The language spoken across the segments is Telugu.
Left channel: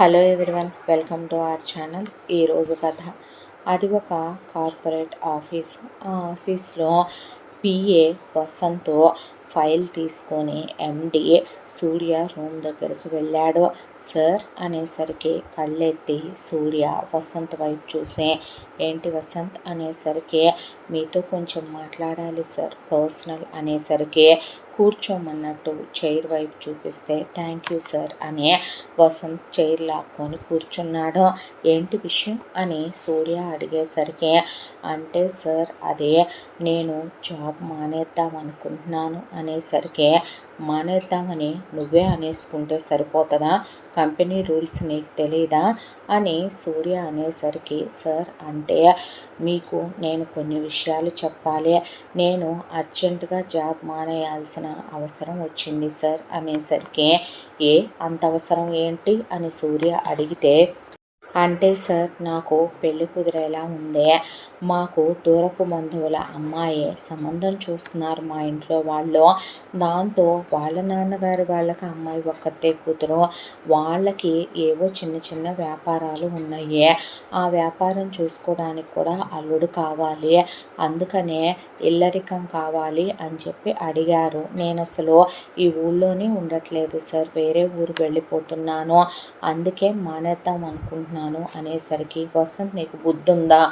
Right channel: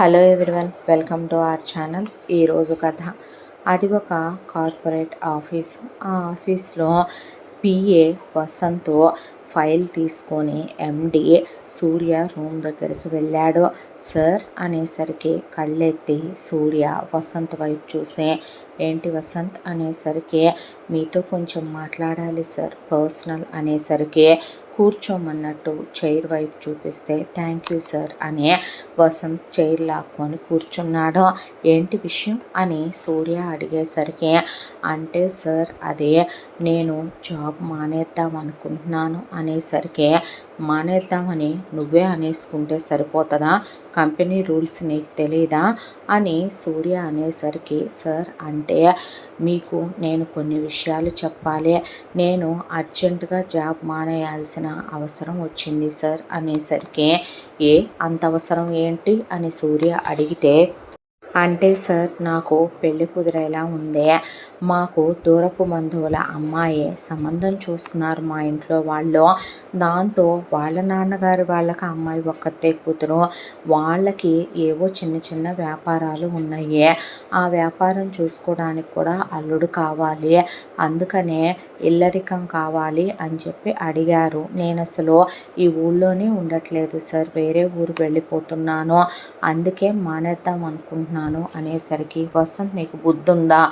Hello everyone, welcome to our channel. ఈరోజు కథ. అది ఒక కార్పొరేట్ ఆఫీసు. ఆ ఆఫీస్లో పిఏ వసంత్ ఫైల్ తీసుకొని ఎండి సూర్య రూమ్ దగ్గరికి వెళ్ళాడు. సార్ అనేసరికి కళ్ళెత్తి సూర్య వసంత్ వైపు చూసి, ఏంటి వసంత్ అనేసరికి, మీతో కొంచెం మాట్లాడాలి సార్, పర్సనల్ అనేసరికి కూర్చోమన్నట్టు చైర్ వైపు చూపిస్తే, థ్యాంక్ యూ సార్ అని వసంత్ చైర్ లాక్కొని కూర్చున్నాడు. ఏంటి విషయం అని సూర్య అడిగేసరికి, అంటే సార్ అదే నేను జాబ్ మానేద్దాం అనుకుంటున్నాను అనేసరికి, మానేద్దామని నువ్వే అనేసుకుంటే సరిపోతుందా, కంపెనీ రూల్స్ నీకు తెలీదా అని సూర్య అనేసరికి, సార్ అంటే మీకు నేను కొన్ని విషయాలు చెప్పాలి, నేను అర్జెంటుగా జాబ్ మానేయాల్సిన అవసరం వచ్చింది సార్ అనేసరికి, అంత అవసరం ఏంటి అని సూర్య అడిగితే, అంటే సార్ నాకు పెళ్ళి కుదిరేలా ఉందే, మాకు దూరపు బంధువుల అమ్మాయి సంబంధం చూస్తున్నారు మా ఇంట్లో వాళ్ళు. దాంతో వాళ్ళ నాన్నగారి వాళ్ళకి అమ్మాయి ఒక్కతే కూతురు, వాళ్ళకి ఏవో చిన్న చిన్న వ్యాపారాలు ఉన్నాయి, ఆ వ్యాపారం చూసుకోవడానికి కూడా అల్లుడు కావాలి, అందుకనే ఇల్లరికం కావాలి అని చెప్పి అడిగారు. నేను అసలు ఈ ఊళ్ళోనే ఉండట్లేదు సార్, వేరే ఊరు వెళ్ళిపోతున్నాను, అందుకే మానేద్దాం అనుకుంటున్నాను అనేసరికి, వసంత్ నీకు బుద్ధుందా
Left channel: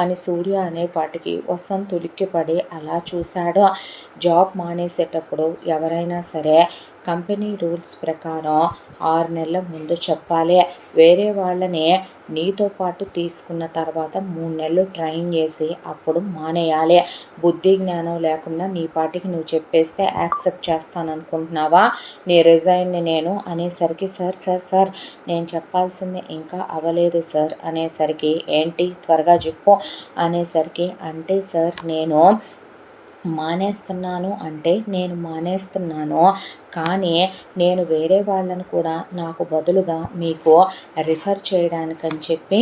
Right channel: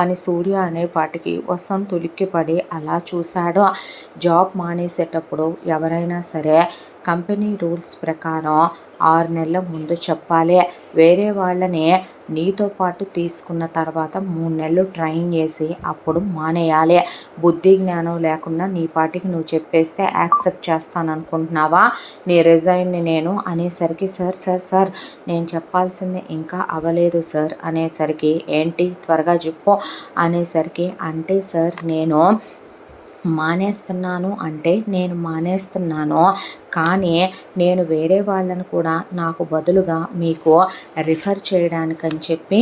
అని సూర్య అనేపాటికి వసంత్ ఉలిక్కిపడి అలా చూశాడు. జాబ్ మానేసేటప్పుడు ఎవరైనా సరే కంపెనీ రూల్స్ ప్రకారం 6 నెలల ముందు చెప్పాలి, వేరే వాళ్ళని నీతో పాటు తీసుకున్న తర్వాత 3 నెలలు ట్రైన్ చేసి అప్పుడు మానేయాలి. బుద్ధి జ్ఞానం లేకుండా నీ పాటికి నువ్వు చెప్పేస్తే యాక్సెప్ట్ చేస్తాను అనుకుంటున్నావా, నీ రిజైన్ని నేను అనేసరికి, సార్ సార్ సార్ నేను చెప్పాల్సింది ఇంకా అవ్వలేదు సార్ అనేసరికి, ఏంటి త్వరగా చెప్పు అనేసరికి, అంటే సార్ నేను మానేస్తున్నాను అంటే నేను మానేస్తున్నాను, కానీ నేను వేరే వాళ్ళను కూడా నాకు బదులుగా మీకు రిఫర్ చేయడానికని చెప్పి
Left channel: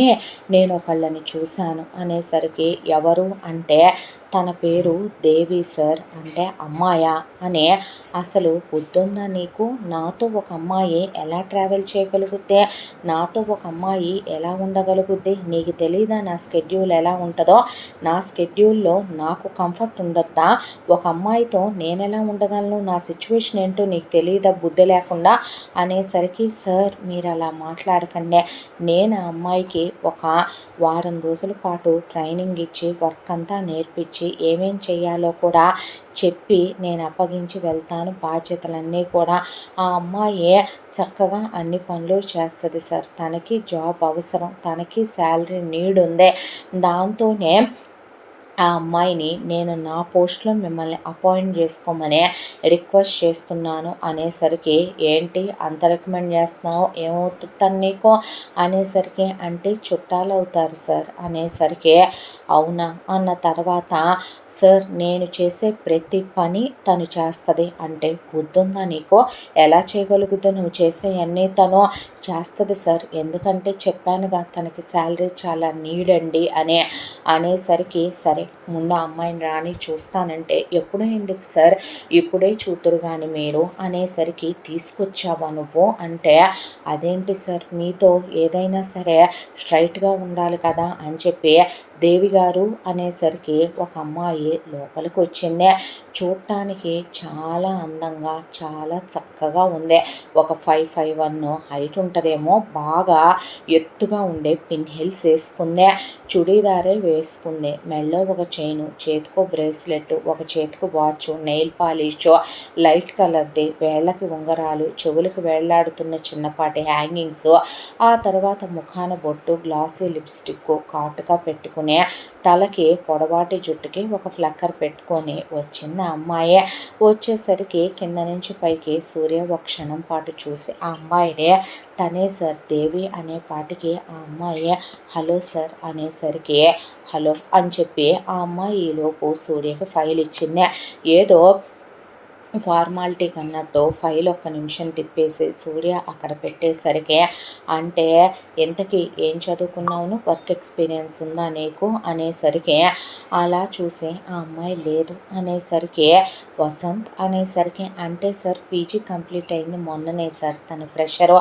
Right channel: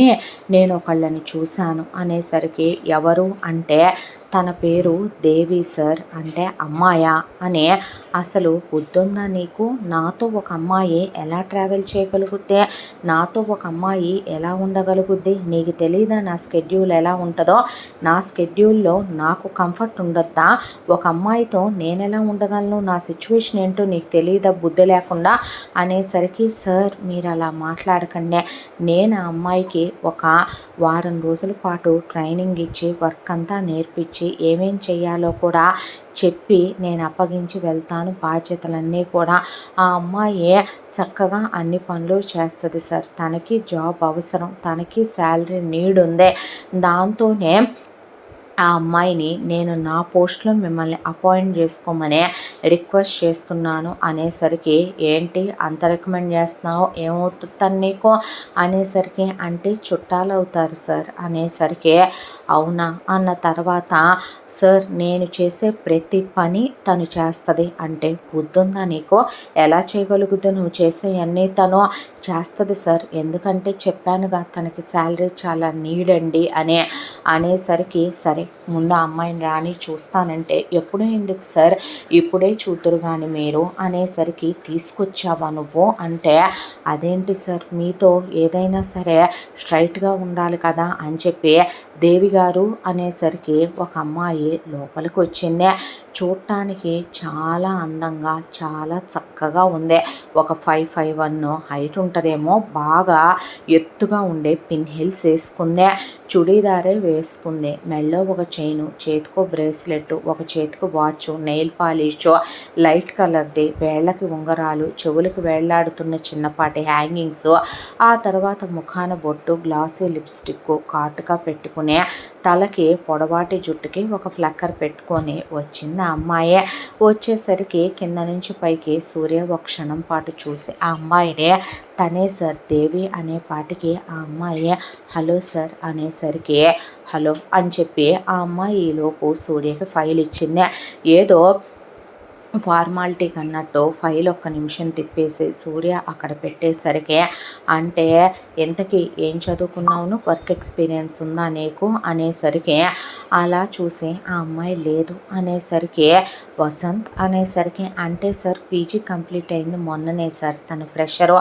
నేను ఒకళ్ళని చూశాను అనేసరికి, ఎవరు అంటే తన పేరు దేవి సార్, అంటే అమ్మాయా అని, అసలు బుద్ధుందా నీకు, నాతో ఒక అమ్మాయి ఎలా ట్రావెల్ చేయగలుగుద్ది, నాతో ఒక అమ్మాయి ఎలా ఉండగలుగుద్ది, నీకు తెలీదా నా స్కెడ్యూల్ ఎలా ఉంటుందో, నా స్కెడ్యూల్లో నాకు కంఫర్ట్ ఉండొద్దా, ఒక అమ్మాయితో నేను ఎలా ఉండగలను, నా సిచ్యువేషన్ ఏంటో నీకు తెలియదా బుద్ధి లేకుండా అనేసరికి, సార్ మీరు అలా మాట్లాడకండి, నేను ఆ అమ్మాయికి ఒక వారం రోజుల పాటు ట్రైనింగ్ ఇచ్చి వర్క్ అంతా నేర్పించి ఏమేం చేయాలో కూడా చెప్పి నేను అప్పగించి వెళ్తాను బాధ్యతలన్నీ కూడా, ఆ అమ్మాయి చక్కగా అన్ని పనులు చేస్తుంది సార్, తనకి జాబ్ అవసరం, తనకి శాలరీ నీడ్ ఉంది, దాంతోనే ఆ అమ్మాయిని నేను నా పోస్ట్లో మిమ్మల్ని అపాయింట్ చేసుకోమని రిక్వెస్ట్ చేస్తున్నాను అనేసరికి, ఏంటి అంత రికమెండ్ చేస్తున్నావు, ఏమవుతుంది నీకు అనేసరికి, అంటే చుట్టాలు అవుతారు సార్ అనేసరికి, అవునా అన్న తర్వాత, సార్ నేను చేసే ప్రతి పని తను చేస్తుంది అంటే బుద్ధుందా నీకు, ఎలా చేయగలుగుతుందో, నువ్వు చేసే అన్నీ తను చేస్తుంది సార్, ఎందుకంటే చెప్పానుగా తనకి శాలరీ చాలా నీడ్ అండి అనేసరికి, సరే ముందు ఆ అమ్మాయిని రాని చూస్తానంటే, ఎప్పుడూ ఎందుకు సార్ ఇప్పుడే చూతురు కానీ మీరు అనేసరికి, తీసుకొచ్చావా నువ్వు అంటే, అదేంటి సార్ మీతో ఏదైనా సరే స్ట్రైట్గా ఉండాలి కదా అని చెప్పి దేవి గారు అనేసరికి, ఒక అమ్మాయి లోపలికి వచ్చింది, చూడటానికి చాలా అందంగా చాలా చక్కగా ఉంది, ఒక 5'1" హైట్ ఉంటుందేమో, బాగా ఎత్తుగా ఉండే పిన్ హిల్స్ వేసుకుంది, చుడీదారే వేసుకుంది, మెడలో ఒక చైను, చేతికో బ్రేస్లెట్, ఒక చేతికి వాచ్, నెయిల్ పాలిష్ లైట్ కలర్ది, వేళ్ళకి ఉంగరాలు, చెవులకు వేళ్లాడుతున్న చిన్నపాటి హ్యాంగింగ్స్, ఆ తర్వాత ముఖాన బొట్టు, గ్లాసు లిప్స్టిక్ కాటుగా పెట్టుకుని, తలకి పొడవాటి జుట్టుకి ఒక ఫ్లక్కర్ పెట్టుకొని వచ్చింది ఆ అమ్మాయి. వచ్చేసరికి కింద నుంచి పైకి సూర్య ఒక క్షణం పాటు చూసి ఆ అమ్మాయిని, తనే సార్ దేవి అనే పాటికి ఆ అమ్మాయి హలో సార్ అనేసరికి, హలో అని చెప్పి ఆ అమ్మాయి ఈలోపు సూర్యకి ఫైల్ ఇచ్చింది. ఏదో ఫార్మాలిటీకి అన్నట్టు ఫైల్ ఒక్క నిమిషం తిప్పేసి సూర్య అక్కడ పెట్టేసరికి, అంటే ఎంతకీ ఏం చదువుకున్నావును, వర్క్ ఎక్స్పీరియన్స్ ఉందా నీకు అనేసరికి, అలా చూసి ఆ అమ్మాయి లేదు అనేసరికి, వసంత్ అనేసరికి, అంటే సార్ పీజీ కంప్లీట్ అయింది మొన్ననే సార్, తను ఫ్రెషరు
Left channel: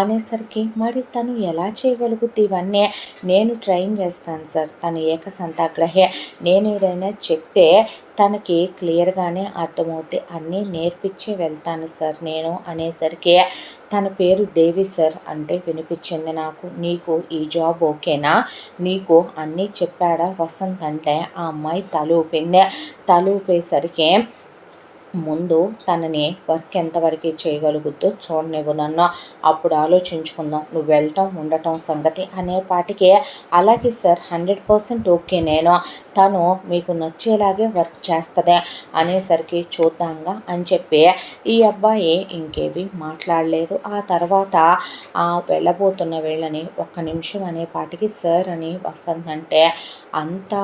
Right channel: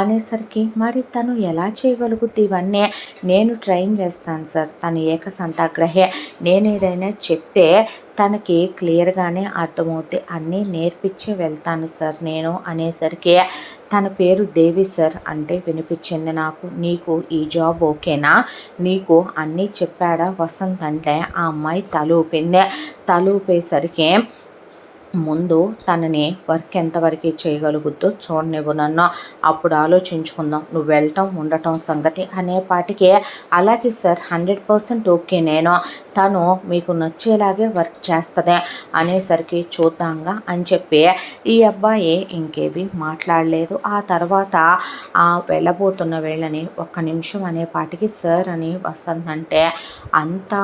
అనేసరికి, మరి తను ఎలా చేయగలుగుద్ది ఇవన్నీ, నేను ట్రైన్ చేస్తాను సార్, తను ఏకసంతాగ్రహే, నేను ఏదైనా చెప్తే తనకి క్లియర్గానే అర్థమవుద్ది, అన్నీ నేర్పించి వెళ్తాను సార్ నేను అనేసరికి, తన పేరు దేవి సార్ అంటే వినిపించింది నాకు. నీకు ఈ జాబ్ ఓకేనా, నీకు అన్నీ చెప్పాడా వసంత్ అంటే, ఆ అమ్మాయి తలూపింది. తలూపేసరికి, ముందు తనని వర్క్ ఎంతవరకు చేయగలుగుద్దో చూడనివ్వు నన్ను, అప్పుడు ఆలోచించుకుందాం, నువ్వు వెళ్ళటం ఉండటం సంగతి అనేపాటికి, అలాగే సార్ 100% ఓకే, నేను తను మీకు నచ్చేలాగే వర్క్ చేస్తుంది అనేసరికి, చూద్దాంగా అని చెప్పి ఈ అబ్బాయి ఇంకేవి మాట్లాడలేదు. ఆ తర్వాత వెళ్ళబోతున్న వీళ్ళని ఒక్క నిమిషం అనేపాటికి, సార్ అని వసంత్ అంటే, అంత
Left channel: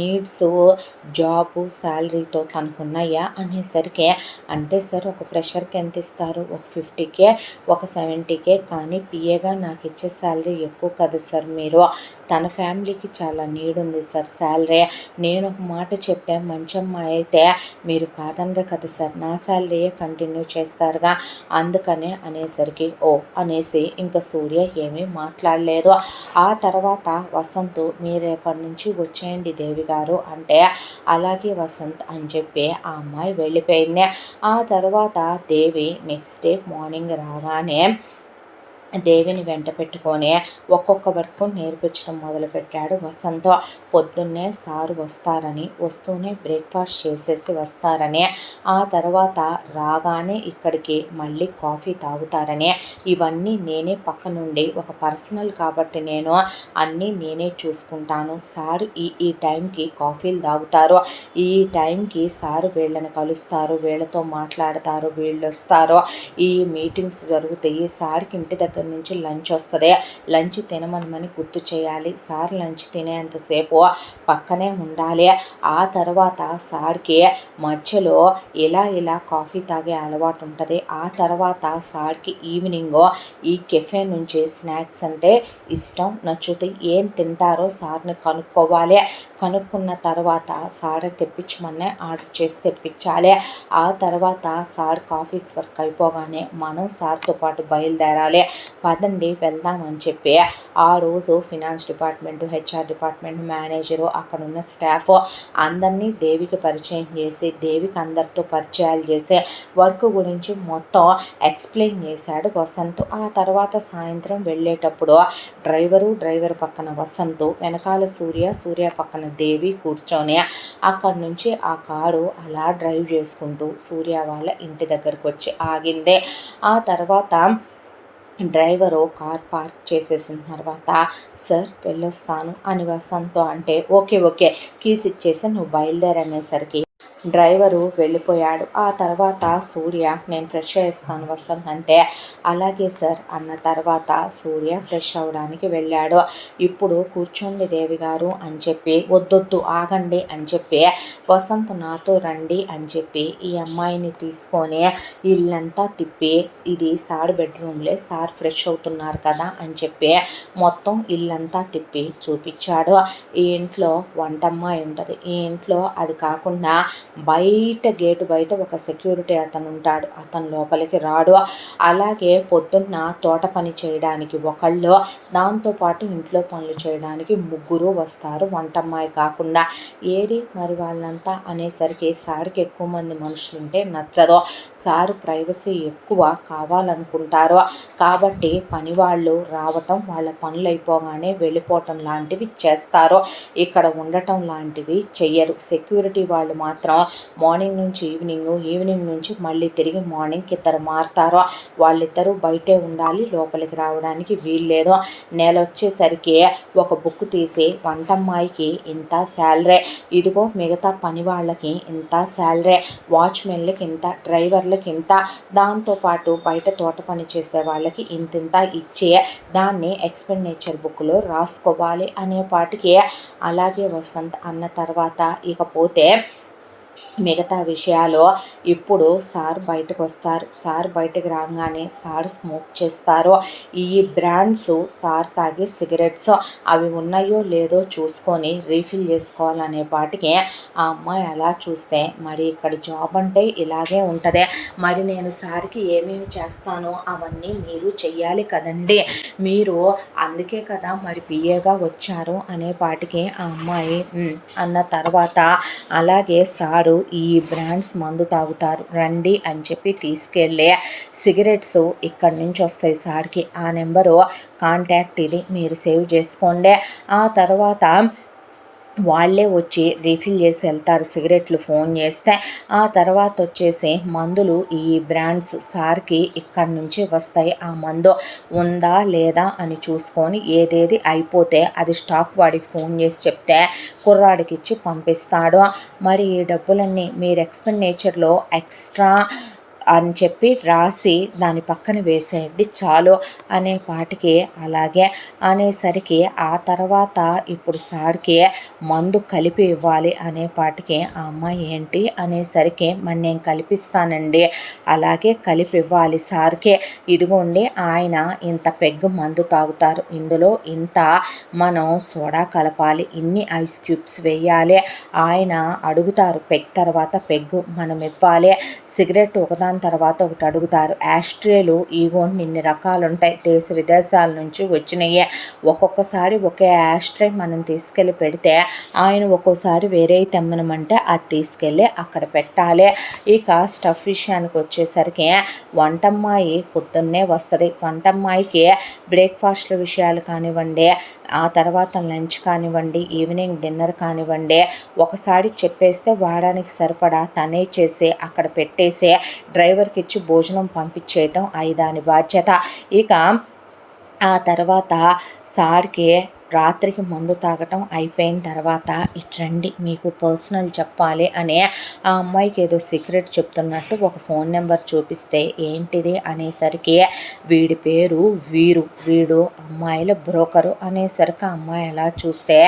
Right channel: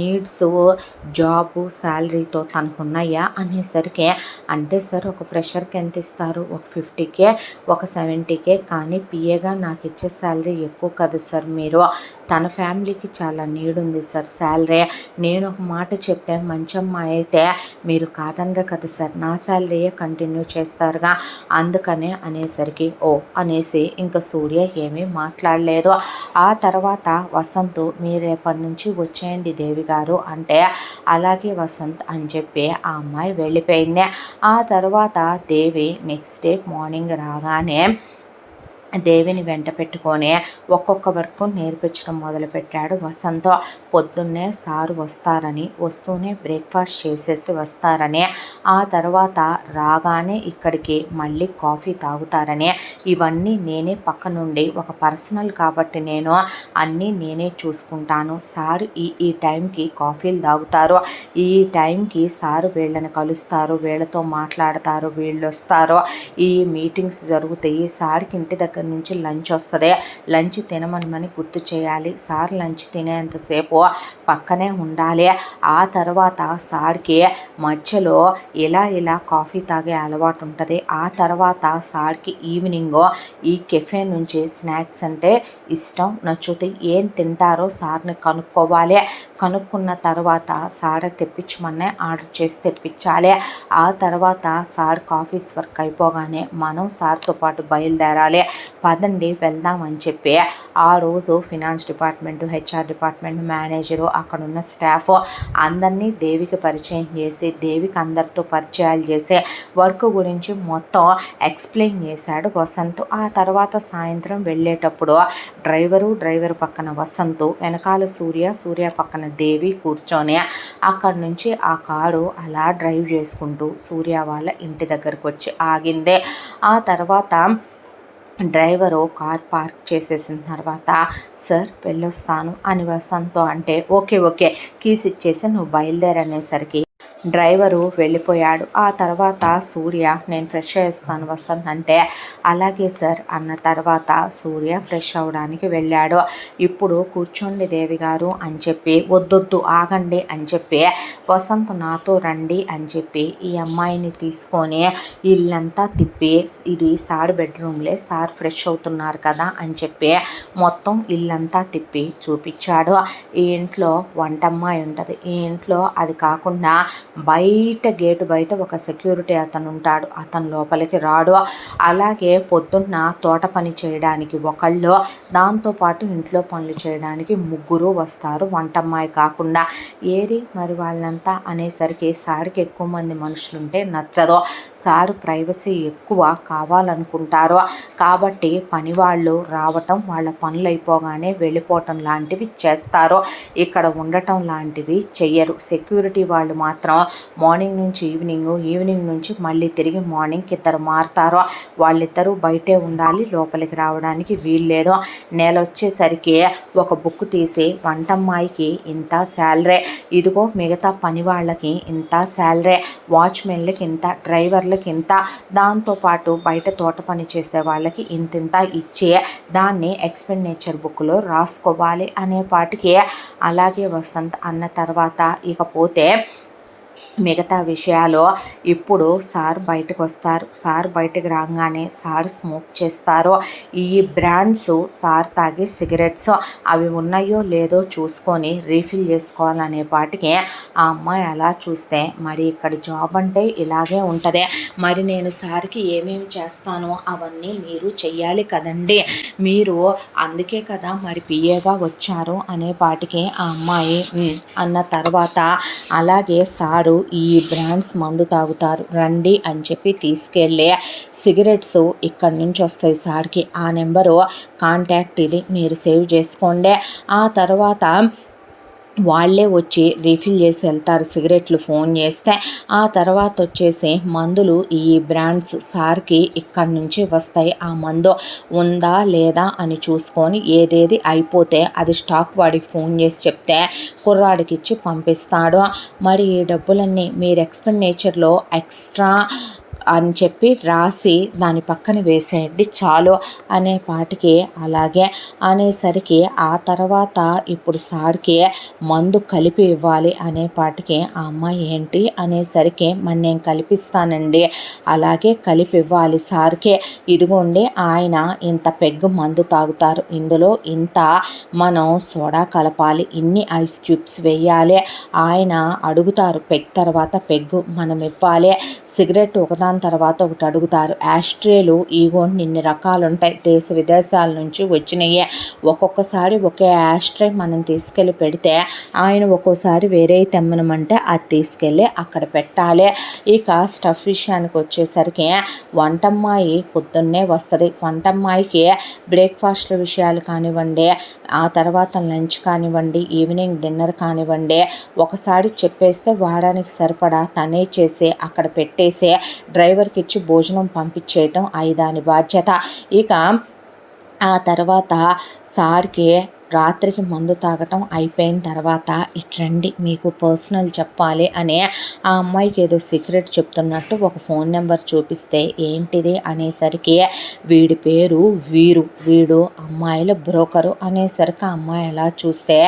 నీడ్స్ జాబు శాలరీతో తనకున్నాయా అనేసరికి, అంటే సార్ ఒక ఫ్రెషర్కి ఎంత ఇస్తారు, ఒక 50K ఒక 70K, కానీ పిఏగా నాకు ఇచ్చే శాలరీ ఎక్కువ కదా సార్, మీరు తన ఫ్యామిలీకి చాలా నీడ్ ఉంది సార్ శాలరీ, నేను ఒక మాట చెప్తే మంచి అమ్మాయి అయితే మీరు కాదనరు కదా సార్, నా శాలరీయే కంటిన్యూ చేస్తారుగా, అందుకనే అనేసరికి, ఓ అనేసి ఇంకా సూర్య ఏమీ మాట్లాడలేదు. ఆ తర్వాత వసంత్, మీరు రేపటి నుంచి వచ్చేయండి దేవి గారు అంటే, అలాగే వసంత్ అని చెప్పి ఆ అమ్మాయి వెళ్ళిపోయింది. ఆ తర్వాత దేవి నెక్స్ట్ డే మార్నింగ్ రాగానే దేవిని వెంట పెట్టుకొని ఒక్కొక్క వర్క్ నేర్పించడం మొదలుపెట్టాడు వసంత్. పొద్దున్నే సారు వస్తారని, వస్తూనే బ్రేక్ఫాస్ట్ చేసేసి వస్తారని, ఆ తర్వాత రాగానే ఇక్కడికి మళ్ళీ కాఫీ తాగుతారని, ఇవన్నీ నేనే పక్క నుండి ఒక పర్సనల్ కాబట్టి నేను అన్నీ నేనే చూసుకుంటాను, సారు ఈ టైంకి కాఫీలు తాగుతారు, ఈ టైంకి సారు వీళ్ళని కలుస్తారు, వీళ్ళతో మాట్లాడతారు, వీళ్ళు వస్తారు, ఈ మీటింగ్స్ జరుగుతాయి, సార్కి ఇంటి దగ్గర నుంచి లంచ్ వస్తుంది, లంచ్ తినమని గుర్తు చేయాలి, సార్ లంచ్ తినేంతసేపు పక్కనే ఉండాలి, ఆ తర్వాత సార్కి మధ్యలో ఇలా కాఫీ తాగే అలవాటు ఉంటుంది, ఆ తర్వాత సార్కి ఈవినింగ్ ఈ కెఫే నుంచి స్నాక్స్ అంటే ఇష్టం, నచ్చుతాయి, ఏం తింటారో సార్ని కనుక్కోవాలి, కనుక్కున్న తర్వాత సార్ తెప్పించమనే ఆర్డర్ చేసి తెప్పించాలి, ఆ తర్వాత సార్ ఆఫీస్ వర్క్ అయిపోగానే మనం సార్తో పాటు బయలుదేరాలి, పదండి వెళ్దామని చెప్పి ఆ రోజు finance department, HR department manager, అక్కడున్న స్టాఫ్ అందరినీ దేవికి పరిచయం చేసి, దేవికి అందరితో పరిచయాలు చేసి వర్క్ గురించి మొత్తం ఎక్స్ప్లెయిన్ చేశాడు వసంత్. ఆ తర్వాత సాయంత్రం వెళ్ళేటప్పుడు డ్రైవర్ పక్కన వసంత్, వెనకాల సూర్య పక్కన దేవి కూర్చొని అక్కడి నుంచి ఆ కారు అలా డ్రైవ్ చేసుకుంటూ సూర్య వాళ్ళ ఇంటి దగ్గరకు వచ్చి ఆగింది. ఆ తర్వాత డ్రైవరు కార్ పార్క్ చేసేసిన తర్వాత, సార్ వెళ్ళొస్తాను అని వసంత్తో అంటే, ఓకే కీస్ ఇచ్చేసి నువ్వు బయలుదేరనేసరికి డ్రైవరు వెళ్ళిపోయాడు. ఆ తర్వాత సూర్య, నేను ఫ్రెష్ అయ్యేస్తాను వసంత్ అంటే, అలాగే సార్ అన్న తర్వాత సూర్య ఫ్రెష్ అవ్వడానికి వెళ్ళాడు. ఇప్పుడు కూర్చోండి దేవి గారు అని చెప్పి, వద్దొద్దు ఆగండి అని చెప్పి, వసంత్ నాతో రండి అని చెప్పి ఈ అమ్మాయిని తీసుకొని ఇల్లంతా తిప్పి, ఇది సార్ బెడ్రూమ్లే, సార్ ఫ్రెష్ అవుతున్నారు కదా అని చెప్పి మొత్తం ఇల్లంతా తిప్పి చూపించాడు. ఈ ఇంట్లో వంటమ్మాయి ఉంటుంది, ఈ ఇంట్లో అది కాకుండా గేటు బయట ఒక సెక్యూరిటీ అతను ఉంటాడు, అతను లోపలికి రాడు, అలాగే పొద్దున్న తోట పని చేయడానికి ఒకళ్ళు, దాంతోపాటు ఇంట్లో పనులు చేయడానికి ముగ్గురు వస్తారు వంటమ్మాయి కాకుండా, ఏరి మరి వాళ్ళంతా అనేసరికి సార్కి ఎక్కువ మంది మనుషులుంటే నచ్చదు, సారు ప్రైవసీ ఎక్కువ కావాలనుకుంటారు, కాబట్టి పని వాళ్ళు రావటం, వాళ్ళ పనులు అయిపోగానే వెళ్ళిపోవటం లాంటివి చేస్తారు, ఇక్కడ ఉండటం లాంటివి చెయ్యరు. సెక్యూరిటీ వాళ్ళు మాత్రం మార్నింగ్ నుంచి ఈవినింగ్ నుంచి మళ్ళీ తిరిగి మార్నింగ్కి ఇద్దరు మారుతారు, వాళ్ళిద్దరూ బయటే ఉండాలి, లోపలికి రావడానికి వీల్లేదు. నెల వచ్చేసరికి ఒక బుక్ తీసి వంటమ్మాయికి ఇంత శాలరీ, ఇదిగో మిగతా పని వాళ్ళకి ఇంత శాలరీ, వాచ్మెన్లకి ఇంత, డ్రైవర్లకి ఇంత, దాంతోపాటు బయట తోట పని చేసే వాళ్ళకి ఇంతింత ఇచ్చే దాన్ని ఎక్స్పెండిచర్ బుక్లో రాసుకోవాలి అనేపాటికి, అలాగే వసంత్ అన్న తర్వాత ఇకపోతే మిగతా విషయాలు ఇప్పుడు సార్ బయటకొస్తారు. సార్ బయటకు రాగానే సార్ స్మోక్ చేస్తారు. ఈ బ్రాండ్స్ సార్ తాగే సిగరెట్స్ అవి ఉన్నాయో లేదో చూసుకొని రీఫిల్ చేసుకోవాలనే పాటికి ఆ అమ్మాయి అలా చూస్తే మరి ఇక్కడ జాబ్ అంటే ఇలాగే ఉంటుంది. మరి నేను సార్కి ఏమేమి చేస్తానో అవన్నీ మీరు చెయ్యాలి కదండి. మీరు అందుకే కదా మరి పిఏగా వచ్చారు అనే పాటికి ఆ అమ్మాయి అన్న తర్వాత అలాగే సారు ఈ బ్రాండ్స్ మందు తాగుతారు రండి అని చెప్పి తీసుకెళ్ళి సిగరెట్స్ ఇక్కడి నుంచి వస్తాయి సార్కి. ఆ నెంబరు కాంటాక్ట్ ఇది మీరు సేవ్ చేసుకోండి. ఆ తర్వాత వాళ్ళే వచ్చి రీఫిల్ చేసి వెళ్తారు సిగరెట్లు ఫోన్ చేస్తే. ఆ తర్వాత వచ్చేసి మందులు ఈ బ్రాండ్స్ సార్కి ఇక్కడి నుంచి వస్తాయి. ఆ మందు ఉందా లేదా అని చూసుకొని ఏదేది అయిపోతే అది స్టాక్ వాడికి ఫోన్ చేసి చెప్తే కుర్రాడికి ఇచ్చి పంపిస్తాడు. మరి ఈ డబ్బులన్నీ మీరు ఎక్స్పెండిచర్లో ఎక్స్ట్రా అని చెప్పి రాసి దాని పక్కన వేసేయండి చాలు అనే పాటికి అలాగే అనేసరికి ఆ తర్వాత ఇప్పుడు సార్కి మందు కలిపి ఇవ్వాలి అనే పాటికి ఆ అమ్మాయి ఏంటి అనేసరికి మరి నేను కలిపిస్తానండి అలాగే కలిపి ఇవ్వాలి సార్కే. ఇదిగోండి ఆయన ఇంత పెగ్గు మందు తాగుతారు, ఇందులో ఇంత మనం సోడా కలపాలి, ఇన్ని ఐస్ క్యూబ్స్ వేయాలి. ఆయన అడుగుతారు పెగ్ తర్వాత పెగ్గు మనం ఇవ్వాలి. సిగరెట్ ఒకదాని తర్వాత ఒకటి అడుగుతారు. యాస్ట్రేలు ఇగోండి ఇన్ని రకాలు ఉంటాయి, దేశ విదేశాల నుంచి వచ్చినాయే. ఒక్కొక్కసారి ఒకే యాస్ట్రే మనం తీసుకెళ్ళి పెడితే ఆయన ఒక్కోసారి వేరే తెమ్మనమంటే అది తీసుకెళ్ళి అక్కడ పెట్టాలి. ఇక స్టఫ్ విషయానికి వచ్చేసరికి వంటమ్మాయి పొద్దున్నే వస్తుంది. వంటమ్మాయికి బ్రేక్ఫాస్ట్ల విషయాలు కానివ్వండి, ఆ తర్వాత లంచ్ కానివ్వండి, ఈవినింగ్ డిన్నర్ కానివ్వండి, ఒకసారి చెప్పేస్తే వారానికి సరిపడా తనే చేసి అక్కడ పెట్టేసి డ్రైవర్కి ఇచ్చి భోజనం పంపించేయటం దాని బాధ్యత. ఇక ఆ తర్వాత సార్కి రాత్రికి మందు తాగటం అయిపోయిన తర్వాత ఇట్రండి మీకు పర్సనల్ చెప్పాలి అని ఆ అమ్మాయికి ఏదో సీక్రెట్ చెప్తున్నట్టు ఒక ఫోన్ నెంబర్ చూపిస్తే ఏంటిది అనేసరికి వీడి పేరు వీరు, వీడు అమ్మాయిల బ్రోకరు అనేసరికి ఆ అమ్మాయి ఎలా చూస్తే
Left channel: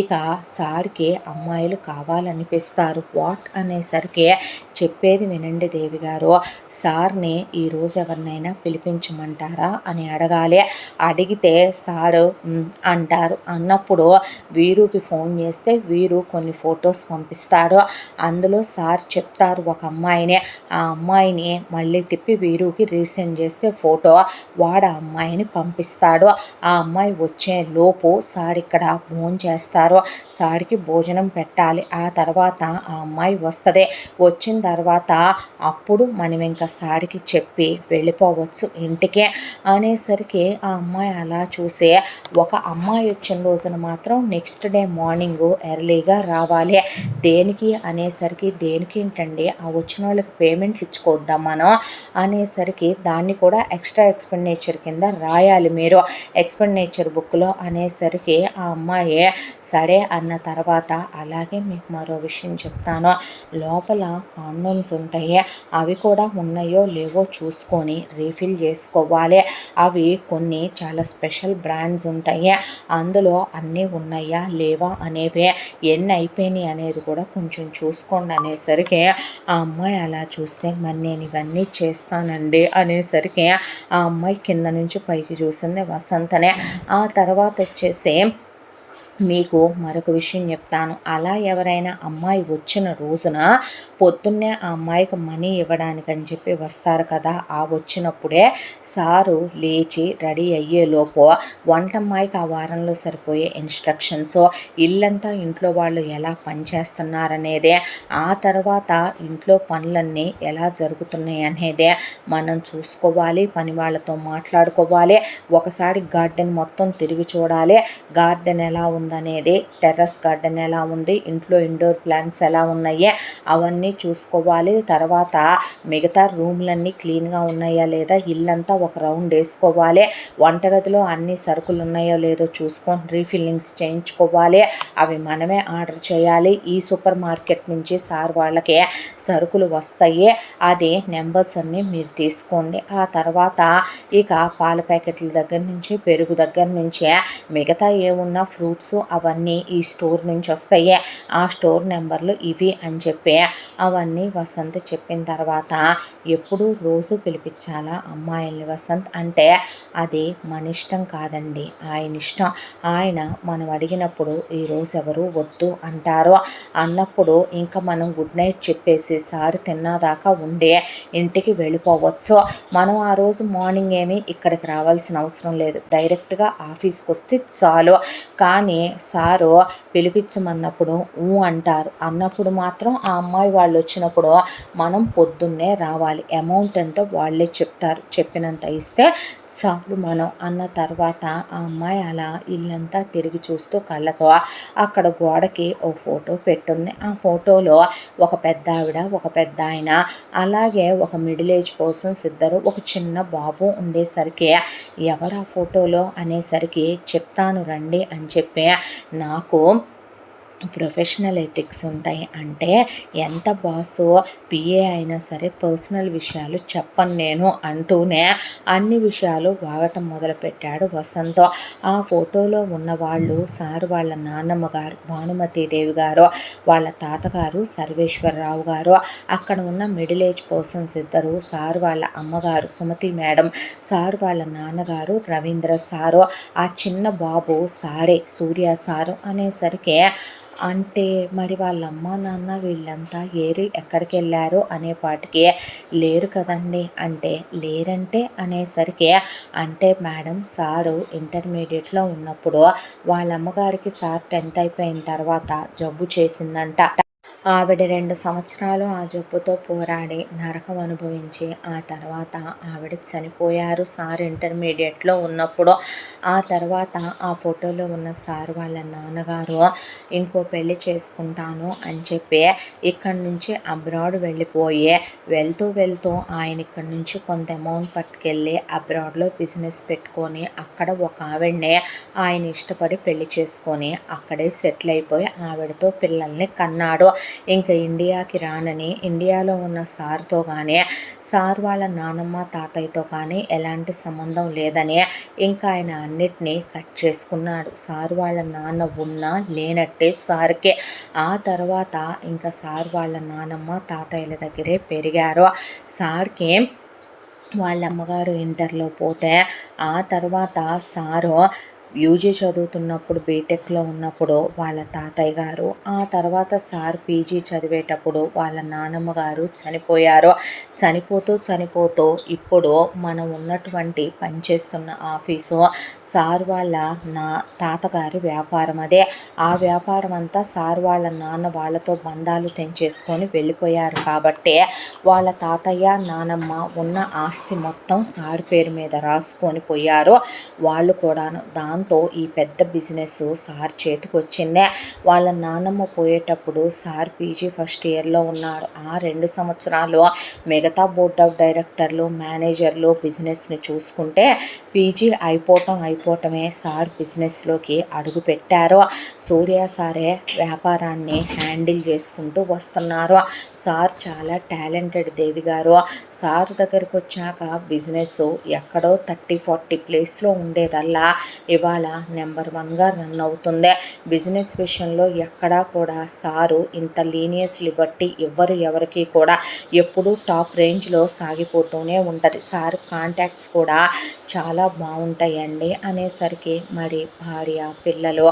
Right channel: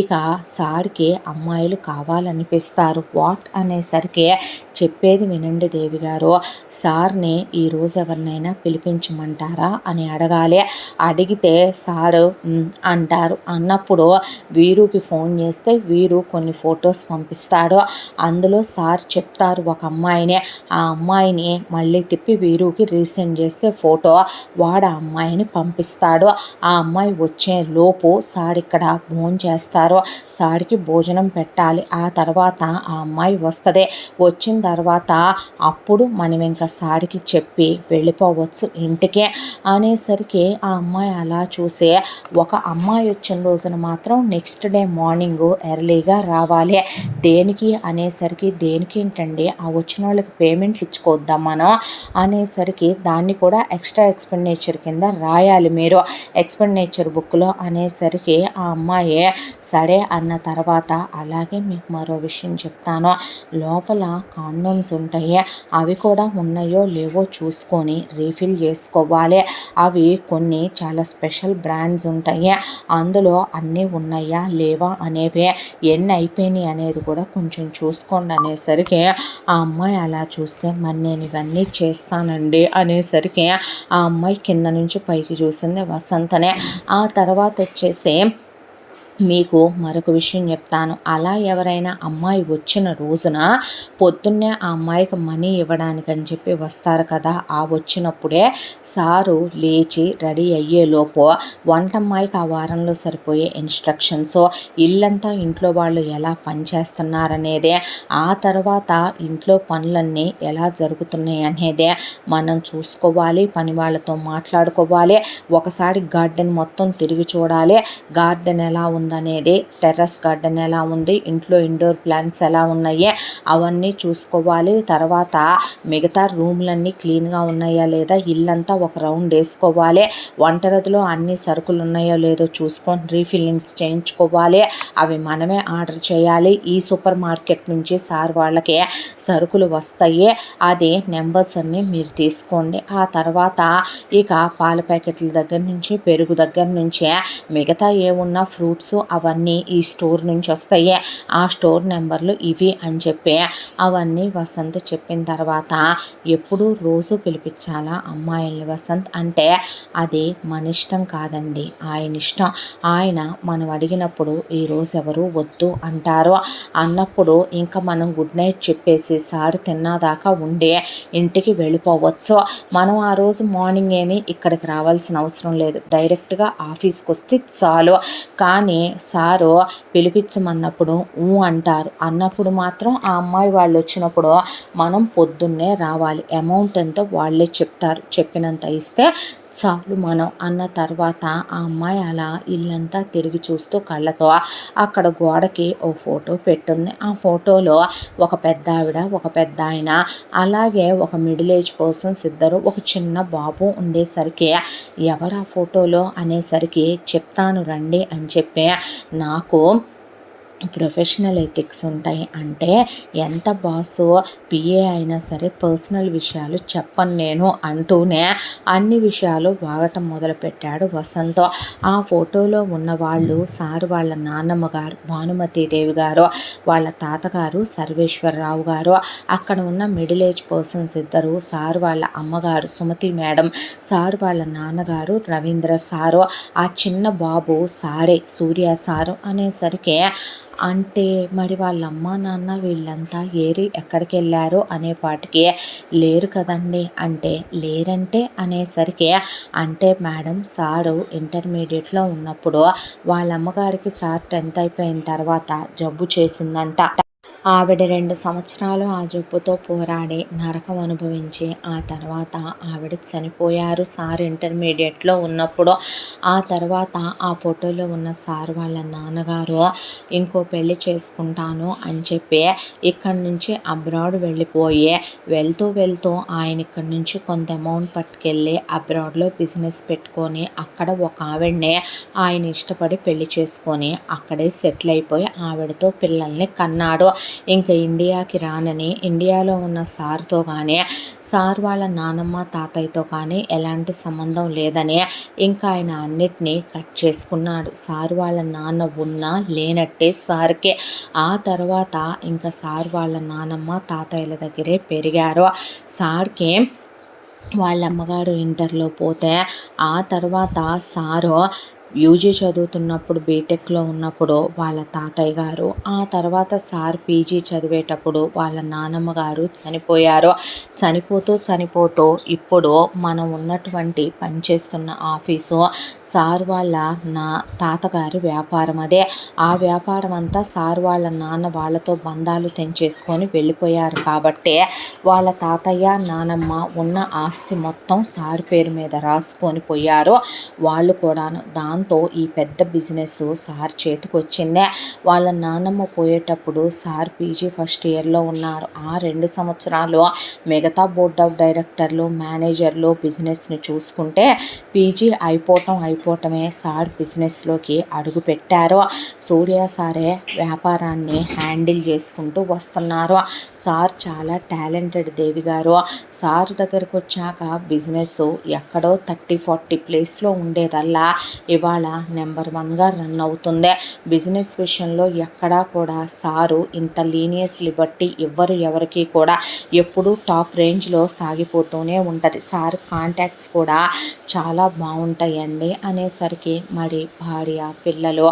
ఇక సార్కి అమ్మాయిలు కావాలనిపిస్తారు. వాట్ అనేసరికి చెప్పేది వినండి దేవి గారు, సార్ని ఈరోజు ఎవరినైనా పిలిపించమంటారా అని అడగాలి. అడిగితే సారు అంటారు. అన్నప్పుడు వీరుకి ఫోన్ చేస్తే వీరు కొన్ని ఫొటోస్ పంపిస్తాడు. అందులో సార్ చెప్తారు ఒక అమ్మాయిని, ఆ అమ్మాయిని మళ్ళీ తిప్పి వీరుకి రీసెండ్ చేస్తే ఫోటో వాడు ఆ అమ్మాయిని పంపిస్తాడు. ఆ అమ్మాయి వచ్చే లోపు సార్ ఇక్కడ భోజనం చేస్తారు. సార్కి భోజనం పెట్టాలి. ఆ తర్వాత ఆ అమ్మాయి వస్తుంది. వచ్చిన తర్వాత అప్పుడు మనం ఇంకా సార్కి చెప్పి వెళ్ళిపోవచ్చు ఇంటికే అనేసరికి ఆ అమ్మాయి అలా చూసి ఒక అమ్మాయి వచ్చిన రోజున మాత్రం నెక్స్ట్ డే మార్నింగ్ ఎర్లీగా రావాలి. దేనికి అనేసరికి దేనికి ఏంటండి ఆ వచ్చిన వాళ్ళకి పేమెంట్లు ఇచ్చుకోద్దాం మనం అనేసరికి దాన్ని కూడా ఎక్స్ట్రా ఎక్స్పెండిచర్ కింద రాయాలి మీరు ఎక్స్పెండిచర్ బుక్లో అనేసరికి ఆ అమ్మాయి సరే అన్న తర్వాత అలాగే మీకు మరో విషయం చెప్తాను, లోపల కాండోమ్స్ ఉంటాయి అవి కూడా ఉన్నాయో లేవో చూసుకొని రీఫిల్ చేసుకోవాలి. అవి కొన్ని చాలా స్పెషల్ బ్రాండ్స్ ఉంటాయి, అందులో అన్నీ ఉన్నాయా లేవా అనేవి ఎన్ని అయిపోయినాయి అనేది కూడా కొంచెం చూసుకోండి అనేసరికి ఆ అమ్మాయి అలా చూస్తే మరి నేను ఇవన్నీ చేస్తానండి అనేసరికి ఆ అమ్మాయి కింద నుంచి పైకి చూసింది వసంతనే. ఆ తర్వాత వచ్చేసి మీకు మరొక విషయం చెప్తాను, అలా ఎవరైనా అమ్మాయి వచ్చిన రోజున పొద్దున్నే ఆ అమ్మాయికి మనీ ఇవ్వడానికని చెప్పి వస్తారు కదా, ఆ వచ్చినప్పుడే సారు లేచి రెడీ అయ్యేలోపు వంటమ్మాయికి ఆ వారంలో సరిపోయే ఇన్స్ట్రక్షన్స్, ఇల్లంతా ఇంట్లో వాళ్ళు ఎలా పనిచేస్తున్నారనేదే, ఆ తర్వాత ఇంట్లో పనులన్నీ ఎలా జరుగుతున్నాయి అనేదే మనం చూసుకోవాలి, పని వాళ్ళతో మాట్లాడుకోవాలి, ఒకసారి గార్డెన్ మొత్తం తిరిగి చూడాలి, గార్డెన్ ఎలా ఉందనేది, టెర్రస్ గార్డెన్ ఎలా ఉంది, ఇంట్లో ఇండోర్ ప్లాంట్స్ ఎలా ఉన్నాయి అవన్నీ చూసుకోవాలి. తర్వాత మిగతా రూమ్లన్నీ క్లీన్గా ఉన్నాయా లేదా ఇల్లంతా ఒక రౌండ్ వేసుకోవాలి, వంటగదిలో అన్ని సరుకులు ఉన్నాయో లేదో చూసుకొని రీఫిల్లింగ్స్ చేయించుకోవాలి, అవి మనమే ఆర్డర్ చేయాలి. ఈ సూపర్ మార్కెట్ నుంచి సార్ వాళ్ళకి సరుకులు వస్తాయి, అది నెంబర్స్ అన్నీ మీరు తీసుకోండి. ఆ తర్వాత ఇక పాల ప్యాకెట్ల దగ్గర నుంచి పెరుగు దగ్గర నుంచి మిగతా ఏమున్నా ఫ్రూట్స్ అవన్నీ ఈ స్టోర్ నుంచి వస్తాయి, ఆ స్టోర్ నెంబర్లు ఇవి అని చెప్పి అవన్నీ వసంత్ చెప్పిన తర్వాత ఎప్పుడూ రోజు పిలిపించాలా అమ్మాయిల్ని వసంత్ అంటే అది మన ఇష్టం కాదండి, ఆయన ఇష్టం. ఆయన మనం అడిగినప్పుడు ఈరోజు ఎవరు వద్దు అంటారు అన్నప్పుడు ఇంకా మనం గుడ్ నైట్ చెప్పేసి సార్ తిన్నాదాకా ఉండి ఇంటికి వెళ్ళిపోవచ్చు. మనం ఆ రోజు మార్నింగ్ ఏమీ ఇక్కడికి రావాల్సిన అవసరం లేదు, డైరెక్ట్గా ఆఫీస్కి వస్తే చాలు. కానీ సారు పిలిపించమన్నప్పుడు అంటారు అన్నప్పుడు మాత్రం ఆ అమ్మాయి వాళ్ళు వచ్చినప్పుడు మనం పొద్దున్నే రావాలి. అమౌంట్ ఎంతో వాళ్ళే చెప్తారు, చెప్పినంత ఇస్తే చాలు మనం అన్న తర్వాత ఆ అమ్మాయి అలా ఇల్లంతా తిరిగి చూస్తూ కళ్ళతో అక్కడ గోడకి ఓ ఫోటో పెట్టుంది. ఆ ఫోటోలో ఒక పెద్ద ఆవిడ, ఒక పెద్ద ఆయన, అలాగే ఒక మిడిల్ ఏజ్ పర్సన్స్ ఇద్దరు, ఒక చిన్న బాబు ఉండేసరికి ఎవరు ఆ ఫోటోలో అనేసరికి చెప్తాను రండి అని చెప్పి నాకు ప్రొఫెషనల్ ఎథిక్స్ ఉంటాయి. అంటే ఎంత బాసు పిఏ అయినా సరే పర్సనల్ విషయాలు చెప్పను నేను అంటూనే అన్ని విషయాలు వాగటం మొదలుపెట్టాడు వసంత్. ఆ ఫోటోలో ఉన్న వాళ్ళు సార్ వాళ్ళ నాన్నమ్మ గారు భానుమతీదేవి గారు, వాళ్ళ తాతగారు సర్వేశ్వరరావు గారు, అక్కడ ఉన్న మిడిల్ ఏజ్ పర్సన్స్ ఇద్దరు, సార్ వాళ్ళ అమ్మగారు సుమతి మేడం, సార్ వాళ్ళ నాన్నగారు రవీంద్ర సారు, ఆ చిన్న బాబు సారే సూర్య సారు అనేసరికి అంటే మరి వాళ్ళ అమ్మ నాన్న వీళ్ళంతా ఎక్కడికి వెళ్ళారు అనేపాటికి లేరు కదండి అంటే లేరంటే అనేసరికి అంటే మేడం సారు ఇంటర్మీడియట్లో ఉన్నప్పుడు వాళ్ళ అమ్మగారికి సార్ 10th అయిపోయిన తర్వాత జబ్బు చేసిందంట. ఆవిడ 2 సంవత్సరాలు ఆ జబ్బుతో పోరాడి నరకం అనుభవించి ఆ తర్వాత ఆవిడ చనిపోయారు సార్ ఇంటర్మీడియట్లో ఉన్నప్పుడు. ఆ తర్వాత ఆ ఫోటోలో ఉన్న సార్ వాళ్ళ నాన్నగారు ఇంకో పెళ్లి చేసుకుంటాను అని చెప్పి ఇక్కడి నుంచి అబ్రాడ్ వెళ్ళిపోయి వెళ్తూ ఆయన ఇక్కడి నుంచి కొంత అమౌంట్ పట్టుకెళ్ళి అబ్రాడ్లో బిజినెస్ పెట్టుకొని అక్కడ ఒక ఆవిడనే ఆయన ఇష్టపడి పెళ్లి చేసుకొని అక్కడే సెటిల్ అయిపోయి ఆవిడతో పిల్లల్ని కన్నాడు. ఇంకా ఇండియాకి రానని ఇండియాలో ఉన్న సార్తో కానీ సార్ వాళ్ళ నానమ్మ తాతయ్యతో కానీ ఎలాంటి సంబంధం లేదని ఇంకా ఆయన అన్నిటినీ కట్ చేసుకున్నాడు. సార్ వాళ్ళ నాన్న ఉన్నా లేనట్టే సార్కి. ఆ తర్వాత ఇంకా సార్ వాళ్ళ నానమ్మ తాతయ్యల దగ్గరే పెరిగారు. సార్కి వాళ్ళ అమ్మగారు ఇంటర్లో పోతే ఆ తర్వాత సారు యూజీ చదువుతున్నప్పుడు బీటెక్లో ఉన్నప్పుడు వాళ్ళ తాతయ్య గారు, ఆ తర్వాత సార్ పీజీ చదివేటప్పుడు వాళ్ళ నానమ్మ గారు చనిపోయారు. చనిపోతూ ఇప్పుడు మనం ఉన్నటువంటి పనిచేస్తున్న ఆఫీసు సార్ వాళ్ళ తాతగారి వ్యాపారం అదే. ఆ వ్యాపారం అంతా సార్ వాళ్ళ నాన్న వాళ్ళతో బంధాలు తెంచేసుకొని వెళ్ళిపోయారు కాబట్టి వాళ్ళ తాతయ్య నానమ్మ ఉన్న ఆస్తి మొత్తం సార్ పేరు మీద రాసుకొని పోయారు వాళ్ళు కూడాను. దాంతో ఈ పెద్ద బిజినెస్ సార్ చేతికి వచ్చిందే. వాళ్ళ నాన్నమ్మ పోయేటప్పుడు సార్ పీజీ ఫస్ట్ ఇయర్లో ఉన్నారు. ఆ 2 సంవత్సరాలు మిగతా బోర్డ్ ఆఫ్ డైరెక్టర్లు మేనేజర్లు బిజినెస్ని చూసుకుంటే పీజీ అయిపోవటమే సార్ బిజినెస్లోకి అడుగు పెట్టారు. సూర్య సారే వ్యాపారాన్ని హ్యాండిల్ చేసుకుంటూ వస్తున్నారు. సార్ చాలా టాలెంటెడ్ దేవి గారు. సార్ దగ్గరకు వచ్చాక బిజినెస్ ఎక్కడో 30-40 ప్లేస్లో ఉండేదల్లా ఇవాళ నెంబర్ 1గా రన్ అవుతుంది. బిజినెస్ విషయంలో ఎక్కడా కూడా సారు ఇంత లీనియస్ లిబర్టీ ఇవ్వరు ఎవరికి కూడా. ఎప్పుడూ టాప్ రేంజ్లో సాగిపోతూనే ఉంటుంది. సార్ కాంటాక్ట్స్ కూడా చాలా బాగుంటాయండి అనేసరికి మరి భార్య పిల్లలు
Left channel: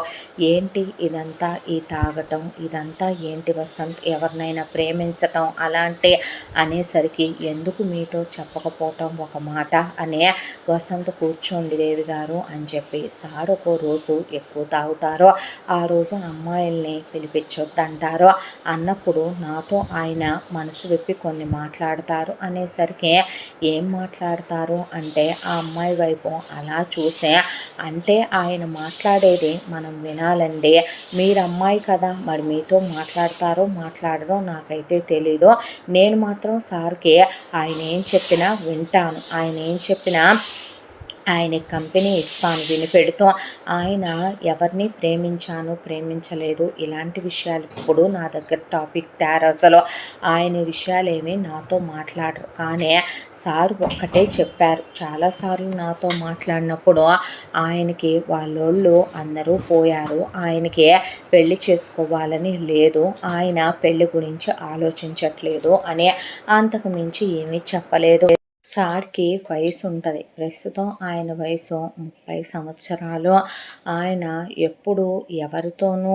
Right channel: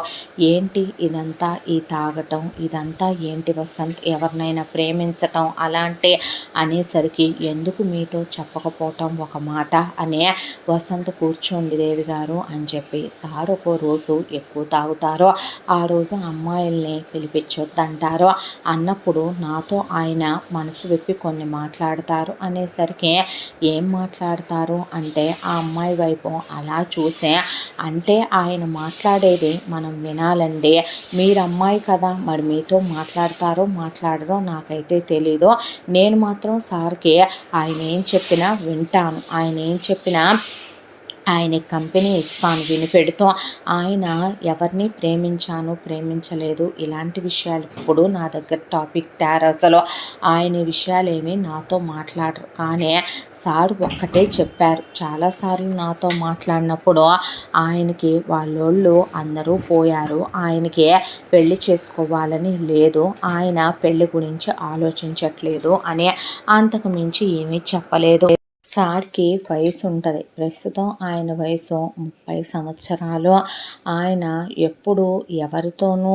ఏంటి ఇదంతా, ఈ తాగటం ఇదంతా ఏంటి వసంత్, ఎవరినైనా ప్రేమించటం అలాంటి అనేసరికి ఎందుకు మీతో చెప్పకపోవటం ఒక మాట అనే వసంత్ కూర్చోండి దేవి గారు అని చెప్పి సార్ ఒక రోజు ఎక్కువ తాగుతారో ఆ రోజు అమ్మాయిల్ని పిలిపించొద్దంటారో అన్నప్పుడు నాతో ఆయన మనసు విప్పి కొన్ని మాట్లాడతారు అనేసరికి ఏం మాట్లాడతారు అంటే ఆ అమ్మాయి వైపు అలా చూసే అంటే ఆయన మాట్లాడేది మనం వినాలండి. మీరు అమ్మాయి కదా మరి మీతో మాట్లాడరో నాకైతే తెలీదు. నేను మాత్రం సార్కి ఆయన ఏం చెప్పినా వింటాను. ఆయన ఏం చెప్పినా ఆయనకి కంపెనీ ఇస్తాను వినిపెడుతూ. ఆయన ఎవరిని ప్రేమించాను, ప్రేమించలేదు ఇలాంటి విషయాలు ఇప్పుడు నా దగ్గర టాపిక్ తేరసలు. ఆయన విషయాలేమి నాతో మాట్లాడరు. కానీ సార్ ఒక్కటే చెప్పారు. చాలాసార్లు నాతో మాట్లాడినప్పుడు ఆయనకి వాళ్ళోళ్ళు అందరూ పోయారు. ఆయనకి పెళ్లి చేసుకోవాలని లేదు. ఆయన పెళ్లి గురించి ఆలోచించట్లేదు అని. అంతకు మించి ఏమీ చెప్పలేదు. సార్‌కి వయసుంటది. ప్రస్తుతం ఆయన వయసు 30 సంవత్సరాలు. ఆయన ఎప్పుడూ ఎవరితోనూ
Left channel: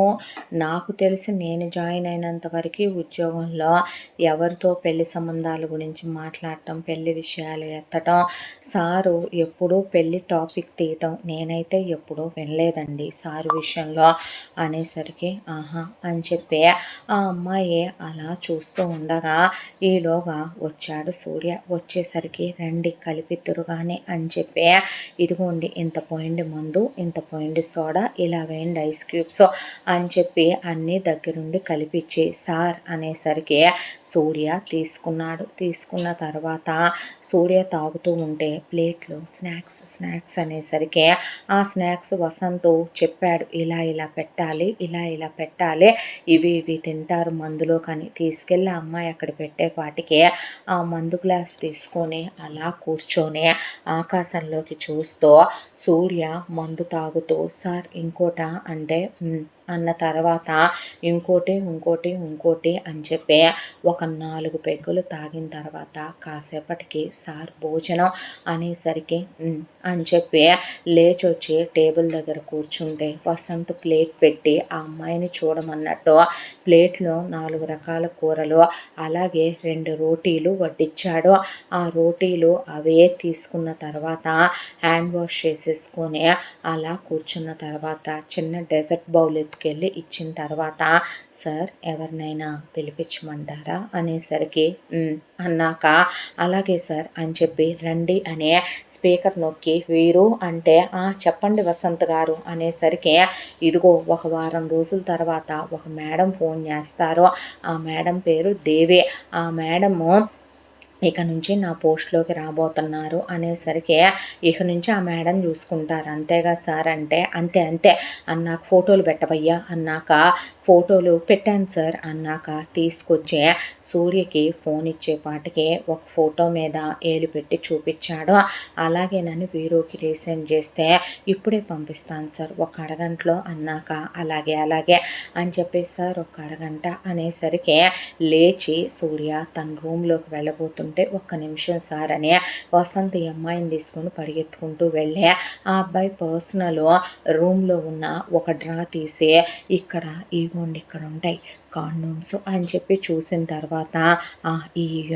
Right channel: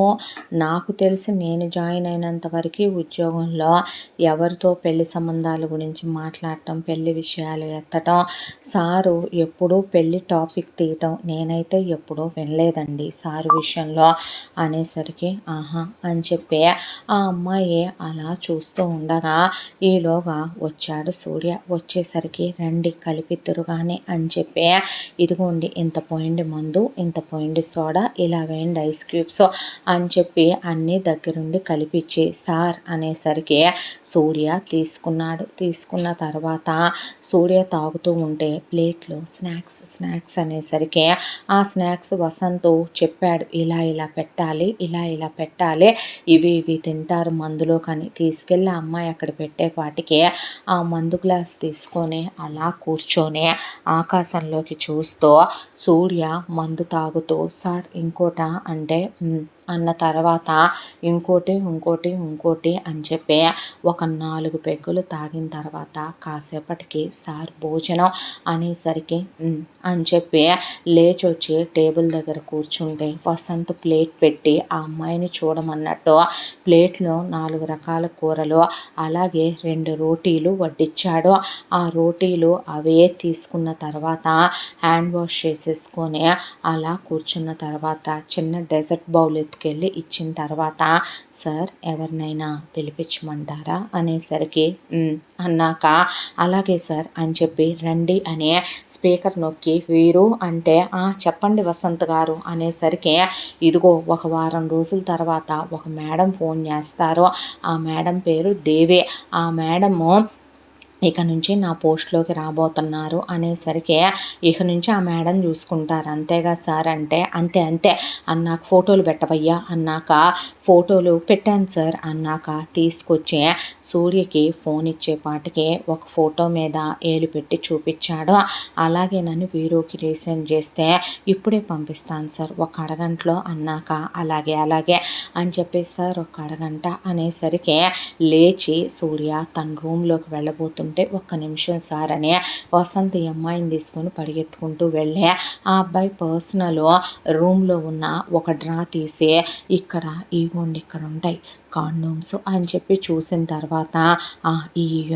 నాకు తెలిసి నేను జాయిన్ అయినంత వరకి ఉద్యోగంలో ఎవరితో పెళ్లి సంబంధాల గురించి మాట్లాడటం, పెళ్లి విషయాలు ఎత్తటం, సారు ఎప్పుడూ పెళ్లి టాపిక్ తీయటం నేనైతే ఎప్పుడూ వినలేదండి సారు విషయంలో అనేసరికి ఆహా! అని చెప్పి ఆ అమ్మాయి అలా చూస్తూ ఉండగా ఈలోగా వచ్చాడు సూర్య. వచ్చేసరికి రండి కలిపిద్దురు కానీ అని చెప్పి ఇదిగోండి ఇంత పోయిండి మందు, ఇంత పోయిండి సోడా, ఇలా వేయండి ఐస్ క్యూబ్స్ అని చెప్పి అన్నీ దగ్గరుండి కలిపిచ్చి సార్ అనేసరికి సూర్య తీసుకున్నాడు. తీసుకున్న తర్వాత సూర్య తాగుతూ ఉంటే ప్లేట్లో స్నాక్స్ అనేసరికి ఆ స్నాక్స్ వసంతు చెప్పాడు. ఇలా ఇలా పెట్టాలి, ఇలా ఇలా పెట్టాలి, ఇవి ఇవి తింటారు మందులో కానీ తీసుకెళ్ళి ఆ అమ్మాయి అక్కడ పెట్టేపాటికి ఆ మందు గ్లాస్ తీసుకొని అలా కూర్చొని ఆకాశంలోకి చూస్తూ సూర్య మందు తాగుతూ సార్ ఇంకోటా అంటే అన్న తర్వాత ఇంకోటి అని చెప్పి ఒక 4 పెగ్గులు తాగిన తర్వాత కాసేపటికి సార్ భోజనం అనేసరికి అని చెప్పి లేచొచ్చి టేబుల్ దగ్గర కూర్చుంటే వసంత్ ప్లేట్ పెట్టి ఆ అమ్మాయిని చూడమన్నట్టు ప్లేట్లో 4 రకాల కూరలు అలాగే 2 రోటీలు వడ్డించాడు. ఆ రోటీలు అవే తీసుకున్న తర్వాత హ్యాండ్ వాష్ చేసేసుకొని అలా కూర్చున్న తర్వాత చిన్న డెజర్ట్ బౌల్ ఎత్తుకెళ్ళి ఇచ్చిన తర్వాత సార్ ఎవరినైనా పిలిపించమంటారా అనేసరికి అన్నాక అలాగే సార్ అని చెప్పి రండి అనే స్పీకర్ నొక్కి వీరు అంటే చెప్పండి వసంత్ గారు అనేసరికి ఇదిగో ఒక వారం రోజుల తర్వాత ఒక మేడం ఫోన్ చేస్తారు. ఆ మేడం పేరు దేవి. ఆ మేడము ఇక నుంచి నా పోస్ట్‌లోకి రాబోతున్నారు అనేసరికి, ఇక నుంచి ఆ మేడం చూసుకుంటారు అంతేగా సార్ అంటే, అంతే అంతే అన్నాక ఫోటోలు పెట్టవయ్యా అన్నాక, ఫోటోలు పెట్టాను సార్ అన్నాక తీసుకొచ్చి సూర్యకి ఫోన్ ఇచ్చేపాటికి ఒక ఫోటో మీద ఏలు పెట్టి చూపించాడు. అలాగే నన్ను వీరోకి రీసెండ్ చేస్తే ఇప్పుడే పంపిస్తాను సార్ ఒక అరగంటలో అన్నాక, అలాగే అలాగే అని చెప్పేసి సార్ ఒక అరగంట అనేసరికి లేచి సూర్య తన రూమ్‌లోకి వెళ్ళబోతుంటే ఒక్క నిమిషం సార్ అని వసంత్ ఈ అమ్మాయిని తీసుకొని పరిగెత్తుకుంటూ వెళ్ళి ఆ అబ్బాయి పర్సనల్ రూమ్లో ఉన్న ఒక డ్రా తీసి ఇక్కడ ఇగోండి ఇక్కడ ఉంటాయి కాండోమ్స్ అని చెప్పి చూసిన తర్వాత ఇవి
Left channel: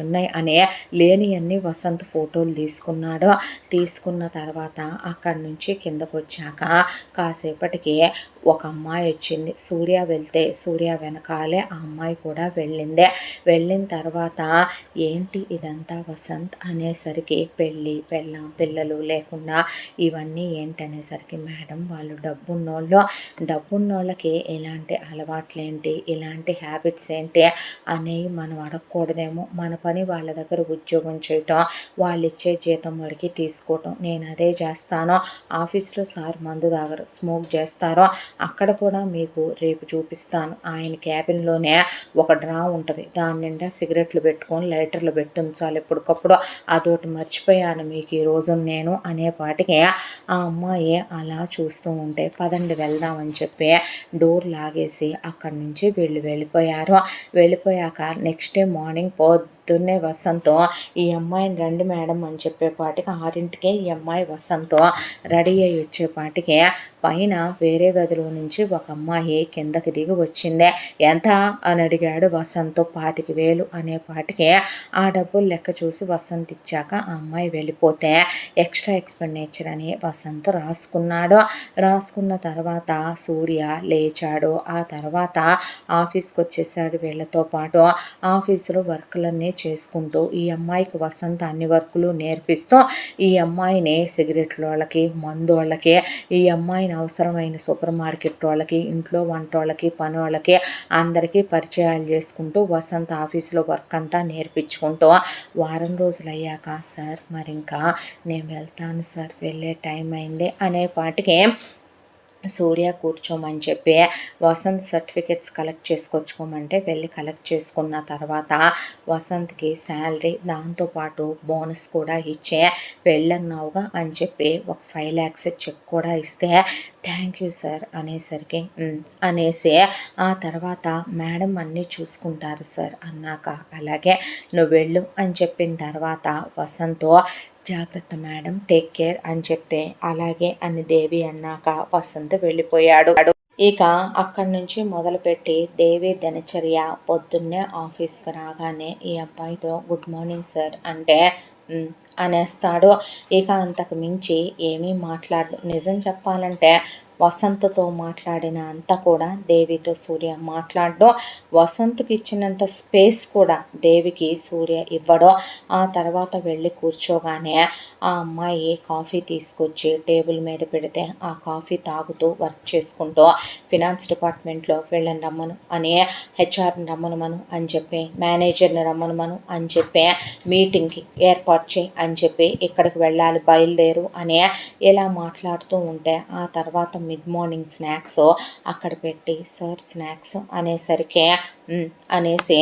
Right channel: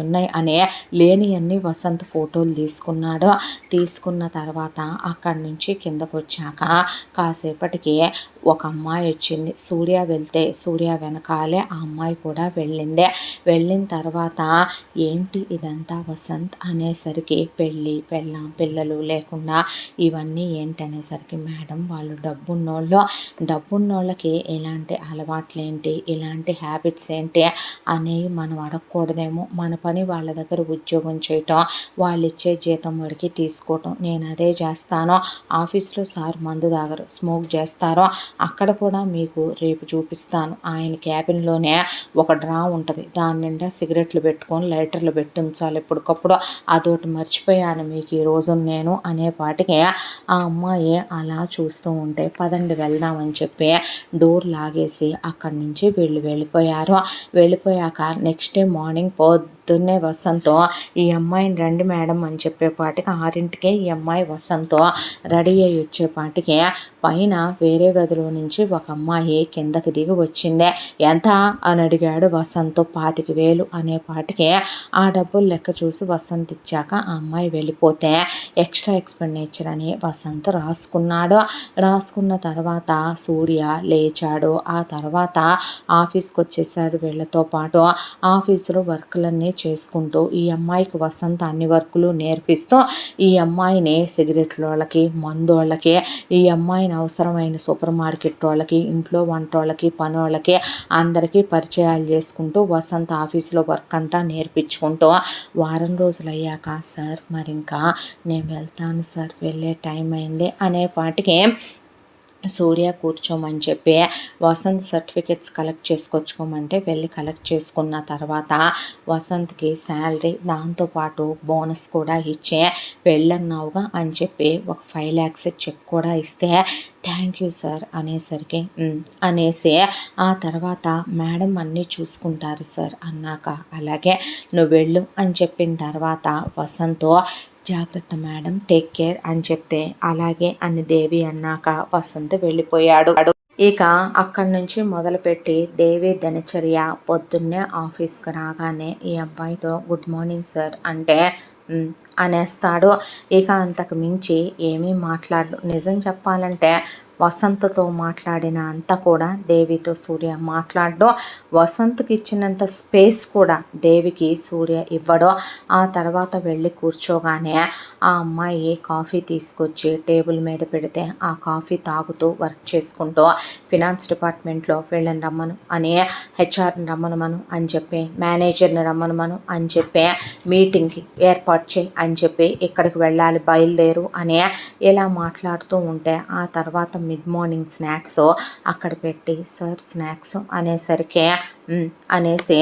ఉన్నాయి అనే లేనివన్నీ వసంత్ ఫోటోలు తీసుకున్నాడు. తీసుకున్న తర్వాత అక్కడి నుంచి కిందకు వచ్చాక కాసేపటికి ఒక అమ్మాయి వచ్చింది. సూర్య వెళ్తే సూర్య వెనకాలే ఆ అమ్మాయి కూడా వెళ్ళింది. వెళ్ళిన తర్వాత ఏంటి ఇదంతా వసంత్ అనేసరికి పెళ్ళి పెళ్ళాం పిల్లలు లేకుండా ఇవన్నీ ఏంటనేసరికి మేడం వాళ్ళు డబ్బున్నోళ్ళకి ఇలాంటి అలవాట్లేంటి ఇలాంటి హ్యాబిట్స్ ఏంటి అనేవి మనం అడగకూడదేమో. మన పని వాళ్ళ దగ్గర ఉద్యోగం చేయటం వాళ్ళు ఇచ్చే జీతం వాడికి తీసుకోవటం నేను అదే చేస్తాను. ఆఫీస్లో సార్ మందు తాగరు స్మోక్ చేస్తారో అక్కడ కూడా మీకు రేపు చూపిస్తాను. ఆయన క్యాబిన్లోనే ఒక డ్రా ఉంటుంది. దాని నిండా సిగరెట్లు పెట్టుకొని లైటర్లు పెట్టి ఉంచాలి ఎప్పటికప్పుడు. అదొకటి మర్చిపోయాను మీకు ఈరోజు నేను అనేపాటికి ఆ అమ్మాయి అలా చూస్తూ ఉంటే పదండి వెళ్దామని చెప్పి డోర్ లాగేసి అక్కడి నుంచి వెళ్ళిపోయారు. వెళ్ళిపోయాక నెక్స్ట్ డే మార్నింగ్ పొద్దున్నే వసంతో ఈ అమ్మాయిని రండి మేడం అని చెప్పేపాటికి 6ంటికే ఈ అమ్మాయి వసంతో రెడీ అయ్యి వచ్చేపాటికి పైన వేరే గదిలో నుంచి ఒక అమ్మాయి కిందకి దిగి వచ్చిందే. ఎంత అని అడిగాడు వసంత్. 25,000 అనేపాటికి ఆ డబ్బులు లెక్క చూసి వసంత్ ఇచ్చాక ఆ అమ్మాయి వెళ్ళిపోతే ఎక్స్ట్రా ఎక్స్పెండిచర్ అని వసంత్ రాసుకున్నాడు. రాసుకున్న తర్వాత సూర్య లేచాడు. ఆ తర్వాత ఆఫీస్కి వచ్చేసాడు వీళ్ళతో పాటు. ఆఫీసులో వర్కులన్నీ చేసుకుంటూ ఈ అమ్మాయికి వసంత అన్ని వర్కులు నేర్పిస్తూ ఈ అమ్మాయిని సిగరెట్లోళ్ళకి, మందోళ్ళకి, ఈ అమ్మాయిని అవసరమైన సూపర్ మార్కెట్ వాళ్ళకి, ఇంట్లో వంటోళ్ళకి, పనోళ్ళకి అందరికీ పరిచయాలు చేసుకుంటూ వసంత ఆఫీస్లో వర్క్ అంతా నేర్పించుకుంటూ వారం రోజులయ్యాక సార్ మరింకా నేను వెళ్తాను సార్, వెళ్ళే టైం అయింది అనేపాటికి సూర్య కూర్చోమని చెప్పి వసంత్ సర్టిఫికెట్స్ కలెక్ట్ చేసుకొచ్చుకోమంటే వెళ్ళి కలెక్ట్ చేసుకున్న తర్వాత వసంత్కి శాలరీ దాంతోపాటు బోనస్ కూడా ఇచ్చే వెళ్ళన్నావుగా అని చెప్పి ఒక 5 lakhs చెక్ కూడా ఇస్తే థ్యాంక్ యూ సార్ అనేసరికి అనేసి ఆ తర్వాత మేడం అన్నీ చూసుకుంటారు సార్ అన్నాక అలాగే నువ్వు వెళ్ళు అని చెప్పిన తర్వాత వసంతో జాగ్రత్త మేడం, టేక్ కేర్ అని చెప్తే అలాగే అని దేవి అన్నాక వసంత్ వెళ్ళిపోయాడు. ఇక అక్కడి నుంచి మొదలుపెట్టి దేవి దినచర్య పొద్దున్నే ఆఫీస్కి రాగానే ఈ అబ్బాయితో గుడ్ మార్నింగ్ సార్ అంటే అనేస్తాడు. ఇక అంతకు మించి ఏమీ మాట్లాడు. నిజం చెప్పాలంటే వసంత్తో మాట్లాడిన అంతా కూడా దేవితో సూర్య మాట్లాడడం, వసంత్కి ఇచ్చినంత స్పేస్ కూడా దేవికి సూర్య ఇవ్వడం. ఆ తర్వాత వెళ్ళి కూర్చోగానే ఆ అమ్మాయి కాఫీ తీసుకొచ్చి టేబుల్ మీద పెడితే ఆ కాఫీ తాగుతూ వర్క్ చేసుకుంటూ ఫినాన్స్ డిపార్ట్మెంట్లో వీళ్ళని రమ్మను అని, హెచ్ఆర్ని రమ్మనమను అని చెప్పి, మేనేజర్ని రమ్మనమను అని చెప్పి, మీటింగ్కి ఏర్పాటు చేయి అని చెప్పి, ఇక్కడికి వెళ్ళాలి బయలుదేరు అని ఇలా మాట్లాడుతూ ఉంటే ఆ తర్వాత మిడ్ మార్నింగ్ స్నాక్స్ అక్కడ పెట్టి సార్ స్నాక్స్ అనేసరికి అనేసి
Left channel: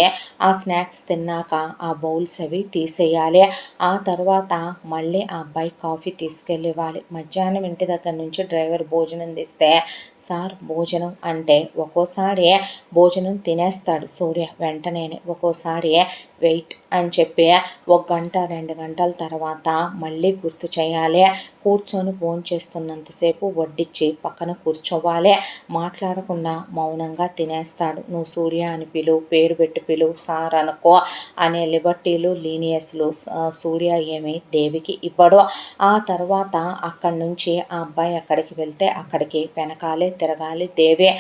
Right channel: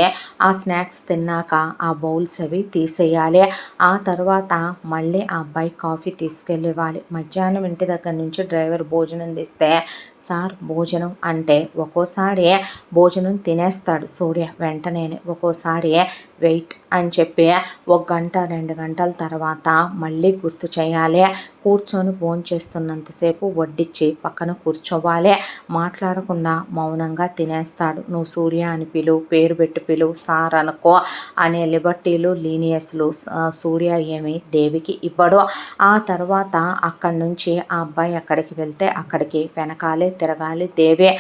ఆ స్నాక్స్ తిన్నాక ఆ బౌల్స్ అవి తీసేయాలి. ఆ తర్వాత మళ్ళీ ఆ అబ్బాయి కాఫీ తీసుకెళ్ళివ్వాలి. మధ్యాహ్నం ఇంటి దగ్గర నుంచి డ్రైవర్ భోజనం తీస్తే సార్ భోజనం అంటే ఒక్కోసారి భోజనం తినేస్తాడు సూర్య వెంటనే, ఒక్కోసారి వెయిట్ అని చెప్పి 1 గంట 2 గంటల తర్వాత మళ్ళీ గుర్తు చేయాలి. కూర్చొని భోంచేస్తున్నంతసేపు వడ్డిచ్చి పక్కన కూర్చోవాలి. మాట్లాడకుండా మౌనంగా తినేస్తాడు. నువ్వు సూర్య అని పిలువు, పేరు పెట్టి పిలువు, సార్ అనుకో అనే లిబర్టీలు లీనియస్లు సూర్య ఏమి దేవికి ఇవ్వడు. ఆ తర్వాత అక్కడి నుంచి ఆ అబ్బాయి అక్కడికి వెళ్తే అక్కడికి వెనకాలే తిరగాలి దేవి.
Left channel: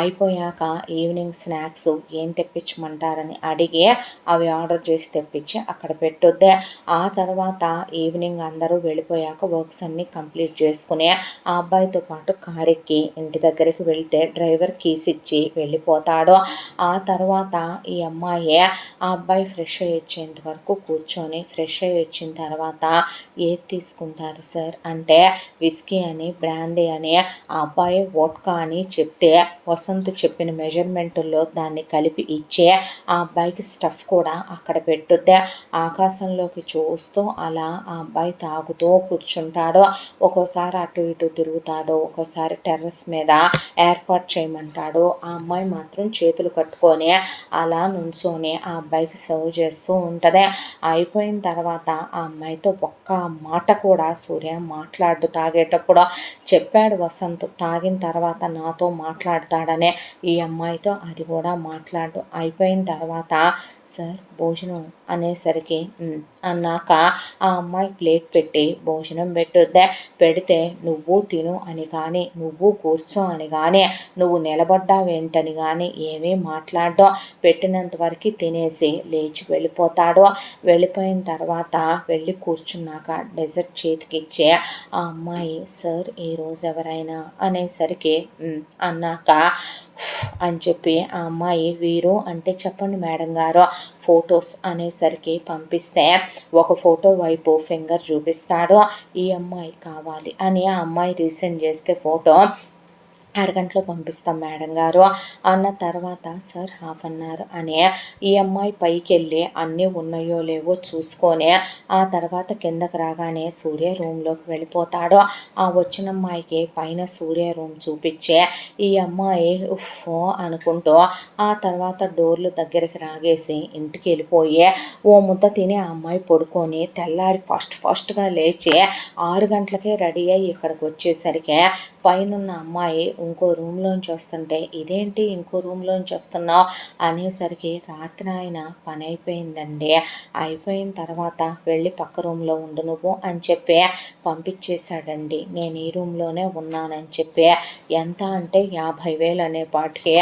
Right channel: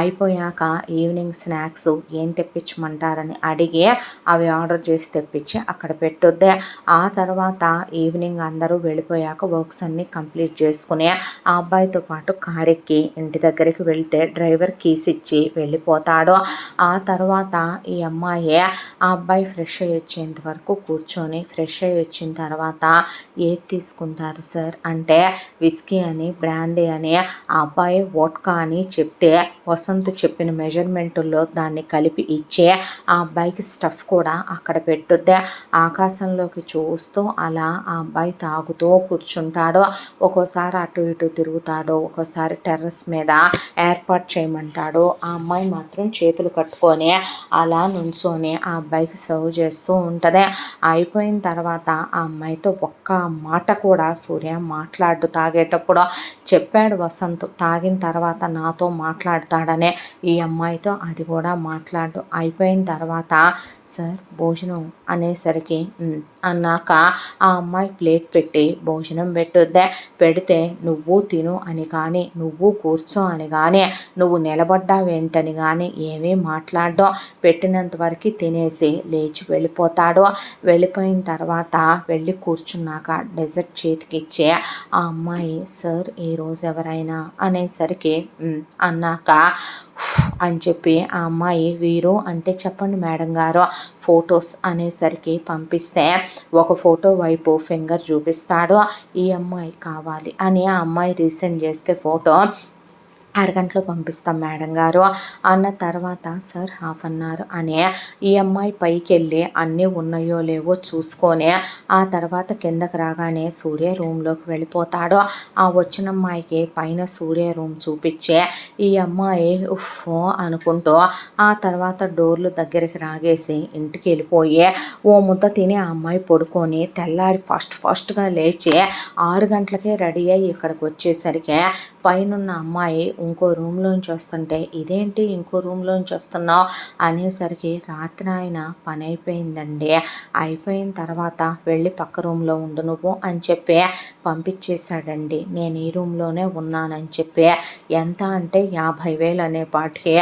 అయిపోయాక ఈవినింగ్ స్నాక్స్ ఏం తెప్పించమంటారని అడిగి అవి ఆర్డర్ చేసి తెప్పించి అక్కడ పెట్టొద్దే. ఆ తర్వాత ఈవినింగ్ అందరూ వెళ్ళిపోయాక వర్క్స్ అన్నీ కంప్లీట్ చేసుకుని ఆ అబ్బాయితో పాటు కారెక్కి ఇంటి దగ్గరికి వెళ్తే డ్రైవర్ కీస్ ఇచ్చి వెళ్ళిపోతాడు. ఆ తర్వాత ఈ అమ్మాయి ఆ అబ్బాయి ఫ్రెష్ అయ్యి వచ్చేంత వరకు కూర్చొని ఫ్రెష్ అయ్యి వచ్చిన తర్వాత ఏది తీసుకుంటారు సార్ అంటే విస్కీ అని, బ్రాందీ అని, ఆ అబ్బాయి వోడ్కా అని చెప్తే వసంత్ చెప్పిన మెజర్మెంట్లో దాన్ని కలిపి ఇచ్చే ఆ అబ్బాయికి స్టఫ్ కూడా అక్కడ పెట్టుద్దే. ఆకాశంలోకి చూస్తూ అలా ఆ అబ్బాయి తాగుతూ కూర్చుంటాడు. ఒక్కోసారి అటు ఇటు తిరుగుతాడు, ఒక్కోసారి టెర్రస్ మీద ఏర్పాటు చేయమంటాడు. ఆ అమ్మాయి మాత్రం చేతులు కట్టుకొని అలా నుంచొని ఆ అబ్బాయికి సర్వ్ చేస్తూ ఉంటుంది. అయిపోయిన తర్వాత ఆ అమ్మాయితో ఒక్క మాట కూడా సూర్య మాట్లాడు. తాగేటప్పుడు చెప్పాడు వసంత్ తాగిన తర్వాత నాతో మాట్లాడతాడనే, ఈ అమ్మాయితో అది కూడా మాట్లాడు. అయిపోయిన తర్వాత సార్ భోజనం అనేసరికి అన్నాక ఆ అమ్మాయి ప్లేట్ పెట్టి భోజనం పెట్టుద్దే. పెడితే నువ్వు తిను అని కానీ, నువ్వు కూర్చో అని కానీ, నువ్వు నిలబడ్డావేంటని కానీ ఏమీ మాట్లాడడం. పెట్టినంత వరకు తినేసి లేచి వెళ్ళిపోతాడు. వెళ్ళిపోయిన తర్వాత వెళ్ళి కూర్చున్నాక డెజర్ట్ చేతికిచ్చే ఆ అమ్మాయి సార్ ఈరోజు ఎవరైనా అనేసరికి అన్నాక అని చెప్పి ఆ అమ్మాయి వీరు అంటే చెప్పండి మేడం గారు ఫొటోస్ అనేసరికి పంపిస్తే ఒక ఫోటో వైపు ఫింగర్ చూపిస్తాడు. ఈ అమ్మాయి కావాలి అని ఆ అమ్మాయి రీసెండ్ చేస్తే ఫోటో అరగంటలో పంపిస్తాం మేడం గారు అన్న తర్వాత సార్ 1/2 అవర్ అనే ఈ అమ్మాయి పైకి వెళ్ళి అన్నీ ఉన్నాయో లేవో చూసుకొని ఆ తర్వాత కిందకి రాగానే సూర్య రూమ్లోకి వెళ్ళిపోతాడు. ఆ వచ్చిన అమ్మాయికి పైన సూర్య రూమ్ చూపించే ఈ అమ్మాయి ఉఫ్ అనుకుంటూ ఆ తర్వాత డోర్లు దగ్గరికి రాగేసి ఇంటికి వెళ్ళిపోయి ఓ ముద్ద తిని ఆ అమ్మాయి పడుకొని తెల్లారి ఫాస్ట్గా లేచి 6 గంటలకే రెడీ అయ్యి ఇక్కడికి వచ్చేసరికి పైనున్న అమ్మాయి ఇంకో రూమ్లోంచి వస్తుంటే, ఇదేంటి ఇంకో రూమ్లోంచి వస్తున్నావు అనేసరికి, రాత్రి ఆయన పని అయిపోయిందండి, అయిపోయిన తర్వాత వెళ్ళి పక్క రూమ్లో ఉండు నువ్వు అని చెప్పి పంపించేశాడండి. నేను ఈ రూమ్లోనే ఉన్నానని చెప్పి, ఎంత అంటే 50,000 అనే పాటికి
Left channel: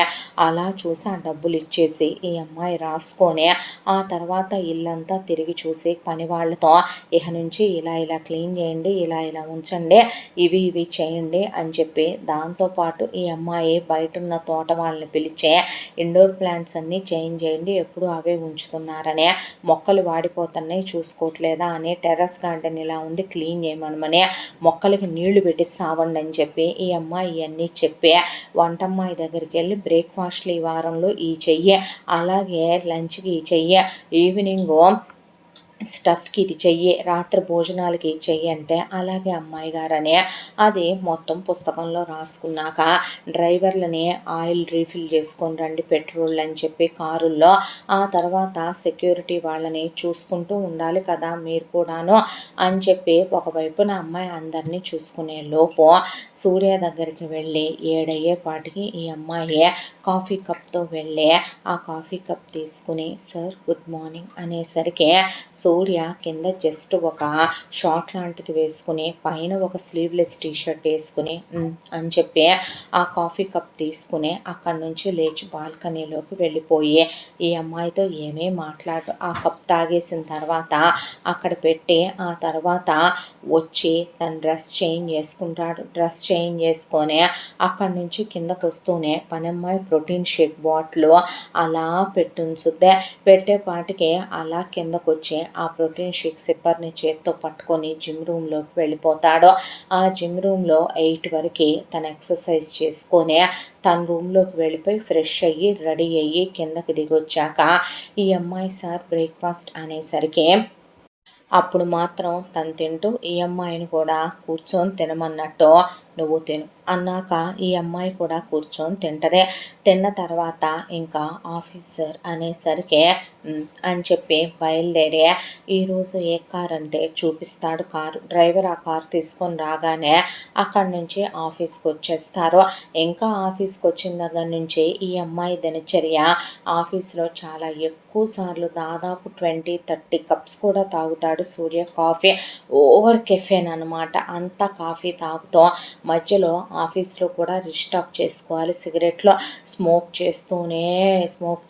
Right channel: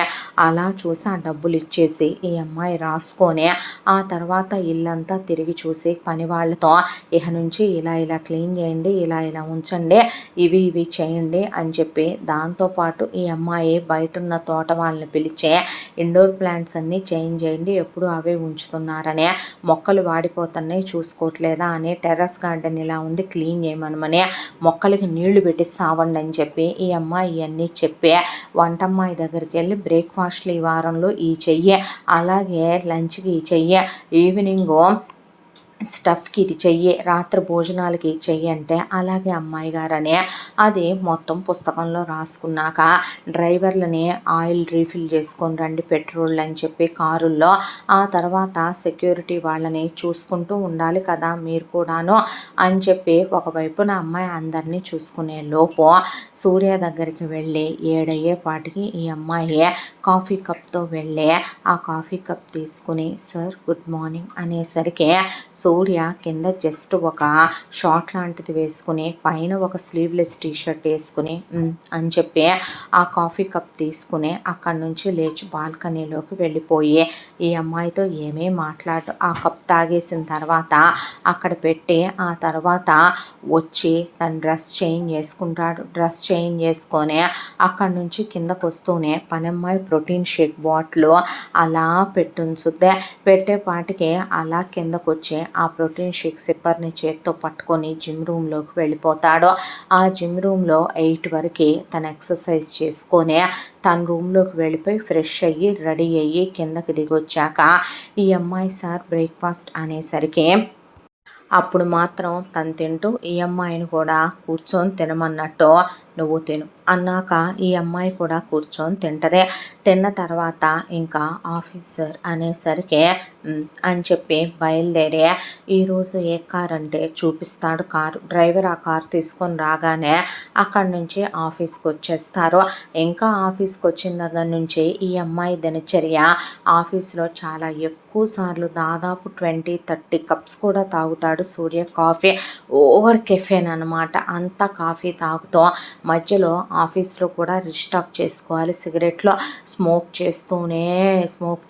అలా చూసి ఆ డబ్బులు ఇచ్చేసి ఈ అమ్మాయి రాసుకొని, ఆ తర్వాత ఇల్లంతా తిరిగి చూసి పని వాళ్ళతో, ఇక నుంచి ఇలా ఇలా క్లీన్ చేయండి, ఇలా ఇలా ఉంచండి, ఇవి ఇవి చేయండి అని చెప్పి, దాంతోపాటు ఈ అమ్మాయి బయటున్న తోట వాళ్ళని పిలిచే ఇండోర్ ప్లాంట్స్ అన్నీ చేంజ్ చేయండి, ఎప్పుడు అవే ఉంచుతున్నారనే, మొక్కలు వాడిపోతున్నాయి చూసుకోవట్లేదా అని, టెర్రస్ గార్డెన్ ఇలా ఉంది క్లీన్ చేయమనమని, మొక్కలకి నీళ్లు పెట్టి సావండి అని చెప్పి ఈ అమ్మాయి ఇవన్నీ చెప్పి, వంటమ్మాయి దగ్గరికి వెళ్ళి బ్రేక్ఫాస్ట్లు ఈ వారంలో ఈ చెయ్యి, అలాగే లంచ్కి ఈ చెయ్యి, ఈవినింగు స్టఫ్కి ఇది చెయ్యి, రాత్రి భోజనాలకి చెయ్యి అంటే, అలాగే అమ్మాయి గారని అది మొత్తం పుస్తకంలో రాసుకున్నాక, డ్రైవర్లని ఆయిల్ రీఫిల్ చేసుకొని రండి పెట్రోల్ అని చెప్పి కారుల్లో, ఆ తర్వాత సెక్యూరిటీ వాళ్ళని చూసుకుంటూ ఉండాలి కదా మీరు కూడాను అని చెప్పి, ఒకవైపున అమ్మాయి అందరినీ చూసుకునే లోపు సూర్య దగ్గరికి వెళ్ళి 7 అయ్యేపాటికి ఈ అమ్మాయి కాఫీ కప్తో వెళ్ళి ఆ కాఫీ కప్ తీసుకుని, సార్ గుడ్ మార్నింగ్ అనేసరికి, సూర్య కింద జస్ట్ ఒక షార్ట్ లాంటిది వేసుకుని, పైన ఒక స్లీవ్లెస్ టీషర్ట్ వేసుకుని అని చెప్పి ఆ కాఫీ కప్ తీసుకుని అక్కడి నుంచి లేచి బాల్కనీలోకి వెళ్ళిపోయి, ఈ అమ్మాయితో ఏమీ మాట్లాడు, ఆ కప్ తాగేసిన తర్వాత అక్కడ పెట్టి, ఆ తర్వాత వచ్చి తన డ్రెస్ చేంజ్ చేసుకుంటాడు. డ్రెస్ చేంజ్ చేసుకొని అక్కడి నుంచి కిందకు వస్తూనే పనమ్మాయి ప్రోటీన్ షేక్ బాటిల్ అలా పెట్టుంచుద్దే, పెట్టేపాటికి అలా కిందకు వచ్చి ఆ ప్రోటీన్ షేక్ సిప్పర్ని చేత్తో పట్టుకొని జిమ్ రూమ్లోకి వెళ్ళిపోతాడు. ఆ జిమ్ రూమ్లో 8 వరకు తను ఎక్సర్సైజ్ చేసుకొని తన రూమ్లోకి వెళ్ళిపోయి ఫ్రెష్ అయ్యి రెడీ అయ్యి కిందకి దిగొచ్చాక, ఈ అమ్మాయి సార్ బ్రేక్ఫాస్ట్ అనేసరికి, అప్పుడు మాత్రం తను తింటూ ఈ అమ్మాయిని కూడా కూర్చొని తినమన్నట్టు, నువ్వు తిను అన్నాక ఈ అమ్మాయి కూడా కూర్చొని తింటదే. తిన్న తర్వాత ఇంకా ఆఫీసర్ అనేసరికి అని చెప్పి బయలుదేరి, ఈరోజు ఏ కార్ అంటే చూపిస్తాడు కారు, డ్రైవర్ ఆ కారు తీసుకొని రాగానే అక్కడి నుంచి ఆఫీస్కి వచ్చేస్తారు. ఇంకా ఆఫీస్కి వచ్చిన దగ్గర నుంచి ఈ అమ్మాయి దినచర్య, ఆఫీస్లో చాలా ఎక్కువ సార్లు దాదాపు 20-30 కప్స్ కూడా తాగుతాడు సూర్య కాఫీ, ఓవర్ కెఫెన్ అనమాట. అంతా కాఫీ తాగుతూ మధ్యలో ఆఫీస్లో కూడా రీస్టాక్ చేసుకోవాలి, సిగరెట్లో స్మోక్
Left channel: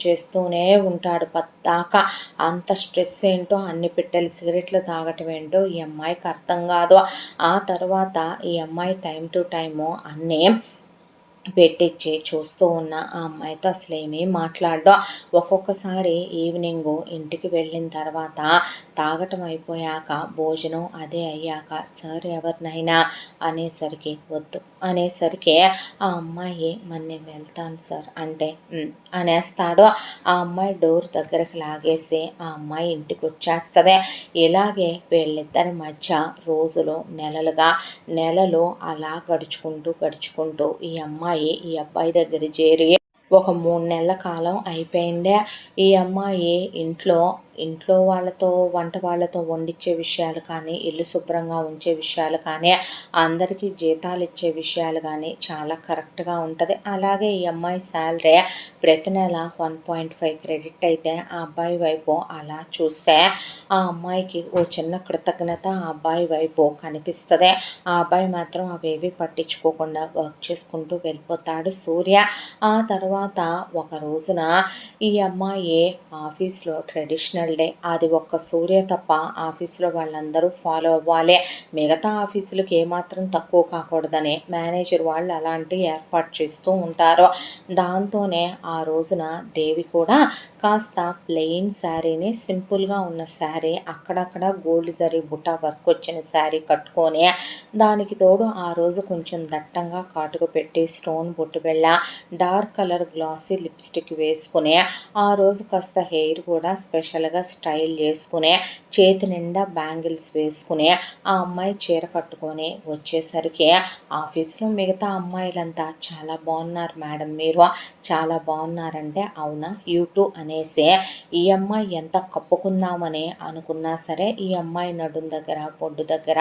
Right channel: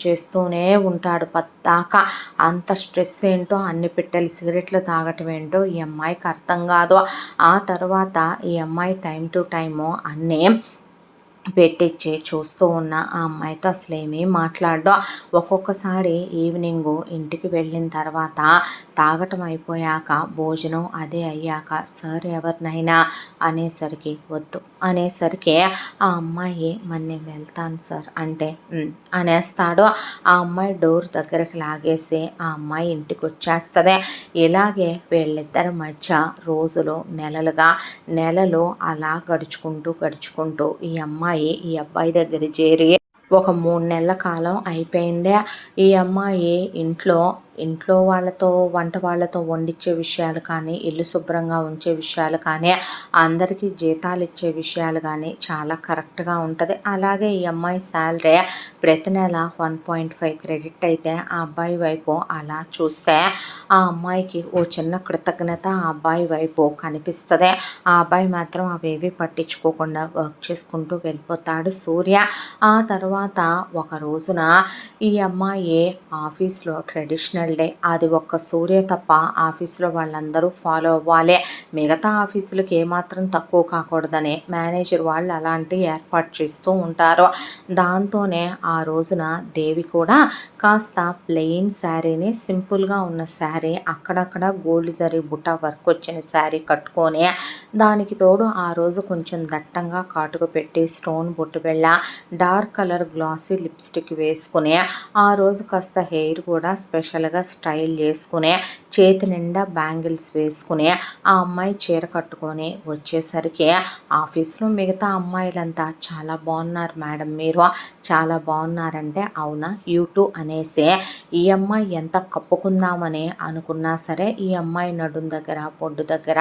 చేస్తూనే ఉంటాడు పద్దాకా. అంత స్ట్రెస్ ఏంటో, అన్ని పెట్టెలు సిగరెట్లు తాగటం ఏంటో ఈ అమ్మాయికి అర్థం కాదు. ఆ తర్వాత ఈ అమ్మాయి టైం టు టైము అన్నీ పెట్టించి చూస్తూ ఉన్న ఆ అమ్మాయితో అసలేమీ మాట్లాడడం. ఒక్కొక్కసారి ఈవినింగు ఇంటికి వెళ్ళిన తర్వాత తాగటం అయిపోయాక భోజనం అదే అయ్యాక, సార్ ఎవరినైనా అనేసరికి, వద్దు అనేసరికి ఆ అమ్మాయి మరి నేను వెళ్తాను సార్ అంటే అనేస్తాడు. ఆ అమ్మాయి డోర్ దగ్గరకు లాగేసి ఆ అమ్మాయి ఇంటికి వచ్చేస్తుంది. ఇలాగే వీళ్ళిద్దరి మధ్య రోజులు నెలలు అలా గడుచుకుంటూ ఈ అమ్మాయి ఈ అబ్బాయి దగ్గర చేరి ఒక 3 నెలల కాలం అయిపోయిందే. ఈ అమ్మాయి ఇంట్లో వాళ్ళతో, వంట వాళ్ళతో వండించే విషయాలు కానీ, ఇల్లు శుభ్రంగా ఉంచే విషయాలు కానీ, అందరికీ జీతాలు ఇచ్చే విషయాలు కానీ చాలా కరెక్ట్గా ఉంటుంది. అలాగే ఈ అమ్మాయి శాలరీ ప్రతి నెల 1.5 క్రెడిట్ అయితే, ఆ అబ్బాయి వైపు అలా చూస్తే ఆ అమ్మాయికి ఓ చిన్న కృతజ్ఞత ఆ అబ్బాయి వైపు కనిపిస్తుంది. ఆ అబ్బాయి మాత్రం అవేవి పట్టించుకోకుండా వర్క్ చేసుకుంటూ వెళ్ళిపోతాడు సూర్య. ఆ తర్వాత ఒక రోజున ఈ అమ్మాయి ఆఫీస్లో ట్రెడిషనల్ డే, అది ఒక్క సూర్య తప్ప ఆఫీస్లో వాళ్ళందరూ ఫాలో అవ్వాలి, మిగతా ఆఫీసులకు ఏమాత్రం తక్కువ కాకూడదని మేనేజర్ వాళ్ళు అలాంటి ఏర్పాటు చేస్తూ ఉంటారు. దాంతోనే ఆ రోజున దేవి కూడా కాస్త ప్లెయిన్ శారీని, సింపుల్గా ఉన్న శారీ, అక్కడక్కడ గోల్డ్ జరీ బుట్ట వర్క్ వచ్చిన శారీ కట్టుకొని, దానికి తోడు ఆ రోజు కొంచెం దట్టంగా కాటుక పెట్టి స్టోన్ బొట్టు బిళ్ళ, డార్క్ కలర్ గ్లాసీ లిప్స్టిక్ వేసుకుని, ఆ రోజు కాస్త హెయిర్ కూడా స్పెషల్గా నీట్గా స్టైల్ చేసుకుని చేతి నిండా బ్యాంగిల్స్ వేసుకుని ఆ అమ్మాయి చీర కట్టుకొని వచ్చేసరికి ఆఫీస్లో మిగతా అమ్మాయిలంతా చాలా బాగున్నారు మేడం, మీరు చాలా బాగున్నారంటే అవునా యూట్యూ అనేసి ఈ అమ్మాయి ఎంత కప్పుకుందామని అనుకున్నా సరే ఈ అమ్మాయి నడుం దగ్గర, పొడ్డు దగ్గర,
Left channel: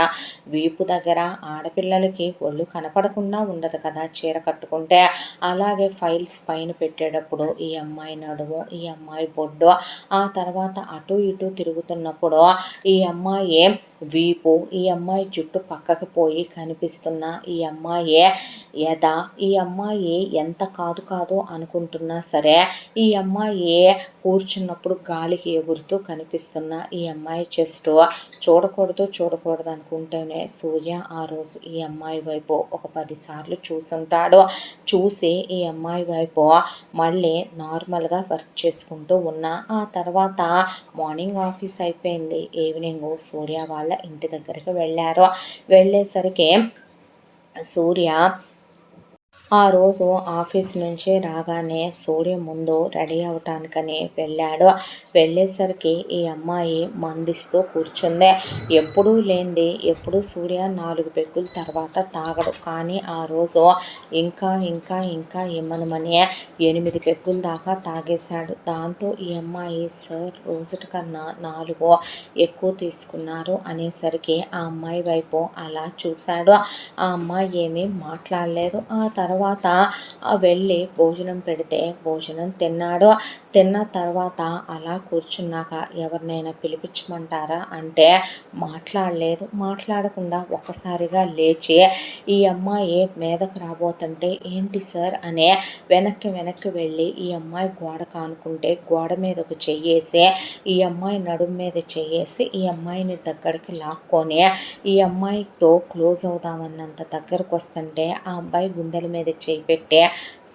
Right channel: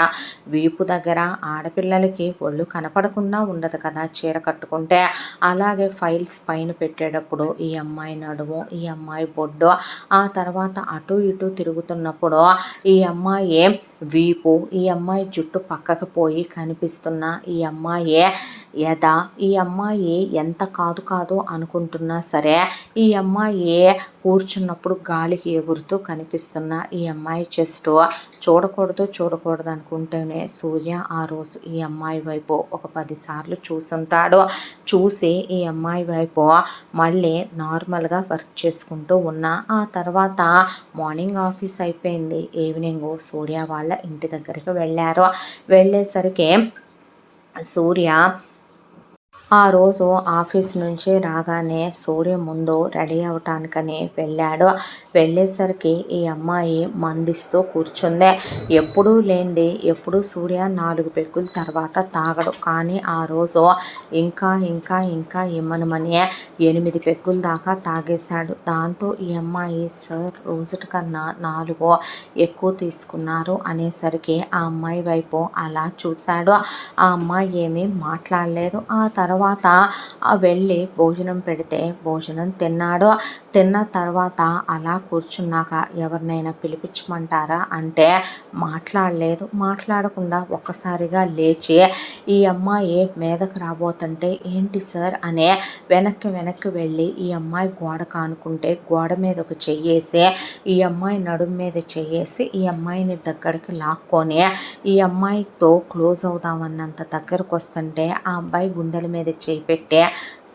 వీపు దగ్గర ఆడపిల్లలకి ఒళ్ళు కనపడకుండా ఉండదు కదా చీర కట్టుకుంటే. అలాగే ఫైల్స్ పైన పెట్టేటప్పుడు ఈ అమ్మాయి నడుము, ఈ అమ్మాయి బొడ్డు, ఆ తర్వాత అటు ఇటు తిరుగుతున్నప్పుడు ఈ అమ్మాయి వీపు, ఈ అమ్మాయి జుట్టు పక్కకు పోయి కనిపిస్తున్న ఈ అమ్మాయి ఎద, ఈ అమ్మాయి ఎంత కాదు కాదు అనుకుంటున్నా సరే ఈ అమ్మాయి కూర్చున్నప్పుడు గాలికి ఎగురుతూ కనిపిస్తున్న ఈ అమ్మాయి చెస్ట్ చూడకూడదు అనుకుంటేనే సూర్య ఆ రోజు ఈ అమ్మాయి వైపు ఒక 10 సార్లు చూసుంటాడు. చూసి ఈ అమ్మాయి వైపు మళ్ళీ నార్మల్గా వర్క్ చేసుకుంటూ ఉన్నా. ఆ తర్వాత మార్నింగ్ ఆఫీస్ అయిపోయింది, ఈవినింగ్ సూర్య వాళ్ళ ఇంటి దగ్గరికి వెళ్ళారు. వెళ్ళేసరికి సూర్య ఆ రోజు ఆఫీస్ నుంచి రాగానే సూర్య ముందు రెడీ అవటానికని వెళ్ళాడు. వెళ్ళేసరికి ఈ అమ్మాయి మందిస్తూ కూర్చుంది. ఎప్పుడూ లేనిది ఎప్పుడు సూర్య 4 పెగ్గుల తర్వాత తాగడు, కానీ ఆ రోజు ఇంకా ఇంకా ఇంకా ఇమ్మనమని 8 పెగ్గుల దాకా తాగేశాడు. దాంతో ఈ అమ్మాయి సార్ రోజుటి కన్నా 4 ఎక్కువ తీసుకున్నారు అనేసరికి ఆ అమ్మాయి వైపు అలా చూశాడు. ఆ అమ్మాయి ఏమీ మాట్లాడలేదు. ఆ తర్వాత వెళ్ళి భోజనం పెడితే భోజనం తిన్నాడు. తిన్న తర్వాత అలా కూర్చున్నాక ఎవరినైనా పిలిపించమంటారా అంటే మాట్లాడలేదు. మాట్లాడకుండా ఒక్కసారిగా లేచి ఈ అమ్మాయి మీదకు రాబోతుంటే ఏంటి సార్ అనే వెనక్కి వెళ్ళి ఈ అమ్మాయి గోడ కానుకుంటే గోడ మీద ఒక చెయ్యేసి ఈ అమ్మాయి నడుం మీద చెయ్యేసి ఈ అమ్మాయిని దగ్గరికి లాక్కొని ఈ అమ్మాయితో క్లోజ్ అవుదామన్నంత దగ్గరకు వస్తుంటే ఆ అబ్బాయి గుండెల మీద చేయి పెట్టే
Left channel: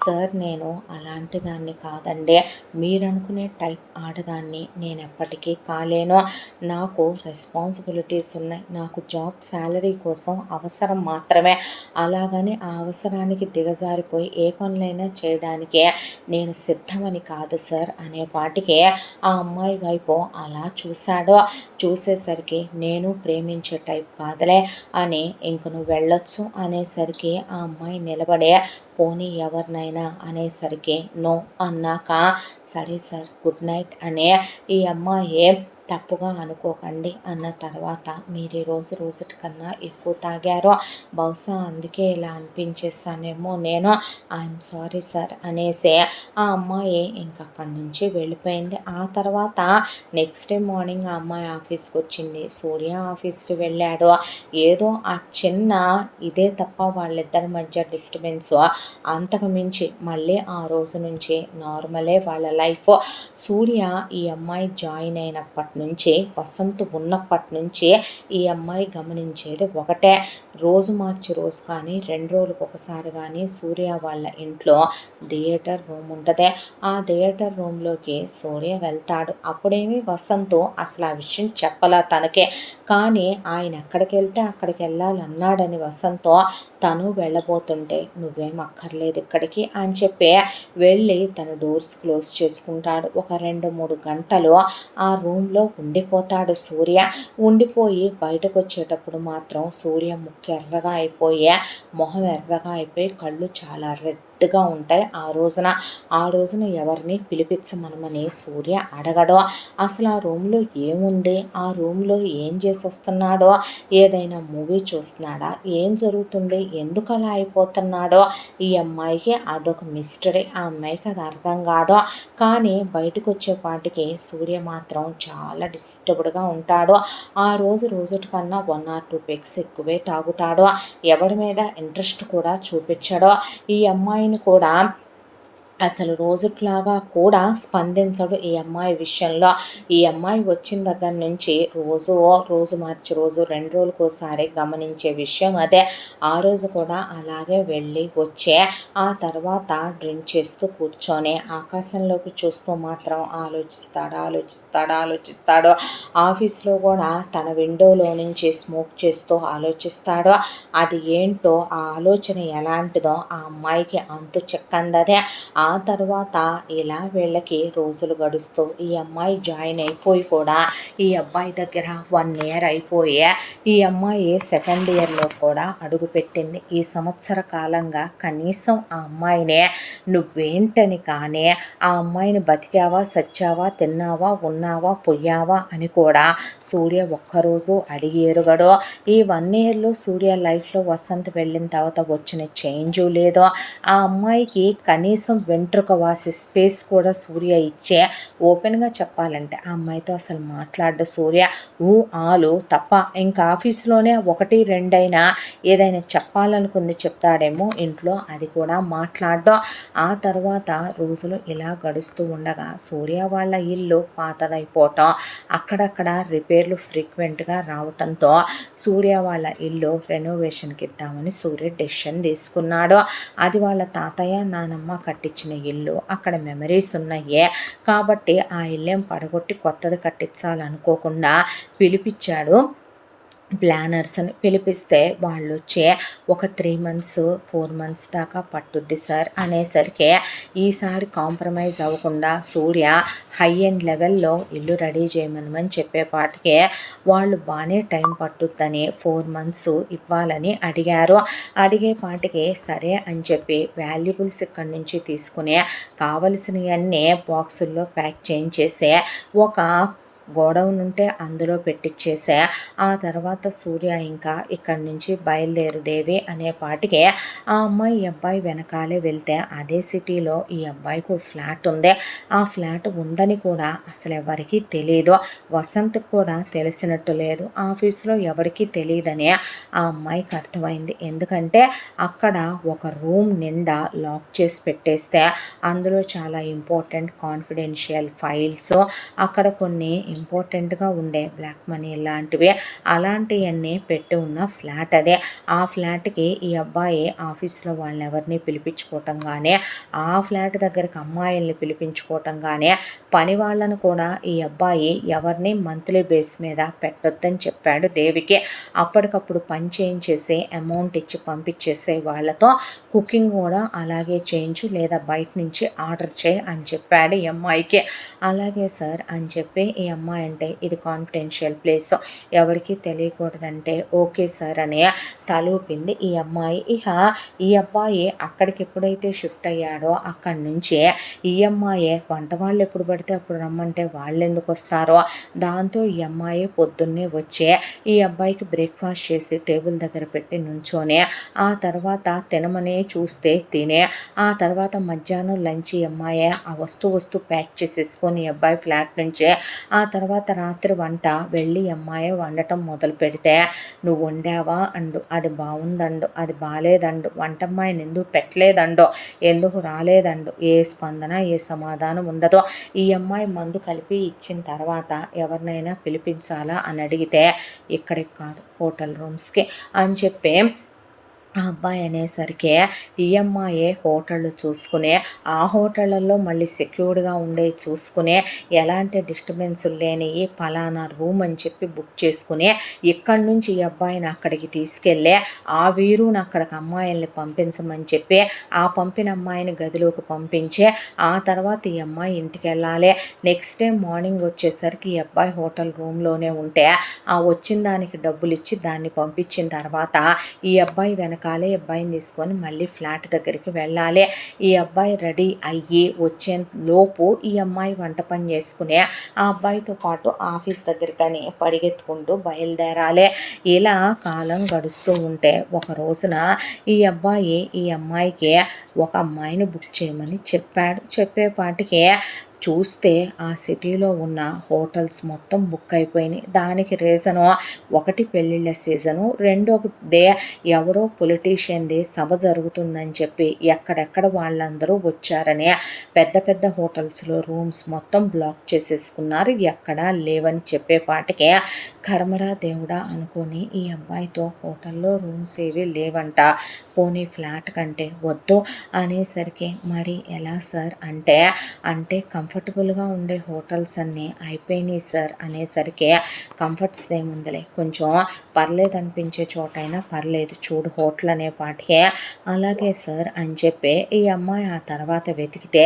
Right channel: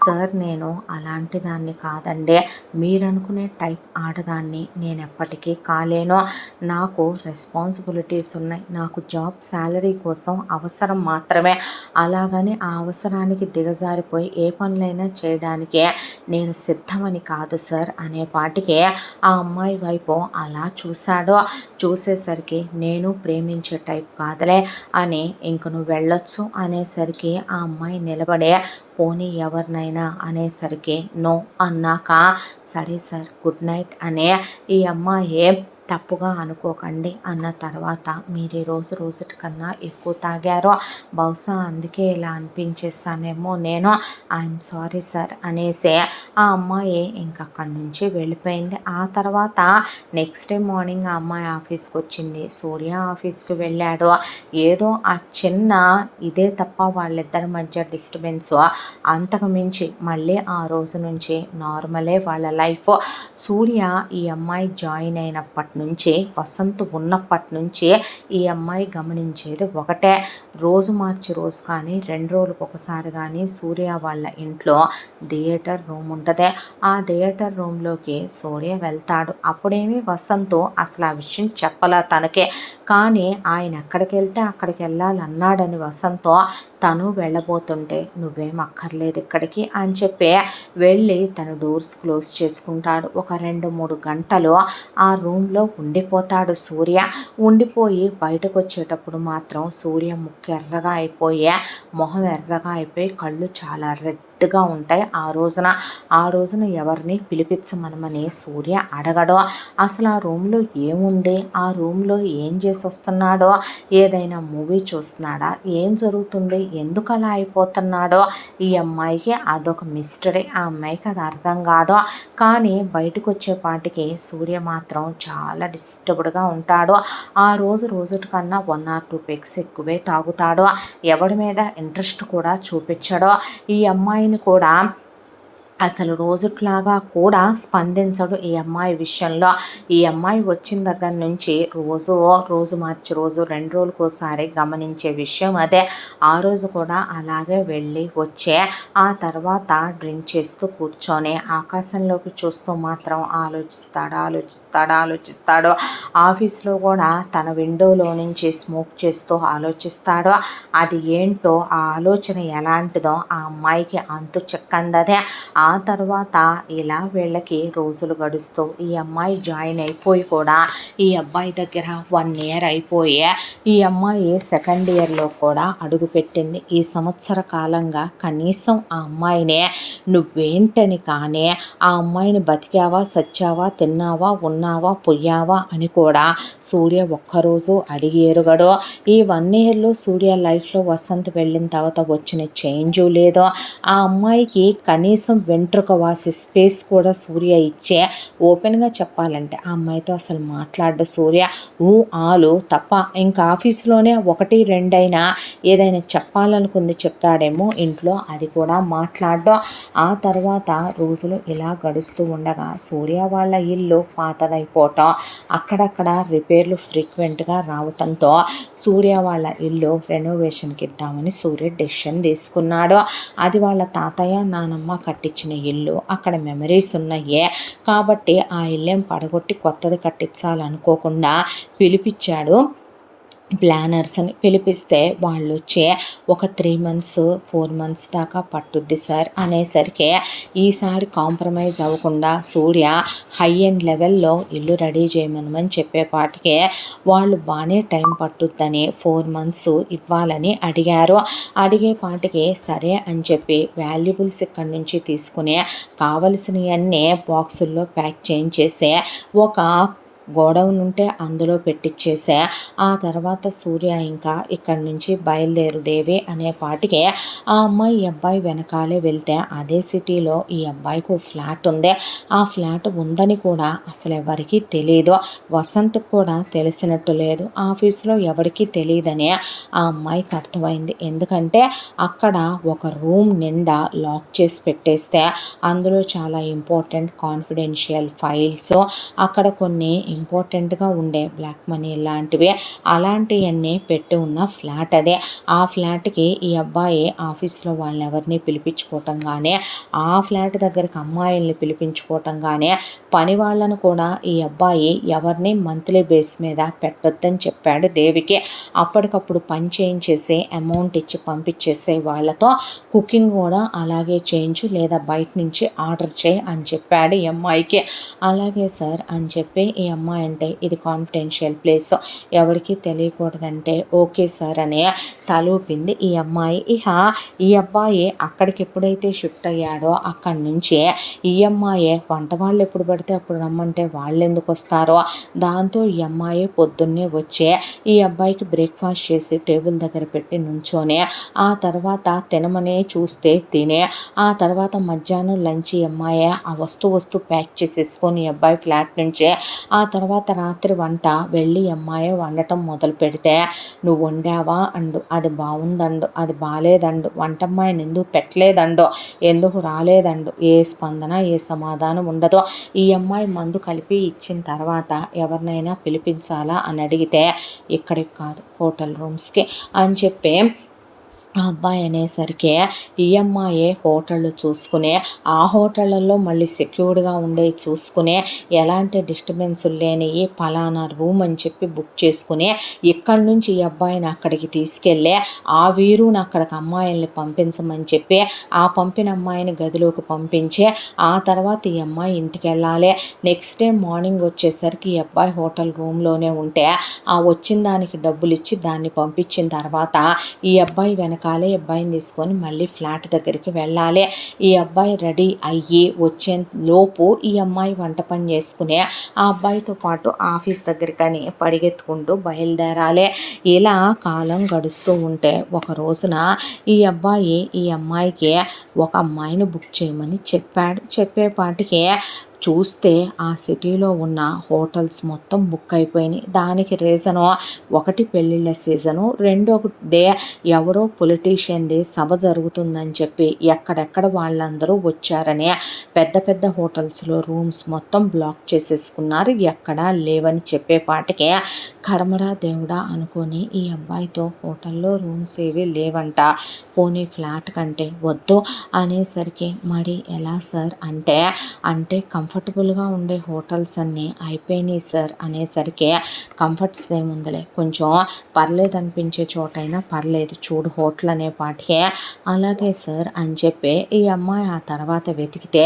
సార్ నేను అలాంటి దాన్ని కాదండి, మీరనుకునే టైప్ ఆడదాన్ని నేను ఎప్పటికీ కాలేను, నాకు రెస్పాన్సిబిలిటీస్ ఉన్నాయి, నాకు జాబ్ శాలరీ కోసం అవసరం మాత్రమే, అలాగని ఆ అవసరానికి దిగజారిపోయి ఏ పనులైనా చేయడానికే నేను సిద్ధమని కాదు సార్ అనే పాటికి ఆ అమ్మాయి వైపు అలా చూశాడు. చూసేసరికి నేను ప్రేమించే టైప్ కాదులే అని ఇంక నువ్వు వెళ్ళొచ్చు అనేసరికి ఆ అమ్మాయి నిలబడే పోనీ ఎవరినైనా అనేసరికి నో అన్నాక సరే సార్ గుడ్ నైట్ అనే ఈ అమ్మాయి తప్పుగా అనుకోకండి అన్న తర్వాత మీరు ఈ రోజుటి కన్నా ఎక్కువ తాగారో బహుశా అందుకే ఇలా అనిపించేస్తానేమో నేను, ఐఎమ్ సారీ సార్ అనేసి ఆ అమ్మాయి ఇంకక్కడి నుంచి వెళ్ళిపోయింది. ఆ తర్వాత నెక్స్ట్ డే మార్నింగ్ ఆ అమ్మాయి ఆఫీస్కి వచ్చింది, సూర్య ఆఫీస్కి వెళ్ళాడు. ఏదో ఆ చిన్న ఇదే తప్ప వాళ్ళిద్దరి మధ్య డిస్టర్బెన్స్, అంతకు మించి మళ్ళీ ఆ రోజు నుంచి నార్మలే వాళ్ళ లైఫ్. సూర్య ఈ అమ్మాయి జాయిన్ అయినప్పటి నుంచి వసంత్ ఉన్నప్పటి నుంచి ఈ అమ్మాయి గమనించేది ఒకటే, రోజు మార్చి రోజు కానీ 2 రోజులకు ఒకసారి కానీ సూర్య వాళ్ళ ఇంట్లో థియేటర్ రూమ్ ఉంటుంది. ఆ థియేటర్ రూమ్లోకి సూర్య వెళ్తాడు. అప్పుడేమి వసంత్ అసలు ఆ విషయం చెప్పలే తనకే, కానీ ఆయన ఎక్కడికి వెళ్తే అక్కడికి వెళ్ళాలన్నాడని వసంత్ తను వెళ్ళబోతుంటే నువ్వేం అక్కర్లేదు ఇక్కడికి అని చెప్పి వెళ్ళి తన డోర్స్ క్లోజ్ చేసుకుంటాడు. ఒక 2-3 గంటలు ఆ రూమ్లో ఉండిపోతాడు సూర్య. ఉండిపోయి బయటకు వచ్చేటప్పుడు మాత్రం సూర్య ముక్కు ఎర్రగా అయిపోయి మొహం ఎర్రగా అయిపోయి కళ్ళు చాలా రెడ్గా ఉంటాయి. ఆ రోజున ఎవరిని పిలిపించమనమని సూర్య అడగడు. అసలు ఆ రూమ్లో ఏముంది, ఆ రూమ్లో ఏం చేసి వస్తున్నాడో, ఏదైనా మూవీ చూస్తున్నాడా, ఏం జరుగుతుంది, ఎందుకు అలా అయిపోతున్నాడో ఈ అమ్మాయికి అదొక మిస్టరీ. ఆ అమ్మాయికి అది అర్థం కాదు. కానీ బయటకు వచ్చేపాటికి సూర్య మాత్రం చాలా డిస్టర్బ్డ్గా ఉంటాడు. ఆ రోజుటి కన్నా 1 or 2 పెగ్స్ ఎక్కువే తాగుతాడు. ఎవరి మీద ఇంట్రెస్ట్ కూడా చూపించడు. ఈ అమ్మాయిని కూడా అసలు రోజుట్లాగా కూడా స్పందించడు ఈ అమ్మాయి విషయంలో. ఈ అమ్మాయి వచ్చిన దగ్గర నుంచి రోజు మార్చి రోజు 2 రోజులకోసారి గమనించే విషయం అదే. ఆ రోజు కూడా అలాగే వెళ్ళి వచ్చే ఆ తర్వాత డ్రింక్ చేస్తూ కూర్చొని ఆకాశంలోకి చూస్తూ మాత్రం ఆలోచిస్తాడు. ఆఫీస్లో కూడా తన విండోలో నుంచి స్మోక్ చేస్తూ ఆలోచిస్తాడు. అది ఏంటో ఆ ఆలోచన ఎలాంటిదో ఆ అమ్మాయికి అంతు చెక్కందదే. ఆ ఆ తర్వాత ఇలా వీళ్ళకి రోజులు గడుస్తూ ఈ అమ్మాయి జాయిన్ అయిపోయి కూడా ఈ అబ్బాయి దగ్గర 1 ఇయర్ అయిపోయి ఈ అమ్మాయి సెకండ్ ఇయర్లో కూడా అడుగుపెట్టింది. ఈ సంవత్సర కాలంగా కనీసం ఆ అమ్మాయినే నువ్వేంటని కానీ ఆ అమ్మాయిని బతికావా సచ్చావా తిన్నావా ఉన్నావా పొయ్యావా అని కూడా సూర్య ఒక్కరోజు అడిగి ఎరుగడు. ఈ 1 ఇయర్లో సూర్య లైఫ్లో వసంత్ వెళ్ళిన తర్వాత వచ్చిన చేంజు లేదో, ఆ అమ్మాయికి కనీసం వెంట్రుక వాసి స్పేస్ కూడా సూర్య ఇచ్చే ఓపెన్గా చెప్పాలంటే ఆ అమ్మాయితో అసలు మాట్లాడ్డు సూర్య. ఆలు తప్ప ఇంకా ఆఫీస్లోనే 1, 2 అయినా ఏదైనా చెప్పాలనుకుంది చెప్తాడేమో, ఇంట్లో అది కూడా మాట్లాడ్డం. ఆ తర్వాత రోజులు ఇలా గడుస్తూ ఉండగా సూర్య వాళ్ళ ఇల్లు పాతదైపోవటం, అక్కడక్కడ రిపేర్లు ఫ్రీక్వెంట్గా రావటంతో సూర్య వాళ్ళ ఇల్లు రెనోవేషన్కి ఇద్దామని సూర్య డెసిషన్ తీసుకున్నాడు. అది వాళ్ళ తాతయ్య నానమ్మ కట్టించిన ఇల్లు, అక్కడ మెమరీస్ ఉన్నాయి కాబట్టి ఆ ఇల్లేం పడగొట్టి కొత్తది కట్టించాలనుకోకుండా పిలిపించాడు ప్లానర్స్ని. పిలిపిస్తే వాళ్ళు వచ్చి ఒక 3 మంత్స్ 4 మంత్స్ దాకా పట్టుద్ది సార్ అనేసరికి ఈసారి కాంప్రమైజ్ అవ్వకుండా సూర్య హై ఎండ్ లెవెల్లో ఇల్లు రెడీ చేయమని చెప్పేపాటికి వాళ్ళు బాగానే టైం పట్టుద్దని 4 మంత్స్ ఇవ్వాలని అడిగారు. అడిగేపాటికి సరే అని చెప్పి వాల్యుబుల్స్ ఇక్కడి నుంచి తీసుకుని కావలసినవన్నీ బాక్సుల్లో ప్యాక్ చేయించేసి ఒక గోడౌన్ ఉంటే అందులో పెట్టించేసా. ఆ తర్వాత సూర్య ఇంకా ఇక్కడి నుంచి బయలుదేరుదేవి అనేపాటికి ఆ అమ్మాయి ఈ అబ్బాయి వెనకాలే వెళ్తే అదే సిటీలో ఈ అబ్బాయికి ఫ్లాట్ ఉంది. ఆ ఫ్లాట్ ఉందని కూడా అసలు ఎవరికి తెలియదు. వసంత్కి కూడా తెలిసినట్టు లేదు. ఆఫీస్లో ఎవరికి తెలియదని ఆ అమ్మాయికి అర్థమైంది. ఎందుకంటే అక్కడ ఒక రూమ్ నిండా లాక్ చేసి పెట్టేస్తే అందులో చాలా ఇంపార్టెంట్ కాన్ఫిడెన్షియల్ ఫైల్స్, అక్కడ కొన్ని ఇంపార్టెంట్గా ఉండే బ్లాక్ మనీ లాంటివి అలాంటివన్నీ పెట్టి ఉన్న ఫ్లాట్ అదే. ఆ ఫ్లాట్కి ఈ అబ్బాయి ఆఫీస్లో వాళ్ళని ఎవరిని పిలిపించుకోవటం కానీ, ఆ ఫ్లాట్ దగ్గరికి అమ్మాయిల్ని పిలిపించుకోవటం కానీ, పని వాళ్ళను కూడా ఈ అబ్బాయి ఎవరిని మంత్లీ బేస్ మీద పెట్టొద్దని చెప్పాడు దేవికి. అప్పటికప్పుడు పని చేయించేసి అమౌంట్ ఇచ్చి పంపించేసే వాళ్ళతో కుకింగ్ కూడా అలాగే చేయించు లేదా బయట నుంచి ఆర్డర్ చేయి అని చెప్పాడు ఈ అమ్మాయికి. అలాగే సార్ అని చెప్పి ఈ అమ్మాయి అంటే ఇది కాన్ఫిడెన్షియల్ ప్లేస్ ఎవరికి తెలియకూడదంటే ఓకే సార్ అని తలూపింది ఈ అమ్మాయి. ఈ అబ్బాయి అక్కడికి ఎప్పుడైతే షిఫ్ట్ అయ్యాడో అక్కడి నుంచి ఈ అమ్మాయే వంట వాళ్ళు ఎప్పుడు పడితే అప్పుడు రమ్మంటే వాళ్ళు ఎందుకు వస్తారో, దాంతో ఈ అమ్మాయి పొద్దున్నే వచ్చే ఈ అబ్బాయికి బ్రేక్ఫాస్ట్ చేసి టేబుల్ దగ్గర పెట్టి నుంచోనే, ఆ తర్వాత తినమనే చూస్తే తినే, ఆ తర్వాత మధ్యాహ్నం లంచ్ ఈ అమ్మాయి ఆ వస్తు ప్యాక్ చేసేసుకొని ఈ అబ్బాయి ఫ్లాట్ నుంచే, ఆ తర్వాత రాత్రి వంట వెళ్ళి అమ్మాయి వండటం మొదలు పెడితే నువ్వు వండావా అండు, అది బాగుందండు, అది బాగాలేదండు, వంటమ్మాయిని ఎందుకు పెట్టలేదండో, ఎందుకు రాలేదండు, ఏ స్పందన ఏ సమాధానం ఉండదో. ఈ అమ్మాయి మందు కలిపి ఇచ్చిన తర్వాత ఎవరినైనా పిలిపించాలా అని అడిగితే ఇక్కడికి కాదు హోటల్ రూమ్స్కి అని చెప్పి ఆ అబ్బాయి అనేసరికి ఈఎంఐఏ హోటళ్ళు చూసుకునే, ఆ హోటళ్ళల్లో మళ్ళీ సెక్యూర్డ్గా ఉండే చూసుకునే, ఎలాంటి డిస్టర్బెన్స్ లేని పలానా రూమ్ అని చెప్పి బుక్ చేసుకుని ఇక్కడి నుంచి ఈ అబ్బాయిని అక్కడికి తీసుకెళ్ళి ఆ వీరుని అక్కడికి అమ్మాయిల్ని పంపించమని చెప్పి ఆ పంపిన అమ్మాయిని గదిలోకి పంపించి ఆ తర్వాత ఈ అమ్మాయి ఇంటికి వెళ్ళాలి. నెక్స్ట్ డే మార్నింగ్ వచ్చేసరికి ఈ అబ్బాయి హోటల్ రూమ్లోనే ఉంటే ఆ వచ్చిన దానికి డబ్బులు ఇచ్చి దాన్ని పంపించిన తర్వాత ఈ అబ్బాయి వెనకాలే అబ్బాయిని తీసుకొని మళ్ళీ ఫ్లాట్ దగ్గరికి వెళ్ళాలి. ఈ అబ్బాయి రెడీ అయ్యి వచ్చే లోపు ఈ అమ్మాయి వంట పని చేసుకునే ఆ అబ్బాయితో పాటు ఆఫీస్ దగ్గరికని పరిగెత్తుకుంటూ బయలుదేరాలి. ఇలా కాలం గడుస్తూ ఉంటే ఒక రోజున ఈ అబ్బాయి ఈ అమ్మాయికి ఒక అమ్మాయిని బుక్ చేయమని చెప్పాడు. చెప్పేపాటికి చూస్తే ఆ సిటీలో ఉన్న హోటల్స్ మొత్తం బుక్ అయిపోయినాయి. దానికి రీజను ఒకటి పెళ్ళిళ్ళ సీజను, రెండోదే ఎవరో పొలిటీషియన్ది సభ జరుగుతుందని చెప్పి ఎక్కడెక్కడ వాళ్ళందరూ వచ్చారని పెద్ద పెద్ద హోటల్స్లో రూమ్స్ మొత్తం బ్లాక్ చేసేసుకున్నారు. ఎక్కడా లేవని చెప్పేపాటికే కర్మరా దేవుడా అనుకొని ఈ అబ్బాయితో హోటల్లో రూమ్స్ ఏవి లేవంట, పోనీ ఫ్లాట్ కంటే వద్దు అనేసరికి మరి ఎలా సార్ అంటే కంఫర్టబుల్గా ఉండే హోటల్స్ అన్నీ అయిపోయినాయి సార్ అనేసరికి, కంఫర్ట్స్ ఏముందిలే, కొంచెం పర్లేదు అనిపించే చోటైనా పర్లేదు చూడు హోటల్ అనే పాటికే, అలాగే సార్ అని చెప్పి ఈ అమ్మాయి ఆ తర్వాత వెతికితే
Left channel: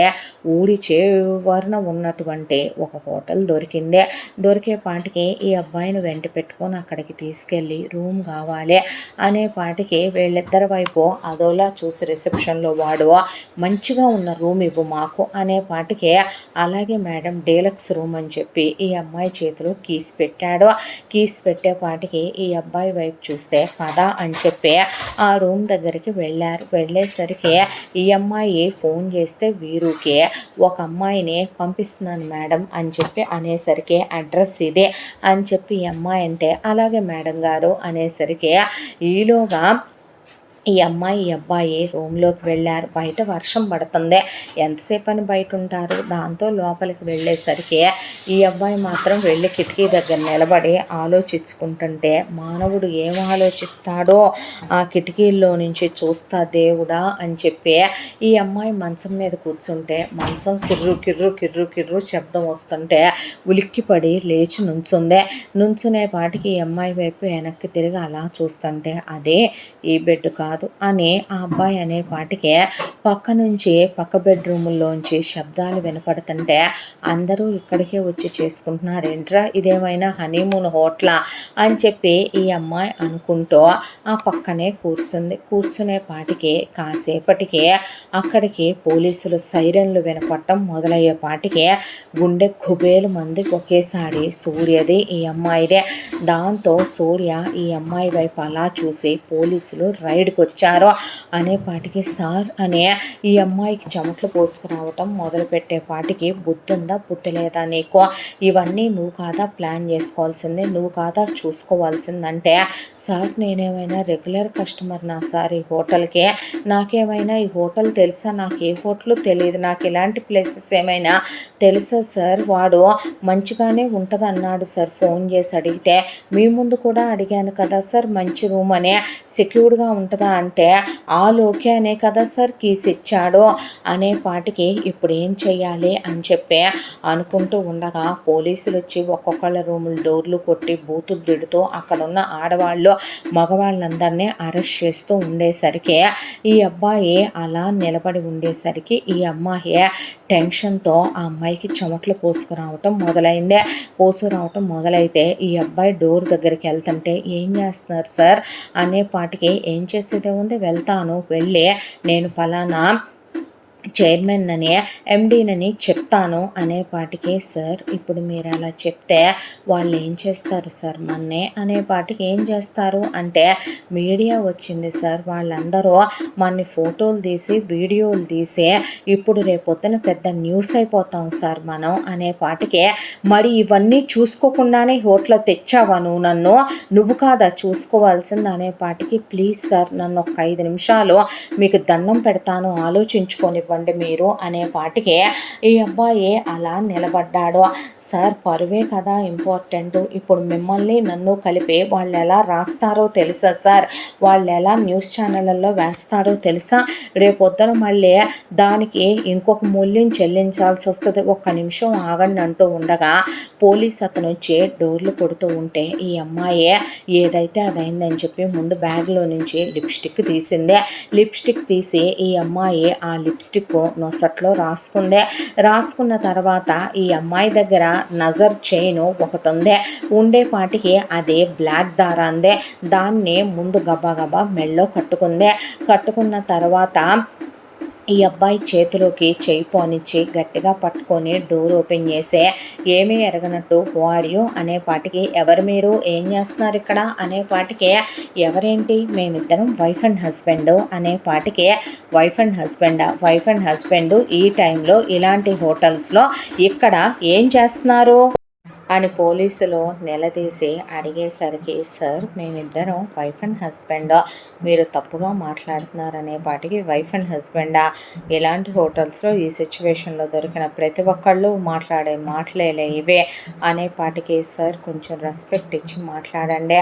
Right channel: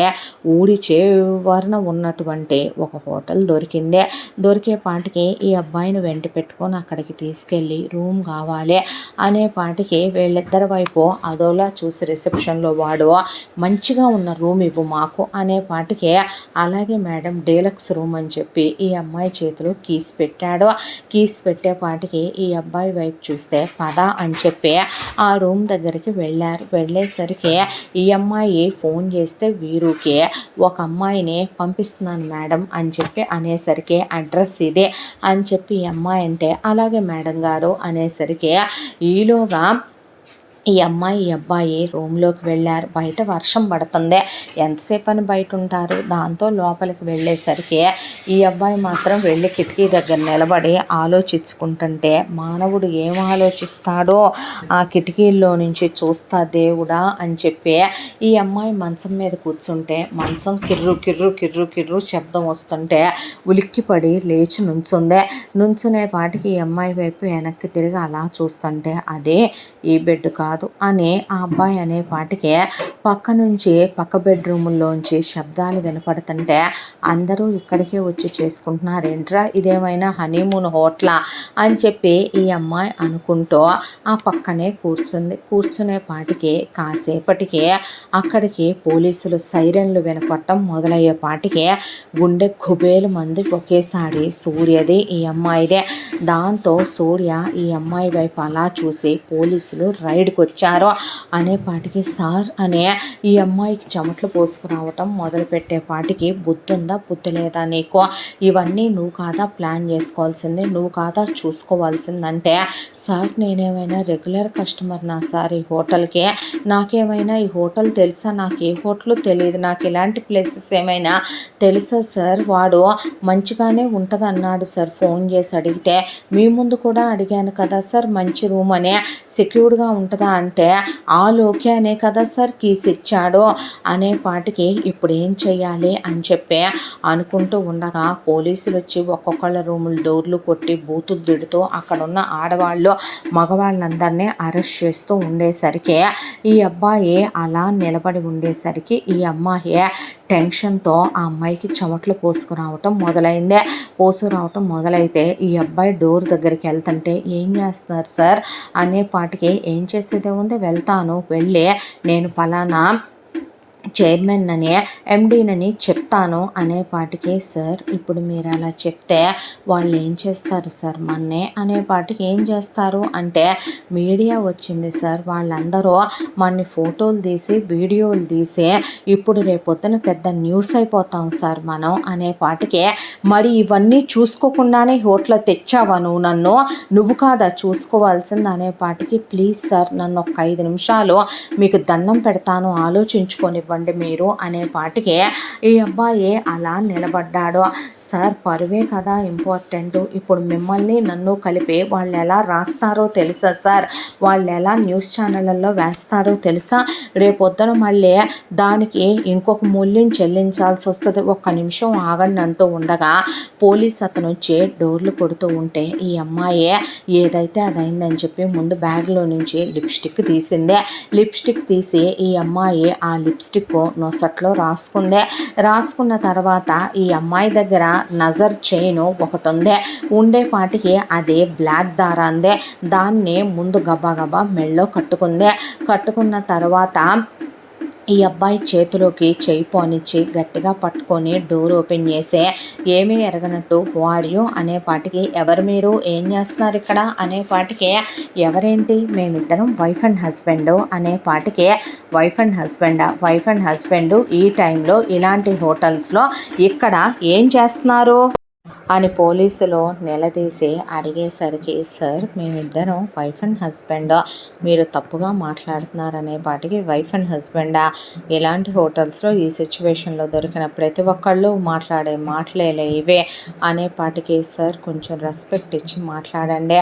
ఊరి చివరన ఉన్నటువంటి ఒక హోటల్ దొరికింది. దొరికే పాటికి ఈ అబ్బాయిని వెంట పెట్టుకొని అక్కడికి తీసుకెళ్ళి రూమ్ కావాలి అనే పాటికి వీళ్ళిద్దరి వైపు అదోలా చూసి రిసెప్షన్లో వాడు మంచిగా ఉన్న రూమ్ ఇవ్వు మాకు అనే పాటికి, అలాగే మేడం డీలక్స్ రూమ్ అని చెప్పి ఈ అమ్మాయి చేతిలో కీస్ పెట్టాడు. కీస్ పెట్టేపాటికి ఈ అబ్బాయి వైపు చూస్తే పద అని చెప్పి ఆ రూమ్ దగ్గరికి వెళ్ళారు. వెళ్ళేసరికి ఈ అమ్మాయి ఫోన్ చేస్తే వీరుకి ఒక అమ్మాయిని పంపిస్తున్నాను మేడం అని చెప్పి అనేసరికి, అడ్రస్ ఇదే అని చెప్పి ఈ అమ్మాయి అంటే అలాగే మేడం గారు అనేసరికి, ఈలోగా ఈ అమ్మాయి ఈ అబ్బాయి రూమ్లోకి వెళ్ళారు. బయట వర్షం పడుతుంది, ఎంతసేపు అని బయట ఉంటారు. దాంతో లోపలికి వెళ్ళేసరికి ఈ అబ్బాయి మాత్రం వెళ్ళి కిటికీ దగ్గర నిలబడి ఆలోచించుకుంటుంటే, మానవుడు ఏం ఆలోచిస్తాడో ఆ కిటికీల్లో నుంచి చూస్తా దేవుడా అని చెప్పి ఈ అమ్మాయి మంచం మీద కూర్చుంటే మంచం కిర్రు కిర్రు కిర్రు కిర్రు శబ్దం వస్తుంటే ఉలిక్కిపడి లేచి నుంచుందే. నుంచునే పాటికి ఈ అమ్మాయి వైపు వెనక్కి తిరిగి అలా చూస్తుంటే అదే ఈ బెడ్ కాదు అని ఆ అబ్బాయి అనే పాటికే పక్క నుంచి పక్క బెడ్రూముల్లోంచి శబ్దాలు వినపడుతుంటే, అందరూ ఇక్కడికే వచ్చి చేసుకుంటున్నారు ఏంట్రా, ఇదేమైనా హనీమూన్ హోటలా అని చెప్పి ఈ అమ్మాయి అనుకుంటూ ఆ పక్కనే కూర్చుంది. కూర్చునే పాటికి కాసేపటికి అక్కడికి పోలీసులు సైరన్లు వినపడటం మొదలయ్యే పాటికి గుండె కుబేలు మంది ఒకేసారి సూర్యది ఈ అమ్మాయిదే. దాంతో సూర్య ఈ అమ్మాయి వైపు అలా చూసి పోలీసులు రైడ్కి వచ్చారో అనేపాటికి సార్ అనే ఈ అమ్మాయికి చెమటలు పోసుకురావటం మొదలుపెట్టేపాటికి, బుద్ధుందా బుద్ధి లేదా నీకు, ఇవన్నీ నువ్వు కాదా ప్లాన్ చేసుకోవాల్సిందే, నువ్వు కాదా చూసుకోవాల్సిందంటే, సార్ నేనేమైనా రెగ్యులర్ కస్టమర్నా సార్ ఈ హోటల్కి, నాకేమైనా ఈ హోటల్ తెలుసా, నాకు ఏ హోటల్ తెలియదు, నాకు ఇలాంటి ప్లేసెస్ ఏమైనా తెలుసా సార్, వాడు మంచిగానే ఉంటుంది అన్నాడు సార్ ఫోన్ చేసి అడిగితే, మీ ముందు కూడా అడిగాను కదా సార్ మంచి రూమ్ అనే, సెక్యూర్డ్గా ఉంటుందా అంటే ఓకే అనే కదా సార్ కీస్ ఇచ్చాడు అనే పాటికి ఇప్పుడు ఏం చెయ్యాలి అని చెప్పి అనుకుంటూ ఉండగా పోలీసులు వచ్చి ఒక్కొక్కళ్ళ రూముల డోర్లు కొట్టి బూతులు తిడుతూ అక్కడున్న ఆడవాళ్ళు మగవాళ్ళందరినీ అరెస్ట్ చేస్తూ ఉండేసరికి ఈ అబ్బాయి అలా నిలబడి ఉండేసరికి ఈ అమ్మాయి టెన్షన్తో ఆ అమ్మాయికి చెమటలు పోసుకురావటం మొదలైతే ఈ అబ్బాయి డోర్ దగ్గరికి వెళ్తుంటే, ఏం చేస్తున్నారు సార్ అనే పాటికి, ఏం చేసేదే ఉంది వెళ్తాను, వెళ్ళి నేను ఫలానా చైర్మన్ అని ఎండీనని చెప్తాను అనేపాటికి, సార్ ఇప్పుడు మీరు అలా చెప్తే వాళ్ళు ఏం చేస్తారు సార్ మన్నే అనేపాటికి, ఏం చేస్తారు అంటే మీడియా వచ్చింది సార్, వాళ్ళందరూ మన ఫోటోలు తీసి వీడియోలు తీసి ఇప్పుడు రేపొద్దున పెద్ద న్యూస్ అయిపోతాం సార్ మనం అనేపాటికి, మరి ఇవన్నీ చూసుకోకుండానే హోటల్ తెచ్చావా నువ్వు, నువ్వు కాదా చూసుకోవాల్సింది అనేపాటికి, ప్లీజ్ సార్ నన్ను ఒక 5 నిమిషాలు మీకు దండం పెడతాను ఆలోచించుకొని మీరు అనేపాటికి ఈ అబ్బాయి అలా నిలబడ్డాడు. సార్ పరువే కదా ఇంపార్టెంట్, ఇప్పుడు మిమ్మల్ని నన్ను కలిపి వాళ్ళు ఎలా రాస్తారో తెలుసా సార్, వాళ్ళు ఎలా న్యూస్ ఛానళ్ళల్లో వేస్తారో తెలుసా, రేపొద్దున మళ్ళీ దానికి ఇంకొక మూల్యం చెల్లించాల్సి వస్తుంది, ఒక్క నిమిషం ఆగండి అంటూ ఉండగా పోలీస్ అతను వచ్చి డోర్లు కొడుతూ ఉంటే ఈ అమ్మాయి ఏదైతే అదైందని చెప్పి ముందు బ్యాగ్లో నుంచి లిప్స్టిక్ తీసిందే. లిప్స్టిక్ తీసి ఈ అమ్మాయి ఆ లిప్స్టిక్ నొసట్లో రాసుకున్న తర్వాత ఈ అమ్మాయి దగ్గర నజర్ చైన్ ఒకటి ఉంది, ఉండేపాటికి అదే బ్లాక్ దారాందే, దాన్ని ముందు గబా మెళ్ళో కట్టుకున్న తర్వాత ఈ అబ్బాయి చేతిలోకి చేయి పోనిచ్చి గట్టిగా పట్టుకొని డోర్ ఓపెన్ చేసే, ఏమీ ఎరగనట్టు వాడియో అనేపాటికి, ఎవరు మీరు, ఏం చేస్తున్నారు ఇక్కడ అనేపాటికి, ఎవరేంటి మేమిద్దరం వైఫ్ అండ్ హస్బెండ్ అనేపాటికి, వైఫ్ అండ్ హస్బెండ్ ఈ టైంలో ఇలాంటి హోటల్స్లో ఇక్కడ ఏం చేస్తున్నారు అని పోలీసులు నిలదీసి అడిగేసరికి, సార్ మేమిద్దరం వైఫ్ అండ్ హస్బెండ్, మీరు తప్పుగా మాట్లాడుతున్నారనే పాటికి వైఫ్ అండ్ హస్బెండా, ఇలాంటి హోటల్స్లో ఈ సిచ్యువేషన్లో దొరికిన ప్రతి ఒక్కళ్ళు మాట్లాడే మాటలేలే ఇవే అనే పాటికి, సార్ కొంచెం రెస్పెక్ట్ ఇచ్చి మాట్లాడండి,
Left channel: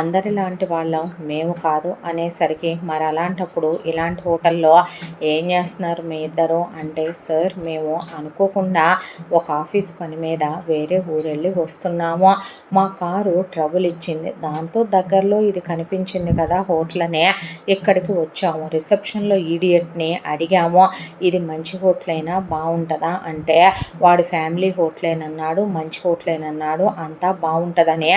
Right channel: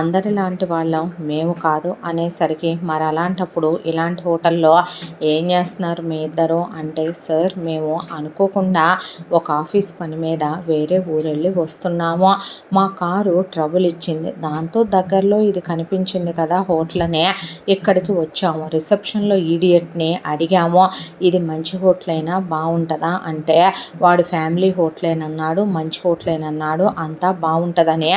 అందరిలాంటి వాళ్ళం మేము కాదు అనేసరికి, మరి అలాంటప్పుడు ఇలాంటి హోటల్లో ఏం చేస్తున్నారు మీ ఇద్దరు అంటే, సార్ మేము అనుకోకుండా ఒక ఆఫీస్ పని మీద వేరే ఊరెళ్ళి వస్తున్నాము, మా కారు ట్రబుల్ ఇచ్చింది, దాంతో దగ్గరలో ఇది కనిపించింది కదా హోటల్ అనే ఇక్కడికి వచ్చాము, రిసెప్షన్లో ఈడియట్ని అడిగాము ఇది మంచి హోటలైనా బాగుంటుందా అంటే, వాడు ఫ్యామిలీ హోటలేనన్నాడు, మంచి హోటలేనన్నాడు, అంతా బాగుంటుందని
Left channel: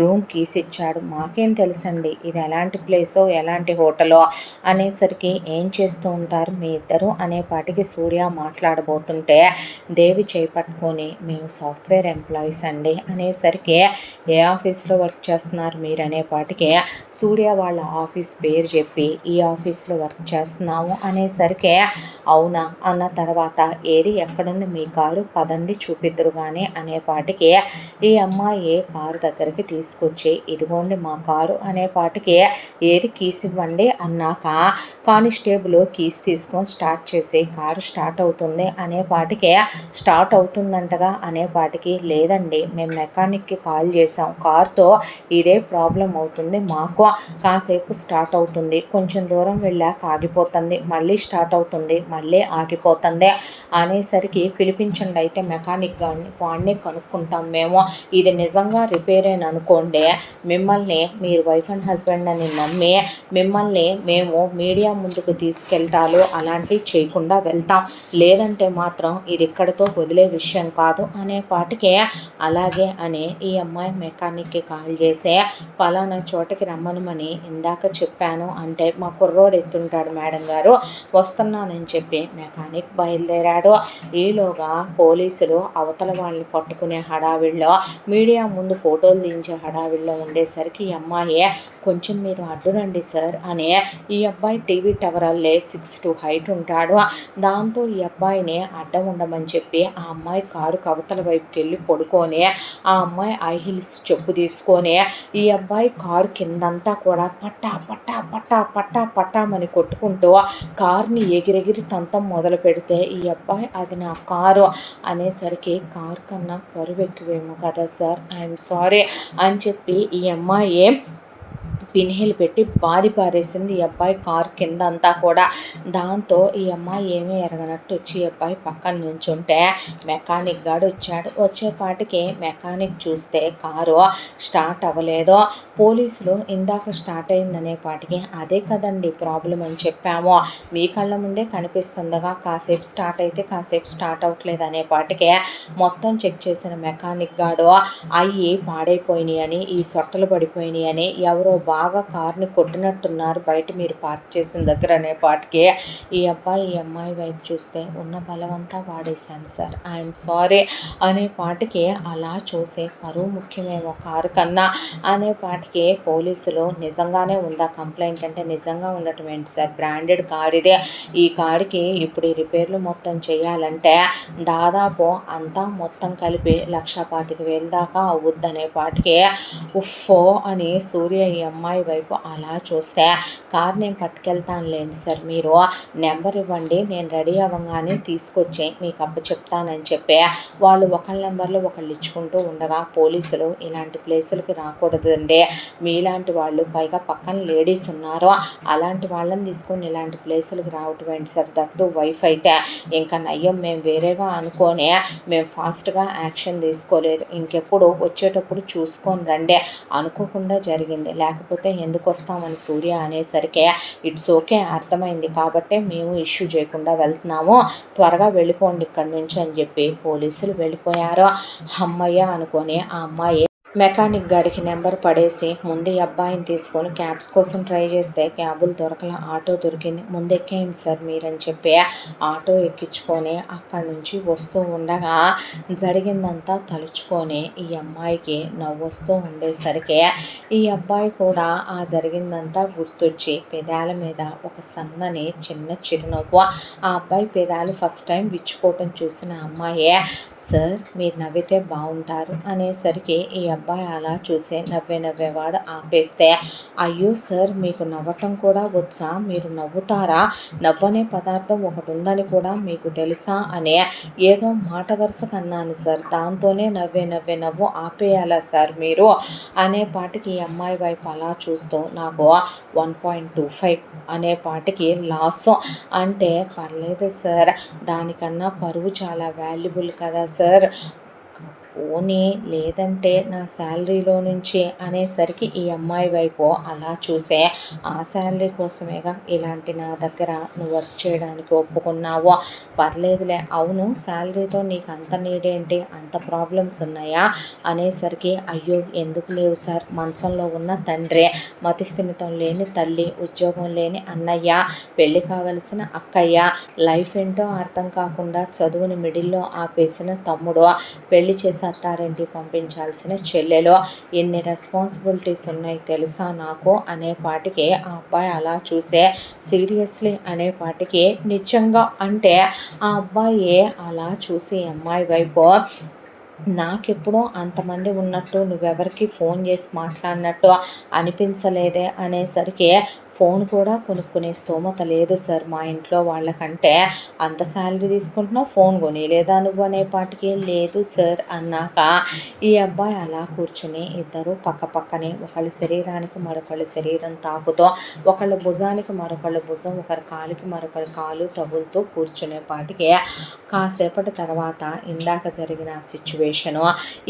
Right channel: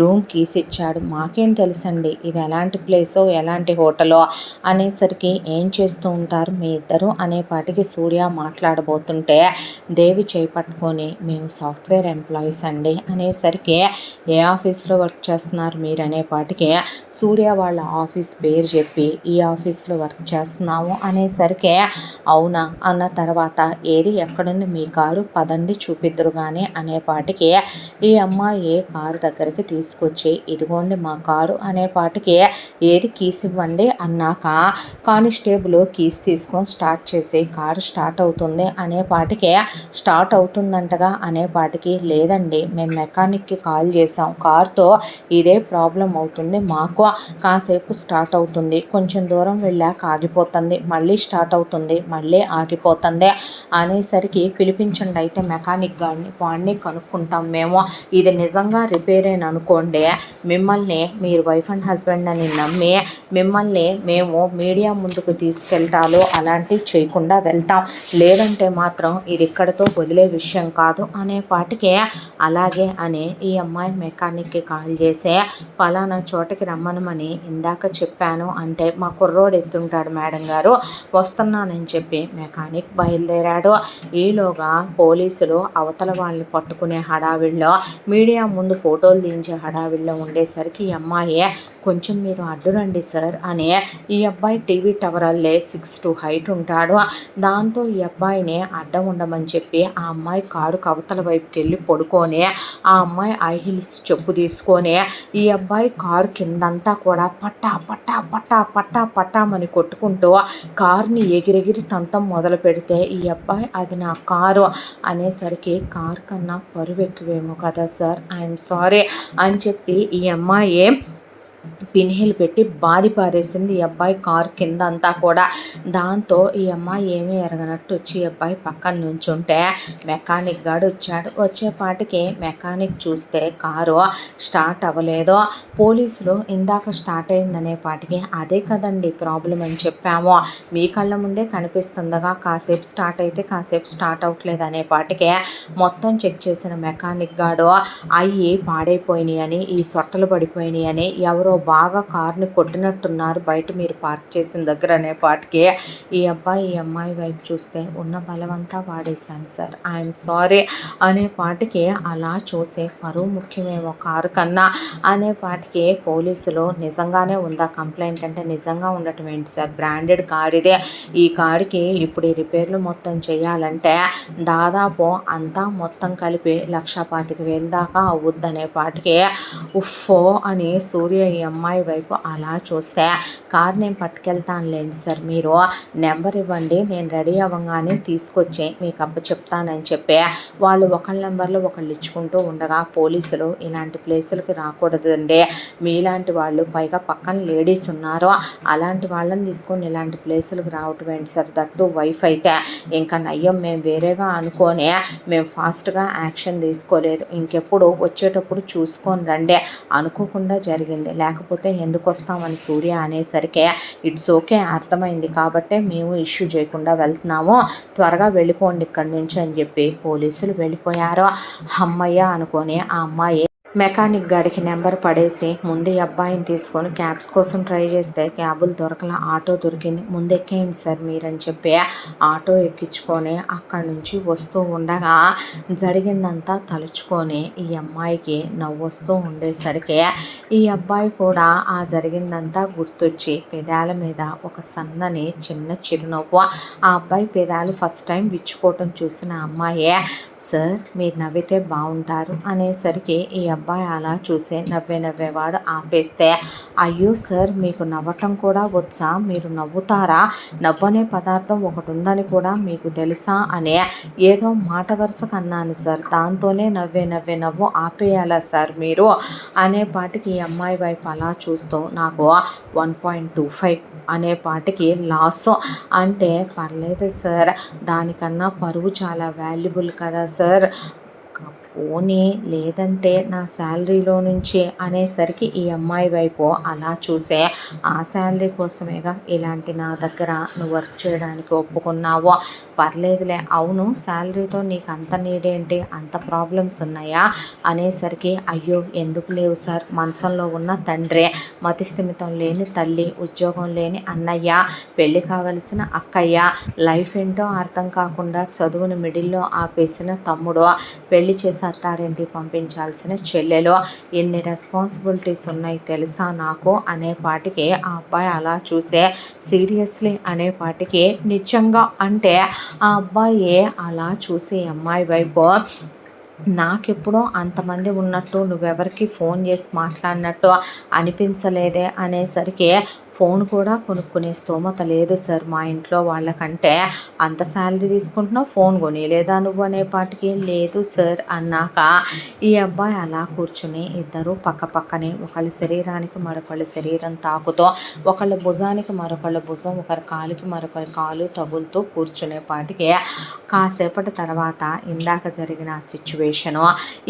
రూమ్ కీస్ ఇచ్చాడు, మాకేం తెలుసండి ఇది ఎలాంటి ప్లేసో ఎలాంటి హోటలో అనేసరికి, ఏం చేస్తూ ఉంటారు మీ ఇద్దరు అనేపాటికి సూర్య మాట్లాడబోతుంటే, దేవి చేపట్టుకొని మేము సాఫ్ట్వేర్ ఎంప్లాయీస్ అండి అనేసరికి, ఏ ఆఫీస్లో వర్క్ చేస్తున్నారు మీరు అనేపాటికి సూర్య వాళ్ళ ఆఫీస్ పేరు చెప్పి, ఈ ఆఫీస్లో వర్క్ చేస్తున్నాము అనేసరికి, అవునా అన్న తర్వాత, ఏది ఎక్కడుంది మీ కారు పదండి చూపిద్దురు కానీ అనేపాటికి, ఈ అమ్మాయి కారు దగ్గరికి తీసుకొచ్చి, ఇదిగోండి మా కారు అనేపాటికి, ఏది కీస్ ఇవ్వండి అన్నాక, కానిస్టేబుల్ కీస్ తీసుకొని స్టార్ట్ చేసి, కారు స్టార్ట్ అవుతుంది అనేపాటికి, స్టార్ట్ అవుతుందంటగా అనేపాటికి, లేదండి మేము మెకానిక్కి కాల్ చేసాం, కార్తో ఇదే ప్రాబ్లం అవుతుంది, మాకు కాసేపు స్టార్ట్ అవుతుంది, కొంచెం దూరం వెళ్ళాక ఆగిపోతుంది, మళ్ళీ స్టార్ట్ అవుతుంది, మళ్ళీ ఆగిపోతుంది అనేసరికి, పిలిపించండి అయితే మెకానిక్ గారిని, వాడిని కనుక్కుంటాం మేము, ఇది నిజంగా రిపేర్ అని అనుకోండి, మిమ్మల్ని మీరు వైఫ్ అండ్ హస్బెండ్ అని నమ్మి మిమ్మల్ని మేము మీడియా ముందుకు తీసుకెళ్తాలో అలాంటివి చేయకుండా వెళ్తాం, లేదంటే మాత్రం ఇది ఇక్కడితో వదిలే విషయం కాదు అనే పాటికే, అలాగే అని ఈ అమ్మాయి మెకానిక్కి కాల్ చేసే, పలానా చోటకి రమ్మనమని ఇందాక చెప్పాను అంటే, మా కుర్రోడు ఎత్తుంటాడు మేడం గారు, వస్తున్నానని చెప్పి మెకానిక్ బయలుదేరాడు, ఈలోగా పోలీసులు అవతల వాళ్ళని పట్టుకునే హడావిడిలో, మీడియా ముందు ఫోటోలు దించే హడావిడిలో ఉండేసరికి, ఈ అమ్మాయి కొంచెం మీరు అడ్డురండి సార్ అని, ఈ అబ్బాయి టీవీ టవర్ అల్లే 6'2" హైట్ ఉంటాడు, దాంతో ఈ అబ్బాయిని అడ్డం ఉండమని చెప్పి, ఆ అమ్మాయి కారు అవతల వైపుకి వెళ్ళి పడుకొని, ఆ అమ్మాయి హై హీల్స్ చెప్పు తీసుకొని, ఈ అబ్బాయి కారు కిందంతా కూడా పట్టా పట్టా పట్టా పట్టా పట్టామని కొట్టుకుంటూ కార్ని ఎగిరెగిరి తంతం మొదలు పెడితే, ఈ అబ్బాయి అది నా కారు అనేసరికి, కారు కన్నా పరువు ఎక్కువేమో కదా సార్, ఐఎమ్ సారీ అని చెప్పి ఈ అమ్మాయి పిన్హిల్ పెట్టి బాది పారేసింది ఈ అబ్బాయి కారు కింద అంతా కూడా, దాంతో ఈ అమ్మాయి ఏమీ ఎరగనట్టు వచ్చి ఈ అబ్బాయి పక్కన నుంచుంటే, మెకానిక్ గాడు వచ్చాడు, వచ్చేపాటికి మెకానిక్ చూస్తే కారు స్టార్ట్ అవ్వలేదు, పోలీసులు ఇందాక స్టార్ట్ అయిందనే పాటికి, అదే కదండి ప్రాబ్లం అని చెప్పాము, మీ కళ్ళ ముందే కనిపిస్తుండగా కాసేపు స్టార్ట్ అయితే కాసేపు స్టార్ట్ అవ్వట్లేదు అనే పాటికే, మొత్తం చెక్ చేసిన మెకానిక్ గాడు అయ్యి పాడైపోయినాయి అని, ఈ సొట్టలు పడిపోయినాయి అని, ఎవరో బాగా కార్ని కొట్టినట్టున్నారు బయట మీరు పార్క్ చేసిన దగ్గర అనే పాటికి, ఈ అబ్బాయి ఈ అమ్మాయి వైపు చూస్తే, ఉన్న బలమంతా వాడేశాను సార్, ఐఎమ్ సారీ అనే పాటికి, అలా చూసే పరువు ముఖ్యమేమో కారు కన్నా అనే పాటికి, పోలీసులు నిజంగానే ఉందా కంప్లైంట్ అంటే, నిజంగా ఉండటం ఏంటి సార్, బ్రాండెడ్ కార్ ఇదే, ఈ కారుకి ఇప్పుడు ఈ రిపేర్లు మొత్తం చేయాలంటే దాదాపు అంతా మొత్తం కలిపి 1,25,000 దాకా అవుద్దనే పాటికి, ఉఫ్ఫో అని సూర్య ఈ అమ్మాయి వైపు అలా చూస్తే, కార్ నేను పట్టుకెళ్తానులేండి సార్, మీరు నెంబర్ ఇవ్వండి, నేను రెడీ అవ్వగానే తీసుకొచ్చి మీకు చెప్తానని చెప్పి, వాళ్ళు ఒకళ్ళ నెంబర్లో ఒకళ్ళు ఇచ్చుకుంటూ ఉండగా, పోలీసులు ఇలాంటి ప్లేసులకి రాకూడదండి, మీలాంటి వాళ్ళు పైగా పక్కన లేడీస్ ఉన్నారు, అలాంటి వాళ్ళని తీసుకొని ఇలాంటి ప్లేసులకు రావటం ఏంటి సార్, దట్టు వైఫ్ అయితే ఇంకా నయ్యం, మేము వేరేగా అనుకొని మేము ఫాస్ట్గా యాక్షన్ తీసుకోలేదు, ఇంకెప్పుడు వచ్చేటప్పుడు చూసుకొని రండి, అనుకోకుండా జరిగింది, లేకపోతే ఎందుకు వస్తామని సూర్య అనేసరికి, ఇట్స్ ఓకే అర్థమైంది కాబట్టే మేము ఇష్యూ చేయకుండా వెళ్తున్నాము, త్వరగా వెళ్ళిపోండి ఇక్కడి నుంచి అని చెప్పి పోలీసులు వెళ్ళిపోయారు, అమ్మయ్య అనుకొని ఆ అమ్మాయి మెకానిక్ గాడికి నెంబర్ పడేసి ముందు ఈ అబ్బాయిని తీసుకొని క్యాబ్స్ కోసం ట్రై చేస్తే క్యాబులు దొరకల, ఆటో దొరికింది. ముందు ఎక్కేయండి సార్ మీరని చెప్పి ఆటో ఎక్కించుకొని అక్కడి నుంచి వస్తూ ఉండగా జరిగిందంతా తలుచుకొని ఈ అమ్మాయికి నవ్వొస్తూ ఉండేసరికి ఈ అబ్బాయి కూడా ఆ జరిగిందంతా గుర్తొచ్చి పెదాల మీద ఒక సన్నని చిన్న చిరునవ్వు. ఆ అబ్బాయి పెదాలు ఫస్ట్ టైం విచ్చుకోవటం చూసిన అమ్మాయే, సార్ మీరు నవ్వితే బాగుంటారు అనేసరికి ఈ అబ్బాయి అలా చూసి నవ్వేవాడు ఆపేస్తే, అయ్యో సార్ మీకు నవ్వటం కూడా వచ్చా, మీరు నవ్వుతారా, నవ్వనే పదార్థం ఒకటి ఉందని కూడా మీకు తెలుసా అనే ఏదో మాట వరుసకు అన్నాను సార్, దాంతోనే నవ్వు ఆపేయాలా సార్ మీరు అనేపాటికి ఈ అమ్మాయి వైపు అలా చూస్తూ నాకు 1.25 అనేపాటికి లాస్, అంటే పర్లేదు సార్, దానికన్నా పరువు చాలా వాల్యుబుల్ కదా సార్, పోనీ లేదంటే నా శాలరీలో నుంచి అనేసరికి ఈ అమ్మాయి వైపు అలా చూసే, ఆ శాలరీ కోసమేగా ఇలాంటి నా దగ్గర నువ్వు వర్క్ చేయడానికి ఒప్పుకున్నావు, పర్లేదులే, అవును శాలరీతో నీకు అంత నీడేంటి, అంత ప్రాబ్లమ్స్ ఉన్నాయా అనేసరికి, అయ్యో ఎందుకు లేవు సార్, మంచంలో ఉన్న తండ్రి, మతిస్థిమితం లేని తల్లి, ఉద్యోగం లేని అన్నయ్య, పెళ్ళి కావలసిన అక్కయ్య, లైఫ్ ఏంటో అర్థం కాకుండా చదువుని మిడిల్లో ఆపేసిన తమ్ముడు, పెళ్లి చేసి అత్తారింటి పంపించాల్సిన చెల్లెలో, ఎన్ని రెస్పాన్సిబిలిటీస్ ఉన్నాయి తెలుసా నాకు అనేపాటికి ఆ అబ్బాయి అలా చూసే, సీరియస్లీ అనేపాటికి నిజంగా అంటే ఆ అబ్బాయి అలా చూసి అమ్మాయి వైపు, నాకెప్పుడో అంతమంది ఉన్నట్టు నువ్వెవరికి ఫోన్ చేసి మాట్లాడినట్టు అనిపించలేదే అనేసరికి, ఫోన్ కూడా కొనుక్కునే స్తోమత లేదు సార్ మా ఇంట్లో వాళ్ళకంటే, అంత శాలరీ తీసుకుంటున్నావు ఫోన్ కొనిలేదా నువ్వు అనేపాటికి, లేదు సార్ అన్నాక ఈ అబ్బాయి అలా కూర్చుని ఇద్దరు పక్క పక్కనే ఒకళ్ళ శరీరానికి మరొకళ్ళ శరీరం తాకుతూ, ఒకళ్ళ భుజానికి మరొకళ్ళ భుజం, ఒకరి కాలుకి మరొకరి కాలు తగులుతూ కూర్చునేపాటికి కాసేపటి తర్వాత ఇందాక జరిగిన సిచ్యువేషను,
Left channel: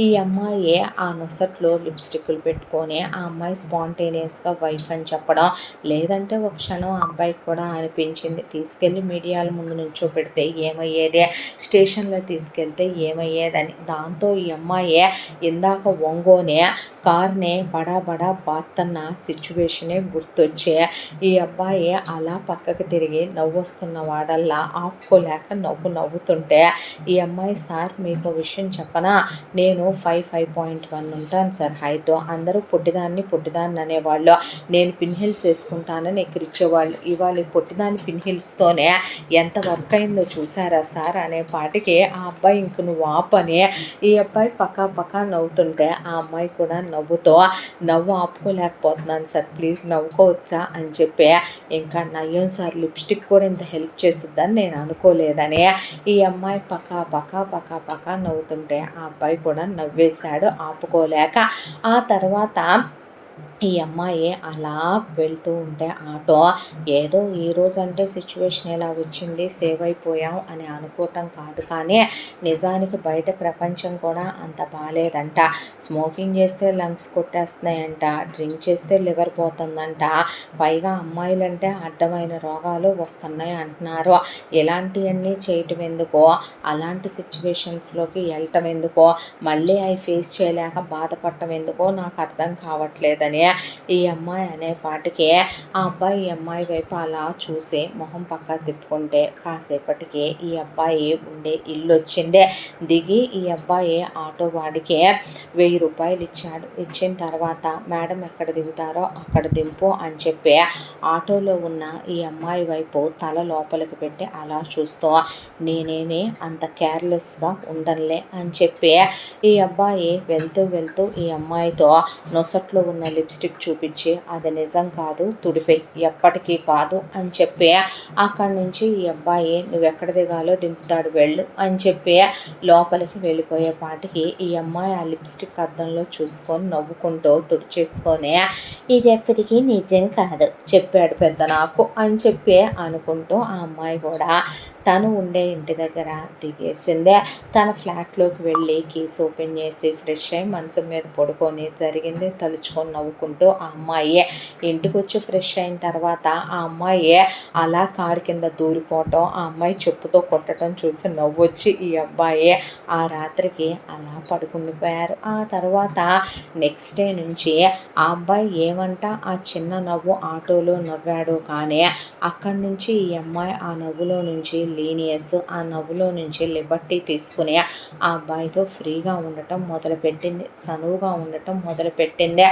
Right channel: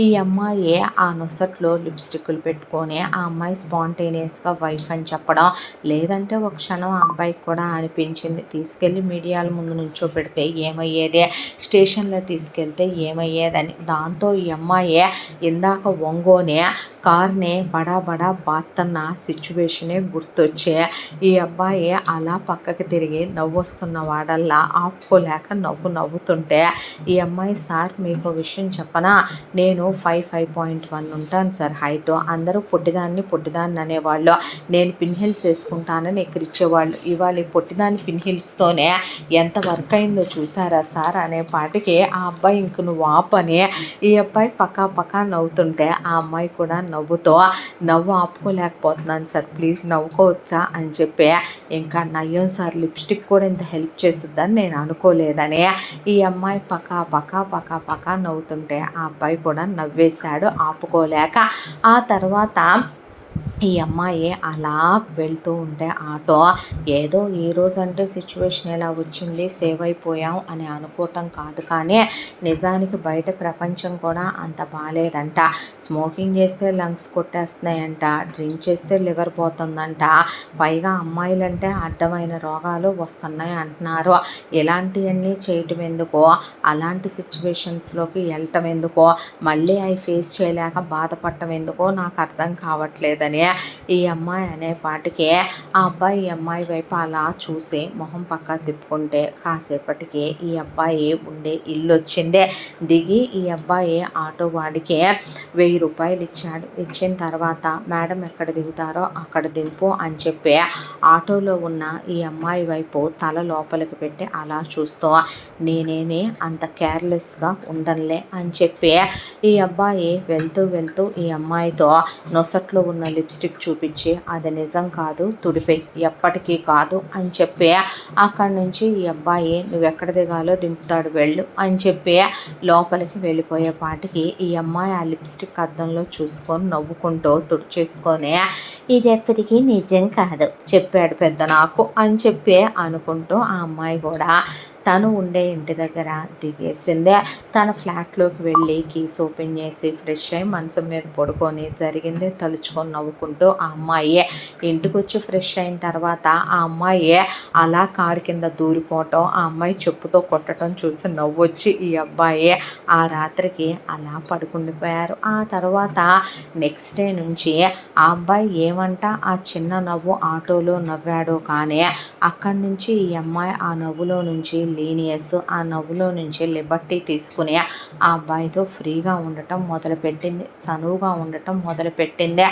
ఈ అమ్మాయి ఆ నొసట్లో లిప్స్టిక్లు పెట్టుకొని ఆ అమ్మాయి స్పాంటేనియస్గా వైఫ్ అని చెప్పడం, లేదంటే ఒక క్షణం ఆ అబ్బాయికి కూడా అనిపించింది, తీసుకెళ్ళి మీడియాల ముందు నుంచోపెడితే ఏమయ్యేదే, స్టేషన్లో తీసుకెళ్తే ఏమయ్యేదని, దాంతో ఈ అమ్మాయి ఇందాక ఒంగోనే కార్ని బడా బాత్తన్న సిచ్యువేషనే గుర్తొచ్చే ఈ అబ్బాయి అలా పక్కకి తిరిగి నవ్వొస్తున్న వాడల్లా ఆపుకోలేక నవ్వుతుంటే ఈ అమ్మాయి, సార్ మీకు విషయం చెప్పనా, నేను 5.1 ఉంటాను సార్ హైట్, అందరూ పొట్టిదాన్ని అనేవాళ్ళు, నేను పిన్ హిల్స్ వేసుకుంటానని ఎక్కిరిచ్చేవాళ్ళు, ఇవాళ ఈ పొట్టిదాన్ని పిన్ హిల్స్తోనే ఎంత వర్క్ అయిందో చూసారా సార్ అనేపాటికి ఆ అబ్బాయి ఇంక నువ్వు ఆపని ఈ అబ్బాయి పక్కా నవ్వుతుంటే ఆ అమ్మాయి కూడా నవ్వు ఆపుకోలేకపోతున్నాను సార్, ప్లీజ్ నవ్వుకోవచ్చా అని చెప్పి, ఇంకా నయ్యం సార్ లిప్స్టిక్ కూడా ఇంత హెల్ప్ చేస్తుందని నేను అనుకోలేదని ఈ అమ్మాయి పక్కా నవ్వుతుంటే ఆ అబ్బాయి కూడా నవ్వేశాడు ఆపుకోలేక. ఆ తర్వాత ఈ అమ్మాయి అలా వెళ్తూ ఉంటే ఆటో, ఏదో ఈరోజు అంటే సిచ్యువేషన్ ఎలా వచ్చింది, సేవ్ అయిపోయాం అని అనుకోవటం కాదు, కానీ నిజానికి బయట ప్రపంచం కూడా అంత బాగాలేదంట, స్మోకింగ్ చేస్తే లంగ్స్ కొట్టేస్తున్నాయంట, డ్రింక్ చేస్తే లివర్ పోతుందంట, పైగా అమ్మాయిలంటే అడ్డమైన రోగాలు వస్తున్నాయి అంటున్నారు, ఇలాంటివన్నీ చేయటం ఎందుకో, అలాంటి సిచ్యువేషన్స్లోకి వెళ్ళటం ఎందుకో, మళ్ళీ అవి ఫేస్ చేయలేక బాధపడటం ఎందుకో నాకు అర్థం కావట్లేదని ఈ అమ్మాయి అనేపాటికి ఆ అబ్బాయి ఈ అమ్మాయి వైపు అలా చూసి మొహం పక్క తిప్పుకుంటే కాసేపటికి ఈ అబ్బాయి ఉండే ఇల్లు వచ్చింది. దిగి ఈ అబ్బాయి ఆటో వాడికి 1000 రూపాయలు ఇచ్చాడు. ఇచ్చిన తర్వాత మేడం ఎక్కడ దిగుతారో అక్కడ దింపు అని చెప్పి ఆటోలో ఉన్న ఈ అమ్మాయి వైపు తల లోపలికి పెట్టి అలా చూస్తూ, నేనేమి అంత కేర్లెస్గా ఉండనులే అని చెప్పి ఈ అబ్బాయి వెళ్తూ ఈ అమ్మాయితో నొసట్లో ఉన్న లిప్స్టిక్ చూపించి, అది నిజం కాదు తుడిపే, ఎప్పటికీ కాదు అని చెప్పి అక్కడి నుంచి ఈ అబ్బాయి నువ్వెక్కడ దిగాలో దింపుతాడు వెళ్ళు అని చెప్పి లోపలికి వెళ్ళిపోయేపాటికి ఈ అమ్మాయి ఆ లిప్స్టిక్ అద్దంలో చూసుకొని నవ్వుకుంటూ తుడిచేసుకొని, ఇది ఎప్పటికీ నిజం కాదు చెప్పాడు పెద్ద నాకు అని చెప్పి అనుకుంటూ ఆ అమ్మాయి కూడా తను ఉండే ఇంటి దగ్గర దిగేసిందే. తన ఫ్లాట్లోకి వెళ్ళి కీస్ ఓపెన్ చేసి ఫ్రెష్ అయ్యి మంచం మీద పడుకొని జరిగిందే తలుచుకొని నవ్వుకుంటూ ఆ అమ్మాయి ఇంటికొచ్చి ఫ్రెష్ అయిన తర్వాత ఆ అమ్మాయి అలా కారు కింద దూరిపోవటం, ఆ అమ్మాయి చెప్పుతో కొట్టడం చూసి నవ్వొచ్చి ఈ అబ్బాయి ఆ రాత్రికి అలా పడుకుండిపోయారు. ఆ తర్వాత నెక్స్ట్ డే నుంచి ఆ అబ్బాయి ఏమంట ఆ చిన్న నవ్వు ఆటోలో నవ్వాడు, కానీ అక్కడి నుంచి ఈ అమ్మాయి ఆ నవ్వులో నుంచి లీనియస్, ఆ నవ్వులో నుంచి లిబర్టీ తీసుకుని ఆ అబ్బాయితో ఫ్రీగా ఉండటం మొదలుపెట్టింది, చనువుగా ఉండటం మొదలుపెట్టింది.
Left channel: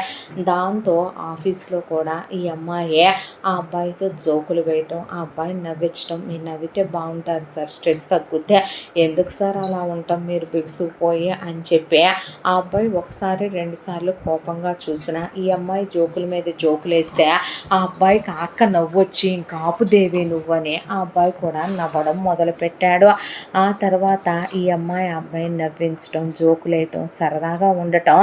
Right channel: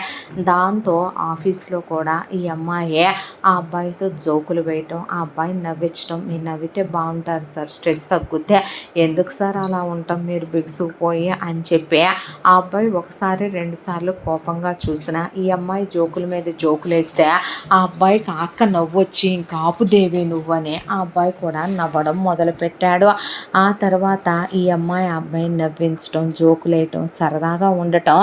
దాంతో ఆఫీస్లో కూడా ఈ అమ్మాయి ఆ అబ్బాయితో జోకులు వేయటం, ఆ అబ్బాయిని నవ్వించడం, మీరు నవ్వితే బాగుంటారు సార్, స్ట్రెస్ తగ్గుతే, ఎందుకు సార్ అలా ఉంటాం మీరు బిగుసుకుపోయి అని చెప్పి ఆ అబ్బాయి ఒకసారి రెండుసార్లు కోపంగా చూసిన ఈ అమ్మాయి జోకుల మీద జోకులు వేస్తే ఆ అబ్బాయికి అక్క నవ్వొచ్చి ఇంకా ఆపుదేవి నువ్వని ఆ అబ్బాయి కూడా నవ్వడం మొదలుపెట్టాడు. ఆ తర్వాత ఈ అమ్మాయి ఆ అబ్బాయిని నవ్వించడం, జోకులేయటం, సరదాగా ఉండటం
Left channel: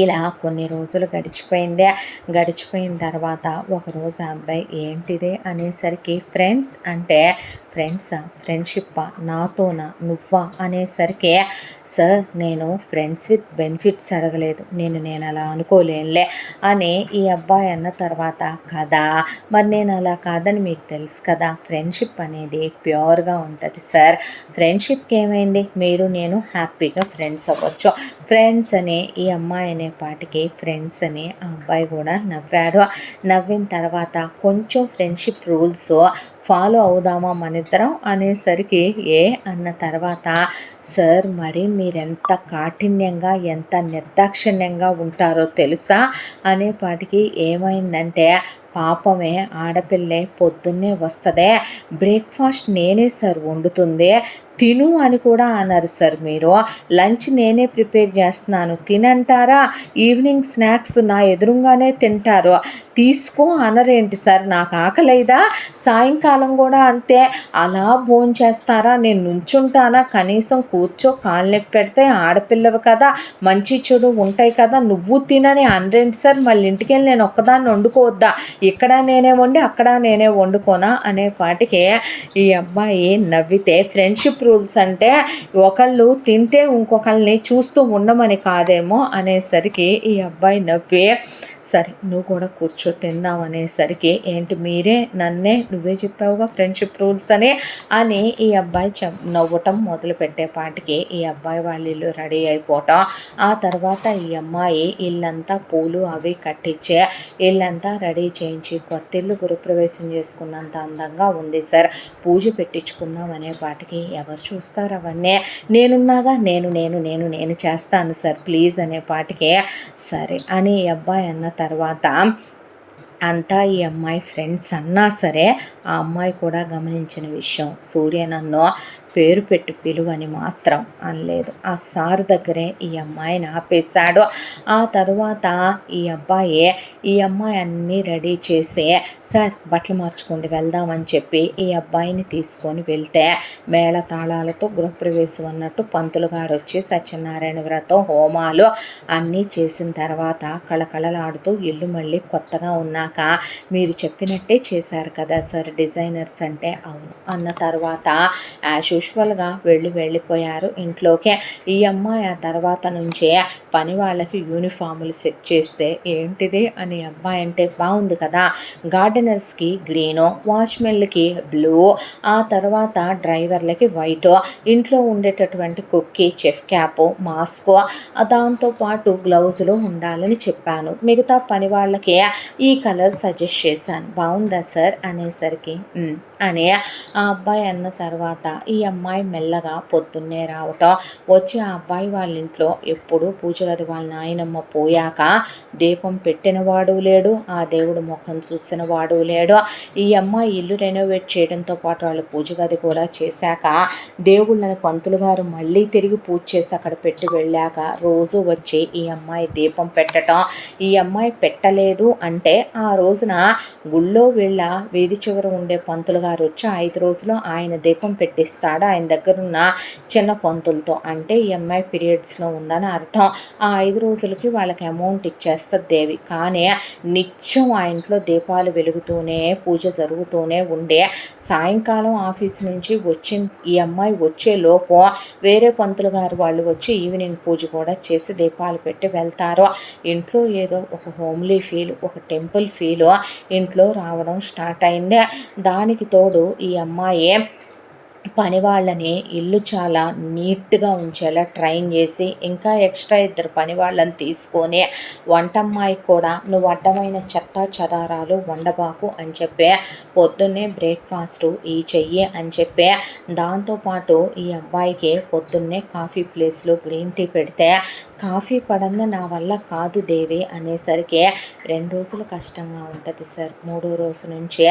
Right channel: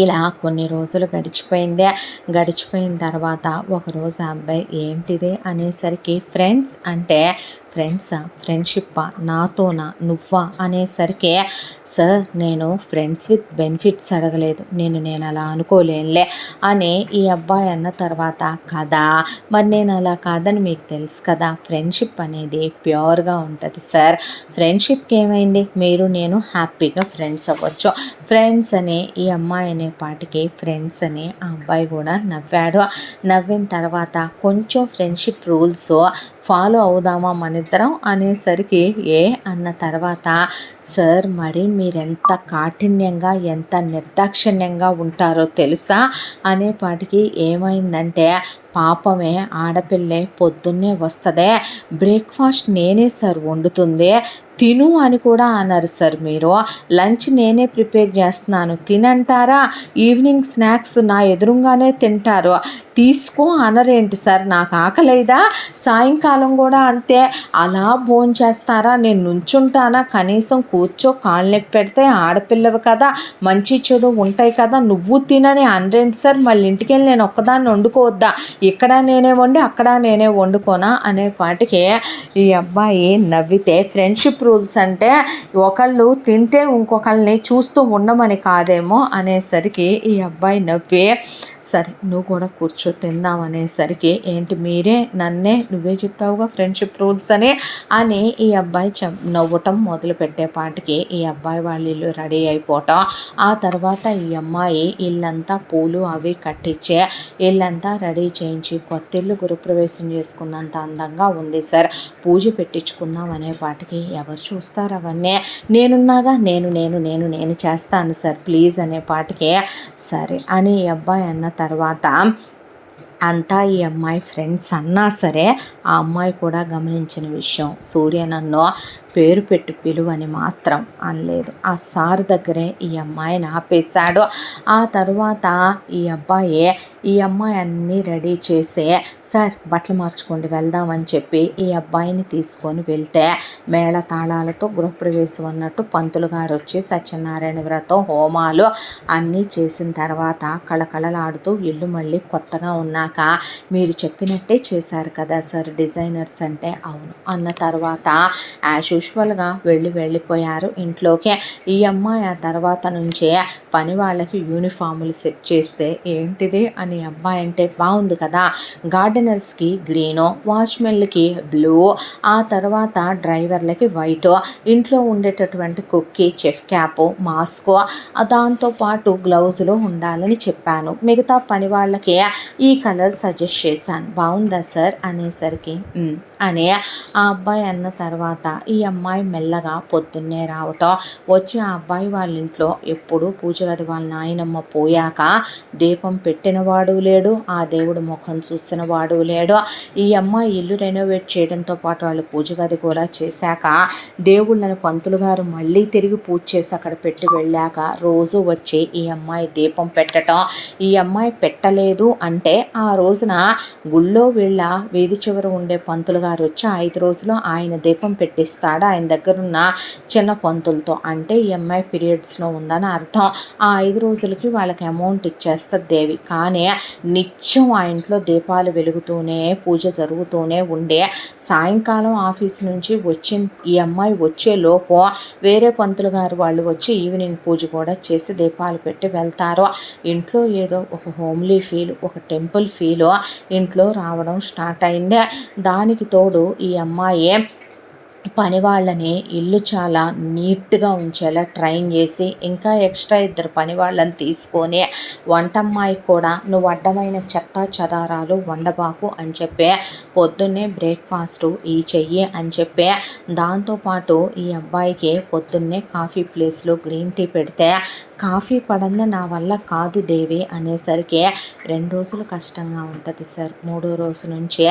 ఇలా కొన్ని రోజులు గడిచిపోయింది. గడిచిపోయిన తర్వాత ఒకరోజు ఆ అబ్బాయి ఏంటిది అనేసరికి ఫ్రెండ్స్ అంటే ఫ్రెండ్సా, ఫ్రెండ్షిప్పా, నాతోనా, నువ్వా అనేసరికి సార్ నేను ఫ్రెండ్స్ విత్ బెనిఫిట్స్ అడగలేదు, నేను అలా అనుకోలేనులే అని ఈ అబ్బాయి అన్న తర్వాత కదా మరి నేను అలా కాదని మీకు తెలుసు కదా, ఫ్రెండ్షిప్ అనేది ప్యూర్గా ఉంటుంది సార్, ఫ్రెండ్షిప్కి ఏమైంది, మీరు నేను హ్యాపీగా ఫ్రెండ్స్ అవ్వచ్చు, ఫ్రెండ్స్ అని ఈ అమ్మాయి అనే పాటికి ఫ్రెండ్స్ అని ఆ అబ్బాయి కూడా నవ్వాడు. నవ్విన తర్వాత కొంచెం ఫ్రెండ్షిప్ రూల్స్ ఫాలో అవుదామా మనిద్దరం అనేసరికి అన్న తర్వాత సార్ మరి మీరెంత కాఠిన్యంగా ఎంత నిర్దాక్షిణ్యంగా ఉంటారో తెలుసా అనేపాటికి ఏమైందంటే పాపమే ఆడపిల్లే పొద్దున్నే వస్తుందే, బ్రేక్ఫాస్ట్ నేనే సార్ వండుతుంది, తిను అని కూడా అన్నారు సార్, మీరు లంచ్ నేనే ప్రిపేర్ చేస్తున్నాను తినంటారా, ఈవినింగ్ స్నాక్స్ నా ఎదురుగానే తింటారు, తీసుకో అనరేంటి సార్, నాకు ఆకలేదా, సాయంకాలం కూడా అంతే, అలా భోంచేస్తారా, నేను నుంచుంటానా, కనీసం కూర్చో, కాళ్ళు నొప్పి పెడితే ఆడపిల్లవి కదా, మంచి చెడు ఉంటాయి కదా, నువ్వు తినని అనరేంటి సార్, మళ్ళీ ఇంటికి వెళ్ళి నేను ఒక్కదాన్ని వండుకోవద్దా, ఇక్కడ నేనే వండి అక్కడ నేనే వండుకోనా అనేపాటికి ఈ అబ్బాయి నవ్వితే ఫ్రెండ్షిప్ రూల్స్ అంటే ఒకళ్ళు తింటే ఇంకొకళ్ళని చూస్తూ ఉండమని కాదేమో అనేసరికి ఈ అబ్బాయి నవ్వి సరే నువ్వు కూడా కూర్చో తిందాం అనేసరికి ఏంటి మీరే నన్నే నువ్వే చెప్పావుగా ఫ్రెండ్షిప్ రూల్స్ అని ఈ అబ్బాయి నవ్వటం మొదలు పెట్టేపాటికి ఈ అబ్బాయి వాళ్ళ ఇల్లు రెడీ అయిపోవటం, ఆ తర్వాత ఈ అమ్మాయి ఇల్లంతా పూలు అవి కట్టించే ఇల్లంతా రెడీ చేయించి కొత్త ఇల్లు గృహప్రవేశం చేసుకున్నంత అందంగా ఉంది సార్, పూజ పెట్టించుకుందాం అనేపాటికి ఎవరు చూస్తారు అవన్నీ, నేనున్నాగా నేను చేస్తాను సార్ ప్లీజ్ అనేపాటికి సరే అని ఈ అబ్బాయి అన్న తర్వాత అంతా ఈ అమ్మాయి ఫ్రెండ్స్ అన్నా సరే ఆ అమ్మాయి కూడా గమనించిన విషయం, సూర్య నన్ను పేరు పెట్టి పిలువని మాత్రం అనలేదు, ఆ సార్ దగ్గరే ఈ అమ్మాయిని ఆపేశాడు. ఆ తర్వాత ఈ అమ్మాయి అన్నీ రెడీ చేసి సార్ బట్టలు మార్చుకోండి వెళ్దామని చెప్పి ఈ అబ్బాయిని తీసుకొని వెళ్తే మేళ తాళాలతో గృహప్రవేశం అన్నట్టు పంతులు గారు వచ్చి సత్యనారాయణ వ్రతం హోమాలు అన్నీ చేసిన తర్వాత కళకళలాడుతూ ఇల్లు మళ్ళీ కొత్తగా ఉన్నాక మీరు చెప్పినట్టే చేశారు కదా సార్ డిజైనర్స్ అంటే అవును అన్న తర్వాత యాజ్ యూజువల్గా వెళ్ళిపోయారు ఇంట్లోకి. ఈ అమ్మాయి ఆ తర్వాత నుంచే పని వాళ్ళకి యూనిఫాములు సెట్ చేస్తే ఏంటిది అని అబ్బాయి అంటే బాగుంది కదా, గార్డెనర్స్కి గ్రీను, వాచ్మెన్లకి బ్లూ, ఆ తర్వాత డ్రైవర్లకి వైట్, ఇంట్లో ఉండేటటువంటి కుక్కి చెఫ్ క్యాప్, మాస్క్, దాంతోపాటు గ్లౌజులు ఉండాలని చెప్పాను, మిగతా పని వాళ్ళకి ఈ కలర్ సజెస్ట్ చేశాను, బాగుందా సార్ అనేసరికి అని ఆ అబ్బాయి అన్న తర్వాత ఈ అమ్మాయి మెల్లగా పొద్దున్నే రావటం, వచ్చి ఆ అబ్బాయి వాళ్ళ ఇంట్లో ఎప్పుడు పూజ గది వాళ్ళ నాయనమ్మ పోయాక దీపం పెట్టినవాడు లేడు, ఆ దేవుడు ముఖం చూసిన వాడు లేడు, ఈ అమ్మాయి ఇల్లు రెనోవేట్ చేయడంతో పాటు వాళ్ళు పూజ గది కూడా చేశాక దేవుళ్ళని పంతులు గారు మళ్ళీ తిరిగి పూజ చేసి అక్కడ పెట్టి వెళ్ళాక రోజు వచ్చి ఈ అమ్మాయి దీపం పెట్టడం, ఈ అమ్మాయి పెట్టలేదు అంటే ఆ రోజున గుళ్ళో వీళ్ళ వీధి చివర ఉండే పంతులు గారు వచ్చి 5 రోజులు ఆయన దీపం పెట్టిస్తాడు చేస్తాడు ఆయన దగ్గరున్న చిన్న పంతులతో. అంటే ఈ అమ్మాయి పీరియడ్స్లో ఉందని అర్థం. ఆ 5 రోజులకి వాళ్ళకి అమౌంట్ ఇచ్చేస్తుంది దేవి. కానీ నిత్యం ఆ ఇంట్లో దీపాలు వెలుగుతూనే పూజ జరుగుతూనే ఉండే సాయంకాలం ఆఫీస్ నుంచి ఈ అమ్మాయి వచ్చేలోపు వేరే పంతులు గారు వాళ్ళు వచ్చి ఈవినింగ్ పూజ కూడా చేసి దీపాలు పెట్టి వెళ్తారు. ఇంట్లో ఏదో ఒక హోమ్లీ ఫీల్, ఒక టెంపుల్ ఫీల్ ఇంట్లో రావడం స్టార్ట్ అయింది. దానికి తోడు ఈ అమ్మాయి పని వాళ్ళని ఇల్లు చాలా నీట్గా ఉంచేలా ట్రైన్ చేసి ఇంకా ఎక్స్ట్రా 2 పని వాళ్ళని తీసుకొని వంటమ్మాయికి కూడా నువ్వు అడ్డమైన చెత్త చెదారాలు వండబాకు అని చెప్పి పొద్దున్నే బ్రేక్ఫాస్టు ఈ చెయ్యి అని చెప్పి దాంతోపాటు ఈ అబ్బాయికి పొద్దున్నే కాఫీ ప్లేస్లో గ్రీన్ టీ పెడితే కాఫీ పడంది నా వల్ల కాదు దేవి అనేసరికి 2 రోజులు కష్టంగా ఉంటుంది సార్, 3వ రోజు నుంచే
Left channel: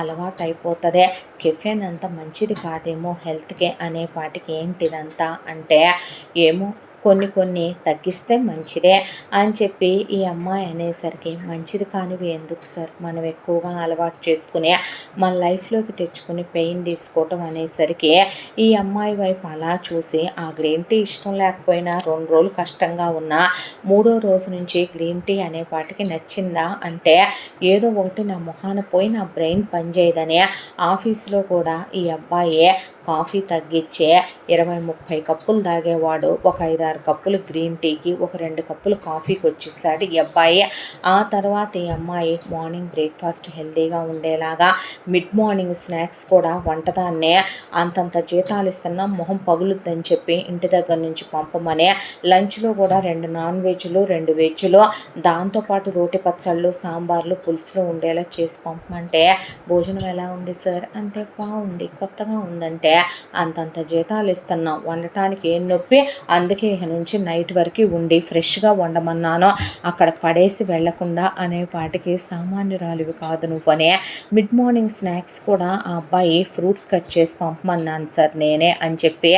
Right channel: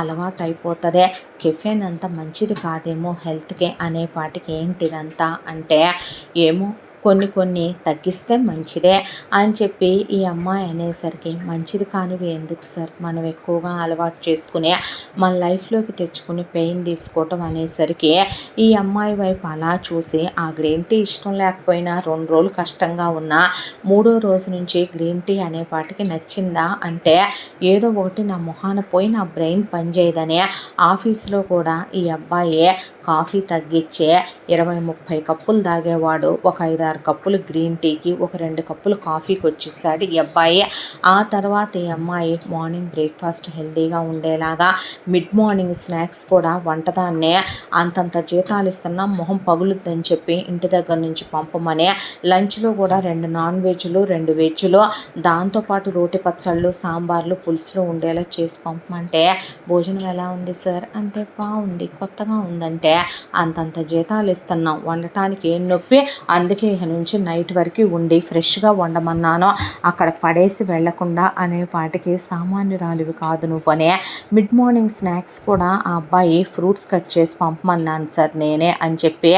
అలవాటు అయిపోతుంది. కెఫెన్ అంత మంచిది కాదేమో హెల్త్కి అనేపాటికి ఏంటిదంతా అంటే ఏమో కొన్ని తగ్గిస్తే మంచిదే అని చెప్పి ఈ అమ్మాయి అనేసరికి మంచిది కానివి ఎందుకు సార్ మనం ఎక్కువగా అలవాటు చేసుకుని మన లైఫ్లోకి తెచ్చుకుని పెయిన్ తీసుకోవటం అనేసరికి ఈ అమ్మాయి వైపు అలా చూసి ఆ గ్రీన్ టీ ఇష్టం లేకపోయినా 2 రోజులు కష్టంగా ఉన్నా 3వ రోజు నుంచి గ్రీన్ టీ అనేపాటికి నచ్చిందా అంటే ఏదో ఒకటి నా మొహాన పోయి నా బ్రెయిన్ పనిచేయదని ఆఫీస్లో కూడా ఈ అబ్బాయి కాఫీ తగ్గించే 20-30 కప్పులు తాగేవాడు ఒక 5-6 కప్పులు గ్రీన్ టీకి ఒక 2 కప్పులు కాఫీకి వచ్చేసాడు ఈ అబ్బాయి. ఆ తర్వాత ఈ అమ్మాయి మార్నింగ్ బ్రేక్ఫాస్ట్ హెల్తీగా ఉండేలాగా మిడ్ మార్నింగ్ స్నాక్స్ కూడా వంటదాన్నే అంతంత జీతాలు ఇస్తున్నా మొహం పగులుద్దని చెప్పి ఇంటి దగ్గర నుంచి పంపమని లంచ్లో కూడా 2 నాన్ వెజ్లు 2 వెజ్లు దాంతోపాటు రోటి పచ్చళ్ళు సాంబార్లు పులుసులు ఉండేలా చేసి పంపమంటే భోజనం ఎలా ఉంది సార్ అంటే బాగుంది కొత్తగా ఉందంటే అంతంత జీతాలు ఇస్తున్నాం వండటానికి ఏం నొప్పి, అందుకే ఇక నుంచి నైట్ వరకు ఉండి ఫ్రెష్గా వండమన్నాను అక్కడ పడేసి వెళ్లకుండా అనే పాటికి సామాన్యురాలివి కాదు నువ్వు అనే మిడ్ మార్నింగ్ స్నాక్స్ కూడా ఆ అబ్బాయి ఫ్రూట్స్ కట్ చేసి పంపమన్నాను సార్ నేనే అని చెప్పి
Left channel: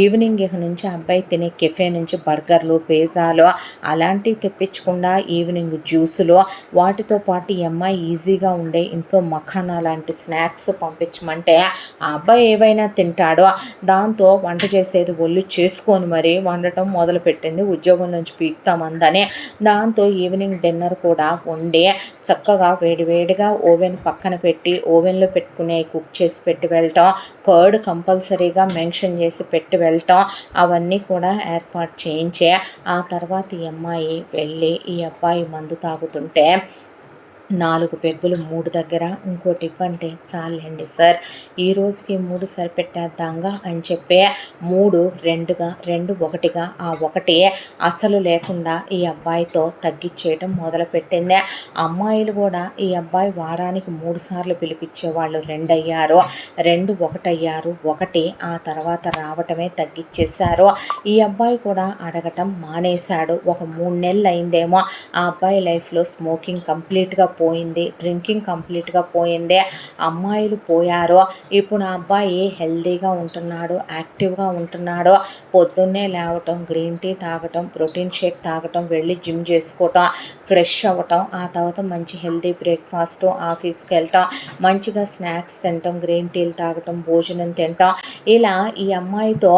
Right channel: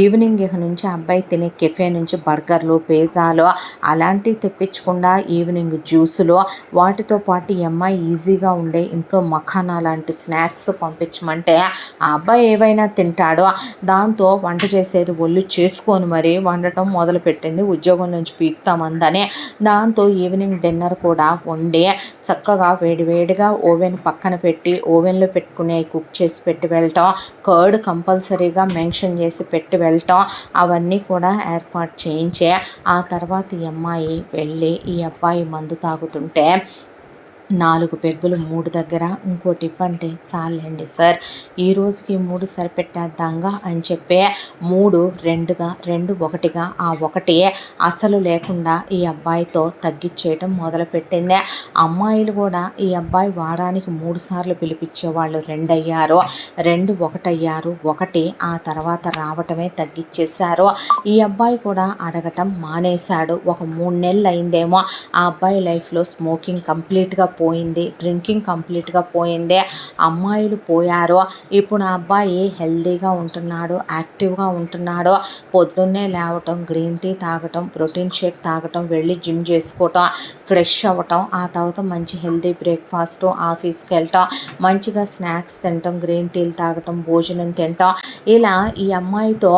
ఈవినింగ్ ఇక నుంచి అబ్బాయి తినే కెఫే నుంచి బర్గర్లు పిజ్జాలు అలాంటివి తెప్పించకుండా ఈవినింగ్ జ్యూసులు వాటితో పాటు ఈ అమ్మాయి ఈజీగా ఉండే ఇంట్లో మఖానా లాంటి స్నాక్స్ పంపించమంటే ఆ అబ్బాయి ఏవైనా తింటాడో దాంతో వంట చేసేది ఒళ్ళు చేసుకొని మరి వండటం మొదలుపెట్టింది. ఉద్యోగం నుంచి పీకుతామందని దాంతో ఈవినింగ్ డిన్నర్ కూడా వండి చక్కగా వేడివేడిగా ఓవెన్ పక్కన పెట్టి ఓవెన్లో పెట్టుకునే కుక్ చేసి పెట్టి వెళ్ళటం, కర్డ్ కంపల్సరీగా మెన్షన్ చేసి పెట్టి వెళ్ళటం అవన్నీ కూడా ఏర్పాటు చేయించే ఆ తర్వాత ఈ అమ్మాయి వెళ్ళి ఈ అబ్బాయి మందు తాగుతుంటే 4 పెగ్గులు 3 దగ్గర ఇంకోటి ఇవ్వంటే చాలండి సార్ ఈ రోజుకి 3 సరిపెట్టేద్దాంగా అని చెప్పి 3 2గా 2 1గా ఆ 1 అసలు లేకుండా ఈ అబ్బాయితో తగ్గించేయటం మొదలుపెట్టింది. అమ్మాయిలు కూడా ఈ అబ్బాయి వారానికి 3 సార్లు పిలిపించేవాళ్ళు 2 అయ్యారు, 2 1 అయ్యారు, 1 ఆ తర్వాత రావటమే తగ్గించేశారు. ఈ అబ్బాయి కూడా అడగటం మానేశాడు. ఒక 3 నెలలు అయిందేమో ఆ అబ్బాయి లైఫ్లో స్మోకింగ్ కంప్లీట్గా పోయింది, డ్రింకింగ్ కంప్లీట్గా పోయింది, అమ్మాయిలు పోయారు. ఇప్పుడు ఆ అబ్బాయి హెల్తీగా ఉంటున్నాడు, యాక్టివ్గా ఉంటున్నాడు. పొద్దున్నే లేవటం, గ్రీన్ టీ తాగటం, ప్రోటీన్ షేక్ తాగటం, వెళ్ళి జిమ్ చేసుకోవటం, ఫ్రెష్ అవ్వటం, ఆ తర్వాత మంచి హెల్తీ బ్రేక్ఫాస్ట్, ఆఫీస్కి వెళ్ళటం, మంచిగా స్నాక్స్ తినటం, గ్రీన్ టీలు తాగటం, భోజనం తినటం, ఇలా ఈ అమ్మాయితో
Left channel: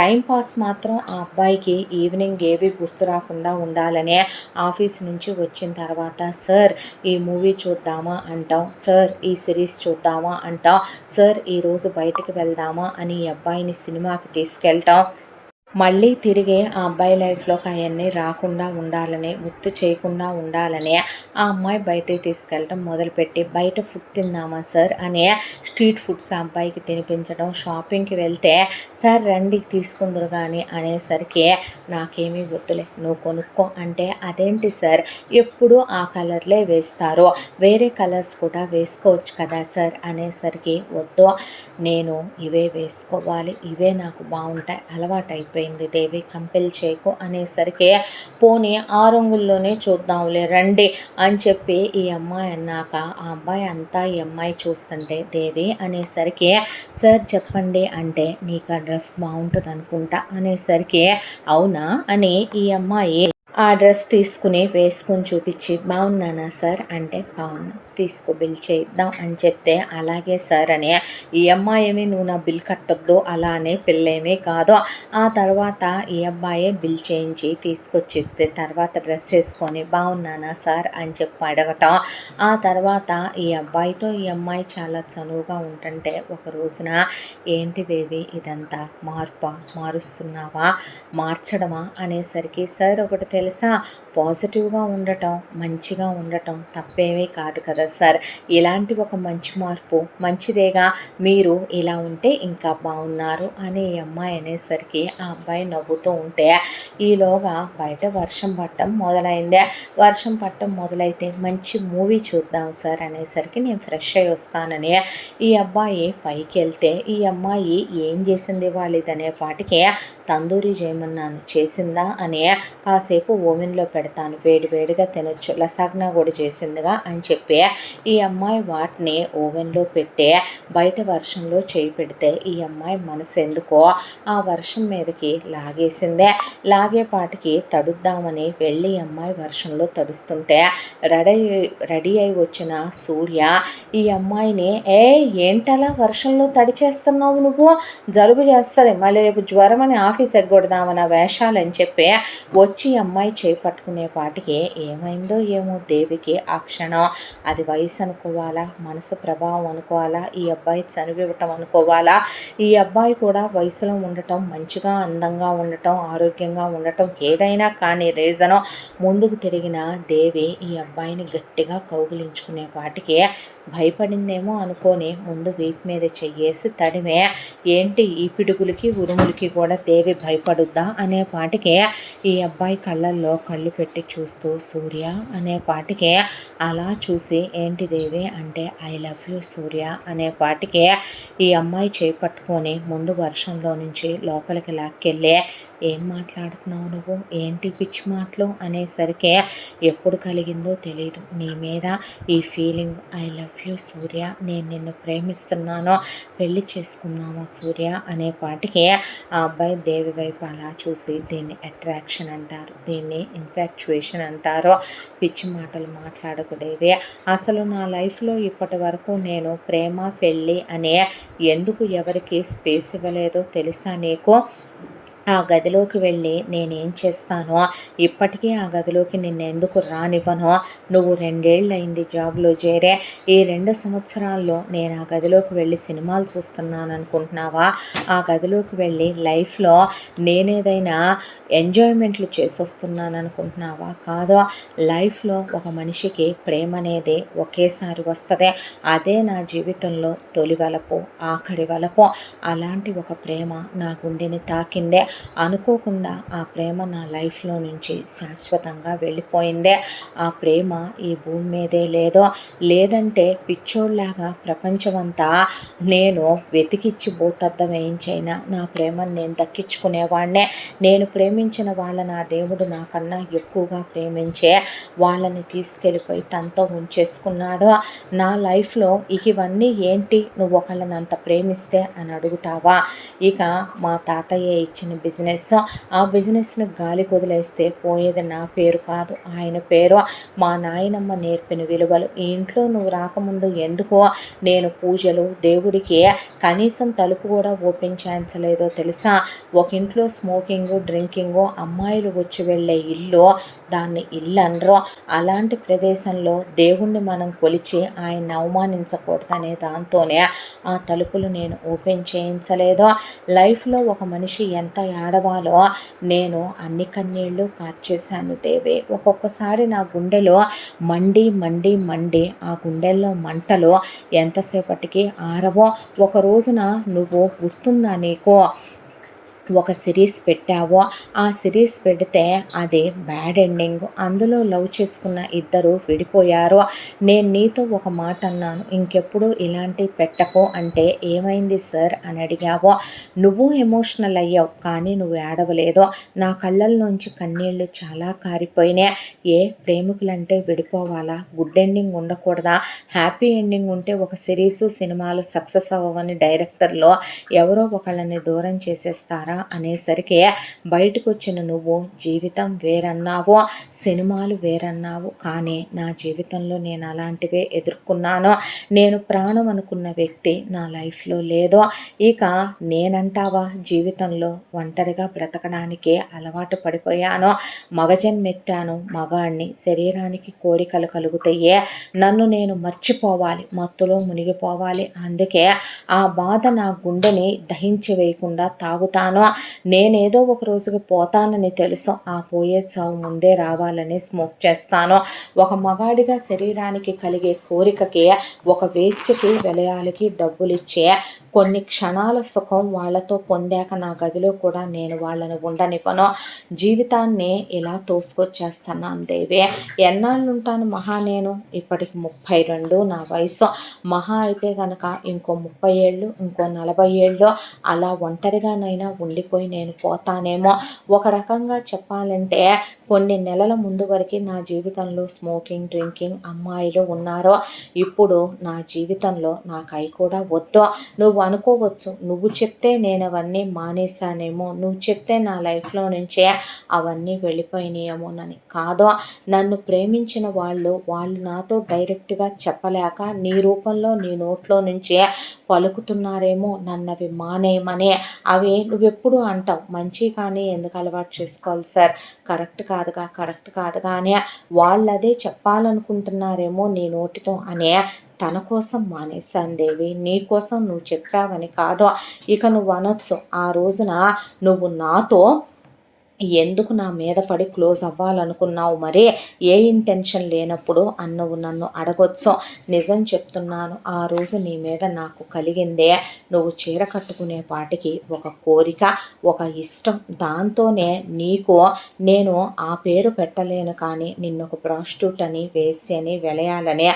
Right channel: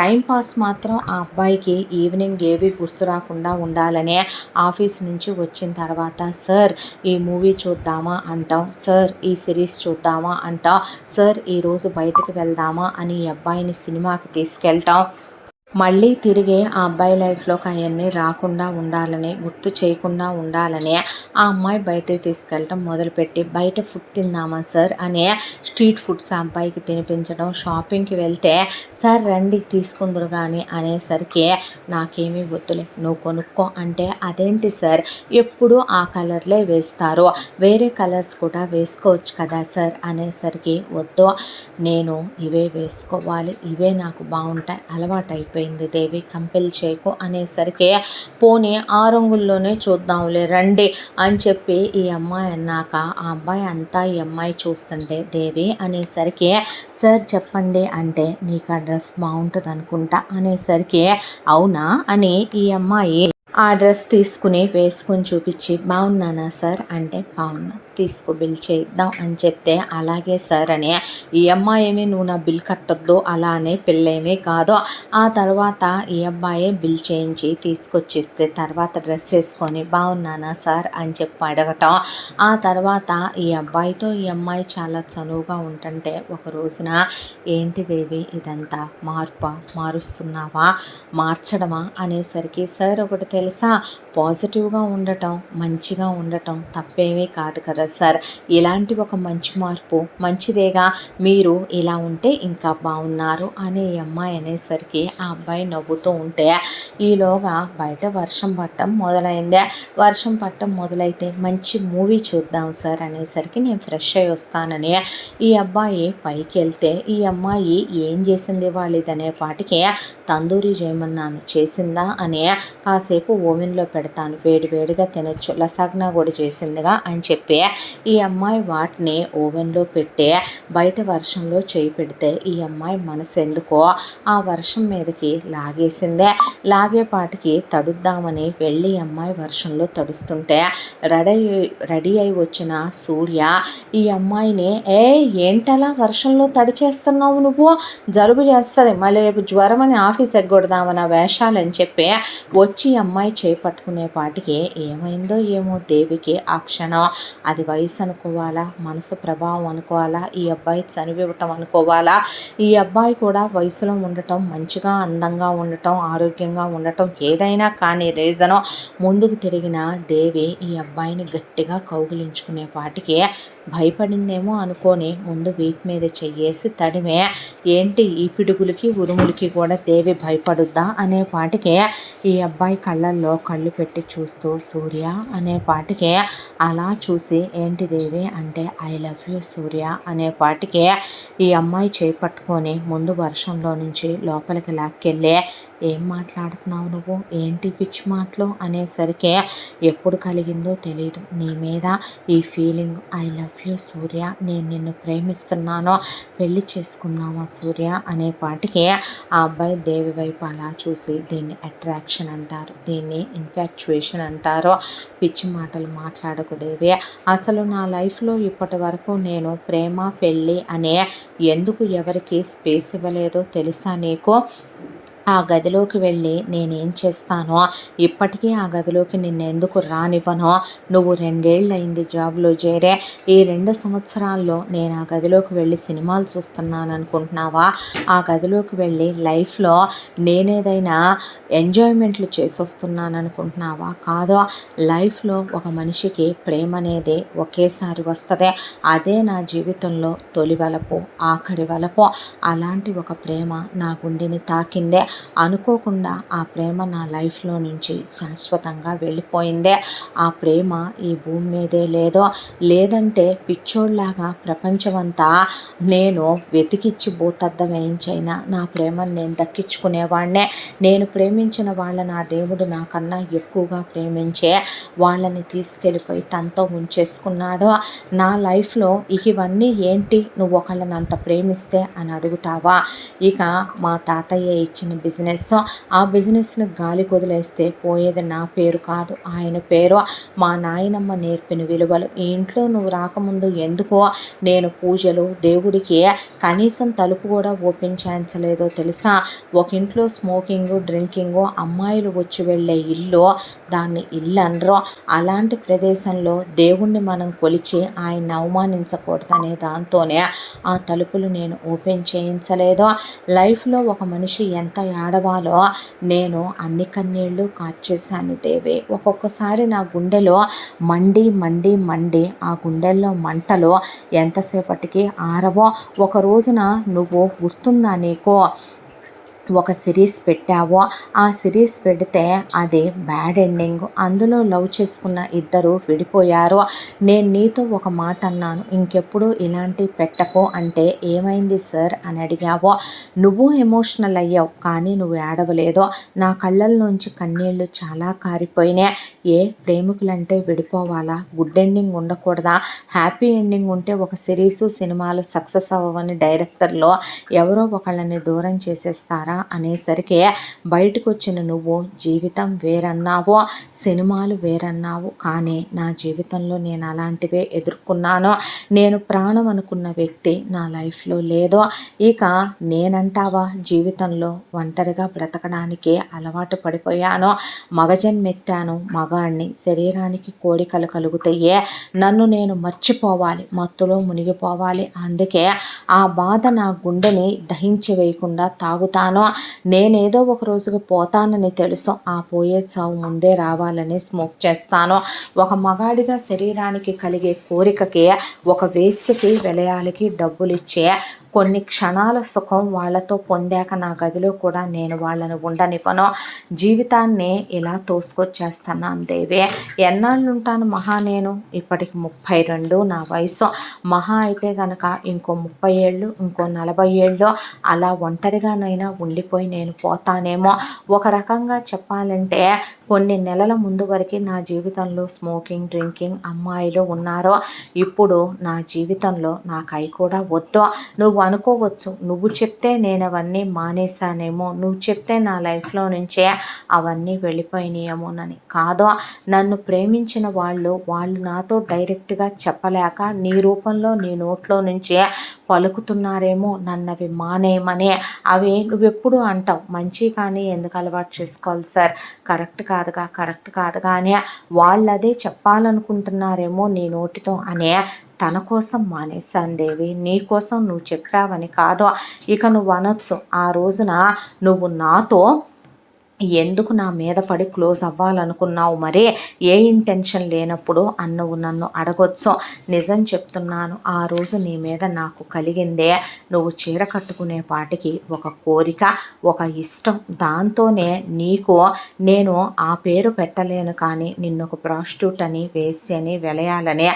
టైంపాస్ మాత్రం ఆ అబ్బాయికి ఈవినింగ్ ఏవి గుర్తు రాకుండా ఉండాలనే ఆఫీస్ నుంచి వచ్చిన తర్వాత సార్ ఈ మూవీ చూద్దామా అంటాం, సార్ ఈ సిరీస్ చూద్దామా అంటాం, సార్ ఈరోజు బయటికి వెళ్దామా అని ఈ అబ్బాయిని సినిమాకి తీసుకెళ్ళటం, మళ్ళీ తిరిగి ఆ అబ్బాయి లైఫ్లోకి అవన్నీ రాకుండా ఉండాలని గుర్తు చేయకుండా ఉండాలని ఆ అమ్మాయి బయటకి తీసుకెళ్ళటం మొదలుపెట్టి బయట ఫుడ్ తిందామా సార్ అనే స్ట్రీట్ ఫుడ్స్ ఆ అబ్బాయికి తినిపించడం, షాపింగ్కి వెళ్తే సార్ రండి తీసుకుందరు కానీ అనేసరికి నాకేమీ వద్దులే నువ్వు కొనుక్కో అంటే అదేంటి సార్ ఎప్పుడు ఆ కలర్లే వేస్తారు, వేరే కలర్స్ కూడా వేసుకోవచ్చు కదా సార్ అనేసరికి వద్దు నేను ఇవే వేసుకోవాలి, ఇవే నాకు బాగుంటాయి అలవాటు అయిపోయింది దేవి కంపెల్ చేయకు అనేసరికి పోనీ ఆ రంగుల్లోనే చూద్దాంలే రండి అని చెప్పి ఈ అమ్మాయి అన్నాక ఆ అబ్బాయి అంతా ఈ అమ్మాయి చూస్తుంటే దేవి అనేసరికి సార్ చెప్పండి అంటే నీకు ఆ డ్రెస్ బాగుంటుంది అనుకుంటా అనేసరికి అవునా అని ఈ అమ్మాయి ఆ డ్రెస్ తీసుకుని వేసుకొని చూపించి బాగున్నానా సార్ అంటే బాగున్నా తీసుకో బిల్ చేయిద్దాం అని చెప్తే, అలాగే సార్ అని, ఈ అమ్మాయి ఏమి నువ్వు నా బిల్ కట్టొద్దు అలా అనే పిల్లేమీ కాదు. ఆ తర్వాత ఈ అబ్బాయే బిల్ చేయించి తీసుకొచ్చిస్తే తర్వాత డ్రెస్ వేసుకొని బాగున్నానా సార్ అని చెప్పి అడగటం. ఆ తర్వాత ఈ అబ్బాయితో ఈ అమ్మాయి చాలా చనువుగా ఉంటుంటే ఒక రోజున, ఏంటి దేవి ఇదంతా మారుస్తున్నావా, మార్చడమా అనేసరికి, సార్ ఒకటి తెలుసా, పాజిటివ్గా ఉండటం మంచిగా ఉండటం తప్పేమీ కాదు కదా సార్, ఇలాంటి ఒక మంచి మార్పు మంచిదేగా, మీరు ఇలా ఉంటే ఇంకా బాగున్నారు అని ఈ అమ్మాయి అనేసరికి ఆ అబ్బాయి నవ్వుతూ ఉంటే, ఈలోగా బయట వర్షం పట్టడం మొదలైందే. వర్షం పట్టడం మొదలైతే మంచి మూవీ చూద్దాం సార్ అనేసరికి నేను ఫ్రెష్ అయ్యి వస్తానని ఈ అబ్బాయి పైకి వెళ్తే, ఈ అమ్మాయి ఏం చేసింది వాళ్ళదనే పాటికి తందూరి చేయమన్నాను చేసిందా అని, కాసేపు ఓవెన్లో పెడతాను వేడివేడిగా తినొచ్చు, లసాగ్నా కూడా చేసిందిగా అని చెప్పి ఈ అమ్మాయి వాటిని ఓవెన్లో పెట్టి బయట వర్షంలో చేయి పెడితే, ఈ అమ్మాయి మనసు ఎందుకో ఆ వర్షం మీదకి లాగేసిందే. లాగేపాటికి తడుద్దామని వెళ్ళి అమ్మాయి వర్షంలో తడుస్తుంటే రెడీ అయి వచ్చిన సూర్య ఈ అమ్మాయిని, ఏంటలా వర్షంలో తడిచేస్తున్నావు, నువ్వు జలుబు చేస్తుంది మళ్ళీ రేపు జ్వరం అని ఆఫీస్ ఎగ్గొడదామన్న వేషాలని చెప్పి వచ్చి అమ్మాయి చేపట్టుకునే పాటికి ఏమైందో ఏమో దేవికి ఆ క్షణం, అది వయసు అనుకోవాలా, మనసు ప్రభావం అనుకోవాలా, ఈ అబ్బాయి చనివివ్వటం అనుకోవాలా, ఈ అబ్బాయి కూడా వయసులో ఉండటం, మంచిగా అందంగా ఉండటం, ఆరోగ్యంగా ఉండటం, ఏదైనా కానీ రీజను ముందుకు తిరిగిన దేవి ఈ అబ్బాయిని గట్టిగా కౌగిలించుకునే పాటికి భయపడిందేమో అనుకొని ముందు వీపు మీద చెయ్యేసి తడిమే, ఏంటి ఈ పిడుగులకి ఉరుములకి కూడా దేవి భయపడుద్దా అనే పాటికి ఈ అబ్బాయి కళ్ళల్లో కళ్ళు పెట్టి చూస్తూ సూర్య అనే పాటికి అలా చూసి, ఏంటి దేవి అంటే, ఐ లవ్ యూ సూర్య అనే పాటికి ఈ అమ్మాయి చేపట్టుకొని ముందు వర్షంలో నుంచి లోపలికి లాక్కెళ్ళి, ఏం మాట్లాడుతున్నావు నువ్వు, ఏంటి పిచ్చి మాటలు అనేసరికి, ఎప్పుడు కలిగిందో తెలియదు నీ మీద ఈ ఫీలింగ్, ఐ లవ్ యూ సూర్య, నేను నిన్ను ప్రేమిస్తున్నాను, పెళ్లి చేసుకుందామా సూర్య అనే పాటికి ఆ అబ్బాయి దేవి వైపు అలా చూసి, దీన్ని అట్రాక్షన్ అంటారు, దీన్ని ఇన్ఫాక్చుయేషన్ అంటారు, పిచ్చి మాటలు మాట్లాడకు దేవి, అసలు నా లైఫ్లో ఇప్పటి వరకు నేను ప్రేమ పెళ్ళి అనే ఎందుకు ఎవరికి స్పేస్ ఇవ్వలేదో తెలుసా నీకు, ఆ గదిలోకి వెళ్ళి నేనేం చేస్తానో, ఇప్పటికీ ఆ గదిలోకి నిన్ను ఎందుకు రానివ్వనో, నువ్వు 2 ఏళ్ళు అయింది జాబ్లో చేరే, ఈ 2 సంవత్సరాల్లో నేను ఆ గదిలోకి వెళ్ళి సినిమాలు చూస్తున్నాను అనుకుంటున్నావా, ఆ గదిలోకి వెళ్ళి లైఫ్లో నేనేదైనా ఎంజాయ్మెంట్లు చేసొస్తున్నాను అనుకుంటున్నావా, కాదో, లైఫ్లో ఒక మనిషికి ప్రేమ అనేది ఒకేసారి వస్తుంది, అదే నా జీవితంలో తొలి వలపు ఆఖరి వలపు, అలాంటి ఒక ప్రేమ నా గుండెని తాకిందే, అనుకోకుండా ఆ ప్రేమ నా లైఫ్లో నుంచి శాశ్వతంగా వెళ్ళిపోయిందే, ఆ ప్రేమ ఈ భూమి మీదే లేదంటే పిచ్చోళ్ళలాగా ప్రపంచమంతా నేను వెతికిచ్చి భూతద్దం వేయించైనా నా ప్రేమను నేను దక్కించుకునేవాడినే, నేను ప్రేమించిన వాళ్ళని ఆ దేవుడు నాకన్నా ఎక్కువగా ప్రేమించే వాళ్ళని తీసుకెళ్ళిపోయి తనతో ఉంచేసుకున్నాడు, నా లైఫ్లో ఇవన్నీ ఏంటి, నువ్వు ఒకళ్ళని అంత ప్రేమిస్తే అని అడుగుతావా, ఇక మా తాతయ్య ఇచ్చిన బిజినెస్, ఆ బిజినెస్ను గాలి కొదిలేస్తే పోయేది నా పేరు కాదు ఆయన పేరు, మా నాయనమ్మ నేర్పిన విలువలు, ఈ ఇంట్లో నువ్వు రాకముందు ఎందుకో నేను పూజలు దేవుడికి కనీసం తలుపు కూడా ఓపెన్ చేయించలేదో తెలుసా, ఒక ఇంట్లో స్మోకింగు డ్రింకింగు, అమ్మాయిలు వచ్చి వెళ్ళే ఇల్లు దాన్ని ఇల్లు అనరు, అలాంటి ప్రదేశంలో దేవుణ్ణి మనం కొలిచి ఆయన్ని అవమానించకూడదనే దాంతోనే ఆ తలుపులు నేను ఓపెన్ చేయించలేదో, లైఫ్లో ఒక మనిషి ఎంత ఏడవాలో నేను అన్ని కన్నీళ్ళు కార్చేశాను దేవి, ఒక్కొక్కసారి నా గుండెలో మండి మండి మండి ఆ గుండెల్లో మంటలు ఎంతసేపటికి ఆరవో, ఒక రోజున నువ్వు గుర్తుందా నీకు ఒక సిరీస్ పెట్టావో, ఆ సిరీస్ పెడితే అది బ్యాడ్ ఎండింగ్, అందులో లవ్ చేసుకున్న ఇద్దరు విడిపోయారు, నేను నీతో ఒక మాట అన్నాను ఇంకెప్పుడు ఇలాంటి పెట్టకు అంటే ఏమైంది సార్ అని అడిగావో, నువ్వు ఎమోషనల్ అయ్యావు కానీ నువ్వు ఏడవలేదో, నా కళ్ళల్లోంచి కన్నీళ్ళు చాలా కారిపోయినాయి, ప్రేమికులంటే విడిపోవాలా, గుడ్ ఎండింగ్ ఉండకూడదా, హ్యాపీ ఎండింగ్ ఉంటే ఒక సిరీసు సినిమాలు సక్సెస్ అవ్వవని డైరెక్టర్లో ఎవరో ఒకళ్ళని దూరం చేసేస్తారా, చేస్తారా అనేసరికి బయటకు వచ్చిన నువ్వు జీవితం వేరన్నావు, సినిమాలు వేరన్నావు, కానీ నా జీవితంలో నేను అలాంటివే ఎదుర్కొన్నాను. నేను ప్రాణం అనుకున్న వ్యక్తి నా లైఫ్లో లేదు. ఇక నేనంటావా జీవితంలో ఒంటరిగా బ్రతకడానికి అలవాటు పడిపోయాను. మగజన్మెత్తాను, మగాణ్ణి, శరీరానికి కోరికలు కలుగుతాయే, నన్ను నేను మర్చిపోవాలి, మత్తులో మునిగిపోవాలి. అందుకే ఆ బాధ నా గుండెని దహించి వేయకుండా తాగుతాను. నేనేదో ఒక రోజుకి పోతానని తెలుసు, ఆ పోయే చావు ముందే రావాలని స్మోక్ చేస్తాను. ఒక మగాడిగా శరీరానికి కలిగే కోరికకి, ఒక వేశ్యకి విలయాలకి డబ్బులిచ్చే కొన్ని క్షణాల సుఖం వాళ్ళతో పొందాక నా గదిలో కూడా నేను వాళ్ళని ఉండనివ్వను. జీవితాన్ని ఇలా తోసుకొచ్చేస్తున్నాను దేవి. ఎన్నాళ్ళు ఉంటాను మహా నేను? ఇప్పటికి 32 నా వయసు. మహా అయితే గనక ఇంకో 30 ఏళ్ళు, ఇంకో 40 ఏళ్ళు అలా ఒంటరిగానైనా ఉండిపోయి నేను పోతానేమో. ఒక రకంగా చెప్పాలంటే కొన్ని నెలల ముందు వరకు నా జీవితంలో స్మోకింగ్, డ్రింకింగ్, అమ్మాయిలు ఉన్నారు. ఇప్పుడు నా జీవితంలో నాకు అవి కూడా వద్దు. నువ్వు అనుకోవచ్చు, నువ్వు చెప్తే నేను అవన్నీ మానేశానేమో, నువ్వు చెప్తే నా లైఫ్లో నుంచే అవన్నీ వెళ్ళిపోయినాయేమోనని. కాదు, నన్ను ప్రేమించిన వాళ్ళు నాతో డైరెక్ట్గా చెప్పలేక నీ రూపంలో నీ నోట్లో నుంచే పలుకుతున్నారేమో నన్నవి మానేయమని. అవి నువ్వెప్పుడు అంటావు మంచి, కానీ ఎందుకు అలవాటు చేసుకోవాలి సార్, కరెక్ట్ కాదుగా అని వాళ్ళు అదే చెప్పాలనుకుంటున్నారేమో నీ నోటితో అనే తన కోసం మానేశాను దేవి. నీ కోసం నువ్వు చెప్పావని కాదు. ఇక నువ్వు అనొచ్చు, ఆ రోజున నువ్వు నాతో ఎందుకు నా మీద పడి క్లోజ్ అవ్వాలనుకున్నావు, మరి ఏ ఇంటెన్షన్ లేనప్పుడు నువ్వు నన్ను అడగొచ్చు. నిజం చెప్తున్నాను, ఆ రోజు నీ మీద నాకు కలిగిందే నువ్వు చీర కట్టుకునే పాటికి ఒక కోరిక, ఒక ఇష్టం. దాంతోనే నీకు నేను ఆ పేరు పెట్టలేను, కానీ నిన్ను ఒక ప్రాస్టిట్యూట్ అని, వేశ్యని, వెలయాలని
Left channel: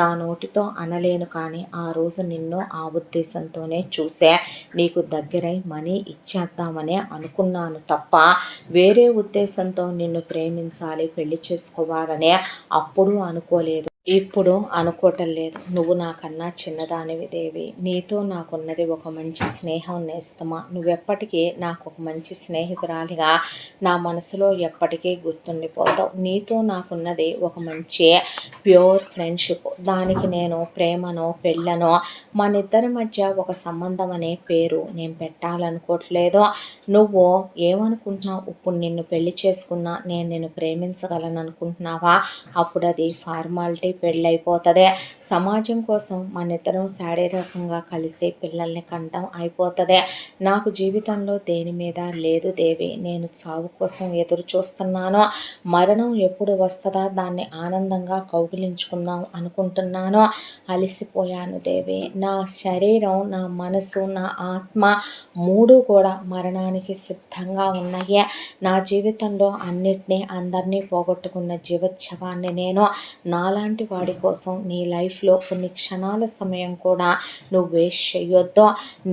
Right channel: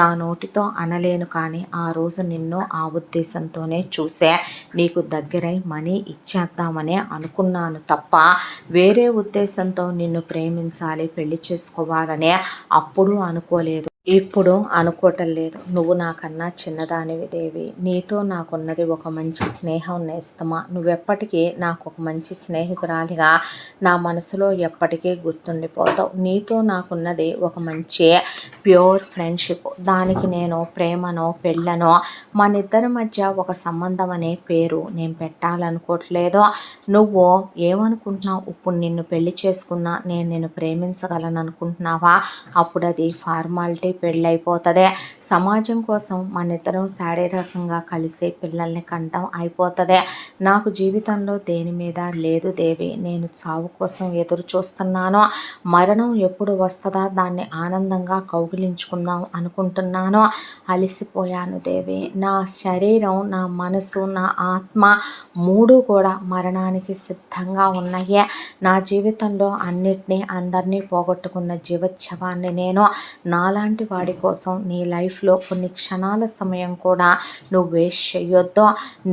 నా నోటితో అనలేను. కానీ ఆ రోజు నిన్ను ఆ ఉద్దేశంతోనే చూసే నీకు దగ్గరై మనీ ఇచ్చేద్దామనే అనుకున్నాను తప్ప వేరే ఉద్దేశంతో నిన్ను ప్రేమించాలి, పెళ్లి చేసుకోవాలనే అప్పుడు అనుకోలేదు, ఇప్పుడు అనుకోవటం లేదు. నువ్వు నాకన్నా చిన్నదానివి దేవి. నీతో నాకున్నది ఒక మంచి స్నేహం నేస్తమా. నువ్వెప్పటికీ నాకు ఒక మంచి స్నేహితురాలిగా నా మనసులో ఎప్పటికీ గుర్తుండిపోతావు. నీతో నాకున్నది ఒక మంచి ప్యూర్ ఫ్రెండ్షిప్. దానికి నేను ప్రేమనో పెళ్ళనో మన ఇద్దరి మధ్య ఒక సంబంధం అనే పేరు నేను పెట్టాలనుకోవట్లేదు. నువ్వు ఏమనుకుంటున్నావు? ఇప్పుడు నిన్ను పెళ్లి చేసుకున్నా నేను నిన్ను ప్రేమించగలను అనుకుంటున్నావా? అప్పుడు అది ఫార్మాలిటీ, పెళ్ళైపోతుంది. సమాజం కోసం మన ఇద్దరం శారీరకంగా కలిసి పిల్లల్ని కంటం అయిపోతుంది. నాకు జీవితంలో దేని మీద లేదు దేవి. నేను చావు కోసం ఎదురు చూస్తున్నాను. మరణం ఎప్పుడు వస్తుందా దాన్ని ఆనందంగా కౌగిలించుకుందాం అనుకుంటున్నాను. అలసిపోయాను దేవి. నా శరీరం, నా మనసు, నా ఆత్మ మూడు కూడా మరణానికి సిద్ధంగా ఉన్నాయి. నా జీవితంలో అన్నిటినీ, అందరినీ పోగొట్టుకున్న జీవోత్సవాన్ని నేను. నాలాంటి వాడి కోసం నీ లైఫ్లో కొన్ని క్షణాల సమయం కూడా నువ్వు వేస్ట్ చేయొద్దు.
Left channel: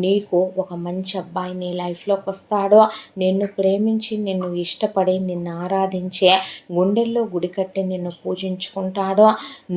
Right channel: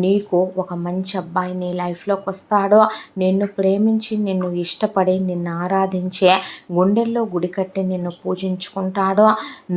నీకు ఒక మంచి అబ్బాయి నీ లైఫ్లోకి వస్తాడో, నిన్ను ప్రేమించి, నిన్ను ఇష్టపడి, నిన్ను ఆరాధించే, గుండెల్లో గుడి కట్టి నిన్ను పూజించుకుంటాడో.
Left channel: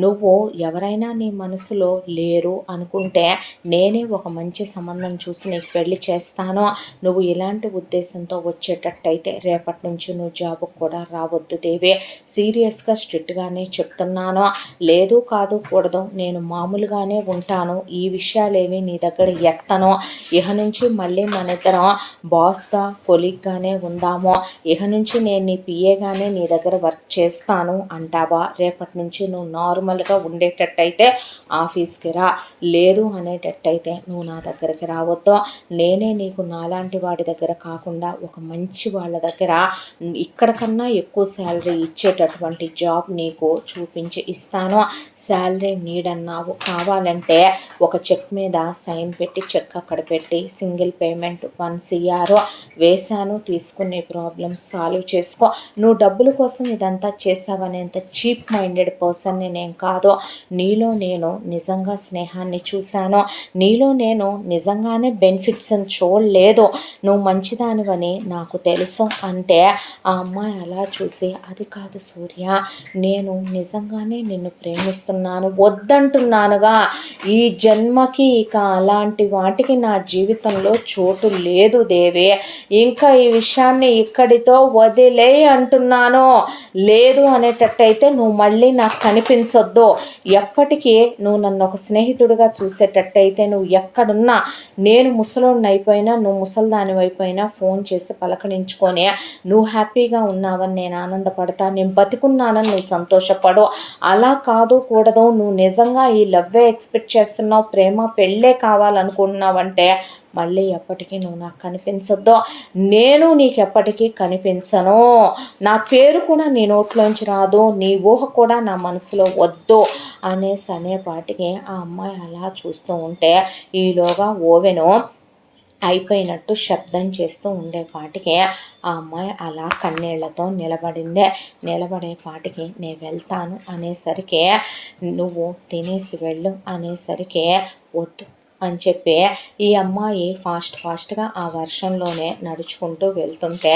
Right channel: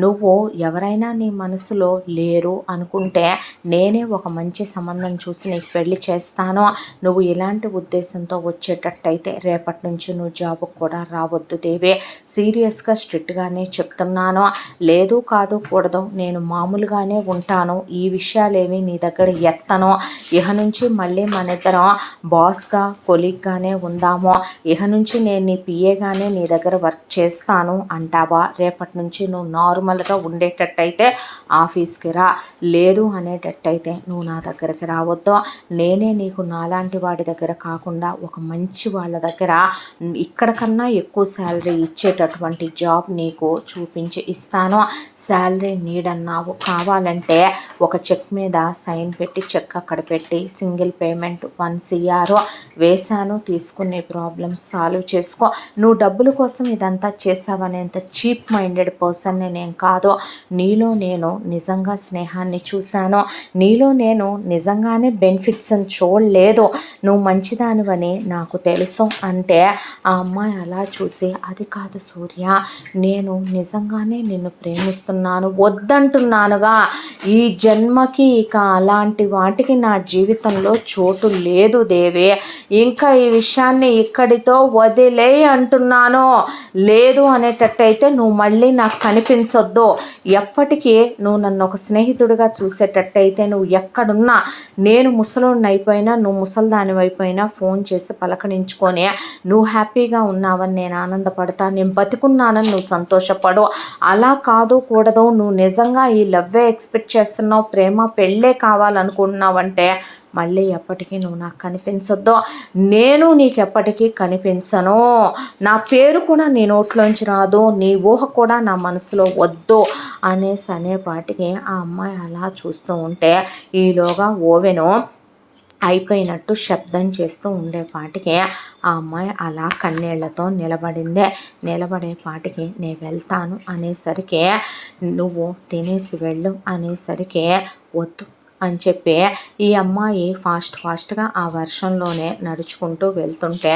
నువ్వు ఎవరైనా నీ మనసులో లేరు అనుకుంటే నేనే ఒక మంచి సంబంధం చూసి నీకు పెళ్లి చేస్తాను. నువ్వు ఇలాంటి ఉద్దేశంతో వచ్చేటట్టయితే రేపటి నుంచి నువ్వు జాబుకు కూడా రావద్దు దేవి. సీరియస్గా స్ట్రిక్ట్గానే చెప్తున్నాను. లేదు, కాదు, కూడదు, నేను మామూలుగానే ఉంటాను. ఈ విషయాలేవి నీ దగ్గర ఎత్తను. ఇహ నుంచి మళ్ళీ మన ఇద్దరం బాస్గా, కొలీగ్గానే ఉందాము. ఇహ నుంచి నేను నీ పిఏగానే నీ దగ్గర వర్క్ చేస్తాను అంటావా? రేపటి నుంచి నువ్వు నార్మల్గా ఉండేటట్టయితే ఆఫీస్కి రా. లేదు అనేటట్టయితే నువ్వు నా దగ్గరికి రావద్దు. నేనే నీకు నాలాంటి వాడి దగ్గర కాకుండా ఒక మంచి వాళ్ళ దగ్గర ఇక్కడ కన్నా ఎక్కువ శాలరీ ఇచ్చేటటువంటి జాబ్ నీకు చూపించి ఇస్తాను. శాలరీ నీడన్నావు, కావాలంటే ఒక చెక్ మీద సైన్ పెట్టి, చెక్ అక్కడ పెట్టి, సింగిల్ పేమెంట్ 1 CR వేశాను, తీసుకునే ప్రాబ్లమ్స్ సాల్వ్ చేసుకో. నువ్వు డబ్బుల కోసం ఇదంతా చేసావనేంత చీప్ మైండెడ్ పర్సన్ని నేను కాదు. నీలో నేను నిజంగా స్నేహాన్ని చూశాను. నీలో నేను నిజంగానే బెనిఫిట్స్ అని చూడలేదు. నువ్వు మంచిదానివని నాకు తెలుసు అంటే ఆ అమ్మాయి అలా చూసి, అది కాదు సూర్య, నేను నిజంగానే నిన్ను ప్రేమిస్తున్నాను, వద్దంటున్నానుగా. ఈ జన్మకి ఇక అలాంటి వాటికి నా జీవితంలో చోటు లేదు దేవి. ఇంకా ఈ విషయాన్ని ఇక్కడితో వదిలేయి అంటున్నాను. లేదు అనేటట్టయితే నువ్వు మళ్ళీ నాకు కనిపించొద్దు. ఎప్పటికీ నువ్వు నన్ను ఒక స్నేహితుడిగా చూసేటట్టయితే నువ్వు ఎక్కడున్నా, నేను ముసలోడిని అయిపోయినా, నువ్వు ముసలిదాని అయిపోయినా ఫోన్ చేసి పలకరించుకొని నువ్వు హ్యాపీగా ఉన్నావని నేను ఆనందపడతా, నేను బతికున్నానని నువ్వు సంతోషపడు. అలా కాదు కూడదు, నువ్వు నిజంగా ఈ లవ్వే ఎక్స్పెక్ట్ చేస్తున్నావు, ప్రేమ పెళ్ళే కావాలనుకుంటున్నావంటే మళ్ళీ ఎప్పటికీ నువ్వు నాకు కనిపించొద్దు, నేను నీకు ఎప్పటికీ కనిపించను, నా పేరు కూడా నీ నోట్లోంచి రాదు, నీ ఊహ కూడా నా మనసులో వద్దు అనేపాటికి ఆ అమ్మాయి అలా చూస్తూ ఉంటే ఈలోగా ఓవెను అయిపోయినట్టు శబ్దం చేస్తూ ఉండేపాటికి ఆ అమ్మాయి అలా కన్నీళ్లతో నిలబడేపాటికి నేను వెళ్తాను అనేసరికి, నువ్వు తినేసి వెళ్ళు అనేసరికి, వద్దు అని చెప్పి ఈ అమ్మాయి ఫాస్ట్గా ఆ వర్షంలోనే నడుచుకుంటూ వెళ్తుంటే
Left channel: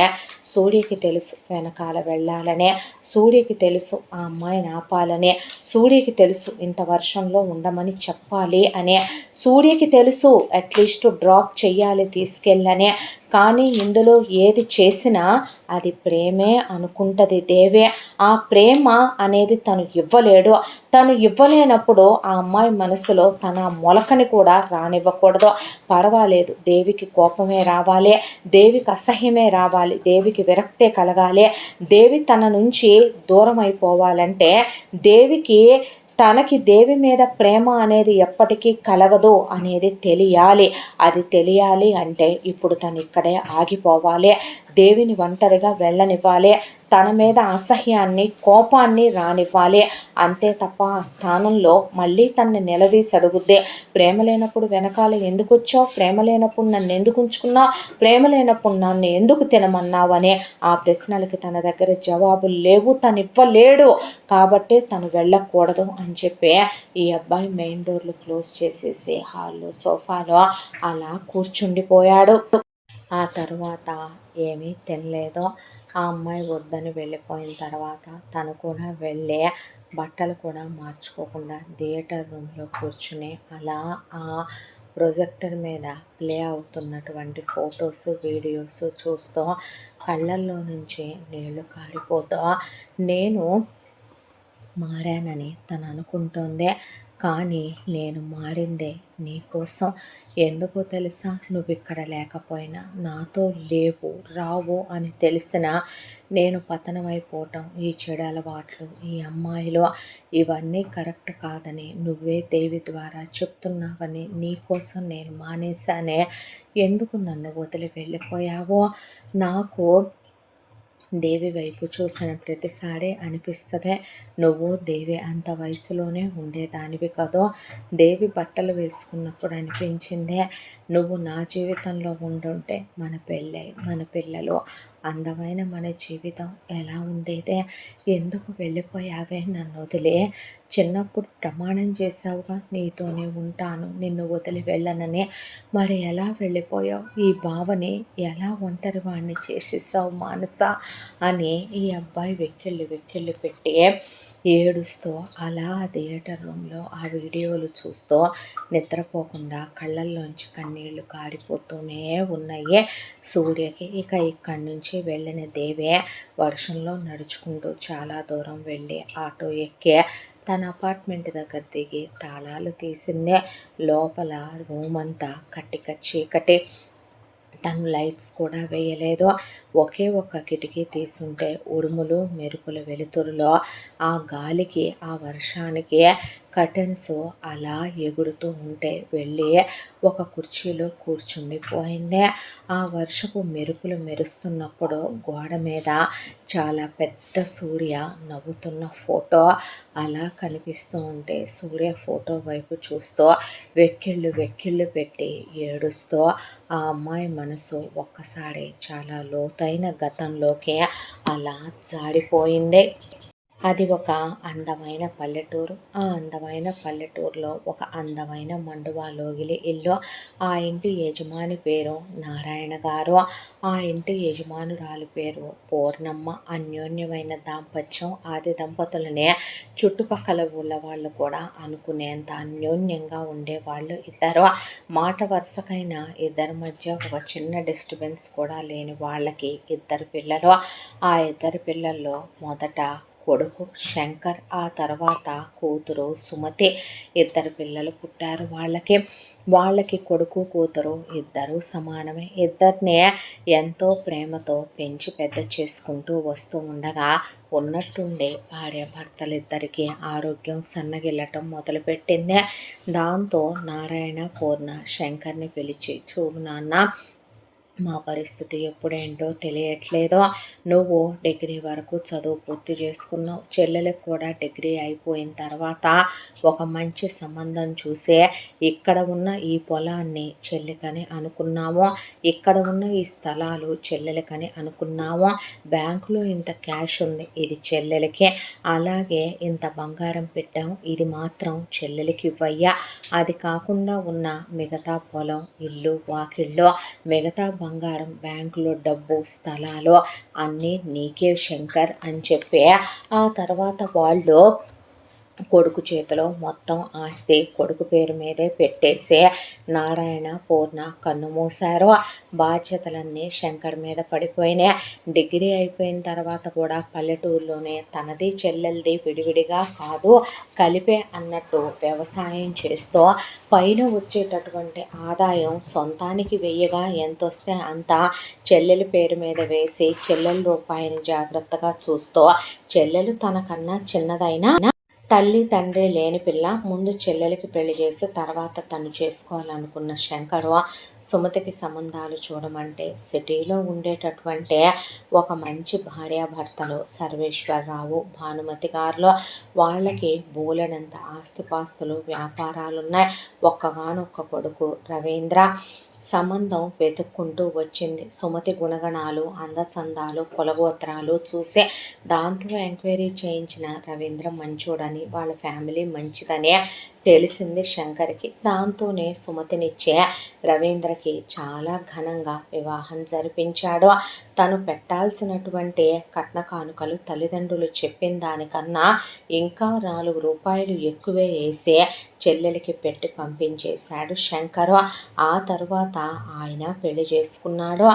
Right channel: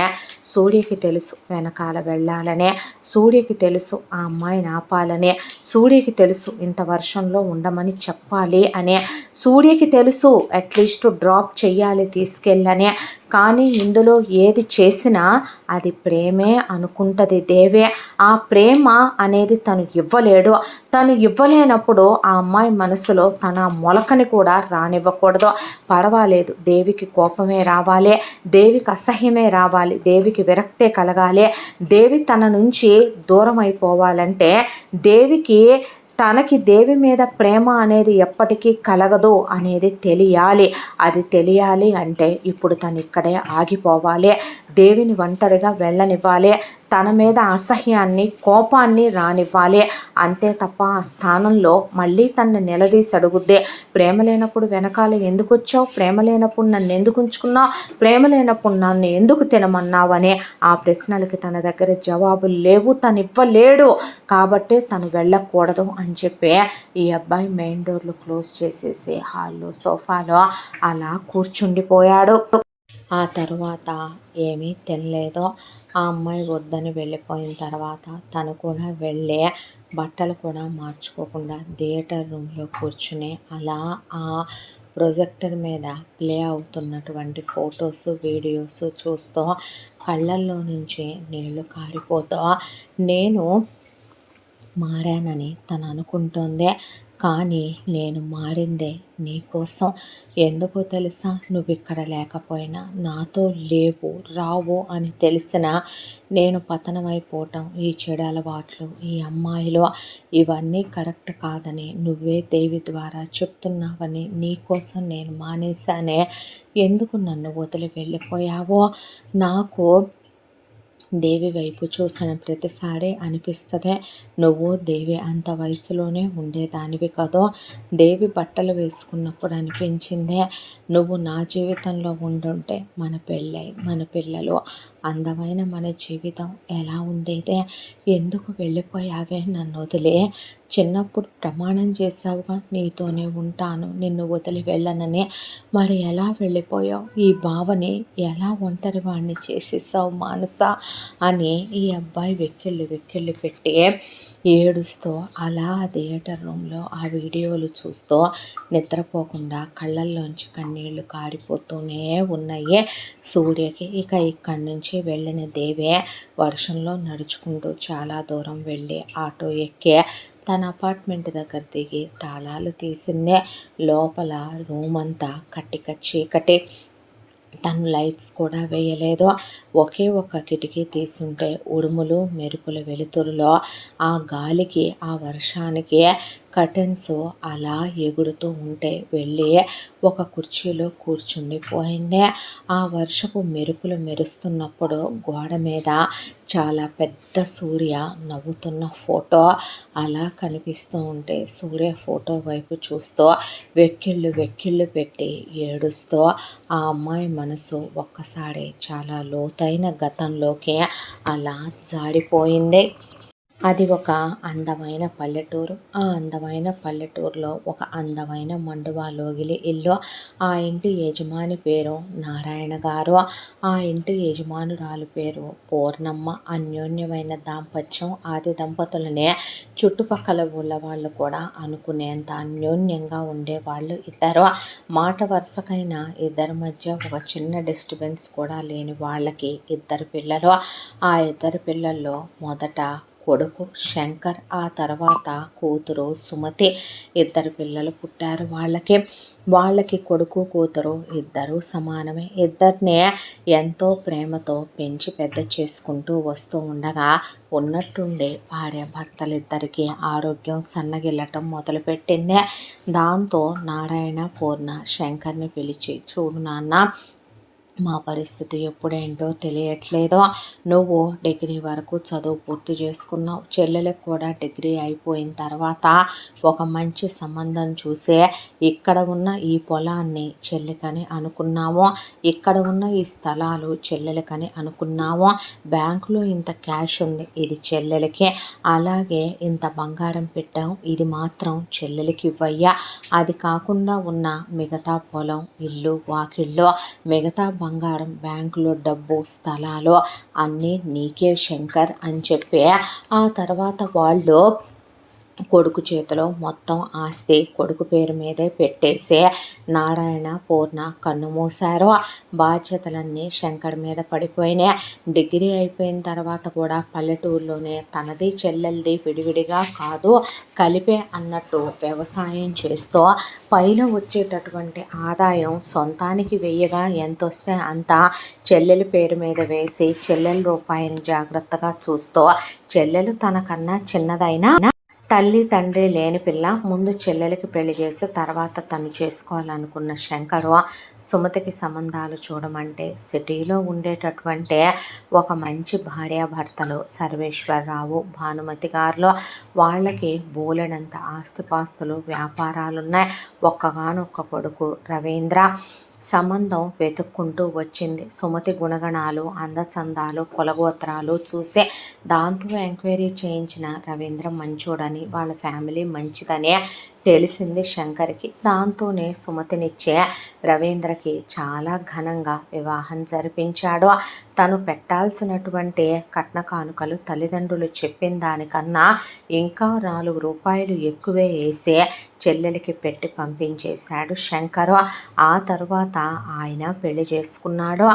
సూర్యకి తెలుసు వెనకాల వెళ్ళాలనే, సూర్యకి తెలుసు ఆ అమ్మాయిని ఆపాలనే, సూర్యకి తెలుసు ఇంత వర్షంలో ఉండమని చెప్పాలి అనే, సూర్యకి తెలుసు అట్లీస్ట్ డ్రాప్ చెయ్యాలి తీసుకెళ్ళనే. కానీ ఇందులో ఏది చేసినా అది ప్రేమే అనుకుంటుంది దేవే. ఆ ప్రేమ అనేది తను ఇవ్వలేడు. తను ఇవ్వలేనప్పుడు ఆ అమ్మాయి మనసులో తన మొలకని కూడా రానివ్వకూడదు. పర్వాలేదు, దేవికి కోపమే రావాలి, దేవికి అసహ్యమే రావాలి, దేవికి విరక్తే కలగాలి, దేవి తన నుంచి దూరం అయిపోవాలంటే దేవికి తనకి దేవి మీద ప్రేమ అనేది ఎప్పటికీ కలగదు అనేది తెలియాలి. అది తెలియాలి అంటే ఇప్పుడు తను ఇక్కడే ఆగిపోవాలి, దేవిని ఒంటరిగా వెళ్ళనివ్వాలి, తన మీద అసహ్యాన్ని కోపాన్ని రానివ్వాలి. అంతే తప్ప ఆ స్థానంలో మళ్ళీ తనని నిలదీసి అడుగుద్దే, ప్రేమ లేనప్పుడు వెనకాల ఎందుకు వచ్చావు, ప్రేమ లేనప్పుడు నన్ను ఎందుకు ఉంచుకున్నావు, ప్రేమ లేనప్పుడు నన్ను ఎందుకు తినమన్నావు అనే ఆ ప్రశ్నలకి తన దగ్గర జవాబులు లేవు, తను ఇవ్వలేడు. కాబట్టి తను వెళ్ళకూడదు అని చెప్పి ఈ అబ్బాయి మెయిన్ డోర్లు క్లోజ్ చేసేసి హాల్లో సోఫాలో అలా కూర్చుండిపోయాడు. ఆ తర్వాత ఏమీ తినలేదు. ఆ అమ్మాయి వద్దని వెళ్ళిపోయిన తర్వాత తను కూడా వెళ్ళి బట్టలు కూడా మార్చుకోకుండా థియేటర్ రూమ్లో కూర్చుని అలా ఆ ప్రొజెక్టర్ మీద ప్లే అవుతున్నటువంటి ఫొటోస్ వీడియోస్ చూస్తూ కళ్ళల్లో నుంచి నీళ్లు కారిపోతూ నేను మారానని తను అనుకుంటోందే, కానీ నేను మారిందే నీకోసం. ఎందుకో తెలుసా, నువ్వు ఇక్కడ లేకపోయినా, నాతో లేవు రావు అని తెలిసినా నేను పతనమైపోవటం, ఈ చెడు అలవాట్లు, ఈ అమ్మాయిలు ఇవన్నీ కరెక్ట్ కాదని నువ్వే దేవి ద్వారా చెప్తున్నావని నీకోసం నేను మానేశానే. ఎందుకు నన్ను వదిలి వెళ్ళిపోయావో నాకు దేవి వైపు చూసిన ప్రతిసారి అనిపిస్తుంది, నువ్వు దేవి అంత వయసులోనే ఉండేదానివి కదో. దేవి బట్టలు వేసుకున్నప్పుడు అనిపించిందే, నువ్వు నా జీవితంలో ఉండుంటే మన పెళ్ళై మన పిల్లలు అందమైన మన జీవితం ఎలా ఉండేదే. ఎందుకు వెళ్ళిపోయావే నన్ను వదిలే. చిన్నప్పుడు ప్రమాణం చేశావుగా, నీతోనే ఉంటాను, నిన్ను వదిలి వెళ్ళనని. మరి ఎలా వెళ్ళిపోయావు, ఈ భావని ఎలా ఒంటరి వాడిని చేసేసావు మానస అని ఈ అబ్బాయి వెక్కిళ్ళు పెట్టి ఏడుస్తూ అలా థియేటర్ రూమ్లో ఆ వీడియోలు చూస్తూ నిద్రపోకుండా కళ్ళల్లోంచి కన్నీళ్లు కారిపోతూనే ఉన్నాయి సూర్యకి. ఇక ఇక్కడి నుంచి వెళ్ళిన దేవే వర్షంలో నడుచుకుంటూ చాలా దూరం వెళ్ళి ఆటో ఎక్కి తన అపార్ట్మెంట్ దగ్గర దిగి తాళాలు తీసిందే. లోపల రూమ్ అంతా కట్టిక చీకటి, తను లైట్స్ కూడా వేయలేదు. ఒకే ఒక్క కిటికీ తీసుంటే ఉరుములు మెరుపుల వెలుతురులో ఆ గాలికి ఆ వర్షానికి కర్టెన్స్ అలా ఎగురుతూ ఉంటే వెళ్ళి ఒక కుర్చీలో కూర్చుండిపోయింది. ఆ వర్షపు మెరుపులు మెరుస్తున్నప్పుడు గోడ మీద చాలా పెద్ద సూర్య నవ్వుతున్న ఫోటో అలా కనిపిస్తూ ఉంటే సూర్య ఫోటో వైపు చూస్తూ వెక్కిళ్ళు పెట్టి ఏడుస్తూ ఆ అమ్మాయి మనసు ఒక్కసారి చాలా లోతైన గతంలోకి అలా జారిపోయింది. అది ఒక అందమైన పల్లెటూరు. ఆ అందమైన పల్లెటూరులో ఒక అందమైన మండువా లోగిలి ఇల్లు. ఆ ఇంటి యజమాని పేరు నారాయణ గారు. ఆ ఇంటి యజమానురాలు పేరు పూర్ణమ్మ. అన్యోన్యమైన దాంపత్యం. ఆది దంపతులనే చుట్టుపక్కల ఊళ్ళ వాళ్ళు కూడా అనుకునేంత అన్యోన్యంగా ఉండేవాళ్ళు ఇద్దరు. మాట వరుసకైనా ఇద్దరి మధ్య ఒక చిన్న డిస్టర్బెన్స్ కూడా లేని వాళ్ళకి ఇద్దరు పిల్లలు. ఆ ఇద్దరు పిల్లల్లో మొదట కొడుకు శంకర్, ఆ తర్వాత కూతురు సుమతి. ఇద్దరు పిల్లలు పుట్టారు వాళ్ళకి. వాళ్ళకి కొడుకు కూతురు ఇద్దరూ సమానమే. ఇద్దరిని ఎంతో ప్రేమతో పెంచి పెద్ద చేసుకుంటూ వస్తూ ఉండగా ఉన్నట్టుండి భార్యాభర్తలిద్దరికీ ఆరోగ్యం సన్నగిల్లటం మొదలుపెట్టింది. దాంతో నారాయణ పూర్ణ శంకర్ని పిలిచి, చూడు నాన్న, మా పరిస్థితి ఎప్పుడేంటో తెలియట్లేదు. నువ్వు డిగ్రీ వరకు చదువు పూర్తి చేసుకున్నావు. చెల్లెలకు కూడా డిగ్రీ అయిపోయిన తర్వాత ఒక మంచి సంబంధం చూసే ఇక్కడ ఉన్న ఈ పొలాన్ని చెల్లికని అనుకున్నాము. ఇక్కడ ఉన్న ఈ స్థలాలు చెల్లెలకని అనుకున్నాము. బ్యాంకులో ఇంత క్యాష్ ఉంది, ఇది చెల్లెలకి. అలాగే ఇంత బంగారం పెట్టాం, ఇది మాత్రం చెల్లెలకి ఇవ్వయ్యా. అది కాకుండా ఉన్న మిగతా పొలం, ఇల్లు, వాకిళ్ళు, మిగతా బంగారం, బ్యాంకులో డబ్బు, స్థలాలు అన్నీ నీకే శంకర్ అని చెప్పి ఆ తర్వాత వాళ్ళు కొడుకు చేతిలో మొత్తం ఆస్తి కొడుకు పేరు మీదే పెట్టేసి నారాయణ పూర్ణ కన్ను మూశారు. బాధ్యతలన్నీ శంకర్ మీద పడిపోయినాయి. డిగ్రీ అయిపోయిన తర్వాత కూడా పల్లెటూరులోనే తనది చెల్లెలది విడివిడిగా కాదు, కలిపే అన్నట్టు వ్యవసాయం చేస్తూ పైన వచ్చేటటువంటి ఆదాయం సొంతానికి వెయ్యగా ఎంత వస్తే అంత చెల్లెలి పేరు మీద వేసి చెల్లెల రూపాయిని జాగ్రత్తగా చూస్తూ, చెల్లెలు తనకన్నా చిన్నదైనా తల్లి తండ్రి లేని పిల్ల, ముందు చెల్లెలకి పెళ్లి చేసి తర్వాత తను చేసుకోవాలనుకున్న శంకరు సుమతికి సంబంధాలు చూడమంటే సిటీలో ఉండేటటువంటి ఒక మంచి భార్యాభర్తలు సర్వేశ్వరరావు, భానుమతి గారులో వాళ్ళకి బోలెడంత ఆస్తిపాస్తులు, వ్యాపారాలున్నాయి. ఒక్కగానొక్క కొడుకు రవీంద్ర. సంబంధం వెతుక్కుంటూ వచ్చింది. సుమతి గుణగణాలు, అందచందాలు, కులగోత్రాలు చూసే దాంతో ఎంక్వైరీ చేయించిన రవీంద్ర మంచోడని, వాళ్ళ ఫ్యామిలీ మంచిదనే తెలిసింది శంకర్కి. దాంతోనే సుమతినిచ్చే రవీంద్రకి చాలా ఘనంగా వివాహం జరిపించాడు. తను పెట్టాల్సినటువంటి కట్న కానుకలు తల్లిదండ్రులు చెప్పిన దానికన్నా ఇంకా 4 రూపాయలు ఎక్కువే వేసి చెల్లెలికి పెట్టి పంపించేశాడు శంకరు. ఆ తరువాత ఆయన పెళ్లి చేసుకున్నాడు.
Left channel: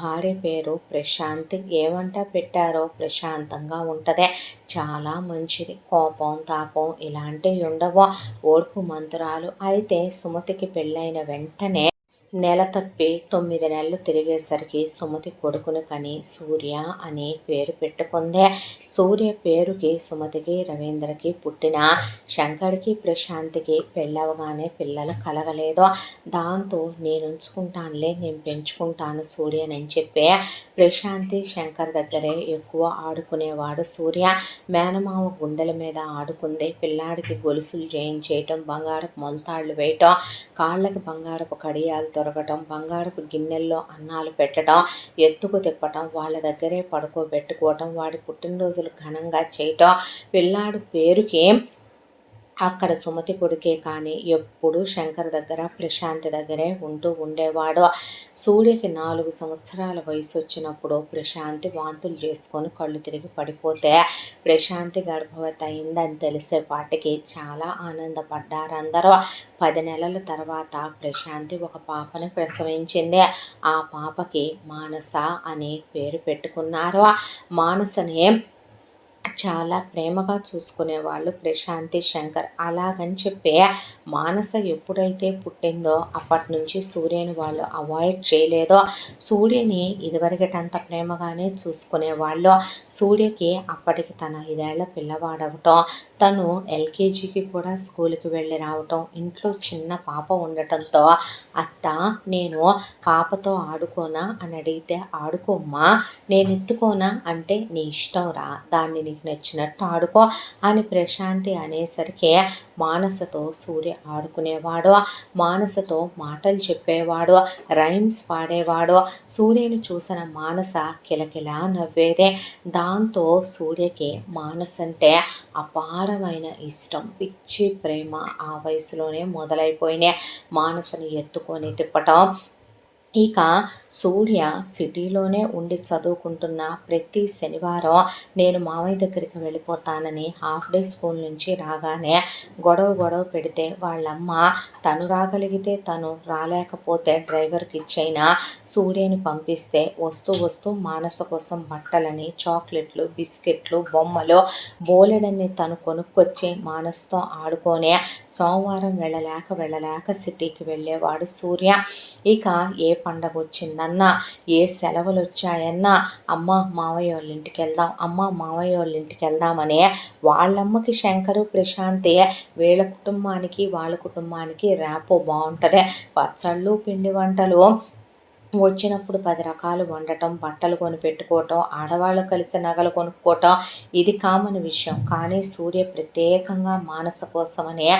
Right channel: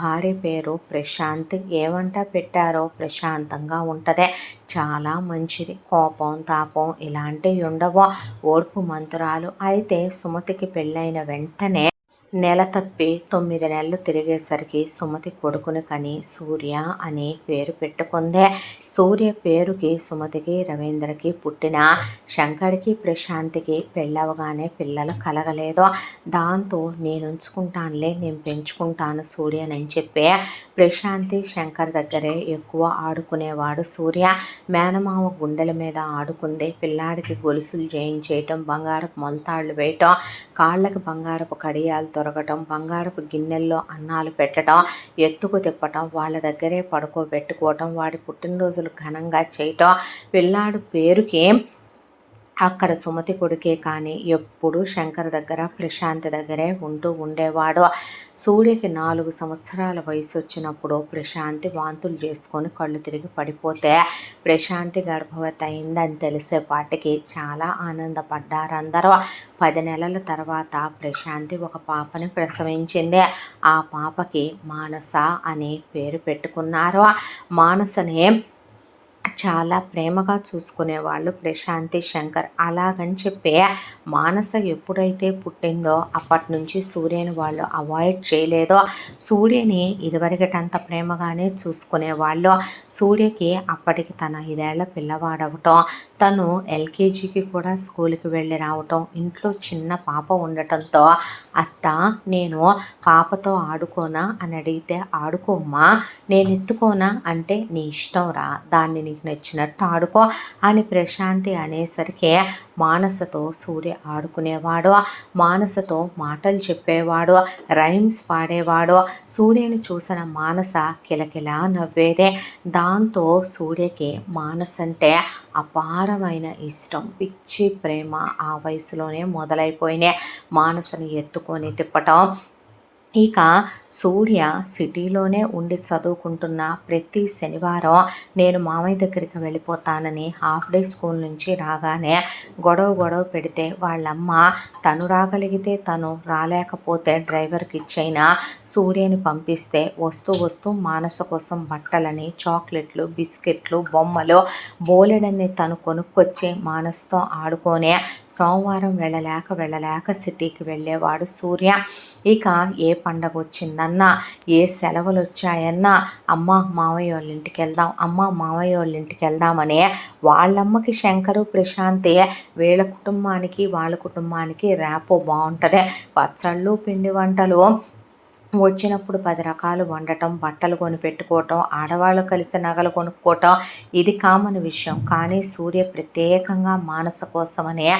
భార్య పేరు ప్రశాంతి. ఏమంట పెట్టారో ప్రశాంతంగా ఉంటుంది, చాలా మంచిది. కోపం తాపం ఇలాంటివి ఉండవు. ఓర్పు మంతురాలు. అయితే సుమతికి పెళ్ళైన వెంటనే నెల తప్పి 9 నెలలు తిరిగేసరికి సుమతి కొడుకుని కని సూర్య అని పేరు పెట్టుకుందే. సూర్య పేరుకి సుమతికి రవీంద్రకి పుట్టిన శంకర్కి ప్రశాంతికి పెళ్ళవగానే పిల్లలు కలగలేదు. దాంతో నేను ఉంచుకుంటానులే, నేను పెంచుకుంటాను సూర్యనని చెప్పి ప్రశాంతి శంకర్ దగ్గరే ఎక్కువ ఆడుకునేవాడు సూర్య. మేనమావ గుండెల మీద ఆడుకుంది. పిల్లాడికి గొలుసులు చేయించేయటం, బంగారపు మొలతాళ్ళు వేయటం, కాళ్ళకి బంగారపు కడియాలు దొరకటం, బంగారపు గిన్నెల్లో అన్నాలు పెట్టడం, ఎత్తుకు తిప్పటం, వాళ్ళ దగ్గరే పడుకోబెట్టుకోవటం, వాడి పుట్టినరోజులు ఘనంగా చేయటం. పిల్లాడు పేరుకి అక్కడ సుమతి కొడుకే కానీ ఎప్పుడూ శంకర్ దగ్గర ప్రశాంతి దగ్గరే ఉంటూ ఉండేవాడు. సూర్యకి 4 సంవత్సరాల వయసు వచ్చినప్పుడు ప్రశాంతి వాంతులు చేసుకొని కళ్ళు తిరిగి పడిపోతే ప్రశాంతి గర్భవతి అయిందని తెలిసేపాటికి చాలా ఆనందపడ్డారు అందరూ. 10 నెలల తర్వాత ప్రశాంతి ఒక పాపని ప్రసవించింది. ఆ పాపకి మానస అని పేరు పెట్టుకున్నారు. మానసనే చాలా ప్రేమగా చూసుకునేవాళ్ళు ప్రశాంతి శంకర్. అలాగని చెప్పి మానస ఎప్పుడైతే పుట్టిందో అప్పటి నుంచి సూర్యని వాళ్ళు అవాయిడ్ చేయలేదో. సూర్యని ఇదివరకటంత ప్రేమగానే చూసుకునేవాళ్ళు. సూర్యకి అప్పటికి తన 5 ఏళ్ల పిల్లవాడవటం, తను ఎల్కేజీకి కూడా స్కూల్కి వెళ్ళి రావటం, ఇంట్లో చిన్న పాప ఉండటంతో అత్త నేను పాపతో ఆడుకోనా అని అడిగితే, ఆడుకోమ్మా, నేను ఎత్తుకోనా అంటే నీ ఇష్టం రా, దాన్ని నీకు నీకు నచ్చినట్టు ఆడుకో అని ప్రశాంతి అనేసరికి మానసతో సూర్య ఆడుకునేవాడు, మానసతో మాటలు చెప్పేవాడు, రైమ్స్ పాడేవాడు. సూర్యను చూసిన మానస కిలకిలా నవ్వేదే. దాంతో సూర్యకి మానస అంటే అపారమైన ఇష్టం, పిచ్చి ప్రేమ ఆ వయసులోనే మొదలైపోయినాయి. మానసని ఎత్తుకొని తిప్పటం. ఇక సూర్య సిటీలోనే ఉండి చదువుకుంటున్న ప్రతి శనివారం నేను మామయ్య దగ్గరికి వెళ్ళిపోతానని హాఫ్ డే స్కూల్ నుంచి రాగానే గొడవ పెడితే వాళ్ళమ్మ తను రాగలిగితే తను, రాలేకపోతే డ్రైవర్కి ఇచ్చైనా సూర్యని పంపిస్తే వస్తూ మానస కోసం బట్టలని, చాక్లెట్లు, బిస్కెట్లు, బొమ్మలు బోలెడన్ని తను కొనుక్కొచ్చి మానసతో ఆడుకొనే సోమవారం వెళ్ళలేక సిటీకి వెళ్ళేవాడు సూర్య. ఇక ఏ పండగ వచ్చిందన్నా, ఏ సెలవులు వచ్చాయన్నా, అమ్మ మావయ్య వాళ్ళ ఇంటికి వెళ్దాం, అమ్మ మావయ్య వాళ్ళ ఇంటికి వెళ్దామని వాళ్ళమ్మకి శంకరు, ప్రశాంతి వీళ్ళ కుటుంబానికి వాళ్ళ కుటుంబానికి ర్యాపో బాగుంటుంది. పచ్చళ్ళు, పిండి వంటలు వచ్చినప్పుడు 10 రకాలు వండటం, బట్టలు కొనిపెట్టుకోవటం, ఆడవాళ్ళు కలిసి నగలు కొనుక్కోవటం ఇది కామన్ విషయం. కానీ సూర్య ప్రత్యేకంగా మానస కోసమనే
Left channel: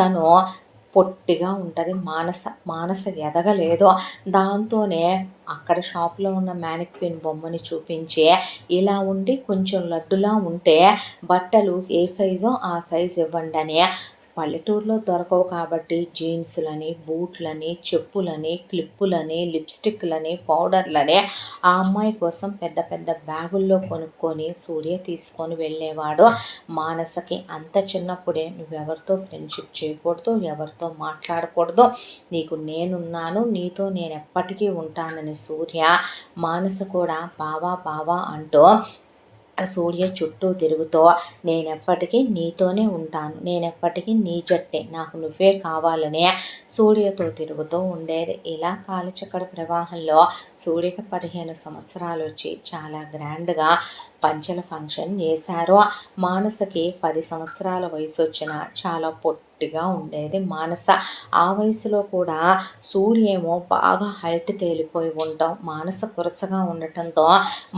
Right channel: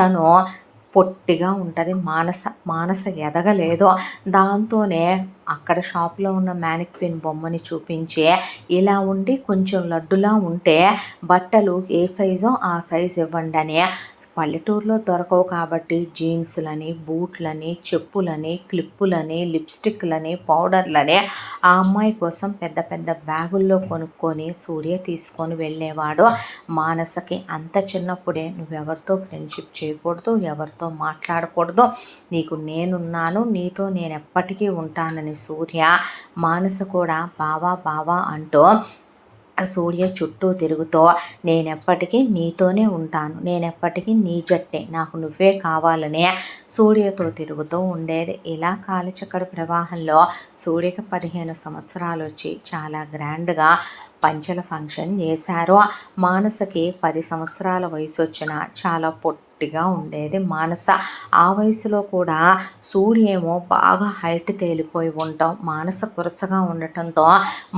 తను పొట్టిగా ఉంటుంది. మానస ఎదగలేదు. దాంతోనే అక్కడ షాప్లో ఉన్న మ్యానిక్విన్ బొమ్మని చూపించి ఇలా ఉండి కొంచెం లడ్డులా ఉంటే బట్టలు ఏ సైజో ఆ సైజు ఇవ్వండి అని, పల్లెటూరులో దొరకవు కాబట్టి జీన్సులని, బూట్లని, చెప్పులని, క్లిప్పులని, లిప్స్టిక్లని, పౌడర్లని ఆ అమ్మాయి కోసం పెద్ద పెద్ద బ్యాగుల్లో కొనుక్కొని సూర్య తీసుకొని వెళ్ళేవాడు. మానసకి అంత చిన్నప్పుడే నువ్వెవరితో ఫ్రెండ్షిప్ చేయకూడదు, ఎవరితో మాట్లాడకూడదు, నీకు నేనున్నాను, నీతో నేను ఎప్పటికీ ఉంటానని సూర్య మానస కూడా బావా అంటూ సూర్య చుట్టూ తిరుగుతూ నేనెప్పటికీ నీతోనే ఉంటాను, నేనెప్పటికీ నీ జట్టే, నాకు నువ్వే కావాలనే సూర్యతో తిరుగుతూ ఉండేది. ఇలా కాలచక్ర ప్రవాహంలో సూర్యకి 15 సంవత్సరాలు వచ్చి చాలా గ్రాండ్గా పంచల ఫంక్షన్ చేశారు. మానసకి 10 సంవత్సరాల వయసు వచ్చిన చాలా పొట్టిగా ఉండేది మానస. ఆ వయసులో కూడా సూర్యేమో బాగా హైట్ తేలిపోయి ఉండటం, మానస కురచగా ఉండటంతో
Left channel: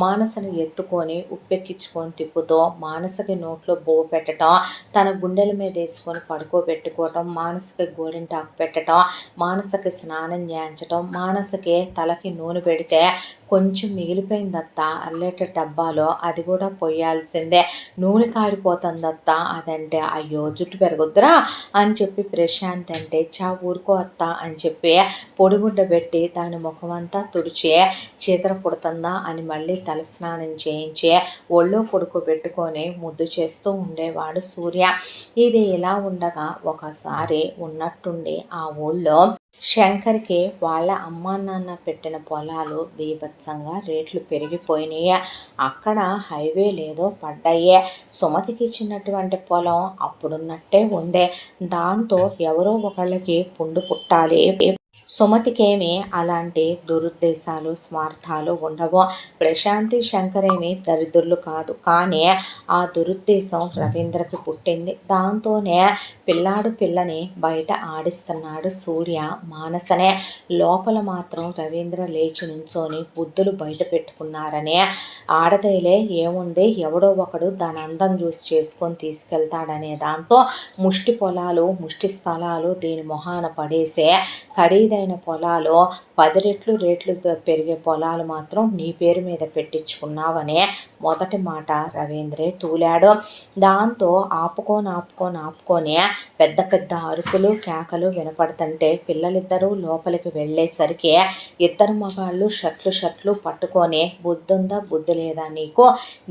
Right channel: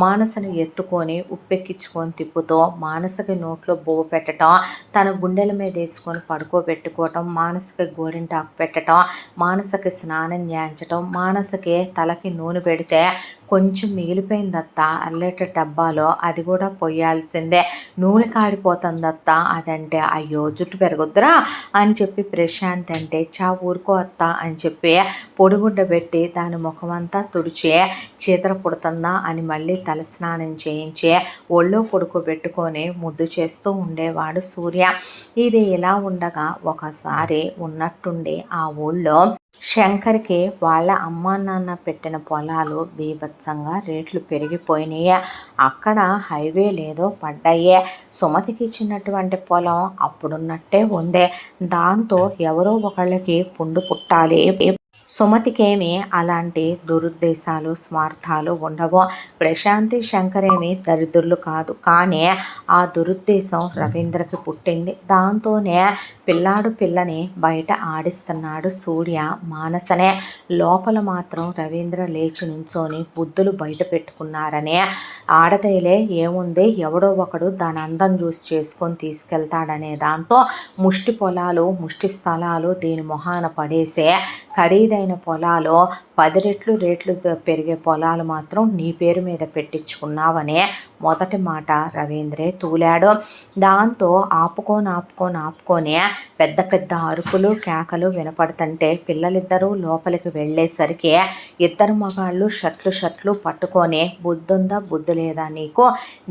మానసను ఎత్తుకొని ఉప్పెక్కించుకొని తిప్పుతూ మానసకి నోట్లో బువ్వ పెట్టడం, తన గుండెల మీద వేసుకొని పడుకోబెట్టుకోవటం, మానసకి గోరింటాకు పెట్టడం, మానసకి స్నానం చేయించటం, మానసకి తలకి నూనె పెడితే కొంచెం మిగిలిపోయిందత్త అల్లెట డబ్బాలో, అది కూడా పొయ్యాల్సిందే, నూనె కాడిపోతుందత్త అదంటే, అయ్యో జుట్టు పెరగొద్దురా అని చెప్పి ప్రశాంత్ అంటే, చా ఊరుకో అత్త అని చెప్పి పొడిగుడ్డ పెట్టి దాని ముఖమంతా తుడిచి చీతర పుడుతుందా అని మళ్ళీ తలస్నానం చేయించి ఒళ్ళో పడుకోబెట్టుకొని ముద్దు చేస్తూ ఉండేవాడు సూర్య. ఇది ఇలా ఉండగా ఒకసారి ఉన్నట్టుండి ఆ ఊళ్ళో శంకర్కి వాళ్ళ అమ్మా నాన్న పెట్టిన పొలాలు బీభత్సంగా రేట్లు పెరిగిపోయినాయి. అక్కడ హైవే లేదో పడ్డాయే. సుమతికి ఇచ్చినటువంటి పొలం అప్పుడున్నట్టే ఉందే. దాంతో ఎవరో ఒకళ్ళకి పుండు పుట్టాలి. సుమతికేమి అలాంటి దురుద్దేశాలు, స్వార్థాలు ఉండవు. ప్రశాంతి, శంకరేమి దరిద్రులు కాదు. కానీ ఆ దురుద్దేశం రవీంద్రకి పుట్టింది. దాంతోనే పిల్లని బయట ఆడిస్తున్నాడు సూర్య మానసనే. లోపల మాత్రం రవీంద్ర లేచి నుంచొని బుద్ధులు బయట పెట్టుకున్నారనే, ఆడదేలే ఏముంది, ఎవడో ఒకడు దాని అందం చూసి చేసుకొని తీసుకెళ్తాడనే దాంతో ముష్టి పొలాలు, ముష్టి స్థలాలు దీని మొహాన పడేసే, ఖరీదైన పొలాలు 10 రెట్లు రేట్లు పెరిగే పొలాలు మాత్రం నీ పేరు మీద పెట్టించుకున్నావనే మొదటి మాట రవీంద్రే తూలాడు. దాంతో ఆపుకొని పెద్ద పెద్ద అరుపులు, కేకలు వినపడుతుంటే పిల్లలిద్దరూ లోపలికి వెళ్ళేసరికి ఇద్దరు మగాళ్ళు షర్ట్లు పట్టుకొని, బుద్ధుందా బుద్ధి లేదా నీకు,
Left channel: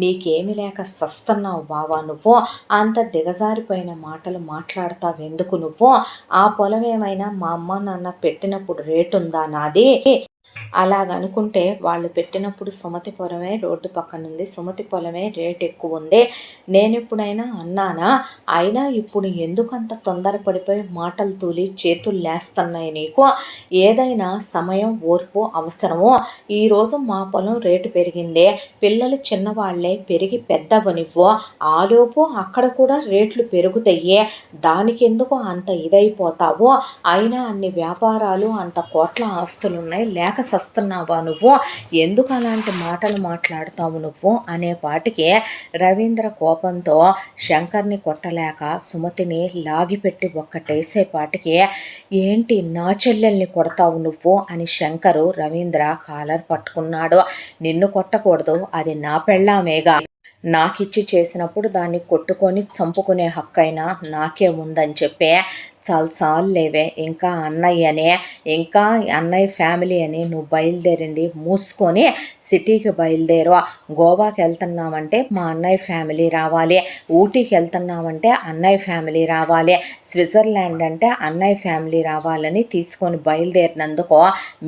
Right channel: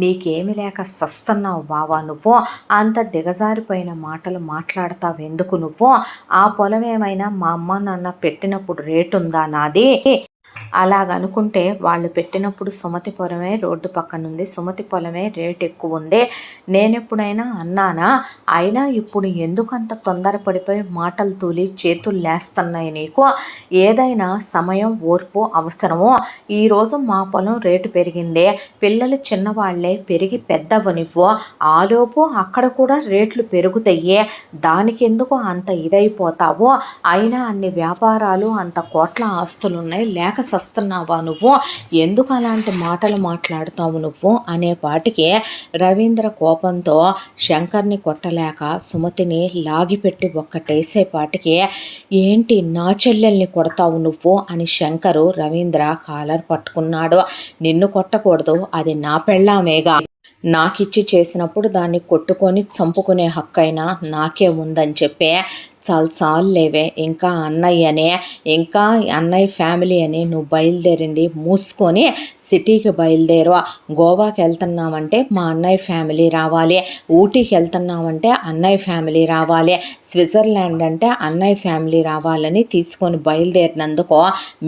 నీకేమి లేక సస్తున్నావు బావా నువ్వు, అంత దిగజారిపోయిన మాటలు మాట్లాడతావెందుకు నువ్వు, ఆ పొలం ఏమైనా మా అమ్మ నాన్న పెట్టినప్పుడు రేటుందా నాది, అలాగనుకుంటే వాళ్ళు పెట్టినప్పుడు సుమతి పొలమే రోడ్డు పక్కనుంది, సుమతి పొలమే రేట్ ఎక్కువ ఉంది, నేనెప్పుడైనా అన్నానా, అయినా ఇప్పుడు ఎందుకంత తొందరపడిపోయి మాటలు తూలి చేతులు లేస్తున్నాయి నీకు, ఏదైనా సమయం ఓర్పు అవసరము, ఈరోజు మా పొలం రేటు పెరిగిందే, పిల్లలు చిన్నవాళ్లే పెరిగి పెద్దవనివ్వు, ఆలోపు అక్కడ కూడా రేట్లు పెరుగుతాయే, దానికెందుకు అంత ఇదైపోతావో, అయినా అన్ని వ్యాపారాలు, అంత కోట్ల ఆస్తులున్నాయి, లేక చస్తున్నావా నువ్వు? ఎందుకు అలాంటి మాటలు మాట్లాడుతావు నువ్వు అనేపాటికి రవీంద్ర కోపంతో శంకర్ని కొట్టలేక సుమతిని లాగిపెట్టి ఒక్కటేసేపాటికి ఏంటి నా చెల్లెల్ని కొడతావు నువ్వు అని శంకరు రవీంద్ర కాలర్ పట్టుకున్నాడు. నిన్ను కొట్టకూడదు, అది నా పెళ్ళామేగా, నాకిచ్చి చేసినప్పుడు దాన్ని కొట్టుకొని చంపుకునే హక్కైనా నాకే ఉందని చెప్పి చాలులేవే, ఇంకా అన్నయ్యనే, ఇంకా అన్నయ్య ఫ్యామిలీ అని నువ్వు బయలుదేరింది మూసుకొని సిటీకి బయలుదేరు. గోవాకి వెళ్తున్నామంటే మా అన్నయ్య ఫ్యామిలీ రావాలి, ఊటీకి వెళ్తున్నామంటే అన్నయ్య ఫ్యామిలీ రావాలి, స్విట్జర్లాండ్ అంటే అన్నయ్య ఫ్యామిలీ రావాలని తీసుకొని బయలుదేరినందుకు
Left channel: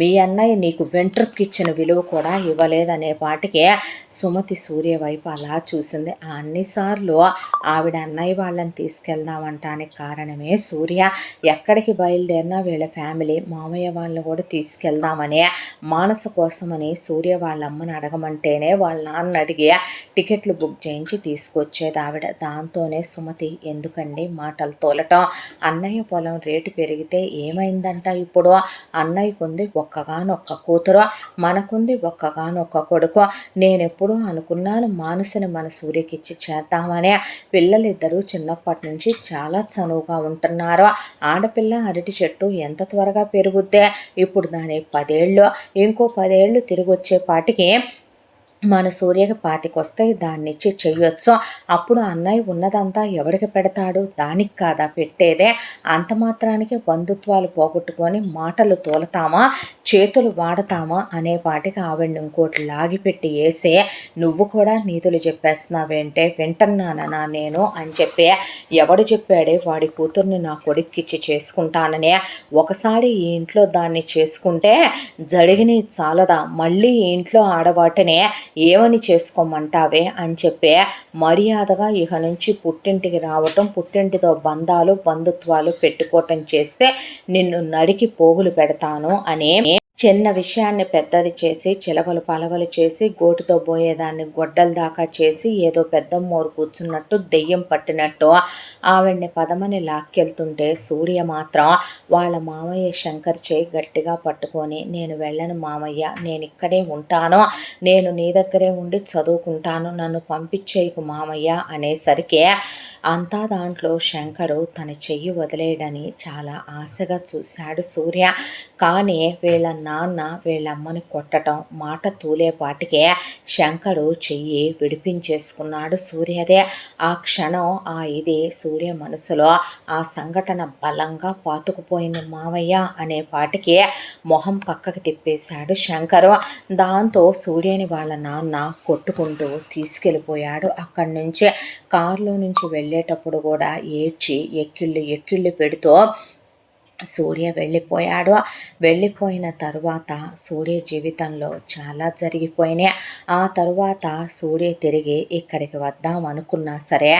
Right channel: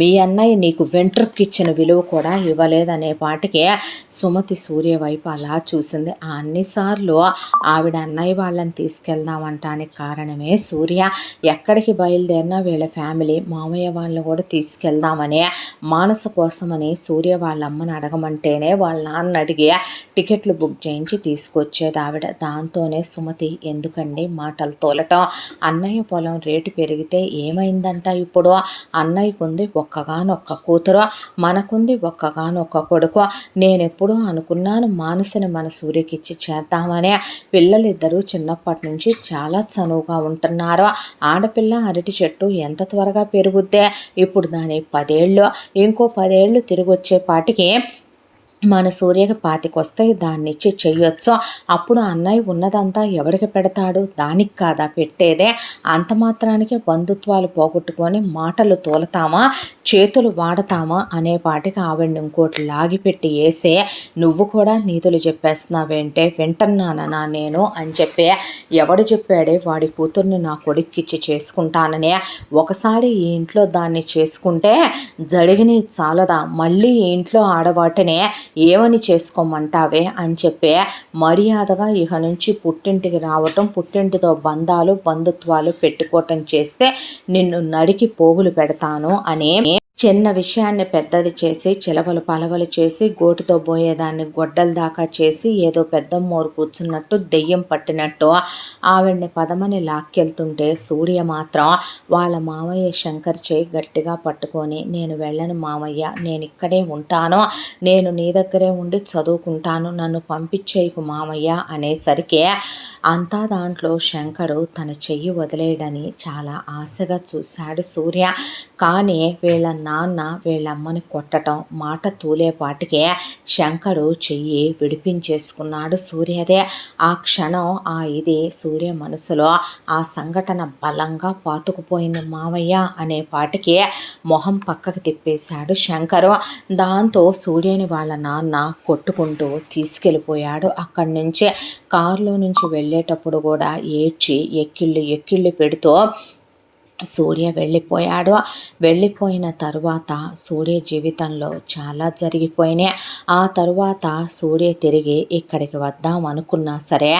మీ అన్నయ్య నీకు వెంట్రుక్కి ఇచ్చిన విలువ కూడా ఇవ్వలేదనే పాటికి సుమతి సూర్య వైపు అలా చూసింది. అన్నిసార్లు ఆవిడ అన్నయ్య వాళ్ళని తీసుకెళ్దామంటానికి కారణమే సూర్య. ఎక్కడికి బయలుదేరినా వీళ్ళ ఫ్యామిలీ మామయ్య వాళ్ళని కూడా తీసుకెళ్దామని మానస కోసమని సూర్య వాళ్ళ అమ్మని అడగమంటేనే వాళ్ళ నాన్న అడిగి టికెట్లు బుక్ చేయించి తీసుకొచ్చేది ఆవిడ. దాంతోనే సుమతి ఎందుకండి మాటలు తోలటం, అన్నయ్య పొలం రేటు పెరిగితే ఏమైందంట ఇప్పుడు? అన్నయ్యకుంది ఒక్కగానొక్క కూతురు, మనకుంది ఒక్కగానొక్క కొడుకు. నేనెప్పుడూ అనుకున్నాను మానసని మన సూర్యకిచ్చి చేద్దామని. పిల్లలిద్దరూ చిన్నప్పటి నుంచి చాలా చనువుగా ఉంటున్నారు. ఆడపిల్ల అరటి చెట్టు ఎంత త్వరగా పెరుగుద్దే, ఇప్పుడు దాని 10 ఏళ్ళు, ఇంకో 10 ఏళ్ళు తిరిగి వచ్చేపాటికి మన సూర్యకి 25 వస్తాయి, దాన్నిచ్చి చెయ్యొచ్చు. అప్పుడు అన్నయ్య ఉన్నదంతా ఎవరికి పెడతాడు? దానికి కాదా పెట్టేదే? అంత మాత్రానికి బంధుత్వాలు పోగొట్టుకొని మాటలు తోలతామా, చేతులు వాడతామా అనేపాటికి ఆవిడ్ని ఇంకోటి లాగిపెట్టి వేసే నువ్వు కూడా నీతులు చెప్పేస్తున్నావేంటే, వింటున్నానా నేను అని చెప్పి ఎవడు చెప్పాడే వాడి కూతుర్ని నా కొడుక్కిచ్చి చేసుకుంటాననే? ఒకసారి ఈ ఇంట్లో దాన్ని చేసుకుంటే జరిగినవి చాలదా, మళ్ళీ ఈ ఇంట్లో ఆడవాటినే ఏమని చేసుకోమంటావే అని చెప్పి మర్యాదగా ఇక నుంచి పుట్టింటికి రావటం, పుట్టింటితో బంధాలు బంధుత్వాలు పెట్టుకోవటం చేస్తే నిన్ను నరికి పోగులు పెడతాను అని చిన్న విషయాన్ని పెద్దది చేసి చిలవలు పలవలు చేసి గోటుతో పోయేదాన్ని గొడ్డల దాకా చేసి ఏదో పెద్ద మోరు కూర్చున్నట్టు దెయ్యం పట్టినట్టు ఆవిడ్ని పదమని లాక్కెళ్తుంటే సూర్య మాత్రం వాళ్ళ మామయ్య శంకర్ చేయి గట్టిగా పట్టుకొని నేను వెళ్ళను మామయ్య, నేను ఇక్కడే ఉంటాను, నేను నీ దగ్గరే ఉండి చదువుకుంటాను, నన్ను పంపించేయకు మామయ్య అనేసరికి అంతా దాంట్లో శంకరు తన చెయ్యి వదిలేయడని చాలా ఆశగా చూశాడు సూర్య. కానీ వీళ్ళ నాన్న వీళ్ళమ్మని కొట్టడం మాట తూలేపాటికే శంకరు చెయ్యి విడిపించేసుకున్నాడు సూర్యదే. ఆ క్షణం ఇది సూర్య మనసులో ఆ సంఘటన బలంగా పాతుకుపోయింది. మావయ్య అనే పాటికి మొహం పక్కకు తిప్పేశాడు శంకరు. దాంతో సూర్యని వాళ్ళ నాన్న కొట్టుకుంటూ తీసుకెళ్ళిపోయాడు. అక్కడి నుంచి కారులో నుంచి వెళ్ళేటప్పుడు కూడా ఏడ్చి ఎక్కిళ్ళు పెడుతూ సూర్య వెళ్ళిపోయాడు. వెళ్ళిపోయిన తరువాత సూర్య జీవితంలో చాలా జరిగిపోయినాయి. ఆ తరువాత సూర్య తిరిగి ఇక్కడికి వద్దాం అనుకున్నా సరే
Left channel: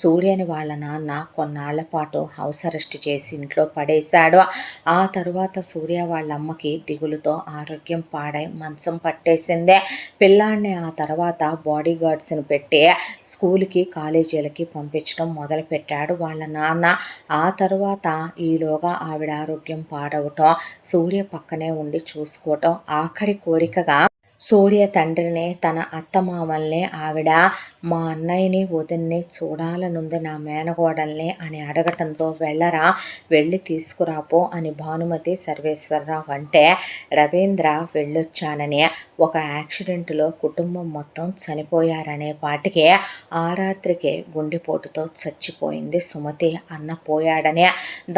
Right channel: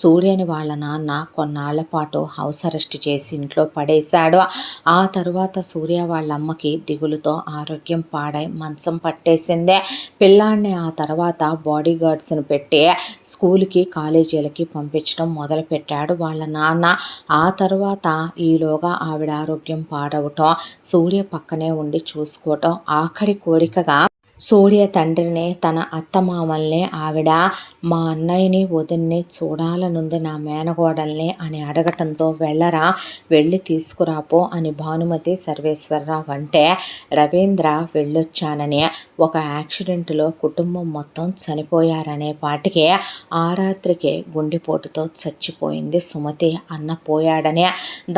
సూర్యని వాళ్ళ నాన్న కొన్నాళ్ల పాటు హౌస్ అరెస్ట్ చేసి ఇంట్లో పడేశాడు. ఆ తరువాత సూర్య వాళ్ళ అమ్మకి దిగులుతో ఆరోగ్యం పాడై మంచం పట్టేసిందే. పిల్లాడిని ఆ తర్వాత బాడీ గార్డ్స్ని పెట్టి స్కూల్కి కాలేజీలకి పంపించడం మొదలుపెట్టాడు వాళ్ళ నాన్న. ఆ తర్వాత ఈలోగా ఆవిడ ఆరోగ్యం పాడవటం, సూర్య పక్కనే ఉండి చూసుకోవటం ఆఖరి కోరికగా సూర్య తండ్రిని తన అత్తమామల్ని ఆవిడ మా అన్నయ్యని వదిన్ని చూడాలనుంది నా మేనగోడల్ని అని అడగటంతో వెళ్ళరా, వెళ్ళి తీసుకురాపో అని భానుమతి సర్వేశ్వరరావు అంటే రవీంద్ర వెళ్ళొచ్చానని ఒక యాక్సిడెంట్లో కుటుంబం మొత్తం చనిపోయారనే పాటికి ఆ రాత్రికే గుండెపోటుతో చచ్చిపోయింది సుమతి అన్న పోయాడనే.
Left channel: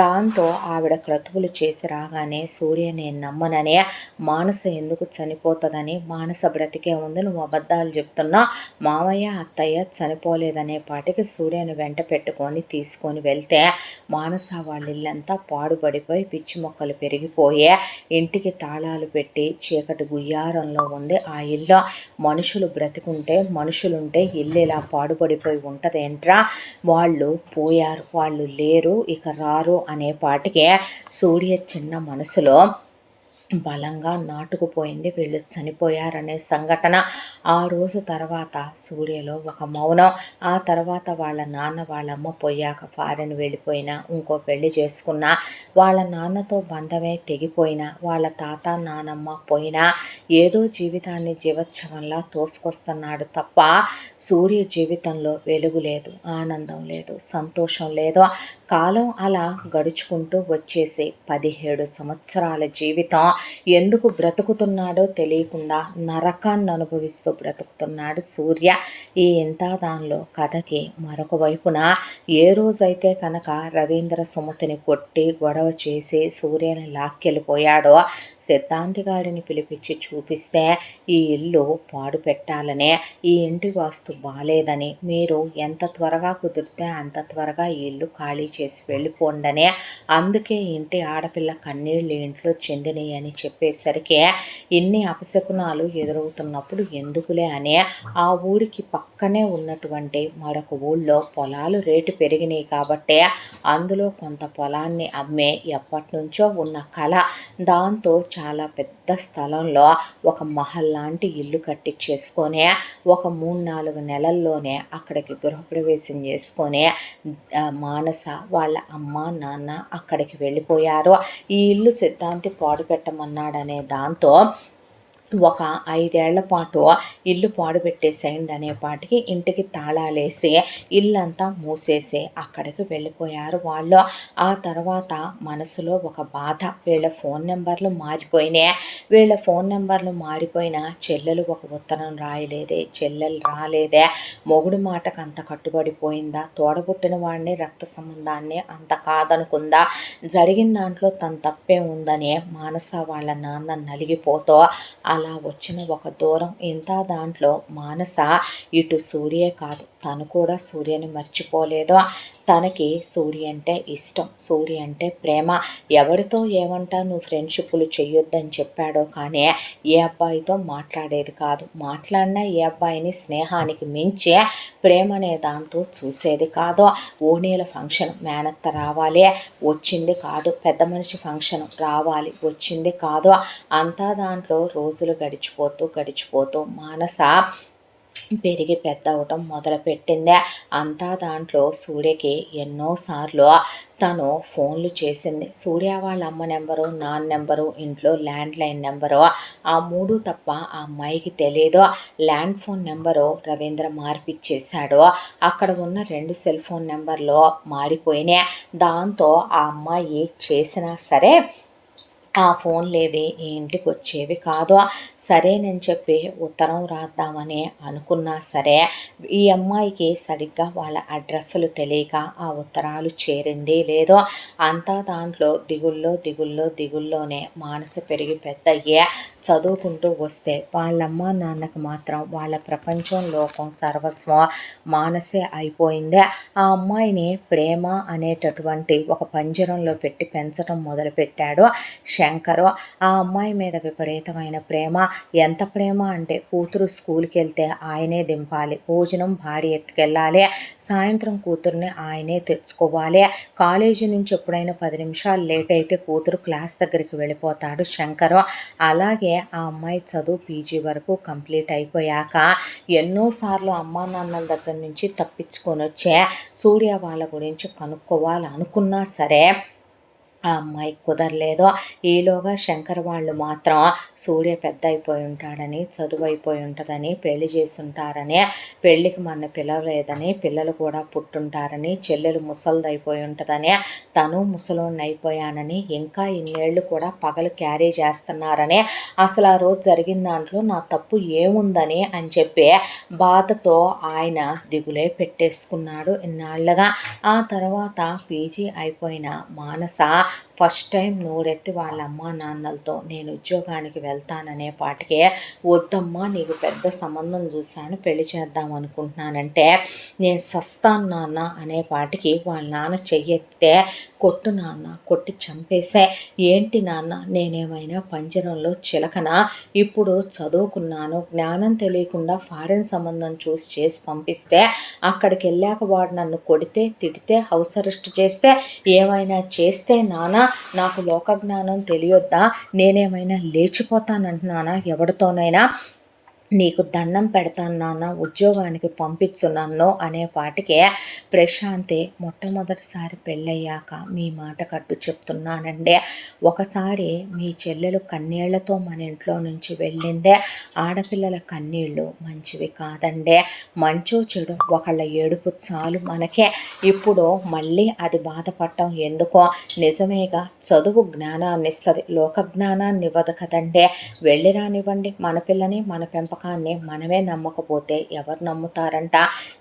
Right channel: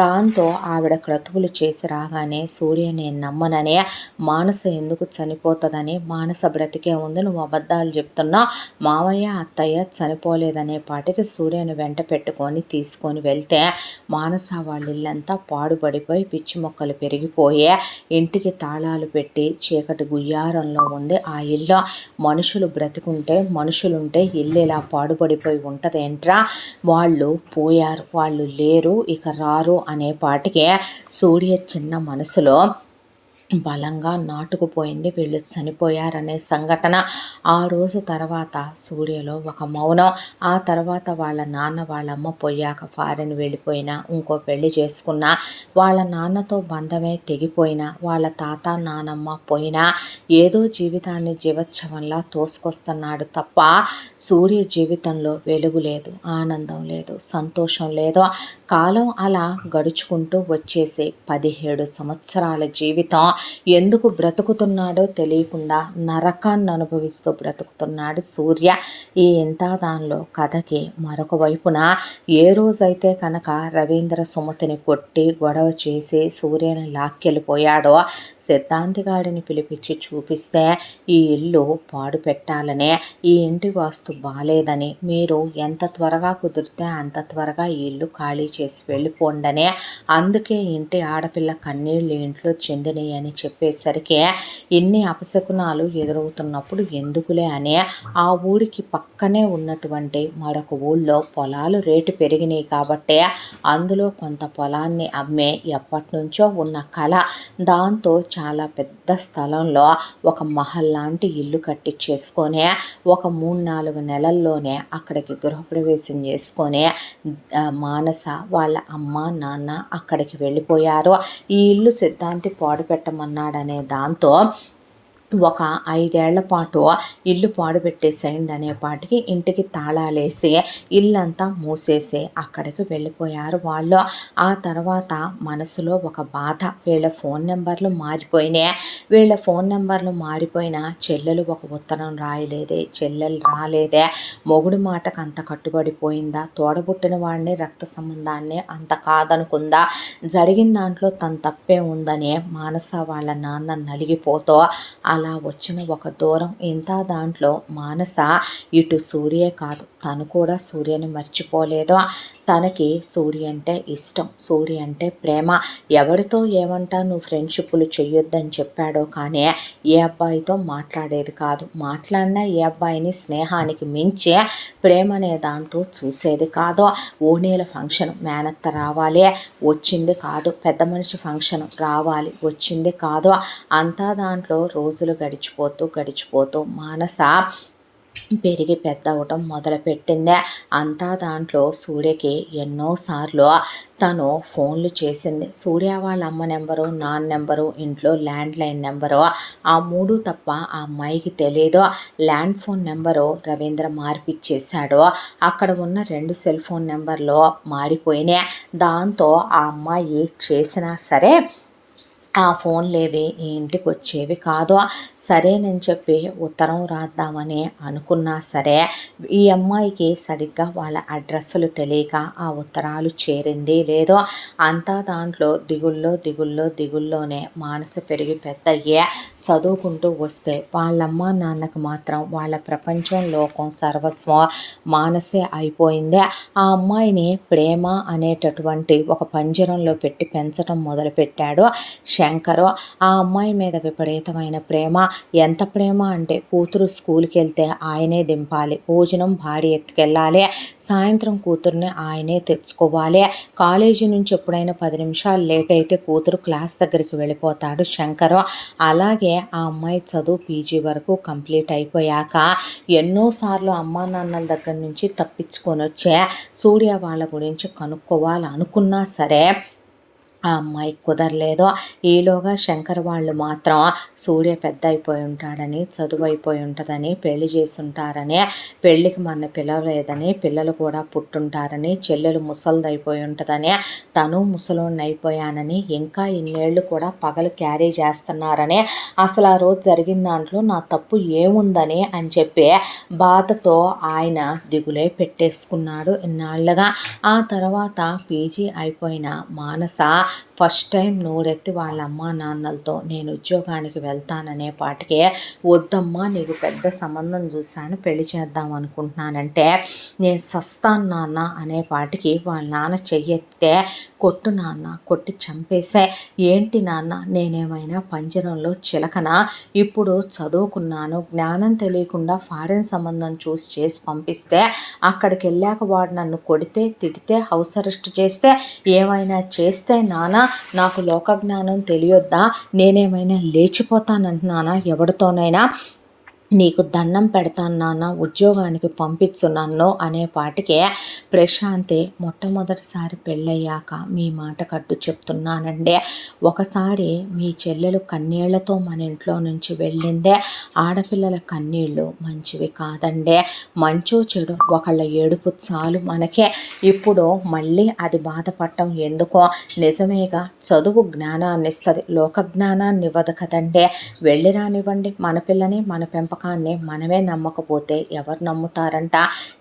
దాంతో ఆవిడ క్రతువులు చేసి రాగానే సూర్య నేను నమ్మనని, మానస ఎందుకు చనిపోతుందని, మానస బ్రతికే ఉంది, నువ్వు అబద్ధాలు చెప్తున్నా, మామయ్య అత్తయ్య చనిపోలేదనే పాటికి సూర్యను వెంట పెట్టుకొని తీసుకొని వెళ్తే మానస వాళ్ళ ఇల్లంతా పాడుపడిపోయి పిచ్చి మొక్కలు పెరిగిపోయి ఇంటికి తాళాలు పెట్టి చీకటి గుయ్యారంలో ఉంది ఆ ఇల్లు. మనుషులు బ్రతికుంటే మనుషులుంటే ఇల్లు ఇలా పాడుపడిపోయి ఉంటదేంట్రా, వాళ్ళు పోయారు, వాళ్ళు లేరు, ఇక రారు అనే పాటికి సూర్య చిన్న మనసులో బలంగా నాటుకుపోయింది. వీళ్ళు చనిపోయారనే సంఘటన. ఆ రోజు తర్వాత సూర్యలో ఒక మౌనం. ఆ తర్వాత వాళ్ళ నాన్న, వాళ్ళమ్మ పోయాక ఫారెన్ వెళ్ళిపోయినా, ఇంకో పెళ్లి చేసుకున్నా, వాళ్ళ నాన్నతో బంధమే తెగిపోయినా, వాళ్ళ తాత, నానమ్మ పోయినా, ఏదో జీవితాన్ని జీవోత్సవంలా తోసుకొస్తున్నాడు తప్ప సూర్య జీవితంలో వెలుగు లేదు, ఆనందం లేదు, సంతోషం లేదు. కాలం అలా గడుచుకుంటూ వచ్చేసి 17 సంవత్సరాల జీవితం ఎందుకు బ్రతుకుతున్నాడో తెలియకుండా నరకాన్ని అనుభవిస్తూ బ్రతుకుతున్నాడు సూర్య. ఈ ఇంత దానిలో కథకి మరొక వైపున ఏ రోజైతే కనుక రవీంద్ర సుమతిని కొట్టి గొడవ చేసి సూర్యని లాక్కెళ్ళిపోయాడో సిద్ధాంతిగాడిని పిలిపించి చూపిస్తే ఈ ఇల్లు పాడు పెట్టాలనే, ఈ ఇంటి వాస్తు బాలేదని, మీరు ఎంత త్వరగా కుదిరితే అంత త్వరగా ఈ ఇల్లు ఖాళీ చేసి వెళ్ళిపోండనే, అందుకే ఇంటి ఆడపిల్ల కన్నీళ్ళు ఇంట్లో చెందినవి అని చెప్పేసరికి ఇన్ని అపశకునాలు ఎదురవుతున్నప్పుడు ఎందుకులే అని ఆ ఊరికి పక్కనే ఉన్నటువంటి మరొక ఊళ్ళో పొలాలు రేటు పెరిగినాయి కాబట్టి అందులో కొంత పొలాన్ని అమ్మే ఎప్పటి నుంచో ఉన్న కళ, దాంతో చాలా పెద్ద స్థలంలో ఒక మహల్ లాంటి ఇల్లు కట్టించేసుకొని ఒక 3-4 నెలల్లోనే అక్కడికి గృహప్రవేశం చేసుకొని మానస వాళ్ళ అమ్మ నాన్న అక్కడికి వెళ్ళిపోయారు. ఈ ఇల్లు సిద్ధాంతి పాడు పెట్టమన్నాడనే దాంతో ఒక 5 ఏళ్ల పాటు ఇల్లు పాడు పెట్టేసేయండి అనేపాటికి ఇంటికి తాళాలేసి ఇల్లంతా మూసేసి అక్కడికి వెళ్ళిపోయారు వాళ్ళు. ఆ తర్వాత మనసులో ఒక బాధ, వీళ్ళ ఫోన్ నెంబర్లు మారిపోయినాయి. వీళ్ళ ఫోన్ నెంబర్లు మారిపోయినా చెల్లెలు ఒక ఉత్తరం రాయలేదే, చెల్లెలు రాలేదే, మొగుడు మాటకు అంత కట్టుబడిపోయిందా, తోడబుట్టిన వాడిని రక్త సంబంధాన్ని అంత కాదనుకుందా, జరిగిన దాంట్లో తన తప్పే ఉందని మానస వాళ్ళ నాన్న నలిగిపోతూ అలా వచ్చిన ఒక దూరం. ఇంత దాంట్లో మానస ఇటు సూర్యే కాదు, తను కూడా సూర్యని మర్చిపోలేదు. తనకి సూర్య అంటే ఇష్టం, సూర్య అంటే ప్రేమ. ఎవరితో ఏమంటా నువ్వు ఫ్రెండ్షిప్లు చెయ్యొద్దని చెప్పాడో కానీ ఏ అబ్బాయితో మాట్లాడేది కాదు. మాట్లాడినా ఏ అబ్బాయిని స్నేహానికి మించి ప్రేమ అనే దాంతో చూసేది కాదు. ఓణీల ఫంక్షన్ మేనత్త రావాలి, వచ్చింది కాదు. పెద్ద మనిషి ఫంక్షన్ రావాలి, వచ్చింది కాదు. అంతా దాంట్లో రోజులు గడిచిపోతూ మానస పెరిగి పెద్ద అవటం మొదలుపెట్టిందే. అంతా దాంట్లో సూర్యకి ఎన్నోసార్లు తను ఫోన్లు చేసింది. సూర్య వాళ్ళ అమ్మ నెంబరు, నాన్న నెంబరు, ఇంట్లో ల్యాండ్లైన్ నెంబరు, ఆ 3 తప్ప ఆ అమ్మాయికి తెలియదు. ల్యాండ్ ఫోన్ నెంబరు రవీంద్ర మార్పిచ్చేశాడు. అక్కడ ఉన్న 2 సెల్ ఫోన్ నెంబర్లు మారిపోయినాయి. దాంతో ఆ అమ్మాయి చేసినా సరే ఆ ఫోన్లేవి ఈ ఇంటికి వచ్చేవి కాదు. సరేనని చెప్పి ఉత్తరం రాద్దామని అనుకున్నా సరే ఈ అమ్మాయికి సరిగ్గా వాళ్ళ అడ్రస్సులు తెలియక ఆ ఉత్తరాలు చేరింది లేదో. అంతా దాంట్లో దిగుల్లోనే మానస పెరిగి పెద్దయ్యే చదువుకుంటూ వస్తే వాళ్ళమ్మ నాన్నకు మాత్రం వాళ్ళ ప్రపంచం, లోకం, సర్వస్వం మానసే అయిపోయిందే. ఆ అమ్మాయిని ప్రేమ అనేటటువంటి ఒక పంజరంలో పెట్టి పెంచడం మొదలుపెట్టాడు శంకరు. ఆ అమ్మాయి మీద విపరీతమైన ప్రేమ. ఎంత ప్రేమ అంటే కూతురు స్కూల్కి వెళ్తే ఆయనే దింపాలి, భోజనం భార్య ఎత్తుకెళ్ళాలి, సాయంత్రం కూతుర్ని ఆయనే తెచ్చుకోవాలి. కాలేజీ నుంచి ఎప్పుడైనా 10 నిమిషాలు లేట్ అయితే కూతురు క్లాస్ దగ్గరికి వెళ్ళిపోతాడు శంకరు. అలాగే ఆ అమ్మాయి చదువు పీజీ వరకు కంప్లీట్ అయిపోయాక ఎన్నోసార్లు అమ్మా నాన్నల దగ్గర నుంచి తప్పించుకొని వచ్చే సూర్య వాళ్ళ గురించి కనుక్కోవాలనుకున్నా సరే ఆ అమ్మాయికి కుదరలేదు. ఈలోగా శంకర్ వాళ్ళు మాత్రం సూర్య పెద్ద అయిపోయి ఉంటాడని, చదువు అయిపోయి ఉంటుందని, పెళ్లి చేసుంటారని, పెళ్ళికి మన పిలవలేదని, పిల్లలు కూడా పుట్టుంటారని, చెల్లెలు ముసలిదైపోయి ఉంటుందని, తను ముసలోడిని అయిపోయానని, ఇంకా ఇన్నేళ్ళు కూడా పగలు క్యారీ చేస్తున్నారని, అసలు ఆ రోజు జరిగిన దాంట్లో నా తప్పు ఏముందని అని చెప్పి బాధతో ఆయన దిగులే పెట్టేసుకున్నాడు ఇన్నాళ్ళగా. ఆ తర్వాత పీజీ అయిపోయిన మానస ఫస్ట్ టైం నోరెత్తి వాళ్ళ అమ్మా నాన్నలతో నేను ఉద్యోగానికి వెళ్తాననే పాటికే వద్దమ్మా నీకు పెద్ద సంబంధం చూశాను, పెళ్లి చేద్దాం అనుకుంటున్నానంటే నేను సస్తాను నాన్న అనే పాటికి వాళ్ళ నాన్న చెయ్యెత్తే కొట్టు నాన్న, కొట్టి చంపేసే. ఏంటి నాన్న నేనేమైనా పంజరంలో చిలకనా, ఇప్పుడు చదువుకున్నాను, జ్ఞానం తెలియకుండా ఫారెన్ సంబంధం చూసి చేసి పంపిస్తే అక్కడికి వెళ్ళాక వాడు నన్ను కొడితే తిడితే హౌస్ అరెస్ట్ చేస్తే ఏమైనా చేస్తే నాన్న నాకు లోకజ్ఞానం తెలియొద్దా? నేనేమైనా లేచిపోతానంటున్నానా ఎవడితోనైనా? నీకు దండం పెడతాను నాన్న, ఉద్యోగానికి పంపించు నన్ను అనే పాటికే ప్రశాంతి మొట్టమొదటిసారి పెళ్ళయ్యాక మీ మాట కట్టు చెప్తున్నానండి. ఒకసారి మీ చెల్లెలు కన్నీళ్లతో మన ఇంట్లో నుంచి వెళ్ళిందే. ఆడపిల్లల కన్నీళ్ళు మంచివి కాదండి. మంచో చెడు ఒకళ్ళ ఏడుపు చాలు మనకే. ఇప్పుడు మళ్ళీ అది బాధపడటం ఎందుకో? నిజమేగా, చదువు జ్ఞానాన్ని ఇస్తుంది, లోక జ్ఞానాన్ని ఇవ్వదు కదండి. వెళ్ళి రానివ్వండి, మన పిల్లని మన పెంపకాన్ని మనమే నమ్మకపోతే ఎవరు నమ్ముతారంట?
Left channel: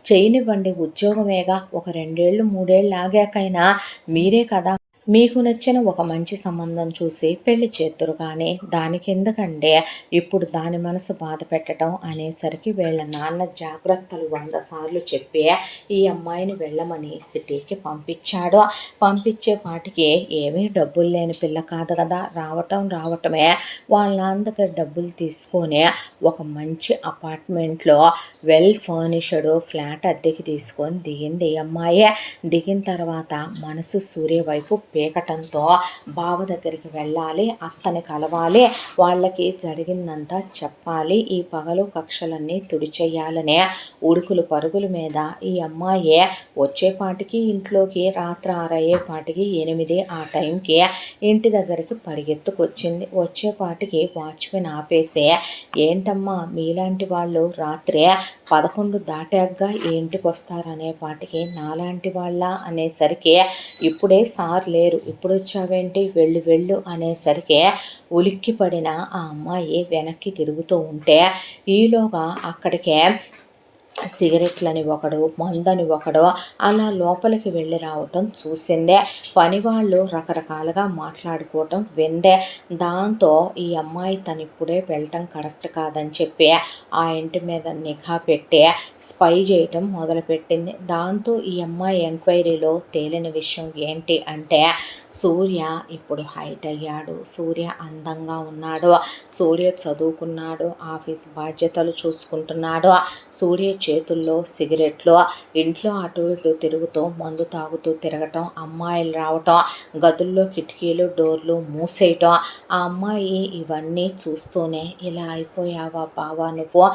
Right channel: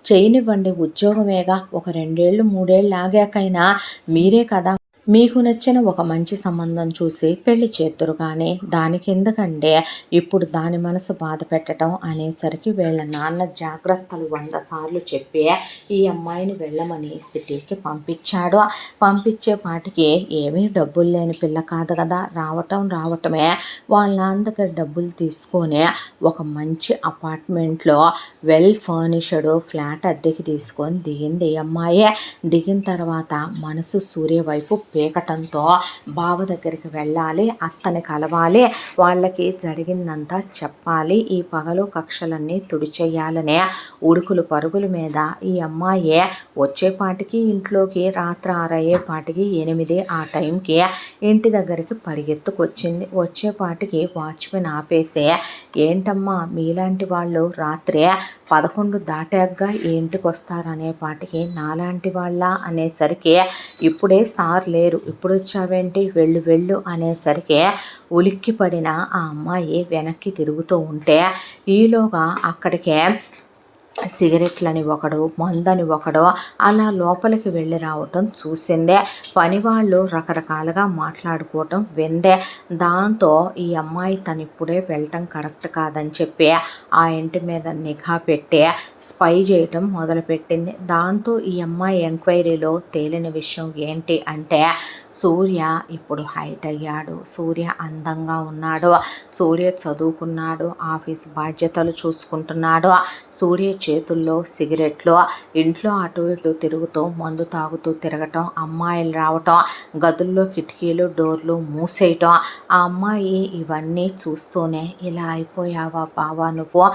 చేయనివ్వండి, ఉద్యోగమేగా, ఒక 2 ఏళ్ళు 3 ఏళ్ళు ఆగాకైనా మీరే కదా మీకు నచ్చిన ఒక మంచి సంబంధం చూసి పెళ్లి చేద్దురు కానీ దానికెందుకంటే ఇప్పుడు దాని మనసు బాధ పెట్టడం అనేసరికి వీళ్ళ నాన్న జాగ్రత్తలు 100 సార్లు చెప్పి ఈ అమ్మాయిని వెళ్ళమని సిటీకి పంపించాడు. పంపించేపాటికి ఏమీ డబ్బులు లేని పిల్ల కాదు కదా, రావటమే వాళ్ళ నాన్న దగ్గర డబ్బులు తీసుకొని ఒక మంచి అపార్ట్మెంట్లో వెల్ ఫర్నిష్డ్ ఫ్లాట్ అద్దెకి తీసుకొని దిగింది ఈ అమ్మాయి. దిగిన తర్వాత మనసు సూర్య వైపు పీకటంతో బావ దగ్గరికి వెళ్ళాలి, అత్తని కలవాలి, వాళ్ళకి జరిగిందంతా చెప్పాలి, ఈ పగలు కక్షలన్నీ తుడిచేయాలనే ఉడుకులు పరుగుల మీద ఈ అమ్మాయి వచ్చేపాటికి ఇంట్లోకి రాత్రి 6 అయ్యేపాటికి 8 ఆ టైంకి ఇంటి దగ్గరికి పరిగెత్తుకొచ్చింది. వచ్చేపాటికి వాచ్మెన్ ఆపేసి, ఏంటమ్మా మీలాంటి వాళ్ళు రాత్రి 11 దాటాక ఇంటికి వస్తారు అనేపాటికి నాలాంటి వాళ్ళ అనేసరికి ఇప్పుడే సార్ లేరు, ఇప్పుడు వచ్చావేంటి, వెళ్ళు వెళ్ళు అనేసరికి ఉలిక్కి పడిన ఆ అమ్మాయి వెనక్కి తిరుగుతూ ఉంటే ఈలోగా అక్కడికే సిగరెట్లని ఒకడు, మందని ఒకడు అలా లోపలికి వెళ్ళి రావటం చూసిందే. పనివాళ్ళు రకరకాలుగా మాట్లాడుకోవటం విందే. దాంతో ఈ అమ్మాయి తను ఇప్పుడే వెళ్ళటం కరెక్ట్ కాదని చెప్పి ఆ ఇంటి మీద నిఘా పెట్టి స్పై చేయటం మొదలుపెట్టింది. దాంతో ఈ అమ్మాయి ఎంక్వైరీలో తేలిన విషయం ఏంటి అంటే సూర్య ఇప్పుడు హైట్ అయ్యాడు, సూర్య అందంగా ఉన్నాడు, సూర్య చదువుకున్నాడు, ఆఫీస్ బాధ్యతలు చూసుకుంటున్నాడు, సూర్య చేతుల్లో సిగరెట్లు, ఇంట్లో అటు ఇటు తిరుగుతూ మందు తాగుతూ తిరగటం, అమ్మాయిలు రావటం, గదుల్లో కిటికీలు డోర్లు మూసేయటం. ఆ అమ్మాయి ఇవన్నీ చూస్తూనే ఇలా అయిపోయావా బావా నువ్వు,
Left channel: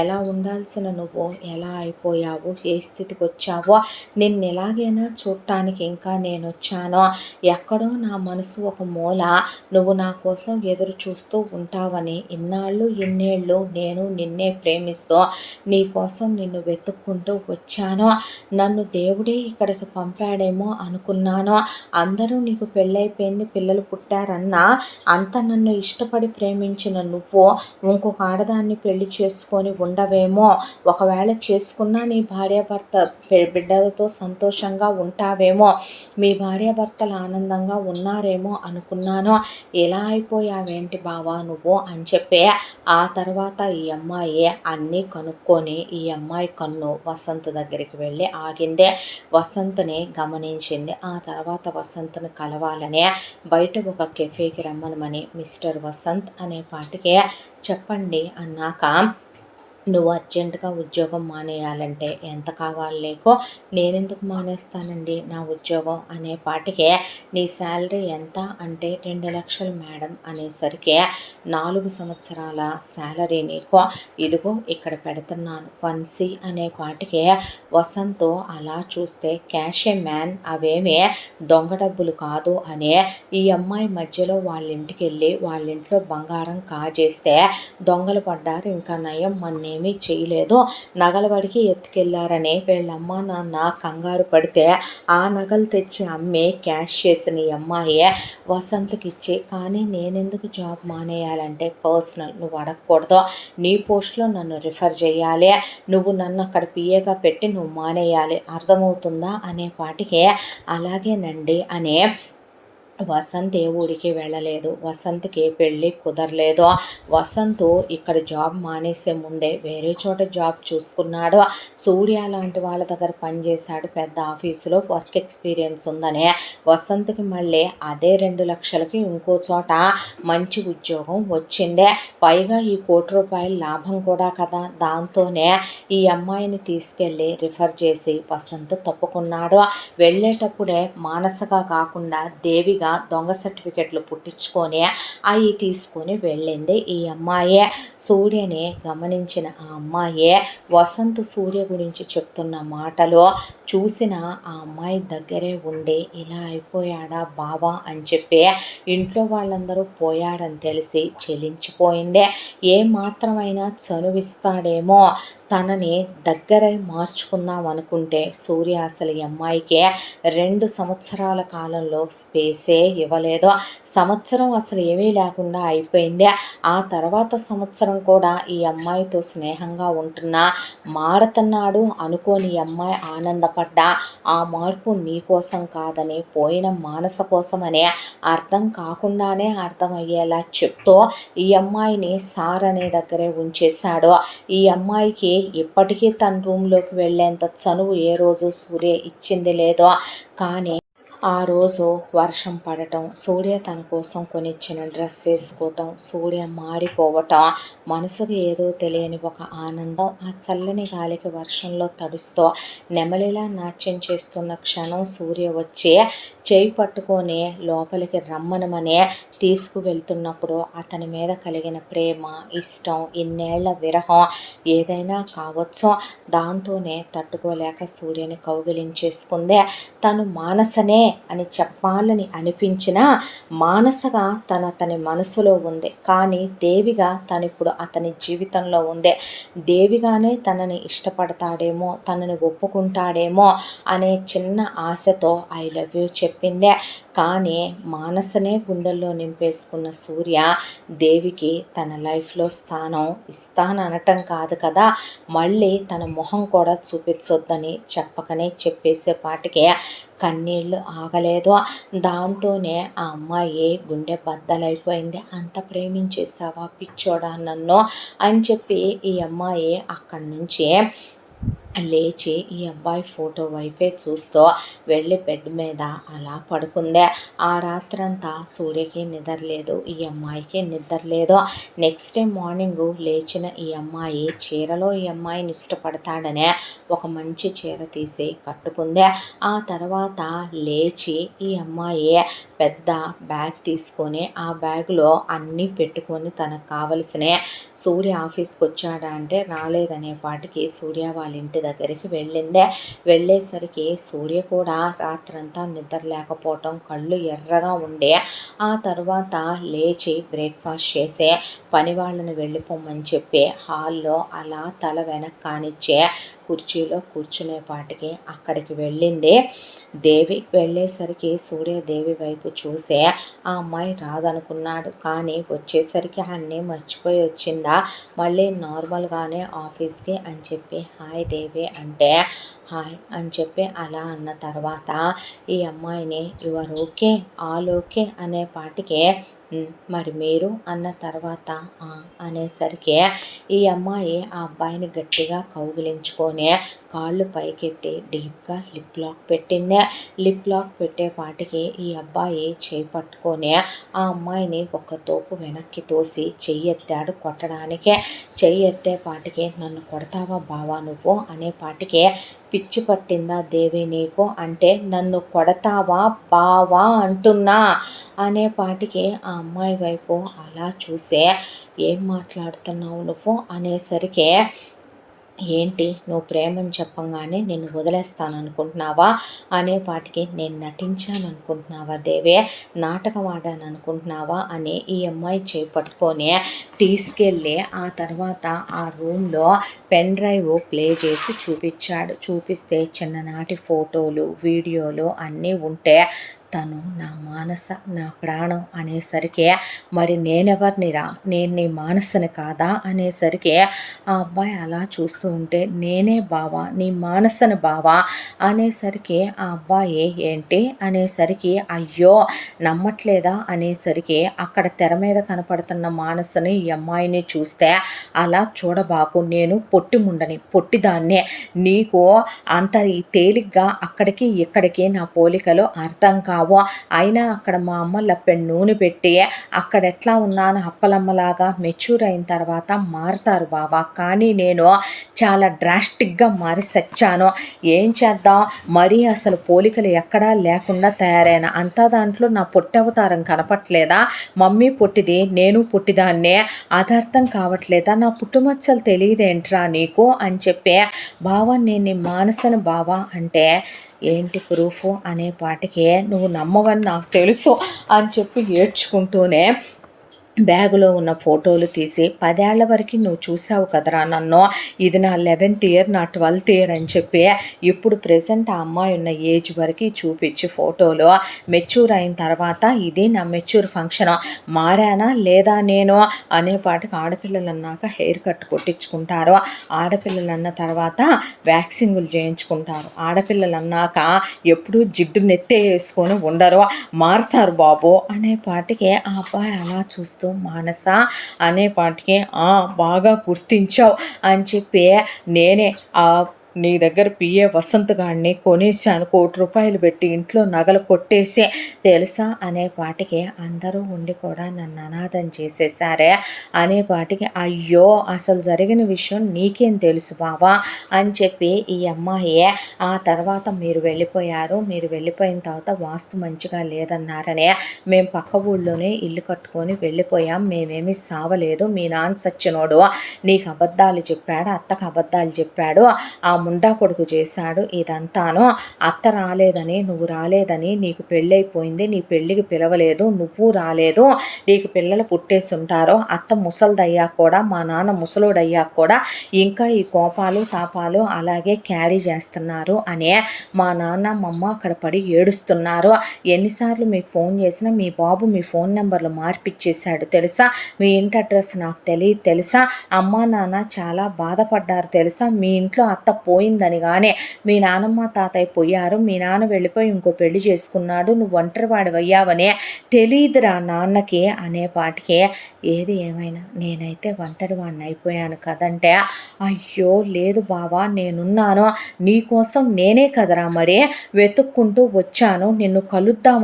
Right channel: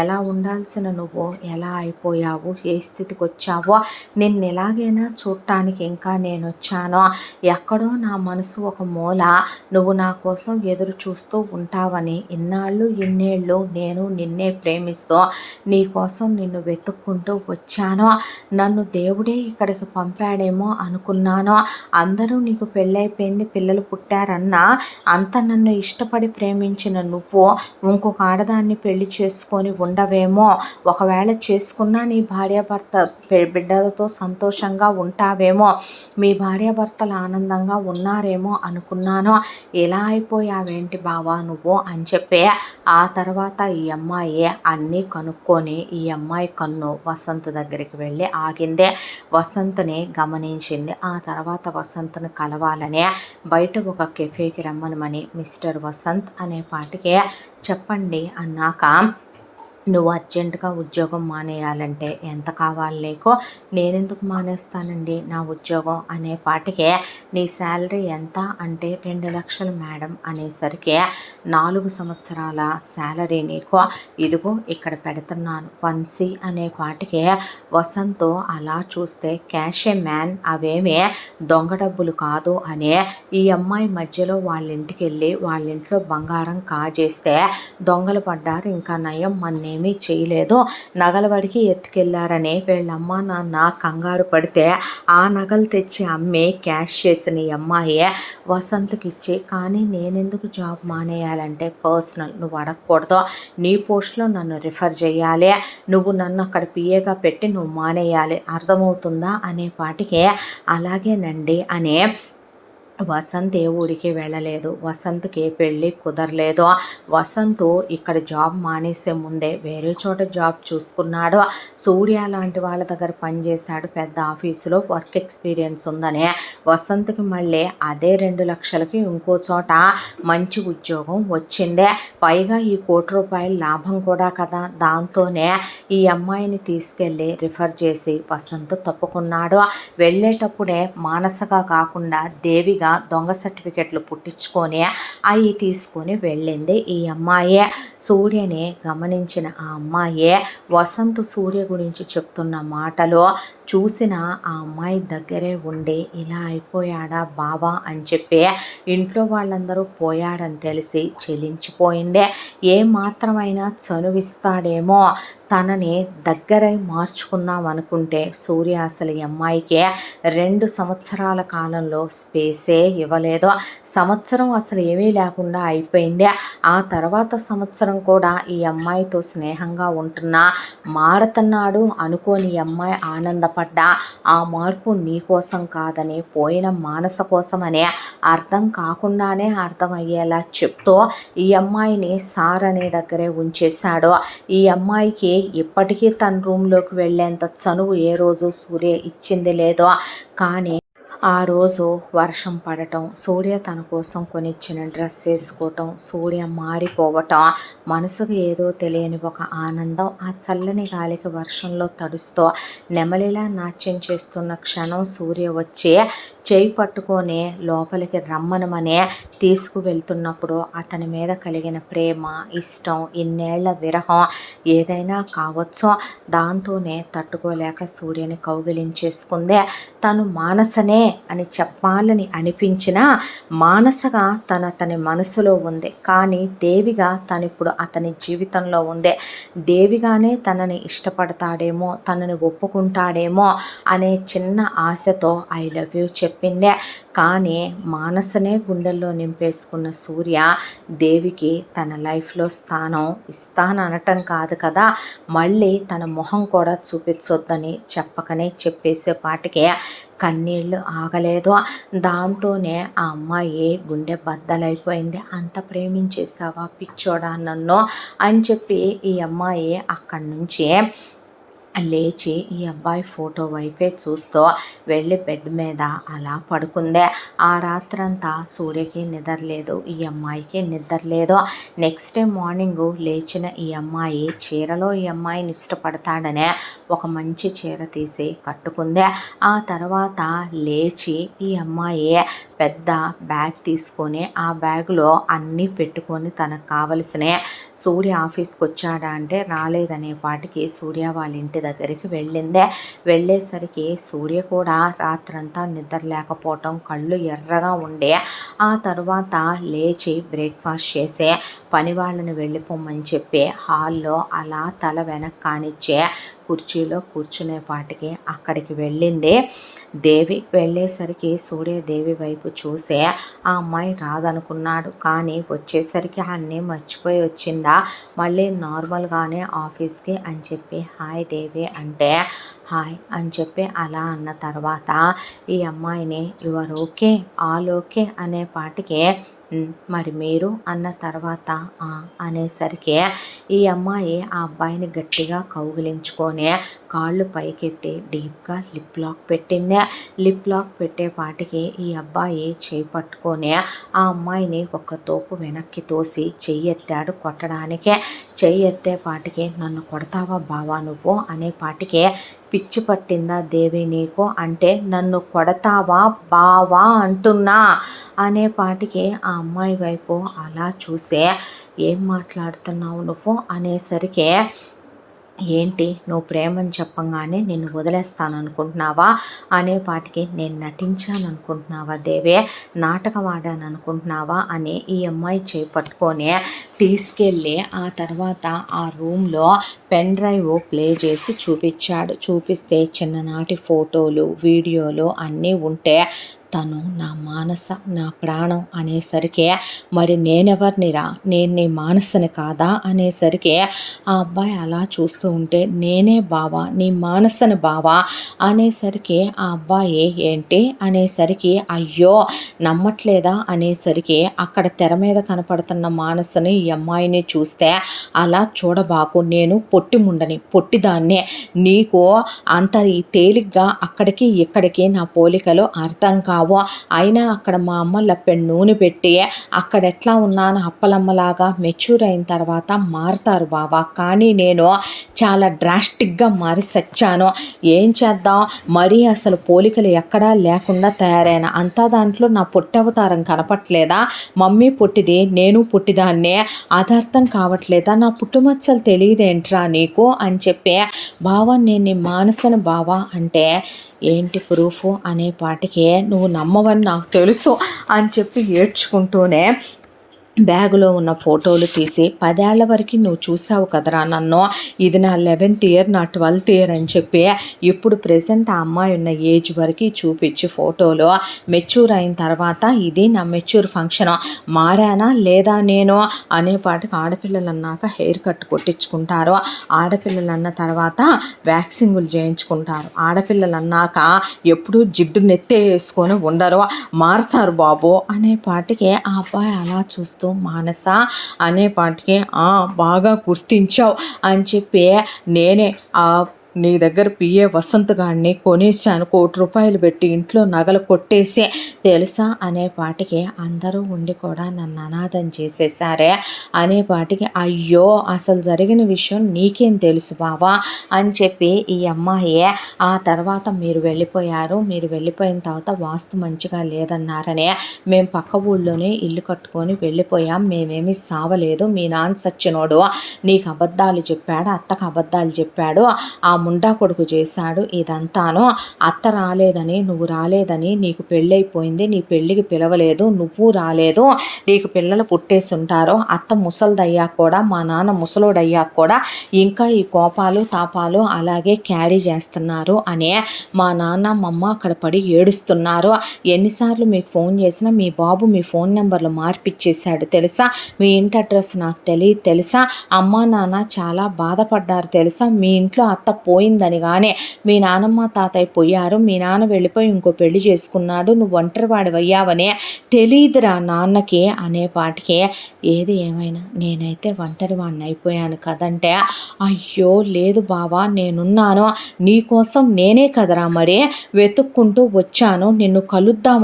ఎలా ఉండాల్సిన నువ్వు ఎలా అయిపోయావు, ఏ స్థితికి వచ్చావో, నిన్ను ఎలాగైనా చూడటానికి ఇంకా నేను వచ్చాను, ఎక్కడో నా మనసు ఒక మూల నువ్వు నా కోసం ఎదురు చూస్తూ ఉంటావని ఇన్నాళ్ళు ఇన్నేళ్ళు నేను నిన్నే ప్రేమిస్తూ నీ కోసం నిన్ను వెతుక్కుంటూ వచ్చాను, నన్ను దేవుడే ఇక్కడికి పంపాడేమో అనుకున్నాను, అందరూ నీకు పెళ్ళైపోయింది పిల్లలు పుట్టారన్నా అంత నన్ను ఇష్టపడి ప్రేమించిన నువ్వు ఇంకొక ఆడదాన్ని పెళ్లి చేసుకొని ఉండవేమో, ఒకవేళ చేసుకున్నా నీ భార్యాభర్త బిడ్డలతో సంతోషంగా ఉంటావేమో, మీ భార్యాభర్తలు ఆనందంగా ఉన్నారేమో అనుకున్నాను, ఎలా అయిపోయావేంటి బావా నువ్వు అని చెప్పి ఆ తర్వాత ఈ అమ్మాయి అన్నీ కనుక్కొని ఈ అమ్మాయి కన్ను వసంత్ దగ్గరికి వెళ్ళి ఆగిందే. వసంత్ని గమనించింది. ఆ తర్వాత వసంత్ని కలవాలనే బయట ఒక కెఫేకి రమ్మనమని మిస్టర్ వసంత్ అనే పాటికే చెప్పండి అన్నాక నువ్వు అర్జెంటుగా ఉద్యోగం మానేయాలంటే ఎంత కావాలి నీకు, నేనెందుకు మానేస్తానండి నా ఉద్యోగం అనే పాటికే నీ శాలరీ ఎంత అంటే 2 లక్షలు మేడం అనేసరికి 4 సంవత్సరాల శాలరీ నీకు, ఇదిగో ఇక్కడ పెడుతున్నాను 1C అనే పాటికే వసంత్ అలా చూస్తే క్యాషే మ్యాన్ అవేమీ దొంగ డబ్బులు కాదు అనే ఈ అమ్మాయి మధ్యలో వాళ్ళ ఇంటికి వెళ్ళి వాళ్ళ ఇంట్లో బంగారం కాజేస్తే దొంగలు పడ్డారు, ఇంకా నయం ఏమీ చేయలేదు, నగల వాడికి ఎత్తుకెళ్లారని వీళ్ళమ్మ నాన్న కంగారు పడితే ఆ నగలు తెచ్చి అమ్మి క్యాష్ చేసిన ఈ అమ్మాయి వసంత్కి ఇచ్చి, కానీ నేనెందుకు జాబ్ మానేయాలంటే పర్సనల్, నువ్వు అడగకూడదు, నీ పోస్ట్లో నన్ను రిఫర్ చేయాలి, నువ్వు నన్ను అక్కడ పిఏగా పెట్టి నువ్వు మానేయాలి, అర్థమవుతుందా అనే పాటికే అలాగేనండి అనే వసంత్ ఏ ఊరికి వెళ్ళలేదు, వసంత్కి ఏ పెళ్ళి కుదరలేదు, వసంత్ ఇక్కడ జాబ్ మానేసే ముందే వేరే చోట జాబ్ చూసుకున్నాడు, సూర్య లాంటి వాళ్ళ దగ్గర పనిచేశాడు, పెద్ద ఆఫీసులో వర్క్ ఎక్స్పీరియన్స్ ఉందనే వసంత్కి మళ్ళీ అదే 2 లక్షలకి ఇంకో చోట మంచి ఉద్యోగం వచ్చిందే, పైగా ఈ ₹1,00,00,000 లాభం కూడా కదా, దాంతోనే ఈ అమ్మాయిని తీసుకెళ్ళి రిఫర్ చేసి వసంత్ తప్పుకున్నాడు. వెళ్ళేటప్పుడే మానసగా కాకుండా దేవిగా పూర్తిగా దొంగ సర్టిఫికెట్లు పుట్టించుకొని అవి తీసుకొని వెళ్ళింది ఈ అమ్మాయే. సూర్యని గమనించిన ఆ అమ్మాయే వసంత్ సూర్య గురించి చెప్తున్న మాటలు చూసిన ఆ అమ్మాయి దగ్గరే ఉండి ఇలా అయిపోయాడా బావా అని చెప్పి ఇంట్లో వాళ్ళందరూ పోయాడని తెలిసి చెలించిపోయిందే. ఏ మాత్రమైనా చనువిస్తాడేమో తనని దగ్గరై మార్చుకుందాం అనుకుంటే సూర్య అసలు ఈ అమ్మాయికి 2 సంవత్సరాల కాలంలో స్పేసే ఇవ్వలేదు. సంవత్సరం అసలు ఏమీ లేకుండా అయిపోయింది. ఆ తర్వాత సంవత్సరం కూడా ఈ అమ్మాయితో స్నేహంగా ఉంటున్నా మారుతున్నాడు అనుకోని ఈ అమ్మాయి ఆనందపడ్డా ఆ మార్పు నీ కోసం కాదని పోయిన మానస కోసమనే అర్థం కాకుండానే అర్థమయ్యేలా చెప్తూ ఈ అమ్మాయిని సార్ అనే దగ్గరే ఉంచేశాడు. ఈ అమ్మాయికి ఇప్పటికీ తన రూమ్లోకి వెళ్ళేంత చనువు ఏ రోజు సూర్య ఇచ్చింది లేదో. కానీ ఆ రోజు వర్షం పడటం, సూర్య తన కోసం కొనిచ్చిన డ్రెస్ వేసుకోవటం, సూర్య మారిపోవటం, మనసుకు ఏదో తెలియని ఒక ఆనందం ఆ చల్లని గాలికి వర్షంలో తడుస్తూ నెమలిలా నాట్యం చేస్తున్న క్షణం సూర్య వచ్చి చేయి పట్టుకొని లోపలికి రమ్మనమనే తీసుకువెళ్తున్నప్పుడు అతని మీద కలిగిన ప్రేమ, ఇష్టం, ఇన్నేళ్ల విరహం ఏదైనా కావచ్చో దాంతోనే తట్టుకోలేక సూర్యని కౌగిలించేసుకుందే. తను మానసనే అని చెప్పాలని అనిపించినా మానసగా అతని మనసులో ఉంది. కానీ దేవిగా తనిప్పుడు అతని జీవితంలో ఉంది. దేవిగానే తనని ఇష్టపడతాడేమో, తనని ఒప్పుకుంటాడేమో అనే చిన్న ఆశతో ఐ లవ్ యూ చెప్పిందే. కానీ మానసనే గుండెల్లో నింపేసుకున్న సూర్య దేవికి తన లైఫ్లో స్థానం ఇస్తాననటం కాదు కదా, మళ్ళీ తన మొహం కూడా చూపించొద్దని చెప్పకనే చెప్పేసేపాటికే కన్నీళ్ళు ఆగలేదు. దాంతోనే ఆ అమ్మాయి గుండె బద్దలైపోయింది. అంత ప్రేమించేసావా పిచ్చోడా నన్ను అని చెప్పి ఈ అమ్మాయి అక్కడి నుంచి లేచి ఈ అబ్బాయి ఫోటో వైపే చూస్తూ వెళ్ళి బెడ్ మీద అలా పడుకుందే. ఆ రాత్రంతా సూర్యకి నిద్ర లేదు, ఈ అమ్మాయికి నిద్ర లేదు. నెక్స్ట్ డే మార్నింగు లేచిన ఈ అమ్మాయి చీరలో ఈ అమ్మాయిని ఇష్టపడతాడనే ఒక మంచి చీర తీసి కట్టుకుందే. ఆ తర్వాత లేచి ఈ అమ్మాయి పెద్ద బ్యాగ్ తీసుకొని ఆ బ్యాగ్లో అన్నీ పెట్టుకొని తనకు కావలసిన సూర్య ఆఫీస్కి వచ్చాడా అంటే రాలేదనేపాటికి సూర్య వాళ్ళ ఇంటి దగ్గరికి వెళ్ళిందే. వెళ్ళేసరికి సూర్య కూడా రాత్రంతా నిద్ర లేకపోవటం, కళ్ళు ఎర్రగా ఉండే. ఆ తర్వాత లేచి బ్రేక్ఫాస్ట్ చేసే పని వాళ్ళని వెళ్ళిపోమని చెప్పి హాల్లో అలా తల వెనక్కి కానిచ్చే కుర్చీలో కూర్చునేపాటికి అక్కడికి వెళ్ళింది దేవి. వెళ్ళేసరికి సూర్య దేవి వైపు చూసే ఆ అమ్మాయి రాదనుకున్నాడు. కానీ వచ్చేసరికి అన్నీ మర్చిపోయి వచ్చిందా, మళ్ళీ నార్మల్గానే ఆఫీస్కి అని చెప్పి హాయ్ దేవి అంటే హాయ్ అని చెప్పి అలా అన్న తర్వాత ఈ అమ్మాయిని యువర్ ఓకే ఆల్ ఓకే అనే పాటికే మరి మీరు అన్న తర్వాత అనేసరికి ఈ అమ్మాయి ఆ అబ్బాయిని గట్టిగా కౌగిలించుకొని కాళ్ళు పైకెత్తి డీప్గా లిప్ లాక్ పెట్టింది. లిప్ లాక్ పెట్టేపాటికి ఈ అబ్బాయి చేయి పట్టుకొని ఆ అమ్మాయిని ఒక తోపు వెనక్కి తోసి చెయ్యి ఎత్తాడు కొట్టడానికే. చెయ్యి ఎత్తేపాటికి నన్ను కొడతావా బావా నువ్వు అనేపాటికే పిచ్చి పట్టిందా దేవి నీకు అంటే నన్ను కొడతావా బావా అంటున్నా అనేపాటికి ఆ అమ్మాయి వైపు అలా చూసే ఏం మాట్లాడుతున్నావు నువ్వు అనేసరికి ఏంటి నువ్వు ప్రేమని చెప్పంగానే నిన్ను వదిలేస్తాను అనుకుంటున్నావా అనేపాటికి నేను నటించాను అనుకుంటున్నావా దేవే, నాటకం ఆడాను అనుకుంటున్నావా అని ఈ అమ్మాయి చేయి పట్టుకొని తీసుకెళ్ళి ఆ తర్వాత ఆ రూమ్లో పెన్ డ్రైవ్ ప్లే చేసి చూపించాడు. చూపిస్తే చిన్ననాటి ఫోటోలు, వీడియోలు అన్నీ ఉంటే తను నా మానస నా ప్రాణం అనేసరికి మరి నేనెవరినిరా, నేను నీ మానసని కాదా అనేసరికి ఆ అబ్బాయి అలా చూస్తూ ఉంటే నేనే బావా నీ మానసని బావా అనేసరికి ఆ అబ్బాయి ఏంటి అనేసరికి అయ్యో నమ్మట్లేదా అనేసరికి అక్కడ తెర మీద కనపడుతున్న మానసని ఈ అమ్మాయిని చూస్తే అలా చూడబాకు, నేను పొట్టి ముండని పొట్టిదాన్నే, నీకు అంత ఈ తేలిగ్గా అక్కడికి ఇక్కడికి నా పోలికలు అర్థం కావు వచ్చావో, అయినా అక్కడ మా అమ్మ లప్పెడు నూనె పెట్టి అక్కడ ఎట్లా ఉన్నాను అప్పలమ్మలాగా మెచ్యూర్ అయిన తర్వాత మారుతారు బావా. కానీ నేను చాలా డ్రాస్టిక్గా మారి సచ్చాను. ఏం చేద్దాం, మరీ అసలు పోలికలు ఎక్కడా లేకుండా తయారైన అంతా దాంట్లో నా పొట్టవతారం కనపట్లేదా? మమ్మీ పొట్టిది, నేను పొట్టిదాన్నే, అది అర్థం కావట్లేదా? నా పుట్టుమచ్చలు తెలియదేంట్రా నీకు అని చెప్పి, బావా నేను నీ మానసను బావా అంటే, ఏంటి ప్రూఫ్ అనే పాటికి నువ్వు నమ్మవని నాకు తెలుసు అని చెప్పి ఏడ్చుకుంటూనే బ్యాగులో ఉన్న ఫోటోలు తీసి 10 ఏళ్ల వరకు నువ్వు చూసావు కదరా నన్ను, ఇది నా 11th ఇయర్, నా 12th ఇయర్ అని చెప్పి ఇప్పుడు ప్రెజెంట్ ఆ అమ్మాయి ఉన్న ఏజ్ వరకు చూపించి ఫోటోలో మెచ్యూర్ అయిన తర్వాత ఇది నా మెచ్యూర్ ఫంక్షన్, మారానా లేదా నేను అనేపాటికి ఆడపిల్లలు అన్నాక హెయిర్ కట్ కొట్టించుకుంటారు, ఆడపిల్లలు అన్న తర్వాత వ్యాక్సింగులు చేయించుకుంటారు, ఆడపిల్లలు అన్నాక ఎప్పుడూ జిడ్డు నెత్తే వేసుకొని ఉండరు, మారుతారు బాబు అనేపాటికి ఆ అబ్బాయి అలా చూస్తూ మానస అనేపాటికి బాగా గుర్తించావు అని చెప్పి నేనే నీ దగ్గర పిఏ వసంత్ గాడిని కొనేసాను, ₹1,00,00,000 పెట్టి ఇంట్లో నగలు కొట్టేసే తెలుసా అనేపాటికి అందరూ ఉండి కూడా నన్ను అనాథం చేసేసారే అనేపాటికి, అయ్యో అసలు జరిగిన విషయం నీకేం తెలుసు బావా అని చెప్పి ఈ అమ్మాయి ఆ తర్వాత మీరు వెళ్ళిపోయారు, మీరు వెళ్ళిపోయిన తర్వాత వాస్తు మంచిగా లేదన్నారనే మేము పక్క ఊళ్ళోనే ఇల్లు కట్టుకొని వెళ్ళిపోయాం, మేమేమీ సావలేదు, మీ నాన్న సచ్చినోడు నీకు అబద్ధాలు చెప్పాడు, అత్తకు అబద్ధాలు చెప్పాడు, ఆ ముండా కొడుకు చేశాడు ఇదంతాను, అత్త రాలేదని నువ్వు రాలేదని నీకు పెళ్ళైపోయింది, నీ పెళ్ళికి పిలవలేదు, నువ్వు రాలేదు, నీకు పిల్లలు పుట్టేస్తుంటారో, అత్త ముసలిదయ్యాక కూడా మా నాన్న ముసలోడయ్యాక కూడా ఇంకా ఈ కోపాలు తాపాలు అలాగే క్యారీ చేస్తున్నారు అనే మా నాన్న మమ్మ అక్కడ పడి ఏడుస్తున్నారు, ఎన్నిసార్లు మీకు ఫోన్ చేసినా మీ బాబు మీ ఫోన్ నెంబర్లు మార్పిచ్చేశాడు తెలుసా, మీ ఇంటి అడ్రస్ నాకు తెలియదు తెలుసా, అమ్మ నాన్న చాలా బాధపడ్డారు తెలుసా, మీ ఇంట్లో అత్త పోయిందని కానీ మీ నానమ్మ తాతయ్య పోయారు, మీ నాన్న వెళ్ళిపోయి ఇంకో పెళ్లి చేసుకున్నాడు, నువ్వు ఒంటరివాడివయ్యావనే తెలియదురా నాన్నకి అనేపాటికి, ఏది ఏమైనా నేనైతే ఒంటరివాడిని అయిపోయాను కదంటే, అయ్యో లేదు బావా నేనున్నాను, నీకోసం నేనే కదరా మరి వెతుక్కుంటూ వచ్చాను, నిన్ను కలుద్దాం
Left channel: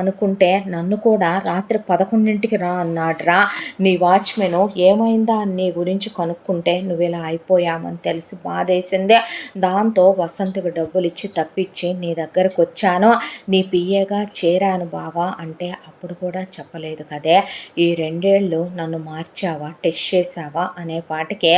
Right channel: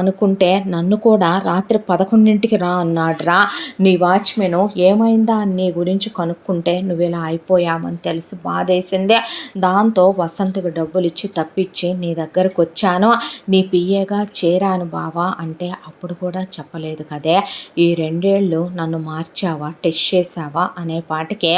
అనుకుంటే నన్ను కూడా రాత్రి 11ంటికి రా అన్నాడ్రా నీ వాచ్మెను, ఏమైందా అని నీ గురించి కనుక్కుంటే నువ్వు ఇలా అయిపోయామని తెలిసి బాధేసిందే, దాంతో వసంతకు డబ్బులు ఇచ్చి తప్పించి నీ దగ్గరకు వచ్చాను, నీ పిఏగా చేరాను బావా అంటే అప్పుడు కూడా చెప్పలేదు కదే, ఈ 2 ఏళ్ళు నన్ను మార్చావా, టెస్ట్ చేసావా అనేపాటికే,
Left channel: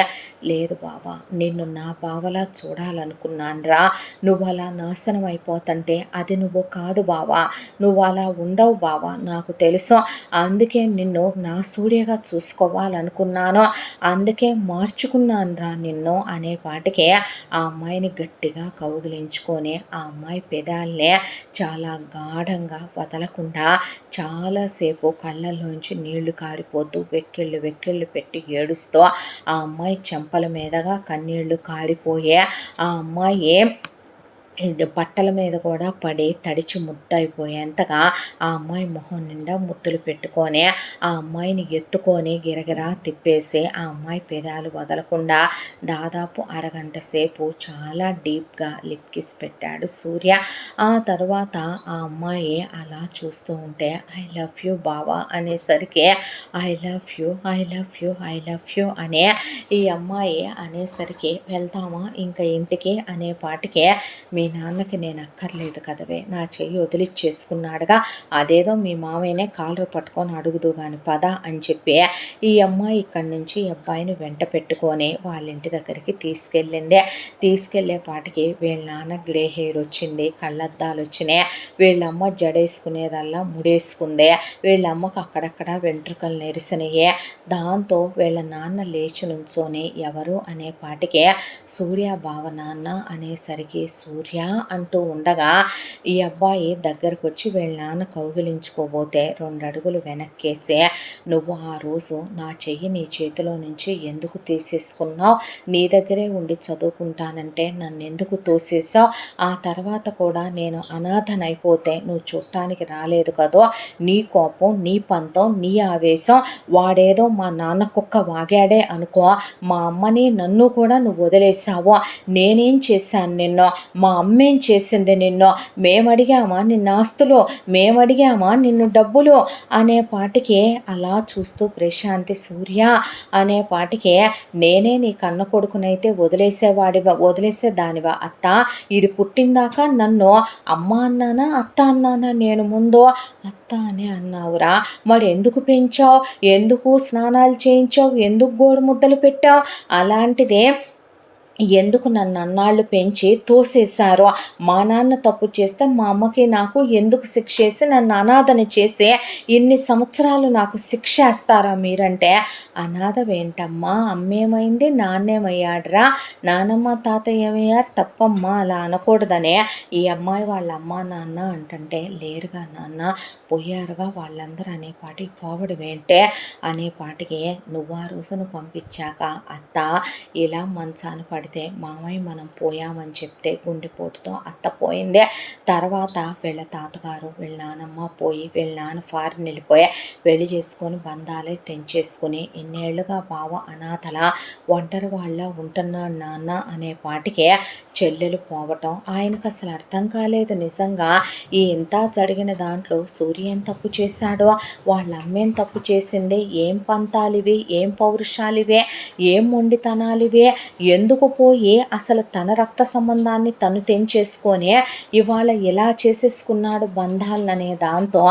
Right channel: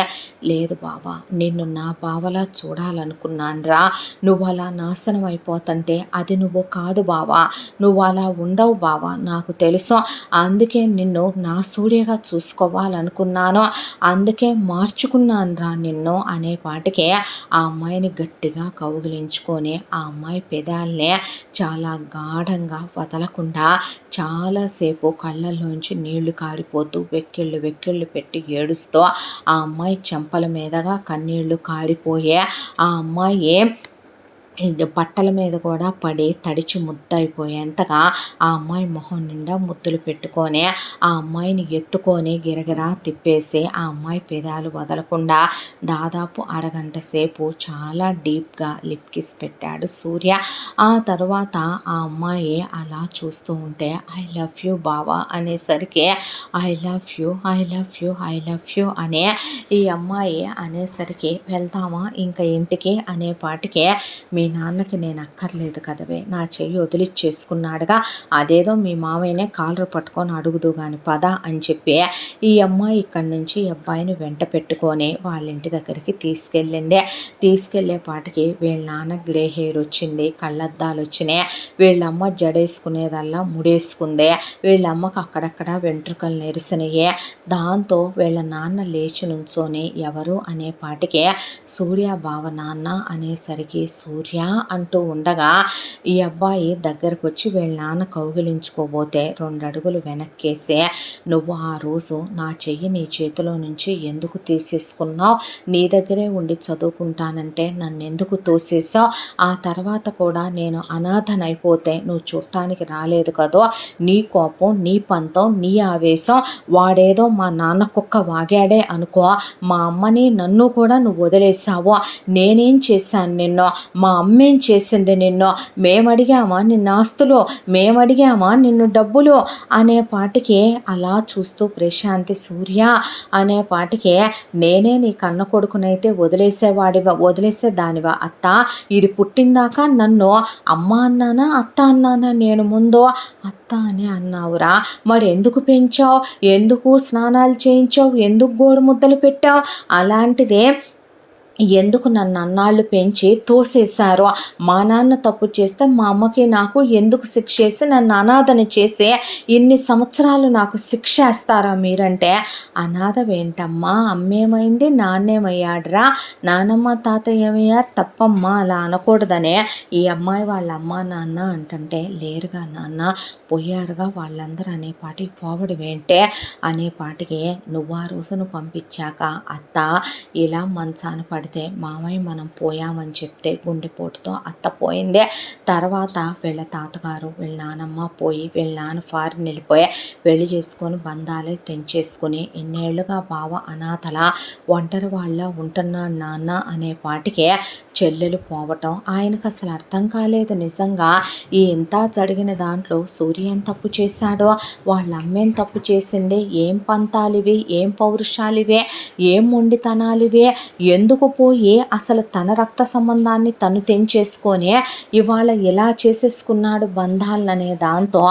లేదు బావా నిన్ను నా బావలా చూడాలనుకున్నానురా, నువ్వు అలా నాశనం అయిపోతుంటే అది నువ్వు కాదు బావా, నువ్వు అలా ఉండవు బావా నాకు తెలుసు, అందుకే నిన్ను నా సూర్యగా చూసుకోవాలనుకున్నాను, అందుకే మార్చుకున్నాను రా నిన్ను అనేపాటికే ఆ అమ్మాయిని గట్టిగా కౌగిలించుకొని ఆ అమ్మాయి పెదాలనే చాలా గాఢంగా వదలకుండా చాలాసేపు కళ్ళల్లోంచి నీళ్లు కారిపోతూ వెక్కిళ్ళు పెట్టి ఏడుస్తూ ఆ అమ్మాయి చెంపల మీదగా కన్నీళ్లు కారిపోయే ఆ అమ్మాయి బట్టల మీద కూడా పడి తడిచి ముద్దయిపోయేంతగా ఆ అమ్మాయి మొహం నిండా ముద్దులు పెట్టుకొని ఆ అమ్మాయిని ఎత్తుకొని గిరగిరా తిప్పేసి ఆ అమ్మాయి పెదాలు వదలకుండా దాదాపు అరగంట సేపు చాలా డీప్గా లిప్ కిస్ పెట్టాడు సూర్య. ఆ తర్వాత ఆ అమ్మాయి అలా చూస్తూ ఉంటే ఐ లవ్ యూ బావా అనేసరికి I love you I love you I love you అనే ఈ అమ్మాయి అనేసరికి వెళ్తామా ఇంకా ఇంటికి అనేపాటికే, మీ నాన్నకి నేను అక్కర్లేదు కదవే, నా చెయ్యి వదిలిచ్చేసుకున్నాడుగా, అదేదో మీ మామయ్యనే కాలర్ పట్టుకొని అడుగుదు కానీ పద అని చెప్పి ఈ అమ్మాయి ఇక్కడి నుంచి ఈ అబ్బాయిని వెంట పెట్టుకొని వాళ్ళ ఇంటి దగ్గరికి తీసుకెళ్లేపాటికి వీళ్ళ నాన్న గ్రే హెయిర్ వచ్చింది, కళ్ళద్దాలు వచ్చినాయి, వీళ్ళమ్మ జడేసుకునేదల్లా ముడేసుకుంది, వీళ్ళమ్మకు అక్కడక్కడ వెంట్రుకలు నెరిసినాయి, దాంతో వీళ్ళ నాన్న లేచి నుంచొని ఎవరు అనేపాటికే సూర్య బావ నాన్న అనేసరికి సూర్య అంటూ ఉండగా ఈ అబ్బాయి దగ్గరకు వచ్చి వీళ్ళ నాన్న కౌగిలించుకోబోతే 2 అడుగులు వెనక్కేసి, నువ్వు ఆ రోజు నా చెయ్యి నీ చేతిలో నుంచి ఎందుకు తీసేసుకున్నావు, నీ దగ్గరే ఉండి చదువుకుంటానంటే నన్ను ఎందుకు తోసేసావు, ఆ తర్వాత కూడా నేను అనాథనైపోతే నువ్వు చూడటానికి రాలేదు కదో, నీ కోపం నీ పంతం నీ ఆవేశం, వాడేదో మా నాన్న కుక్క వాగాడే అనుకో, మా అమ్మని నన్ను కూడా నువ్వు వదిలేసావు, నేనేం చేశాను నిన్ను, మా అమ్మేం చేసింది నిన్ను? మేమడిగామా నిన్ను ఆస్తులు? మేమడిగామా నిన్ను డబ్బులు? అనే పాటికి అలా చూస్తూ ప్రశాంతి సూర్య అనే పాటికి నేనే నీ కన్న కొడుకునైతే వదిలేసేదానివా అత్త? ఇది పుట్టిందాకా నన్ను అమ్మ అన్నానా అత్త అన్నానా? నేను ముందు అత్త అని అన్నావురా. మరి ఎందుకు పెంచావు? ఎందుకు స్నానాలు చేయించావు? ఎందుకు గోడు ముద్దలు పెట్టావు? అలాంటిదే ఎందుకు నన్ను అన్నాళ్ళు పెంచి తోసేశారు? మా నాన్న తప్పు చేస్తే మా అమ్మకి నాకు ఎందుకు శిక్ష వేసి నన్ను అనాథని చేసి ఇన్ని సంవత్సరాలు నాకు శిక్ష వేస్తారా మీరంటే? అనాథవేంటమ్మా? అమ్మేమైంది? నాన్నేమయ్యాడురా? నానమ్మ తాతయ్య ఏమయ్యారు? తప్పమ్మా, అలా అనకూడదనే ఈ అమ్మాయి వాళ్ళ అమ్మ నాన్న అంటుంటే, లేరుగా నాన్న, పోయారుగా వాళ్ళందరూ అనేపాటికి పోవడమేంటే అనేపాటికి నువ్వు ఆ రోజును పంపించాక అత్త ఇలా మంచాన పడితే మామయ్య మనం పోయామని చెప్తే గుండెపోటుతో అత్త పోయిందే. తర్వాత వీళ్ళ తాతగారు వీళ్ళ నానమ్మ పోయి వీళ్ళ నాన్న ఫారిన్ వెళ్ళిపోయి పెళ్లి చేసుకొని బంధాలే తెంచేసుకుని ఇన్నేళ్లుగా బావ అనాథల ఒంటరి వాళ్ళ ఉంటున్నాడు నాన్న అనే పాటికే చెల్లెలు పోవటం ఆయనకు అసలు అర్థం కాలేదు. నిజంగా ఈ ఇంత జరిగిన దాంట్లో సూర్య ఏం తప్పు చేశాడో, వాళ్ళ అమ్మేం తప్పు చేసింది, ఏం పంతాలివి, ఏం పౌరుషాలివే, ఏం మొండితనాలివే, ఎందుకు పోయి అసలు తన రక్త సంబంధాన్ని తను తెంచేసుకొని ఇవాళ ఎలా చేసేసుకున్నాడు బంధాలనే దాంతో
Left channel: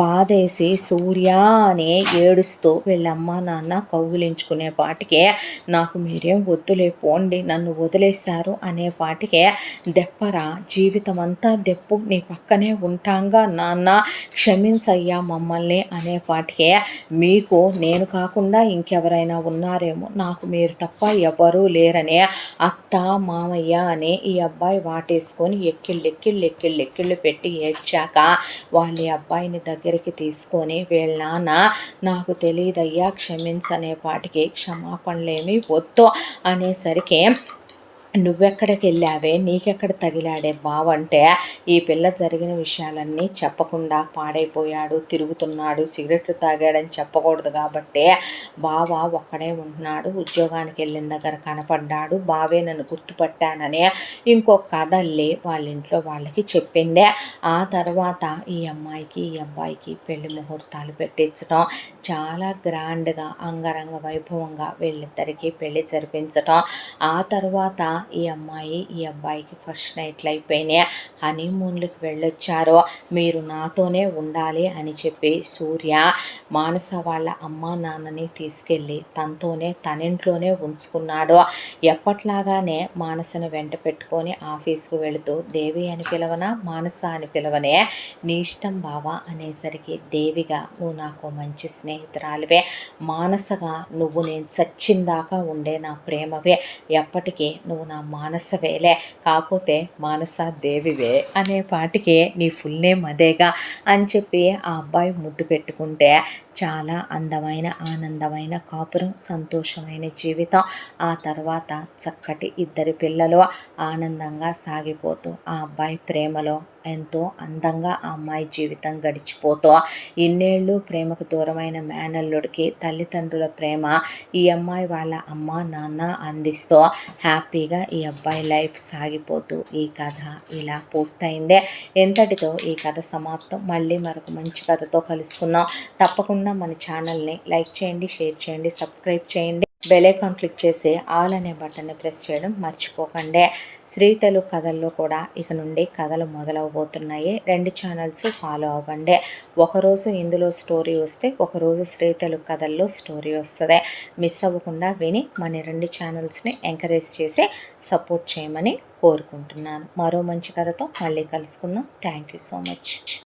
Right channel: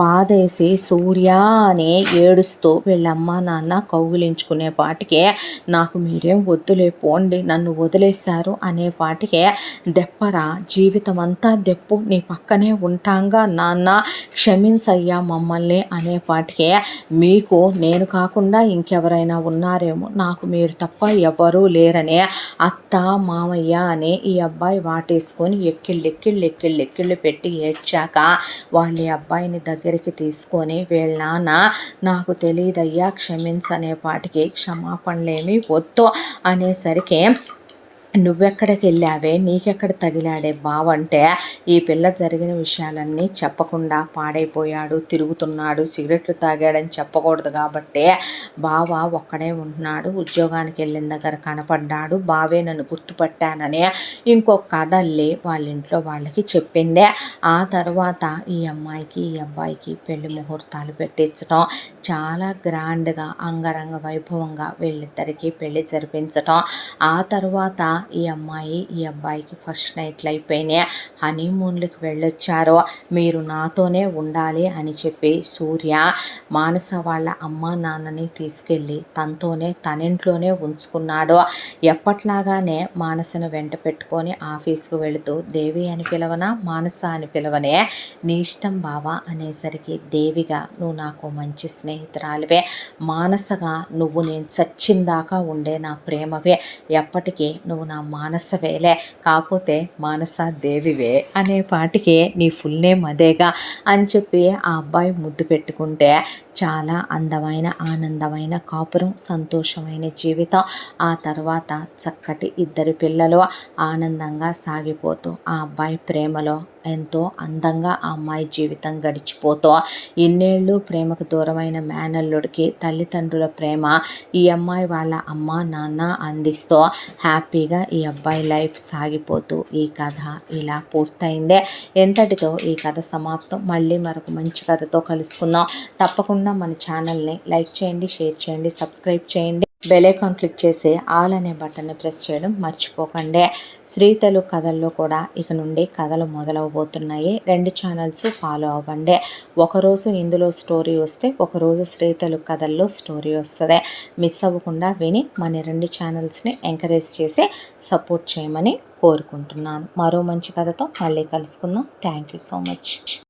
బాధేసి సూర్య అని ఏడుస్తూ వీళ్ళమ్మ నాన్న కౌగిలించుకునే పాటికే నాకు మీరేం వద్దులే పోండి, నన్ను వదిలేశారు అనే పాటికే దెప్పరా, జీవితం అంతా దెప్పు, నీ పక్కనే ఉంటాంగా నాన్న, క్షమించయ్యా మమ్మల్ని అనే పాటికే మీకు నేను కాకుండా ఇంకెవరైనా ఉన్నారేమో, నాకు మీరు తప్ప ఎవరూ లేరని అత్త మామయ్య అని ఈ అబ్బాయి వాటేసుకొని ఎక్కిళ్ళు పెట్టి ఏడ్చాక వాళ్ళ అబ్బాయిని దగ్గరికి తీసుకొని వీళ్ళ నాన్న నాకు తెలియదయ్యా క్షమించనే పాటికి క్షమాపణలేమి వద్దు అనేసరికి నువ్వెక్కడికి వెళ్ళావే, నీకెక్కడ తగిలాడే బావంటే ఈ పిల్ల జరిగిన విషయాలన్నీ చెప్పకుండా పాడైపోయాడు, తిరుగుతున్నాడు, సిగరెట్లు తాగాడని చెప్పకూడదు కాబట్టి బావ ఒక్కడే ఉంటున్నాడు, ఉద్యోగానికి వెళ్ళిన దగ్గర కనపడ్డాడు, బావే నన్ను గుర్తుపట్టానని ఇంకొక కథ అల్లి వాళ్ళ ఇంట్లో వాళ్ళకి చెప్పిందే. ఆ తర్వాత ఈ అమ్మాయికి ఈ అబ్బాయికి పెళ్లి ముహూర్తాలు పెట్టించడం, చాలా గ్రాండ్గా అంగరంగ వైభవంగా వీళ్ళిద్దరికీ పెళ్లి జరిపించడం. ఆ తర్వాత ఈ అమ్మాయి ఈ అబ్బాయికి ఫస్ట్ నైట్లు అయిపోయినాయి, హనీమూన్లకు వెళ్ళొచ్చారు. మీరు నాతోనే ఉండాలి అని చెప్పి సూర్య మానస వాళ్ళ అమ్మ నాన్నని తీసుకెళ్ళి తనతోనే తనింట్లోనే ఉంచుకున్నాడు. ఎప్పట్లాగానే మానసను వెంట పెట్టుకొని ఆఫీస్కు వెళుతూ దేవి అని పిలవనా మానస అని పిలవనే, నీ ఇష్టం బావా అనేసరికి దేవిగా నువ్వు నాకు మంచి స్నేహితురాలివే, మానసగా నువ్వు నేను చచ్చిందాకా ఉండే నా ప్రేమవే, ఎప్పటికీ నువ్వు నా మానసవేలే, కాకపోతే మానస దేవివే అనే పాటికి నీ ఫుల్ నేమ్ అదేగా అని చెప్పి ఆ అబ్బాయి ముద్దు పెట్టుకుంటే చాలా అందమైన ఆనందమైన కాపురం, సంతోషమైన జీవితం. ఆ తర్వాత చక్కటి ఇద్దరు పిల్లలు ఆనందంగా సాగిపోతూ ఆ అబ్బాయి ప్రేమలో ఎంతో అందంగా ఆ అమ్మాయి జీవితం గడిచిపోతూ ఇన్నేళ్ళు ప్రేమకు దూరమైన మేనల్లుడికి తల్లిదండ్రుల ప్రేమ ఈ అమ్మాయి వాళ్ళ అమ్మ నాన్న అందిస్తూ హ్యాపీగా ఈ అబ్బాయి లైఫ్ సాగిపోతూ ఈ కథ ఇలా పూర్తయిందే. ఎంతటితో ఈ కథ సమాప్తం. మళ్ళీ మరొక మంచి కథతో కలుసుకుందాం. తప్పకుండా మన ఛానల్ని లైక్ చేయండి, షేర్ చేయండి, సబ్స్క్రైబ్ చేయండి, బెల్ ఐకాన్ క్లిక్ చేసి ఆల్ అనే బటన్ని ప్రెస్ చేయడం మర్చిపోకండి. శ్రీ తెలుగు కథల్లో కూడా ఇక నుండి కథలు మొదలవబోతున్నాయి. 2 ఛానల్స్ ఫాలో అవ్వండి. ఒకరోజు ఇందులో స్టోరీ వస్తే ఒకరోజు శ్రీ తెలుగు కథల్లో స్టోరీ వస్తుంది. మిస్ అవ్వకుండా విని మన 2 ఛానల్స్ని ఎంకరేజ్ చేసి సపోర్ట్ చేయమని కోరుకుంటున్నాను. మరో మంచి కథతో మళ్ళీ కలుసుకుందాం. Thank you so much.